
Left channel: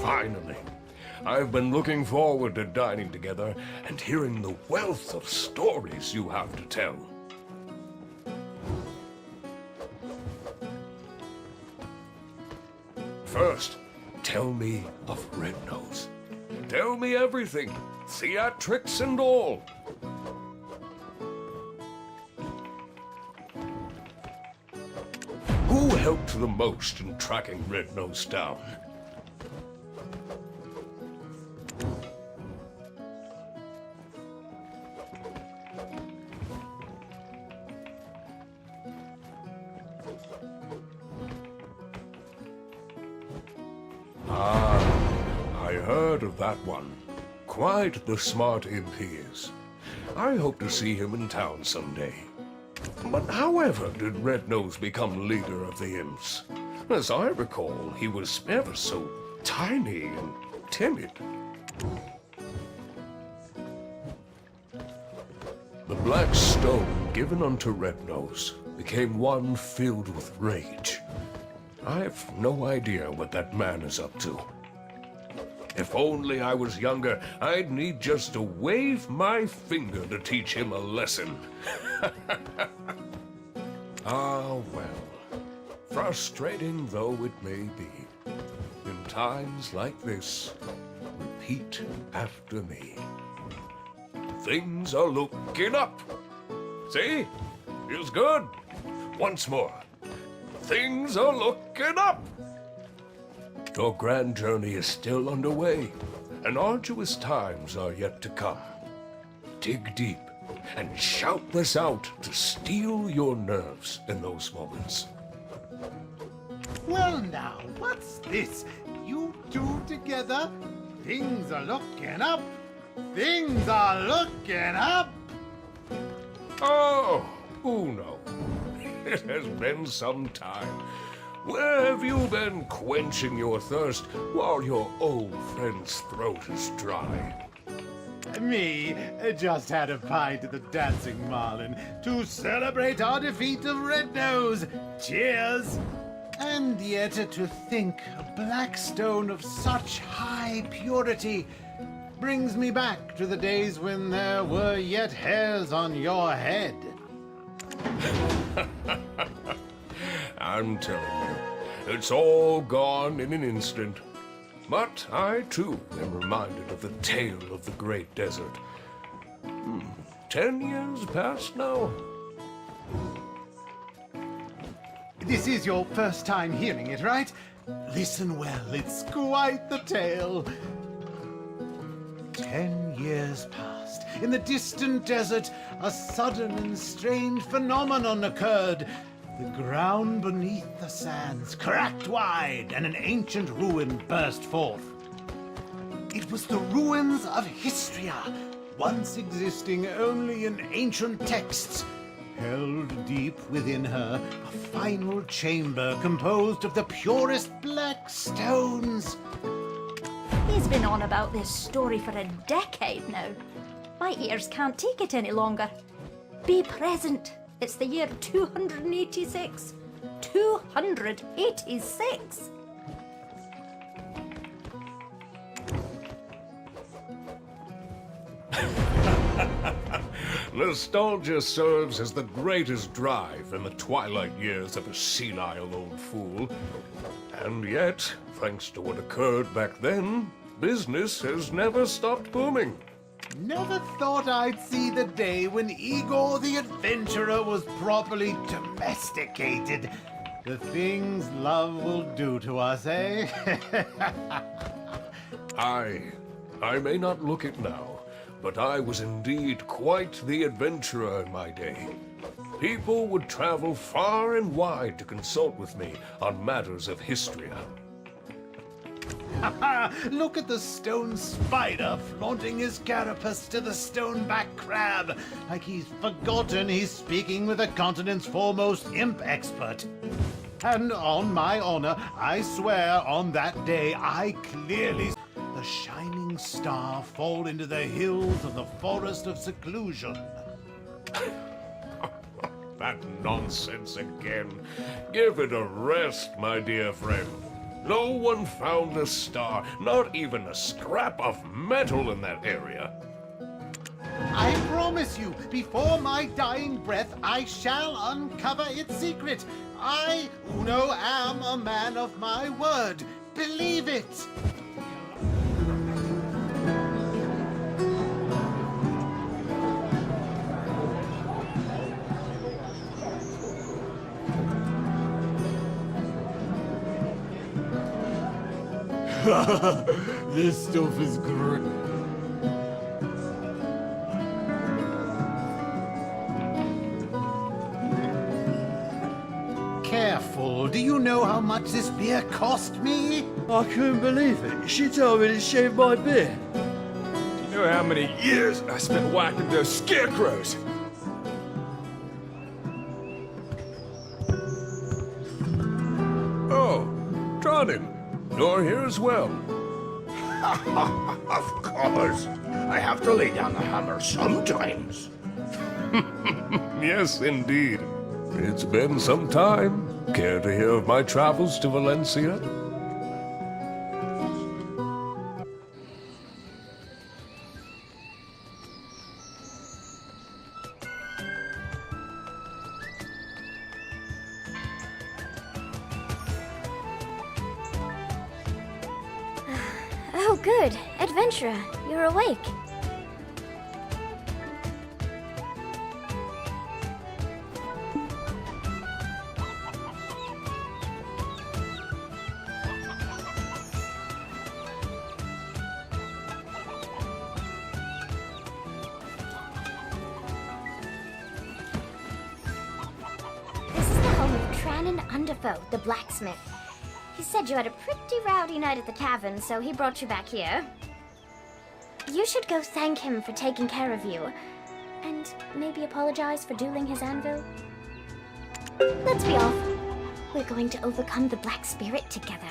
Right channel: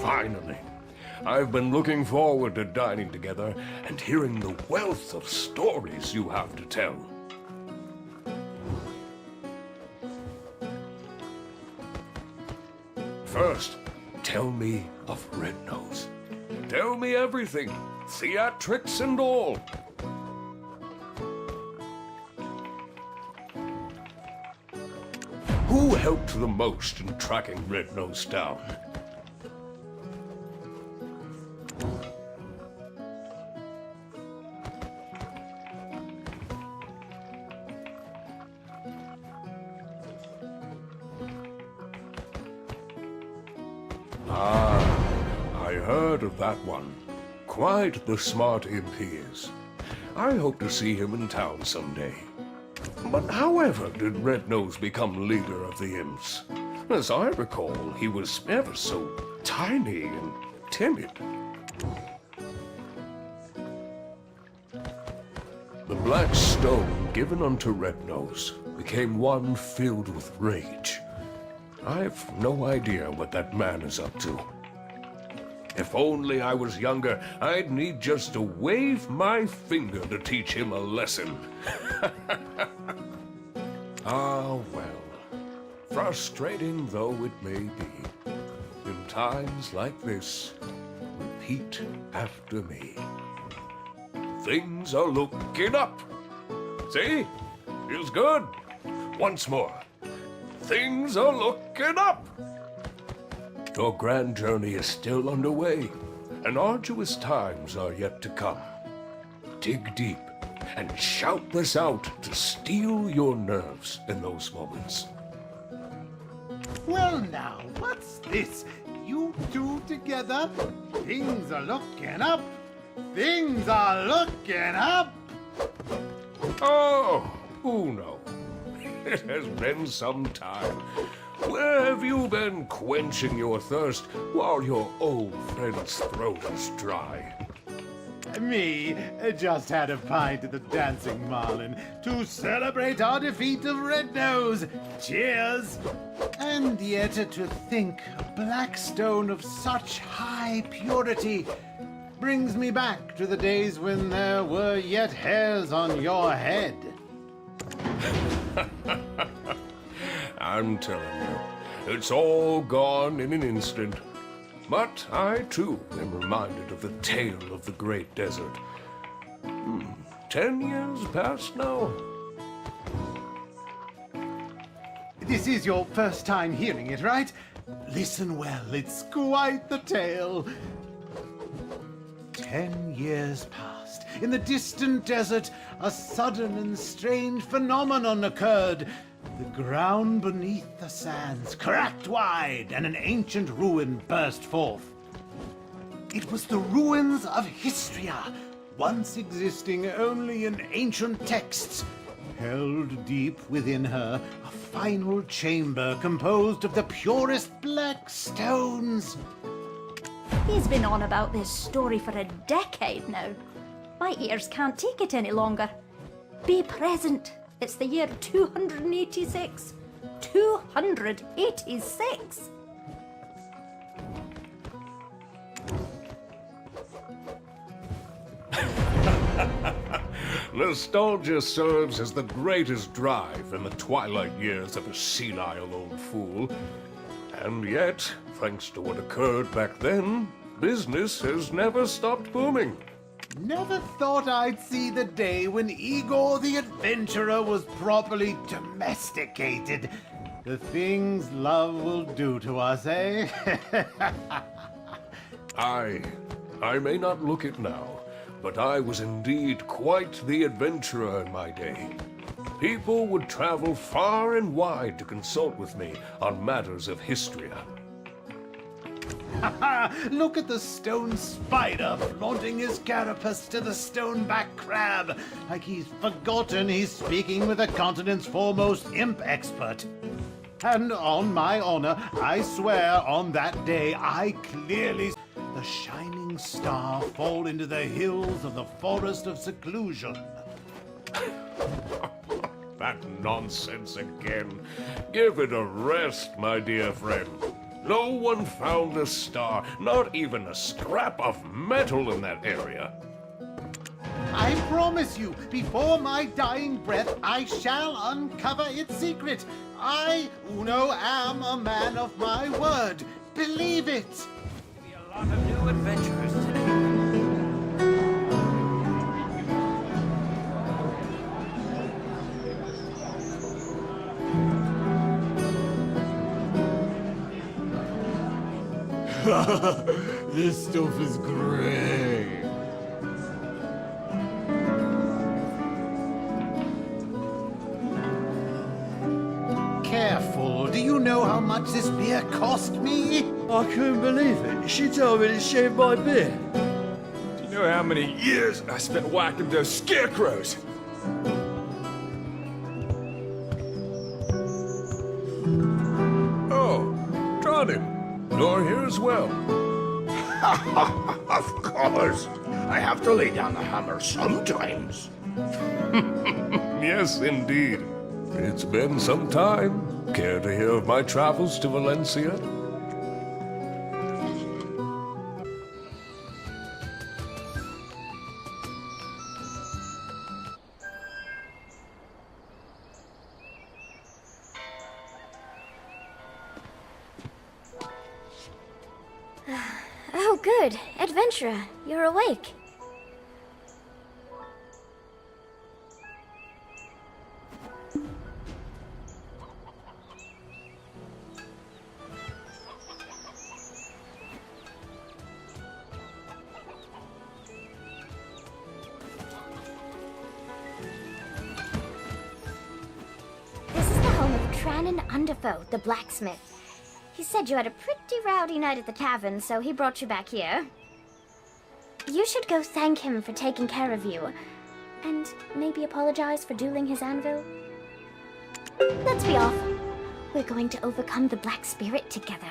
Finally. I've been looking forward to dining together and hearing the wealth of stories you have to tell. First, tell me of Red Nose. Tell me everything, theatrics and all. Who helped the most in tracking Red Nose down? I heard of that one. Quite the smart imp he is. I hope to see him in town someday. But however did Red Nose become leader of the imps? As I recall, he was ever so tiny and timid. The black stone given unto Red Nose became one filled with rage. I've no idea what that man is up to. If only I was younger, I'd need just to wave my finger to teach him a lesson. Ah, well. Frustrating though it may be, in times like this, repeat after me. Things are looking up. See? Feels good. Once more. Things are looking up. Your grand journey is still underway, and arduous times are yet to come. Dig deep and shout this out to steel your nerves in those moments. Well now, what's this? You two together? Things are looking up. Things are looking up. Oh, Uno. It has been some time. Where have you been quenching your thirst while your old friend's throat is dry? Me just had a pint at the Dancing Marlin to celebrate our defeat of Red Nose. Cheers! And yet to think a black stone of such high purity brings me back to the days when there were yet hairs on your head. I'm telling you, it's all gone in an instant. But I, too, am reminded of the tale of the Great Desert. 10 years past now. This is your first time hearing it, right? Listen well, it's quite the tale. 10 years passed. In the distant desert, a sudden and strange phenomenon occurred. The ground beneath the sands cracked wide, and an ancient ruin burst forth. It was the ruins of Histria, once existing only in ancient texts. Held deep within her, a final chamber composed of the purest black stones. He's been on about this story for a decade now. My ears can't take it any longer. Be present. It's the year 286. 286! Nostalgia serves as the greatest drive in the twilight years of a senile old fool. And yet, thanks to what occurred back then, business has never stopped booming. Never thought I'd see the day when Igor the Adventurer was properly domesticated. The things love will do to us, eh? I may not look it now, but I was indeed quite the adventurer in my day. People would travel far and wide to consult with me on matters of history. Look at the stone spider flaunting his carapace to the stoneback crab, like he's forgotten he's speaking with the continent's foremost imp expert. And on my honor, I swear on that day I clearly saw the shining star fall into the hills of the Forest of Seclusion. That nonsense again. Give it a rest, my dear friend. No one found a star, not even a scrap of metal in that area. I promise you, before my dying breath, I shall uncover its secret. I, Uno, am a man of my word. Believe it! New adventurers today. This stuff is great. Careful. Do you know how much this beer cost me? I couldn't believe it. She told me to shave my beard. Do you know how many years I spent whacking those scarecrows? Oh, Tronin, you're here as well. Of course. I have to lay down the hammer sometimes. Yes, indeed. It's been some time. Care to hear of my travels to Valencia? Oh, good. Adventurer, you're awake. This is the home of Tranan Underfoe, the blacksmith. He said you had a pretty rowdy night at the tavern, so he brought you back here. You should go thank him for taking care of you. And maybe apologize for dueling his anvil. Let's be off. We're going to overcome the Black Spirit together.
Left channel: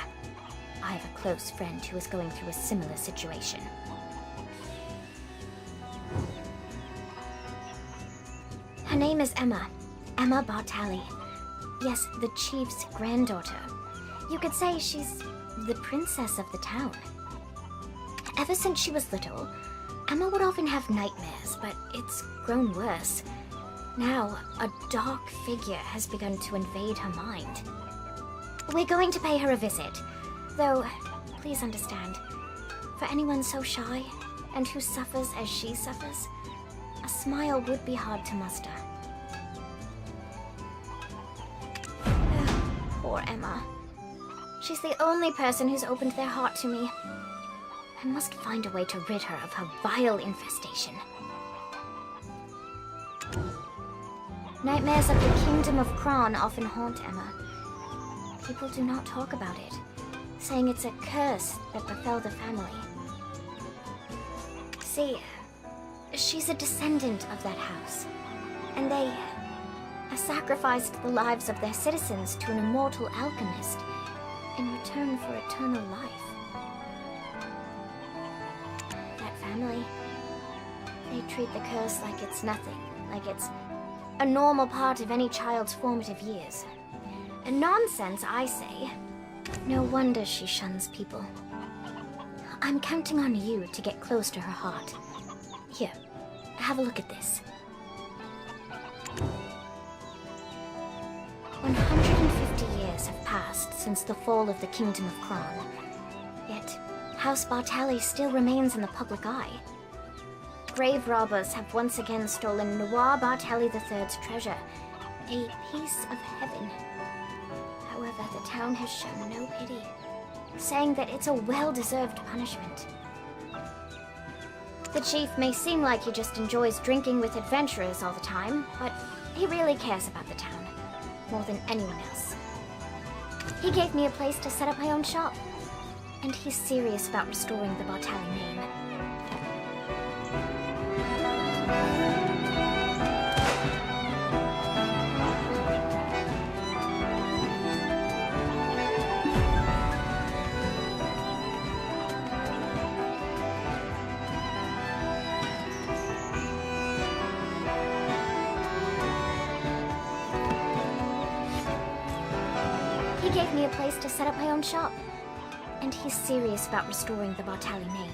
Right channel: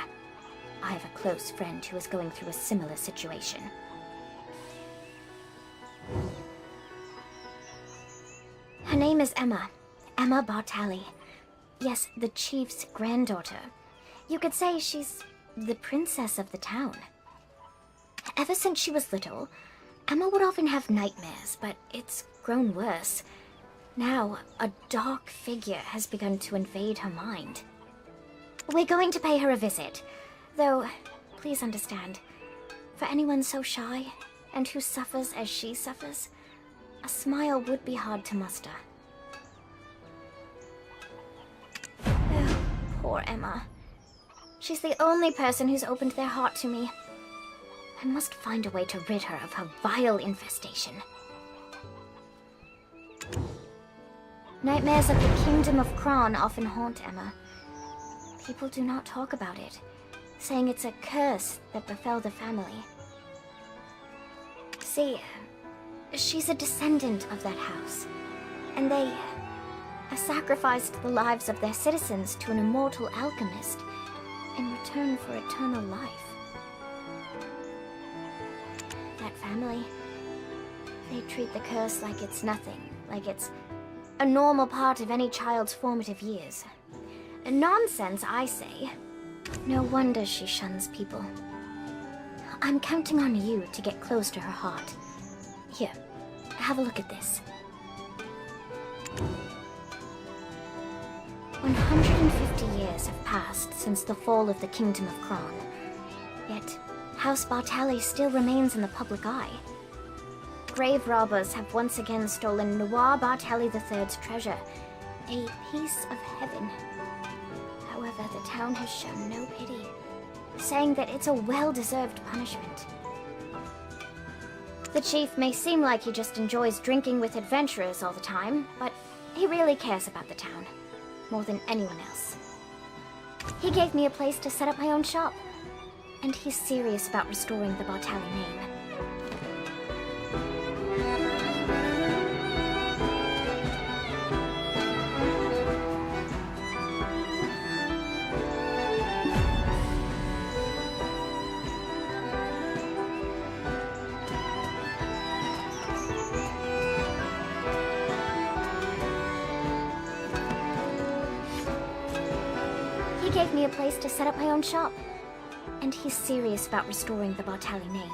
I have a close friend who is going through a similar situation. Her name is Emma. Emma Bartali. Yes, the chief's granddaughter. You could say she's the princess of the town. Ever since she was little, Emma would often have nightmares, but it's grown worse. Now, a dark figure has begun to invade her mind. We're going to pay her a visit, though, please understand, for anyone so shy and who suffers as she suffers, a smile would be hard to muster. Poor Emma. She's the only person who's opened their heart to me. I must find a way to rid her of her vile infestation. Nightmares of the Kingdom of Kron often haunt Emma. People do not talk about it, saying it's a curse that befell the family. See, she's a descendant of that house, and they sacrificed the lives of their citizens to an immortal alchemist in return for eternal life. That family, they treat the curse like it's nothing, like it's a normal part of any child's formative years. Nonsense, I say. No wonder she shuns people. I'm counting on you to get close to her heart. Here, have a look at this. 150 years have passed since the fall of the Kingdom of Kron. Yet, House Bartali still remains in the public eye. Grave robbers have once again stolen Noir Bartali III's treasure, a piece of heaven. that the town has shown no pity, saying that it's a well-deserved punishment. The chief may seem like he just enjoys drinking with adventurers all the time, but he really cares about the town, more than anyone else. He gave me a place to set up my own shop, and he's serious about restoring the Bartali name. He gave me a place to set up my own shop, and he's serious about restoring the Bartali name.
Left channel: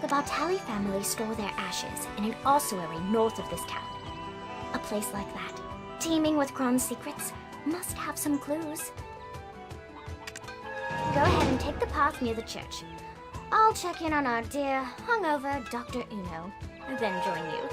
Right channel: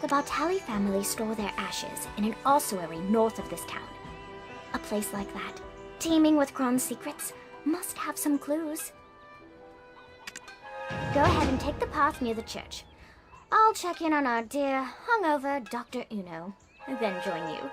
The Bartali family store their ashes in an ossuary north of this town. A place like that, teeming with Kron's secrets, must have some clues. Go ahead and take the path near the church. I'll check in on our dear, hungover Dr. Uno, then join you.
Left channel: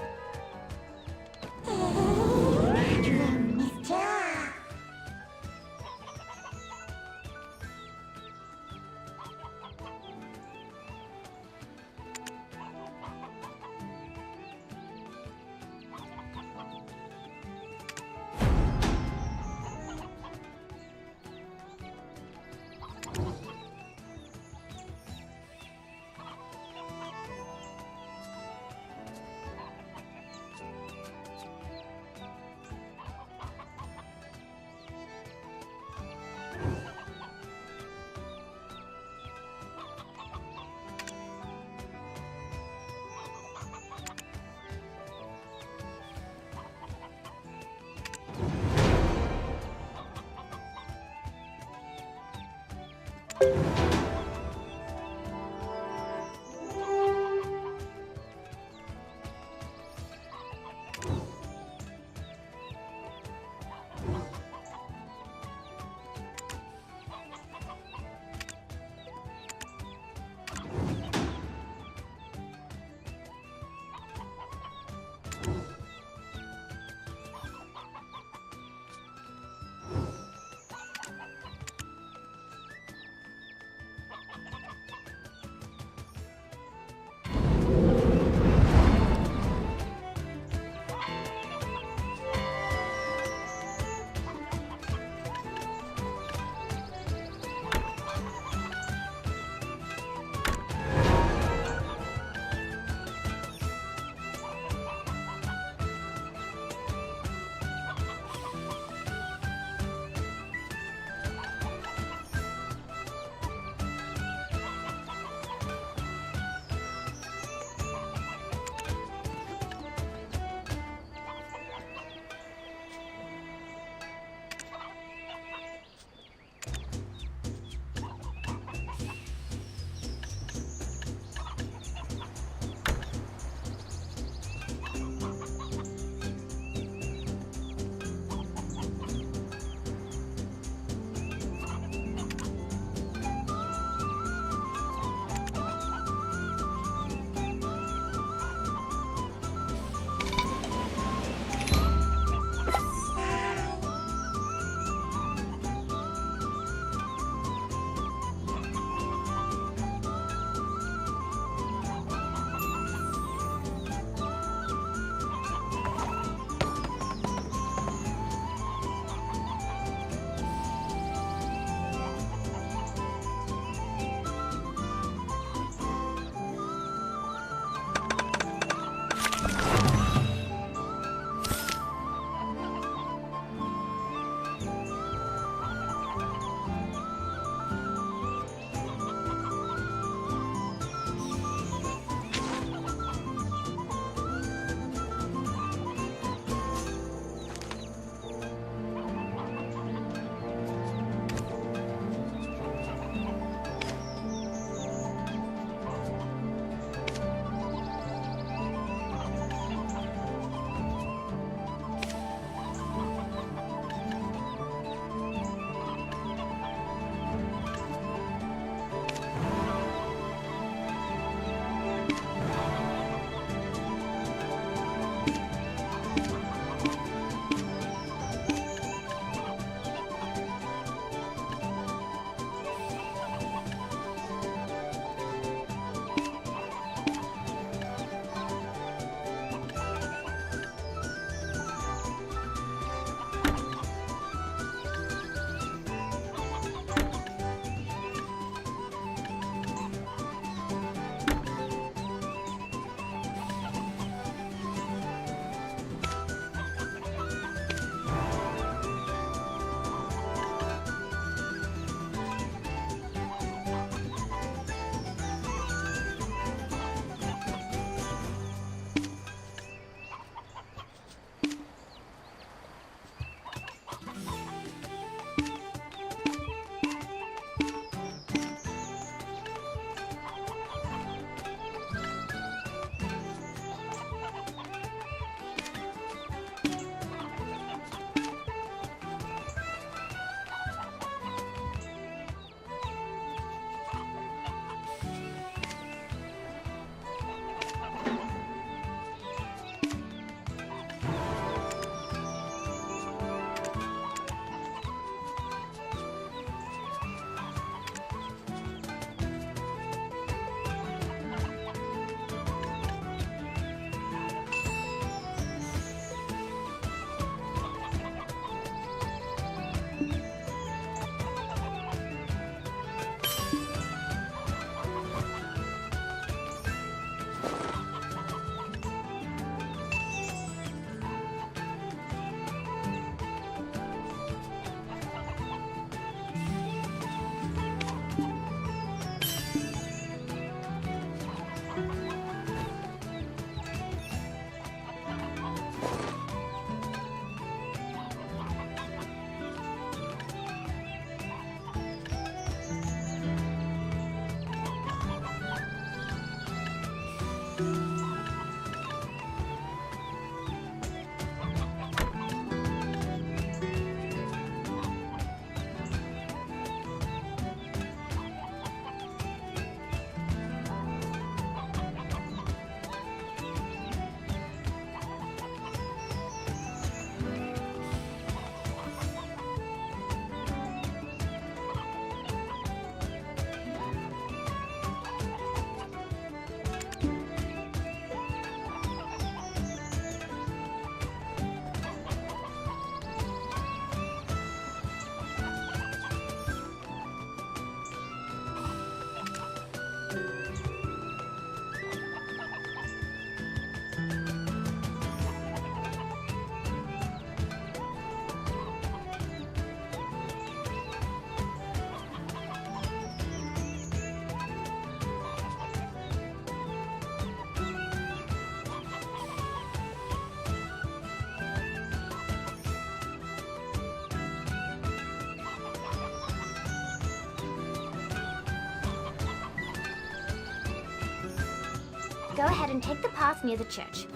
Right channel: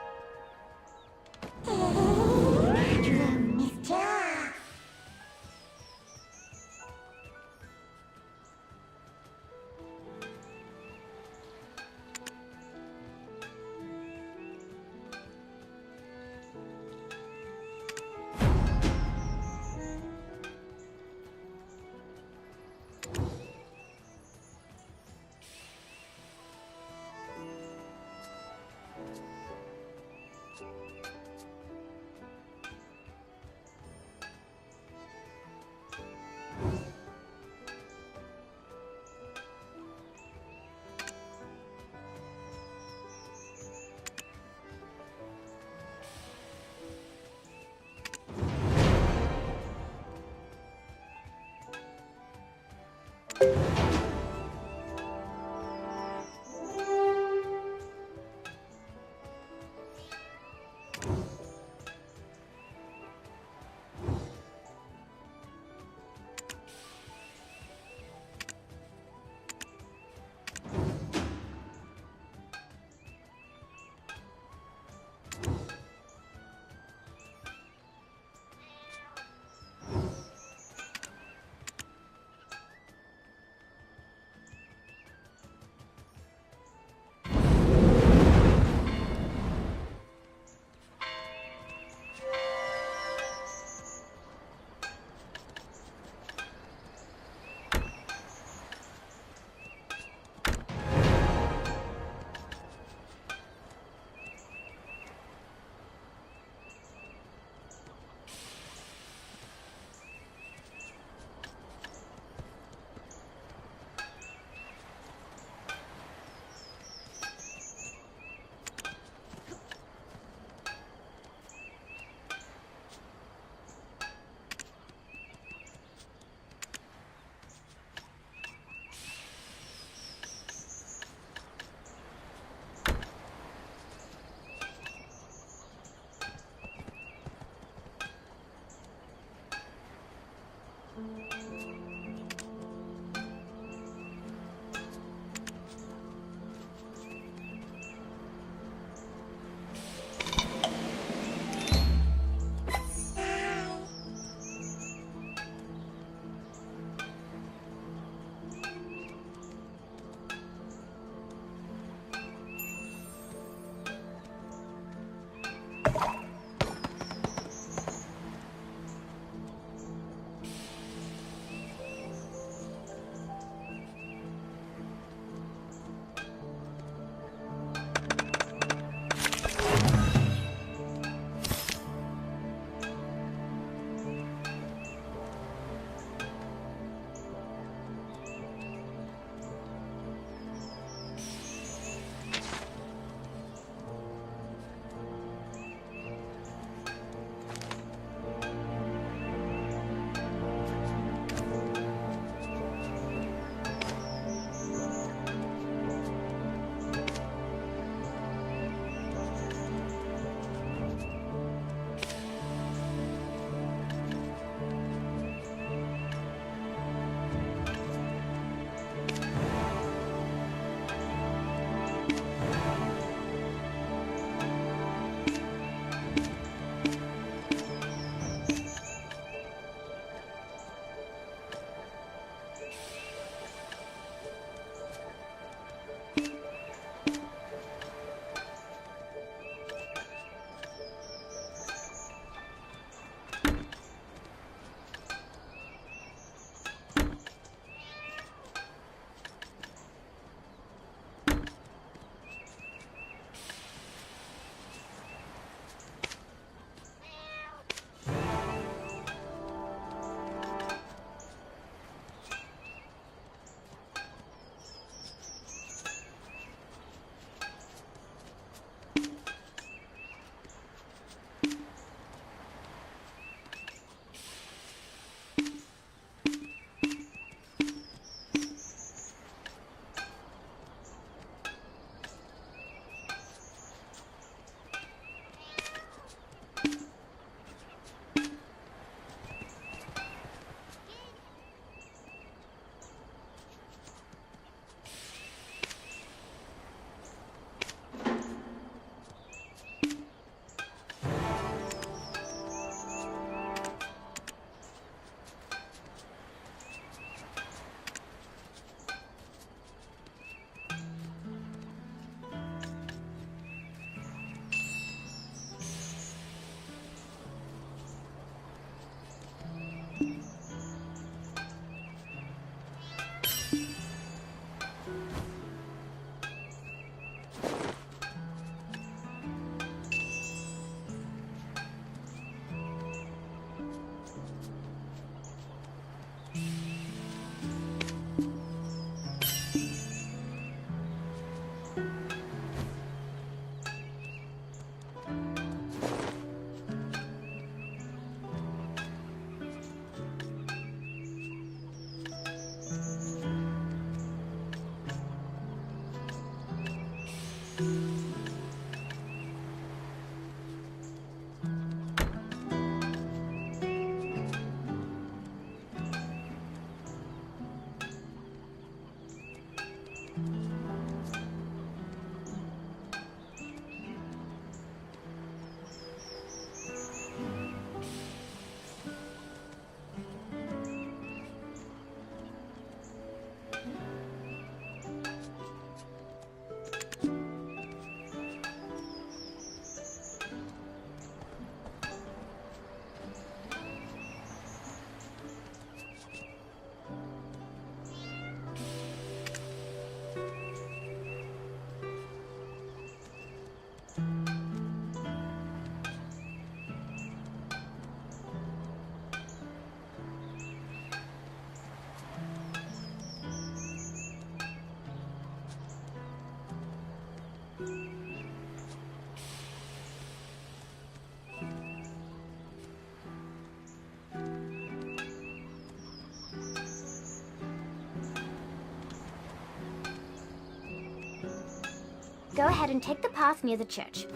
Go ahead and take the path near the church.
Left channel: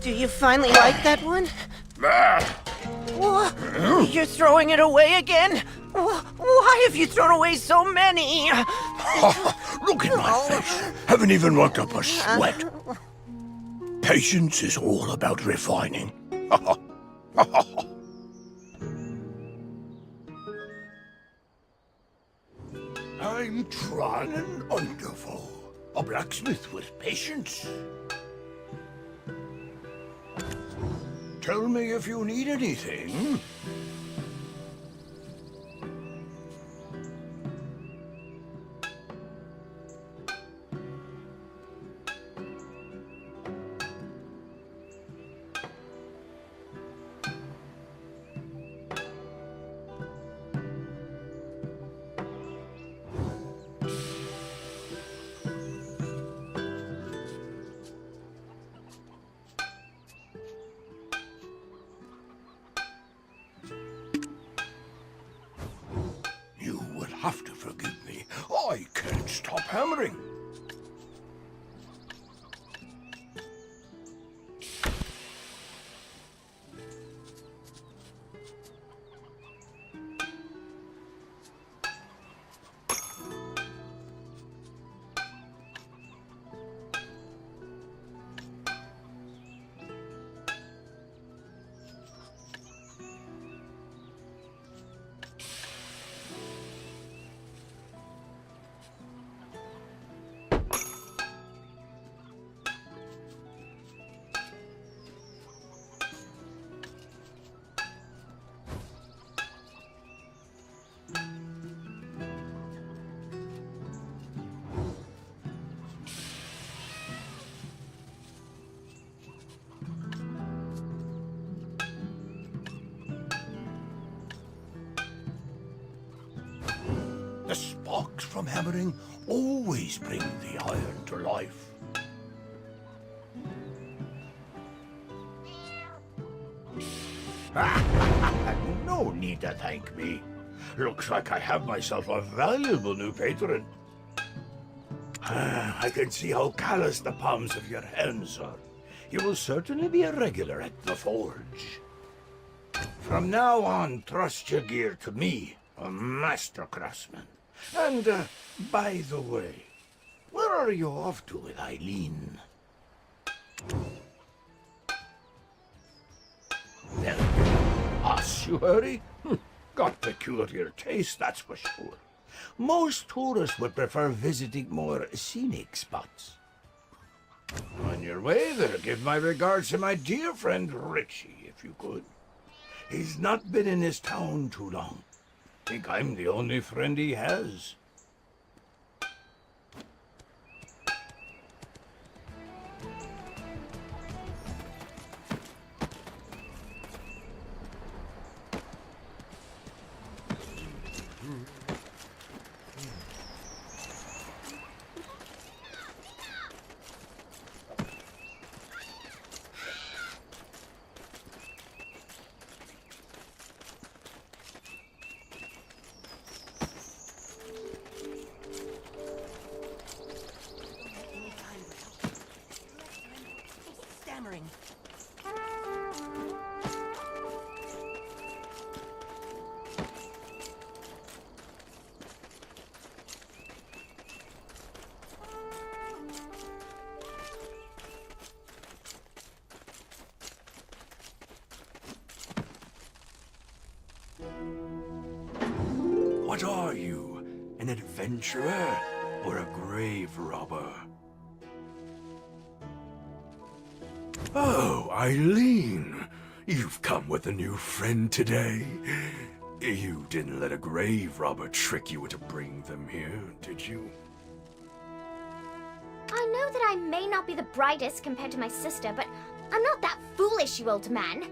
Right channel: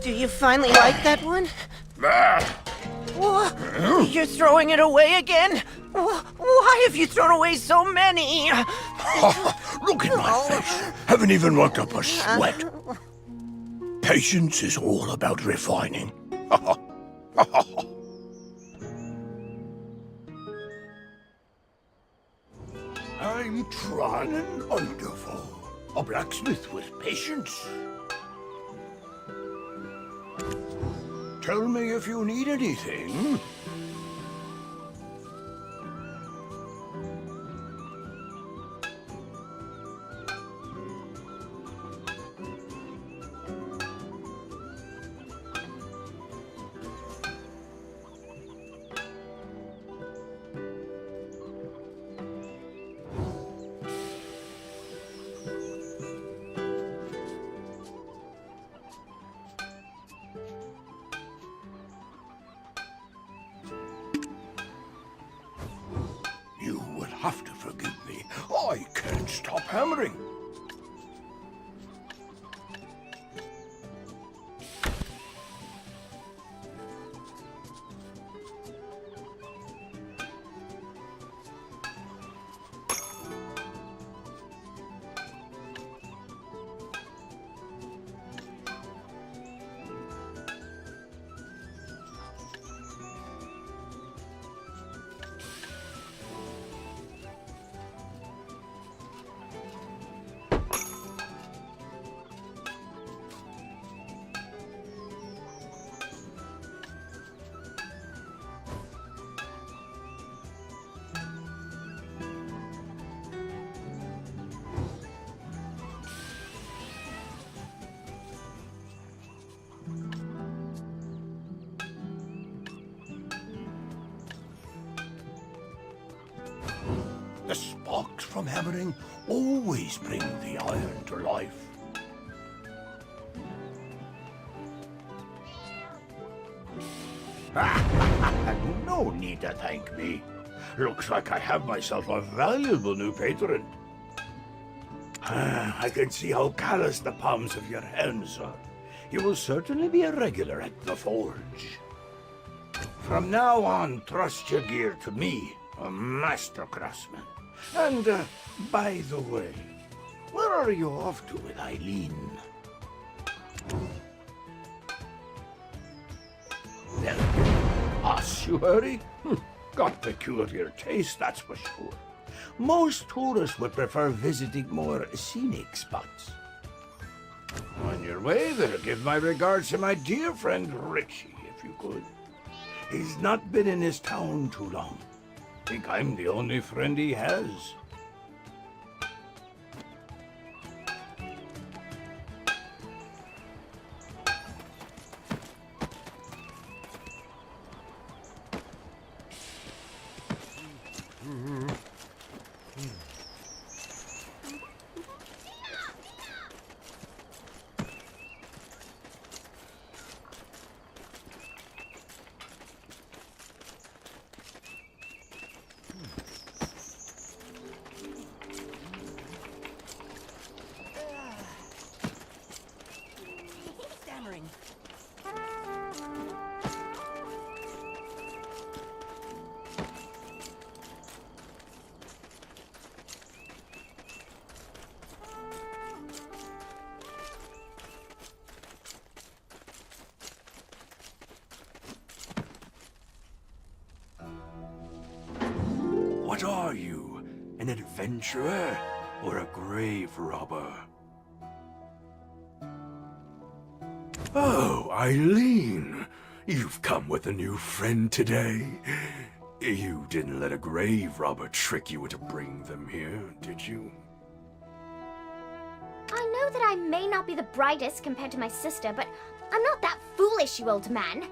Do you finally like that one? What? You're throwing it away again? Why have you thrown away so many? Look at my face. Haven't even worked up a sweat. Patience is all about refining. I'm Tran and Underfall, a blacksmith with patience. Tell me if you need anything. Have to forgive me. I can't stop hammering. The sparks from hammering always bring the iron to life. No need to thank me. Looks like I have myself a valuable new patron. I can see how callous the palms of your hands are. You will certainly be a regular at the forge. From now on, trust your gear to me, a master craftsman. And, by the way, where are you off to with Eileen? Well, ossuary? Got peculiar taste, that's for sure. Most tourists would prefer visiting more scenic spots. On your way there, give my regards to my dear friend Richie, if you could. He's not been in his town too long. Think I'm the only friend he has. Stammering. What are you? An adventurer or a grave robber? Oh, Eileen. You've come with a new friend today. You didn't let a grave robber trick you into bringing them here, did you? I know that I may not be the brightest compared to my sister, but I'm not that foolish, you old man.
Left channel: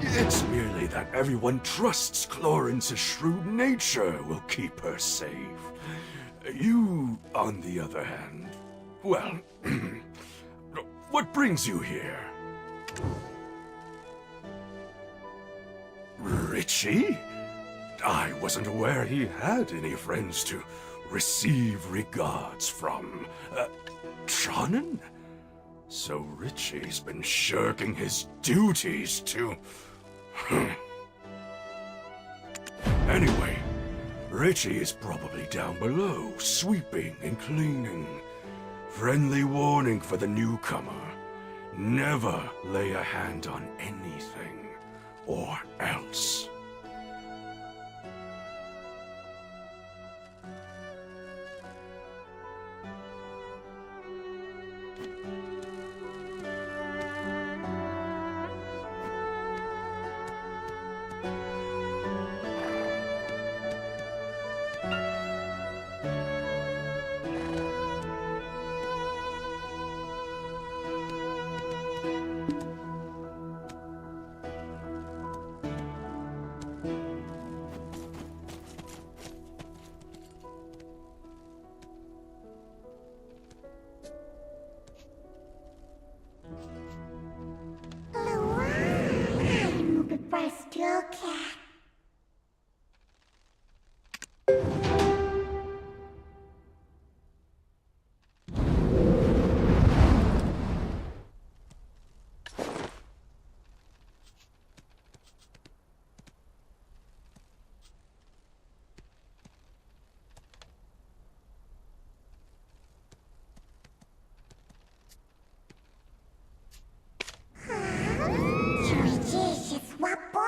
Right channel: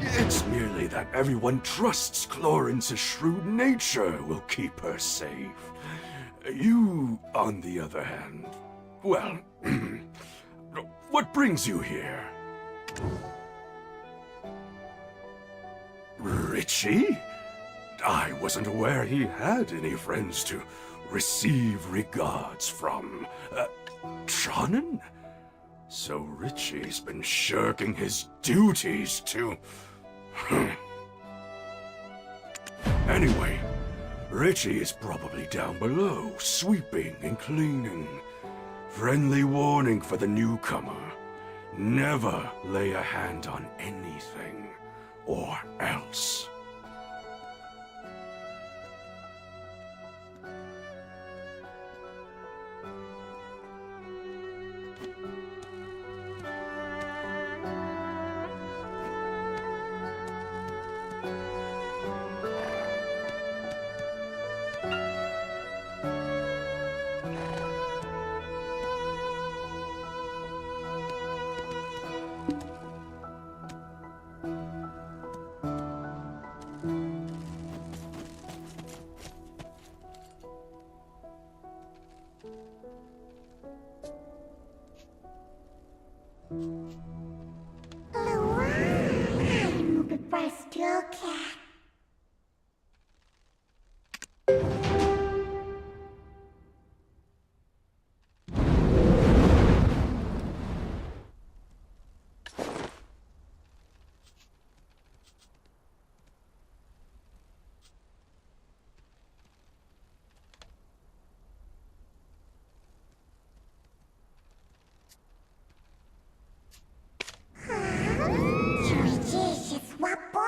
It's merely that everyone trusts Clorince's shrewd nature will keep her safe. You, on the other hand, well, what brings you here? Richie? I wasn't aware he had any friends to receive regards from. Tronin? So Richie's been shirking his duties to... Anyway, Richie is probably down below, sweeping and cleaning. Friendly warning for the newcomer. Never lay a hand on anything, or else. Goodbye, Steel Cat. What boy?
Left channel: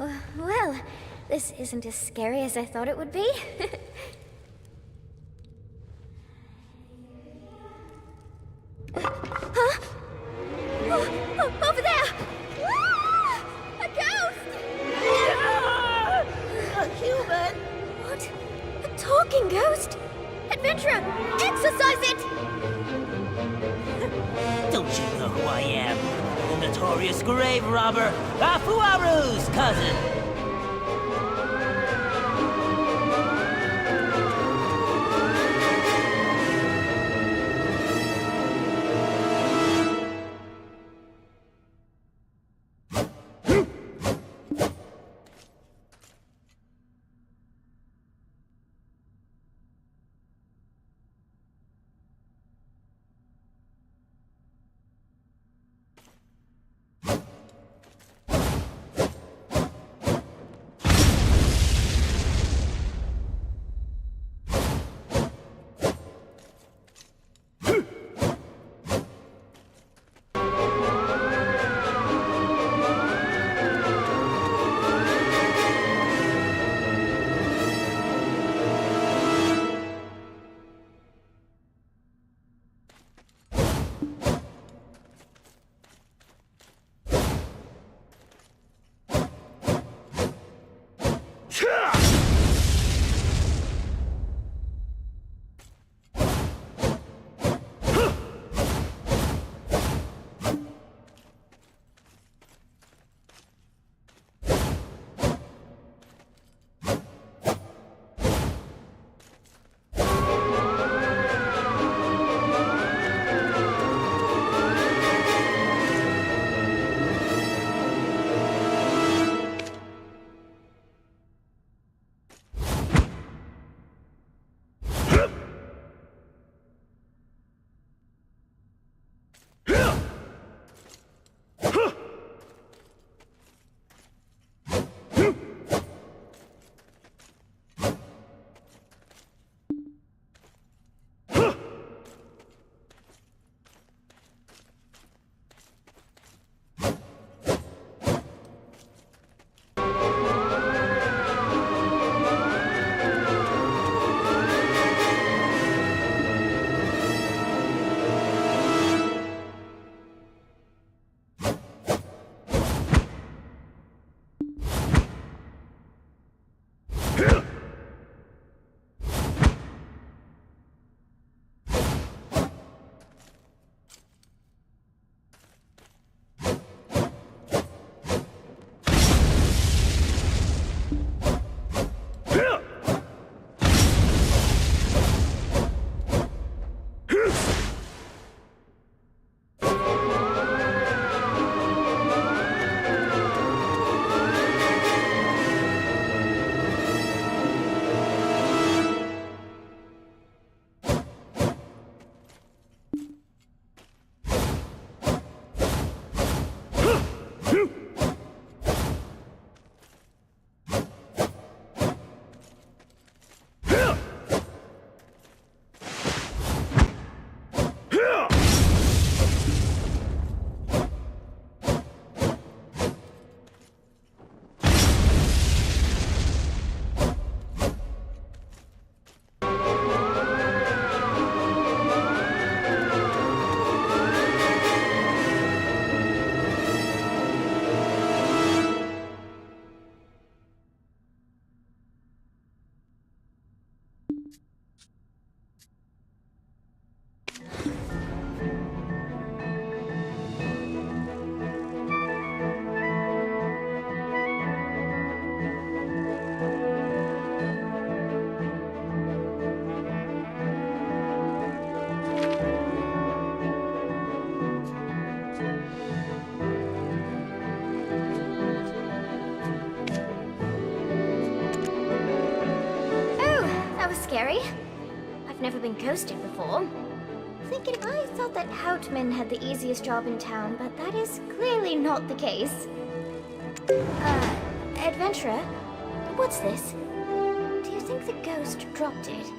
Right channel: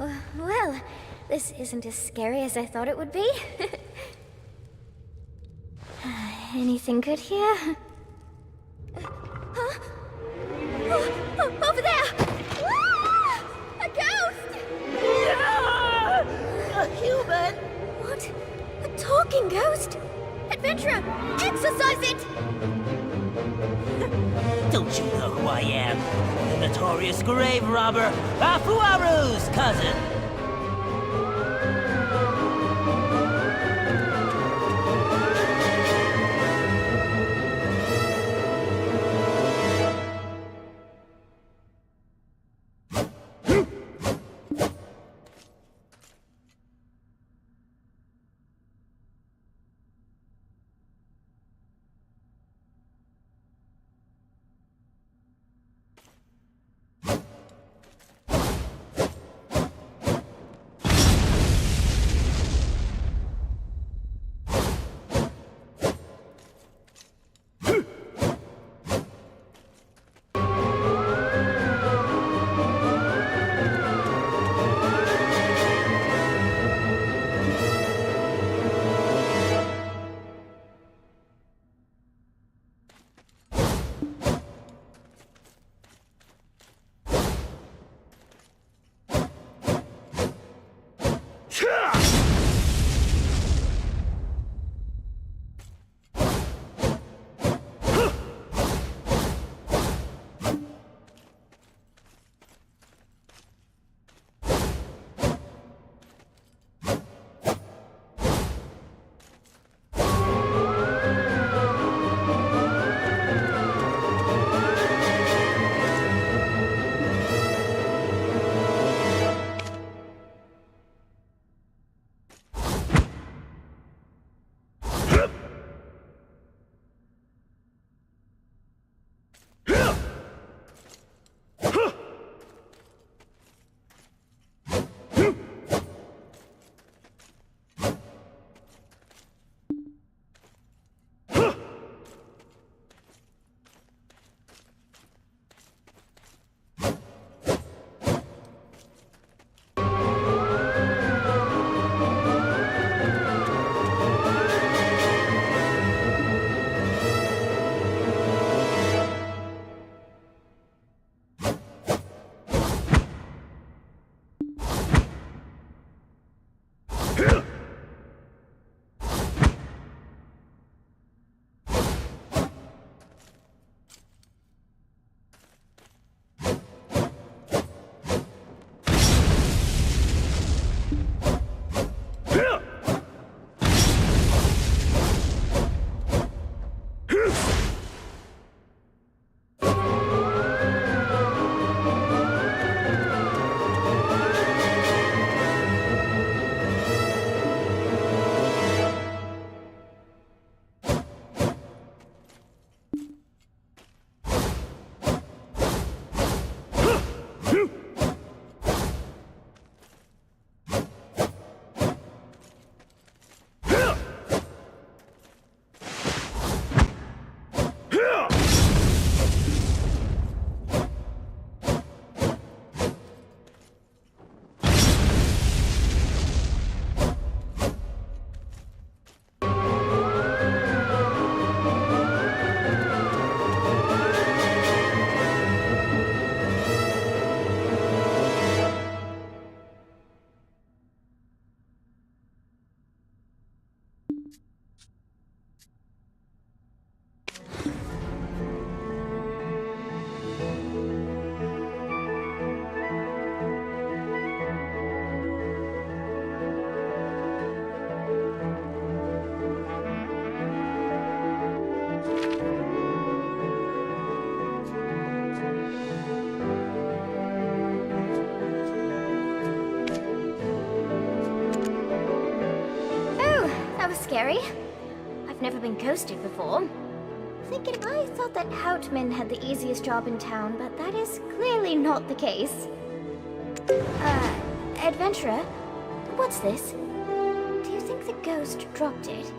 Well, this isn't as scary as I thought it would be. Anything good here? Huh? Over there! Ah! A ghost! Ah! A human? What? A talking ghost? Adventurer, exorcise it! Don't you know who I am? The notorious grave robber, Afuaru's cousin! Was scary. I've never been ghosted before. Thinking I thought that Houtman had the easiest job in town, but that is clearly not the case. Adventurer, what's this? Do you think the ghost dropped it?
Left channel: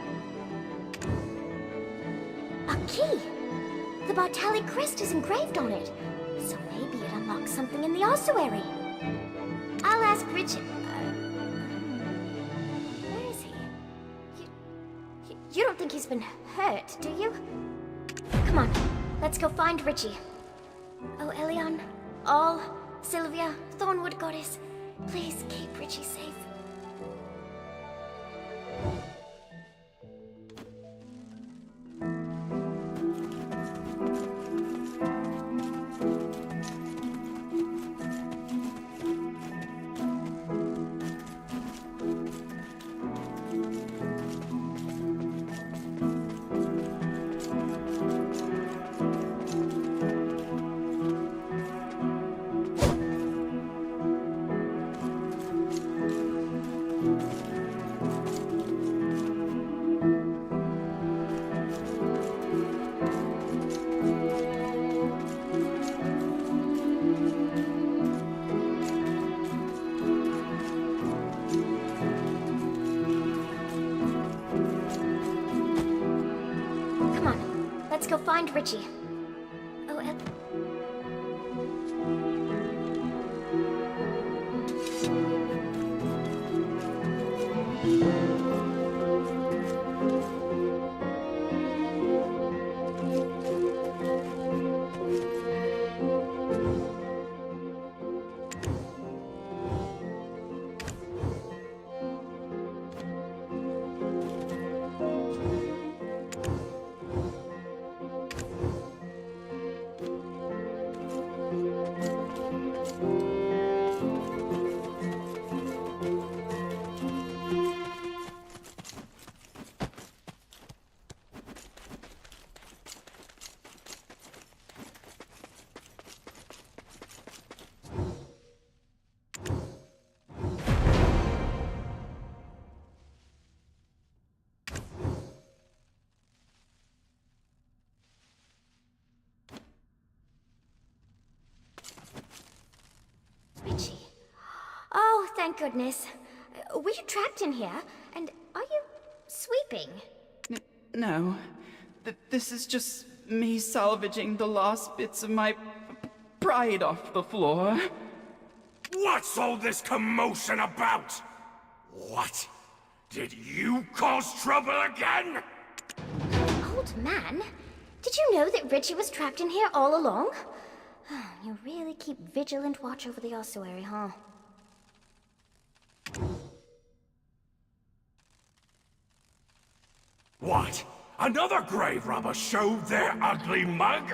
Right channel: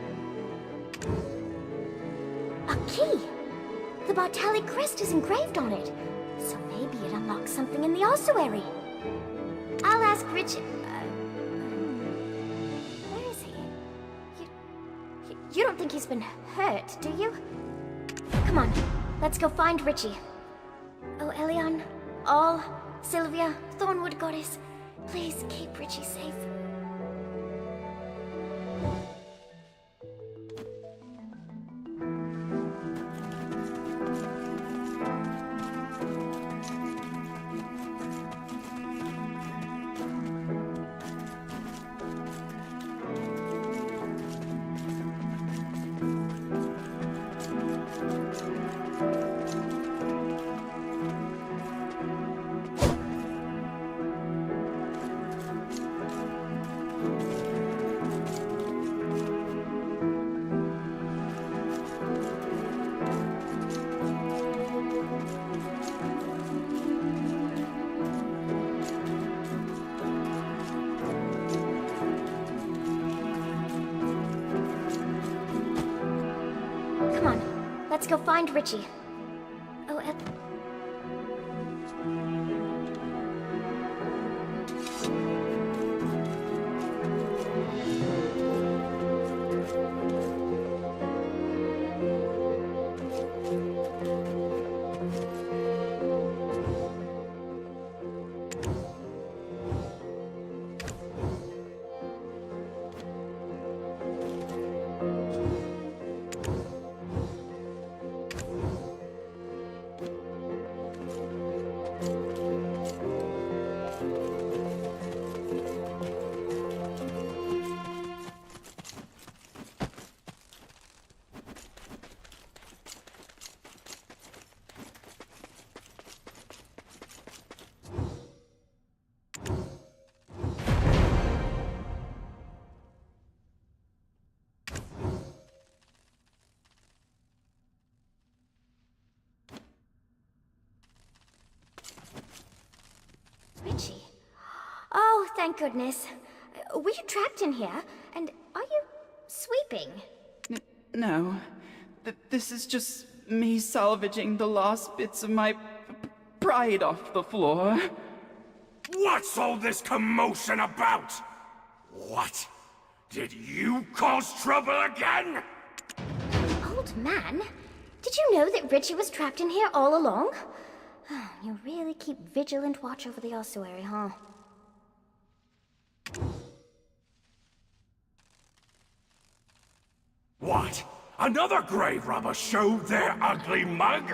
A key! The Bartali crest is engraved on it, so maybe it unlocks something in the ossuary. I'll ask Richie. Where is he? You don't think he's been hurt, do you? Come on, let's go find Richie. Oh, Elion, All, Sylvia, Thornwood Goddess, please keep Richie safe. Let's go find Richie. Oh, Richie. Oh, thank goodness. Were you trapped in here? And are you sweeping? No. This is just me salvaging the last bits of my pride off the floor. What's all this commotion about? What? Did you cause trouble again? Old man, did you know that Richie was trapped in here all along? You really keep vigilant watch over the ossuary, huh? What? Another grave robber showed their ugly mug?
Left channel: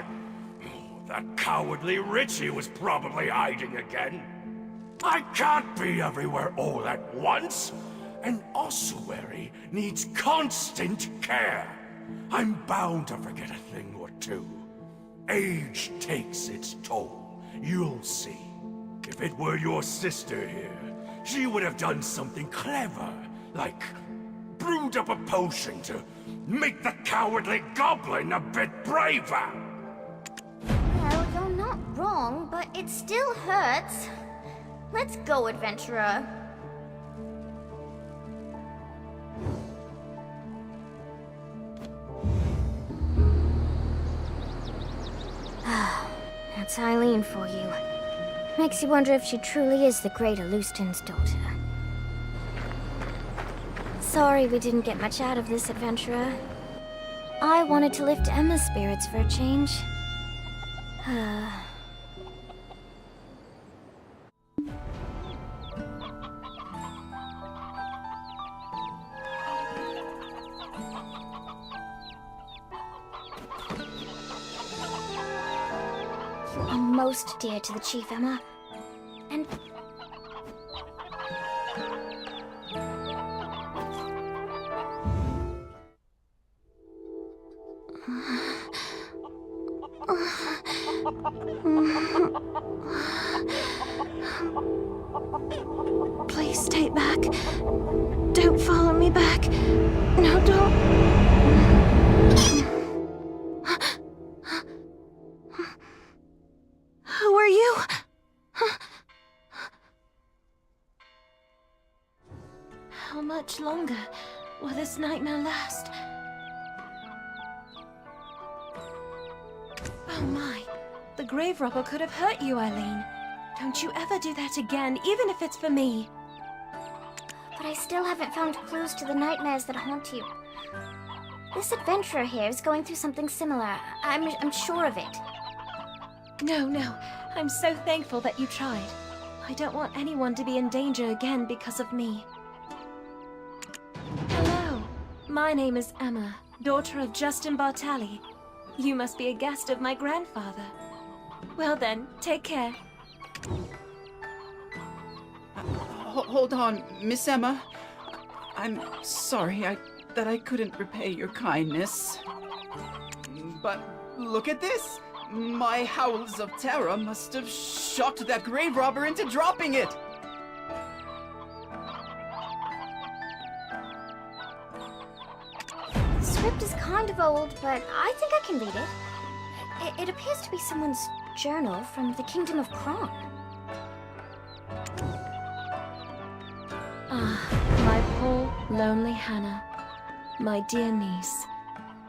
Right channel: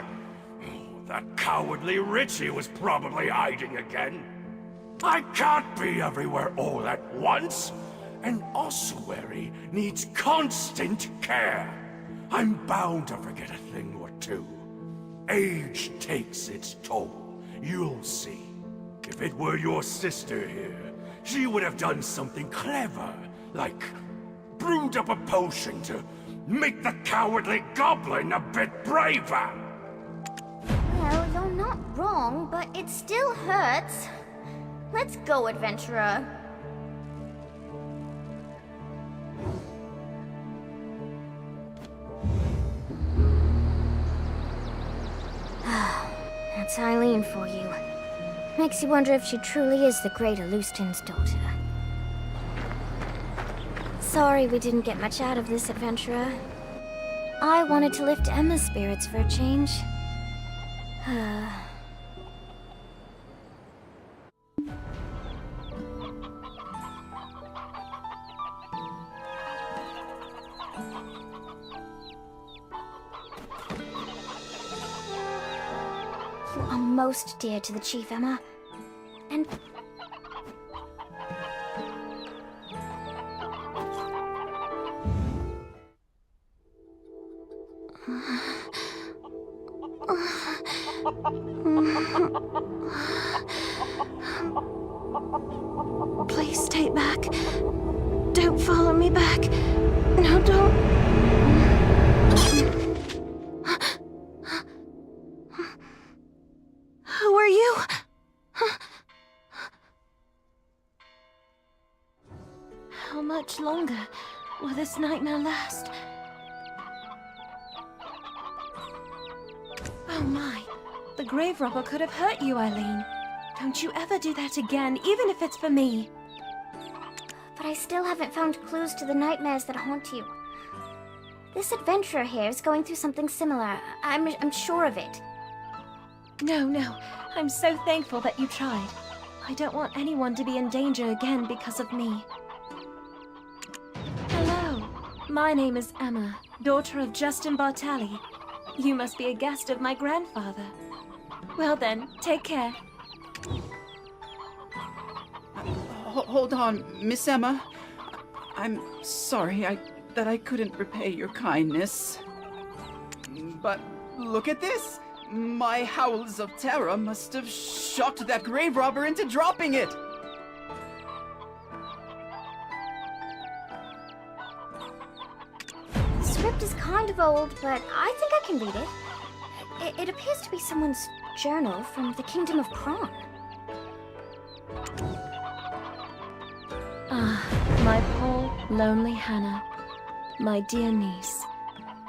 Oh, that cowardly Richie was probably hiding again. I can't be everywhere all at once. An ossuary needs constant care. I'm bound to forget a thing or two. Age takes its toll. You'll see. If it were your sister here, she would have done something clever, like brewed up a potion to make the cowardly goblin a bit braver. Well, you're not wrong, but it still hurts. Let's go, adventurer. That's Eileen for you. Makes you wonder if she truly is the great Alustin's daughter. Sorry we didn't get much out of this, adventurer. I wanted to lift Emma's spirits for a change. You are most dear to the Chief, Emma. And... Please stay back. Don't follow me back. No, don't. Who are you? How much longer will this nightmare last? Oh my, the grave robber could have hurt you, Eileen. Don't you ever do that again, even if it's for me. But I still haven't found clues to the nightmares that haunt you. This adventurer here is going through something similar. I'm sure of it. No. I'm so thankful that you tried. I don't want anyone to be in danger again because of me. Hello. My name is Emma, daughter of Justin Bartali. You must be a guest of my grandfather. Well then, take care. Hold on, Miss Emma. I'm sorry that I couldn't repay your kindness. But look at this! My howls of terror must have shocked that grave robber into dropping it! The script is kind of old, but I think I can read it. It appears to be someone's journal from the Kingdom of Kron. Ah, my poor, lonely Hannah. My dear niece.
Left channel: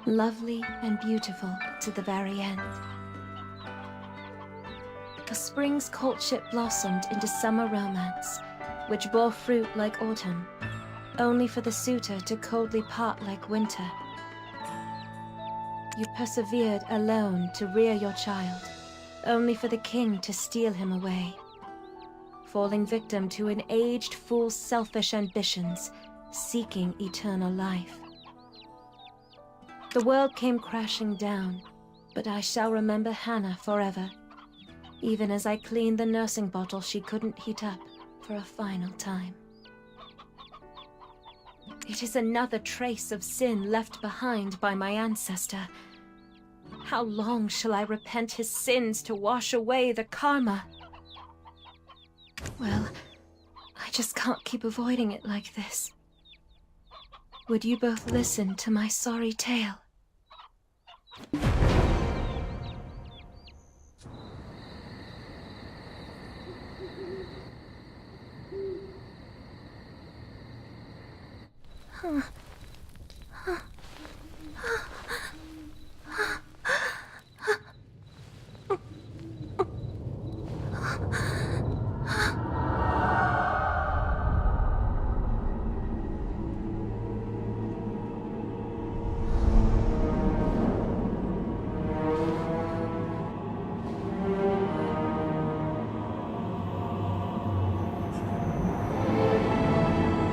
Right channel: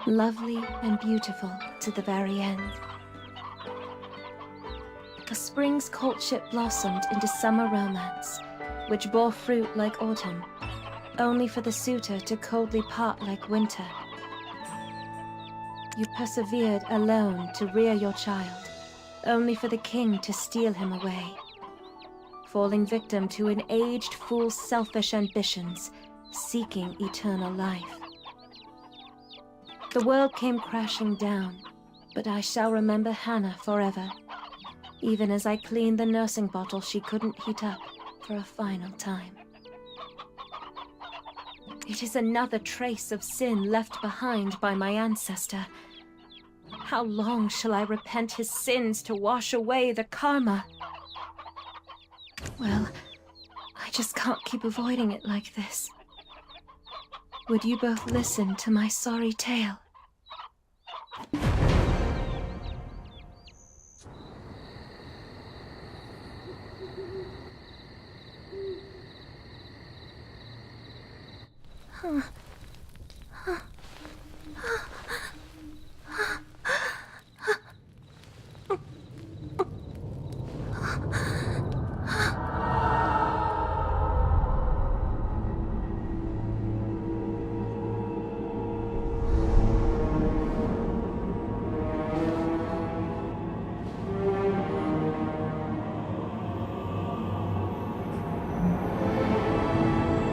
Lovely and beautiful to the very end. A spring's courtship blossomed into summer romance, which bore fruit like autumn, only for the suitor to coldly part like winter. You persevered alone to rear your child, only for the king to steal him away, falling victim to an aged fool's selfish ambitions, seeking eternal life. The world came crashing down, but I shall remember Hannah forever, even as I cleaned the nursing bottle she couldn't heat up for a final time. It is another trace of sin left behind by my ancestor. How long shall I repent his sins to wash away the karma? Well, I just can't keep avoiding it like this. Would you both listen to my sorry tale?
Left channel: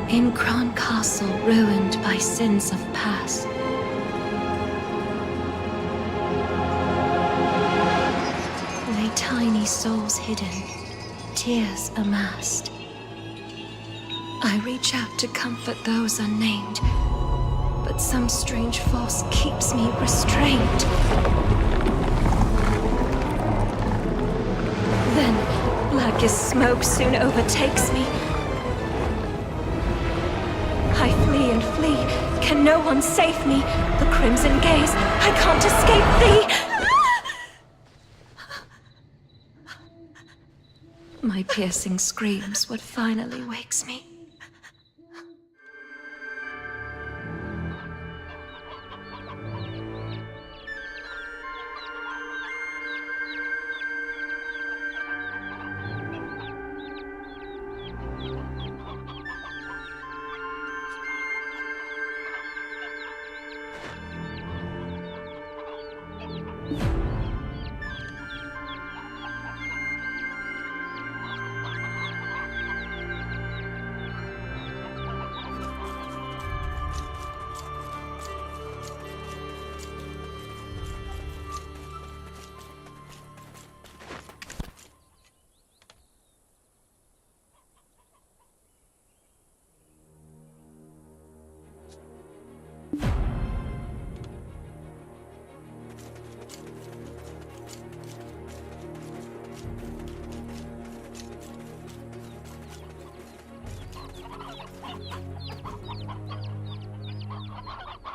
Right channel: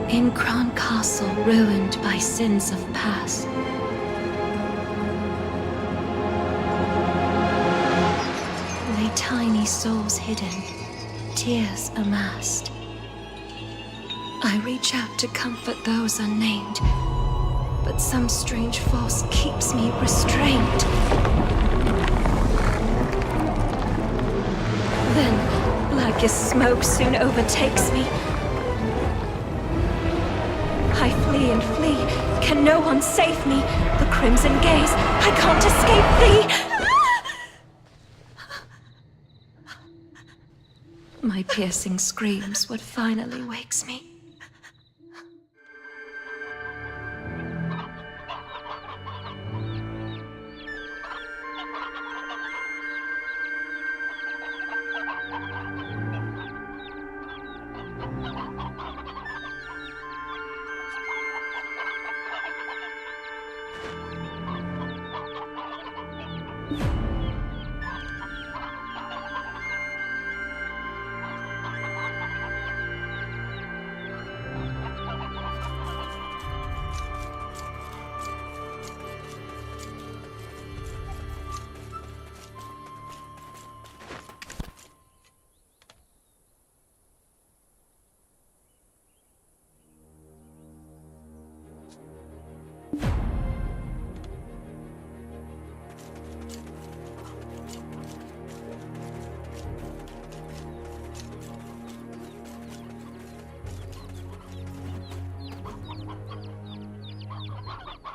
In Kron Castle, ruined by sins of past, lay tiny souls hidden, tears amassed. I reach out to comfort those unnamed, but some strange force keeps me restrained. Then, black as smoke soon overtakes me. I flee and flee. Can no one save me? The crimson gaze. I can't escape thee. My piercing screams what finally wakes me.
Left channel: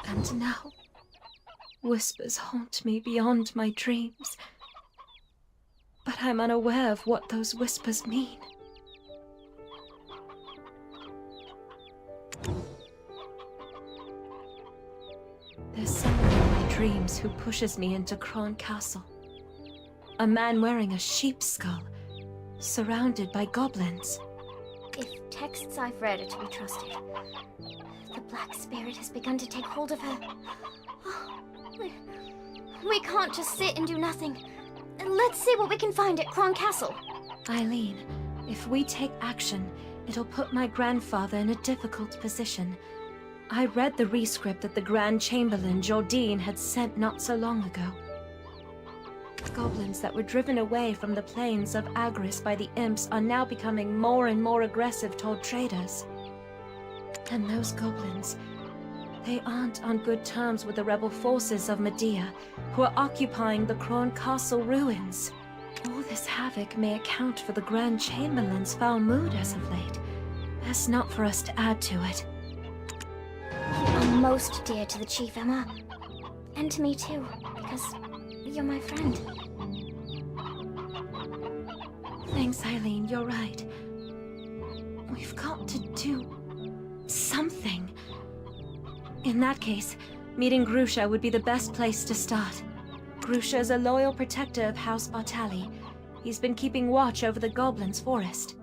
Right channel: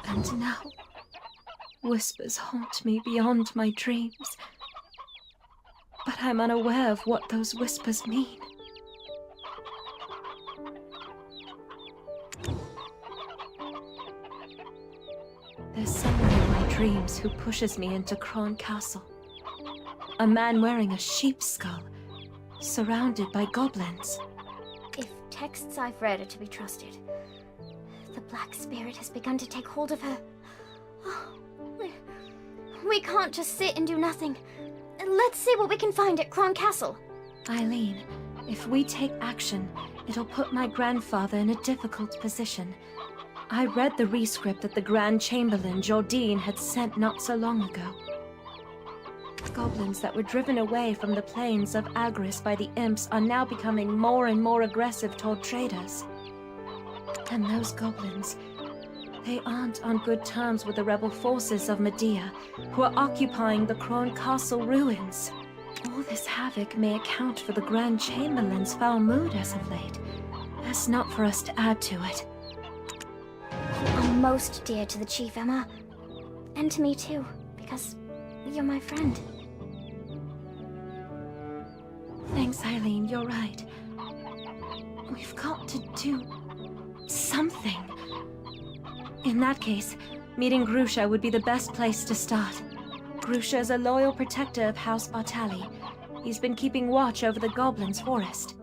And now, whispers haunt me beyond my dreams. But I'm unaware of what those whispers mean. There's someone in my dreams who pushes me into Kron Castle. A man wearing a sheep's skull, surrounded by goblins. If texts I've read are to be trusted, the Black Spirit has begun to take hold of her. Oh, we can't just sit and do nothing. Let's see what we can find at Kron Castle. Eileen, if we take action, it'll put my grandfather in a difficult position. I read the rescript that the Grand Chamberlain, Jordine, had sent not so long ago. Goblins that were driven away from the plains of Agris by the imps are now becoming more and more aggressive toward traders. And those goblins, they aren't on good terms with the rebel forces of Medea, who are occupying the Kron Castle ruins. All this havoc may account for the Grand Chamberlain's foul mood as of late. Best not for us to add to it. You are most dear to the Chief, Emma. And to me too, because you're my friend. Thanks, Eileen, you're right. We've got to do something. In that case, meeting Grusha would be the best place to start. Grusha is a loyal protector of House Bartali. He's been keeping watch over the Goblins' forest.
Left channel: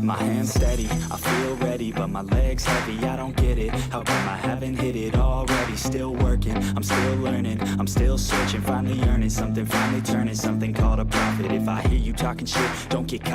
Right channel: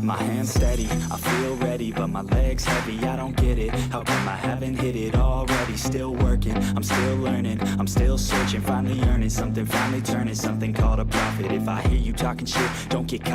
My hands steady, I feel ready, but my legs heavy, I don't get it. How come I haven't hit it already? Still working, I'm still learning, I'm still searching, finally earning something, finally turning something called a profit. If I hear you talking shit, don't get caught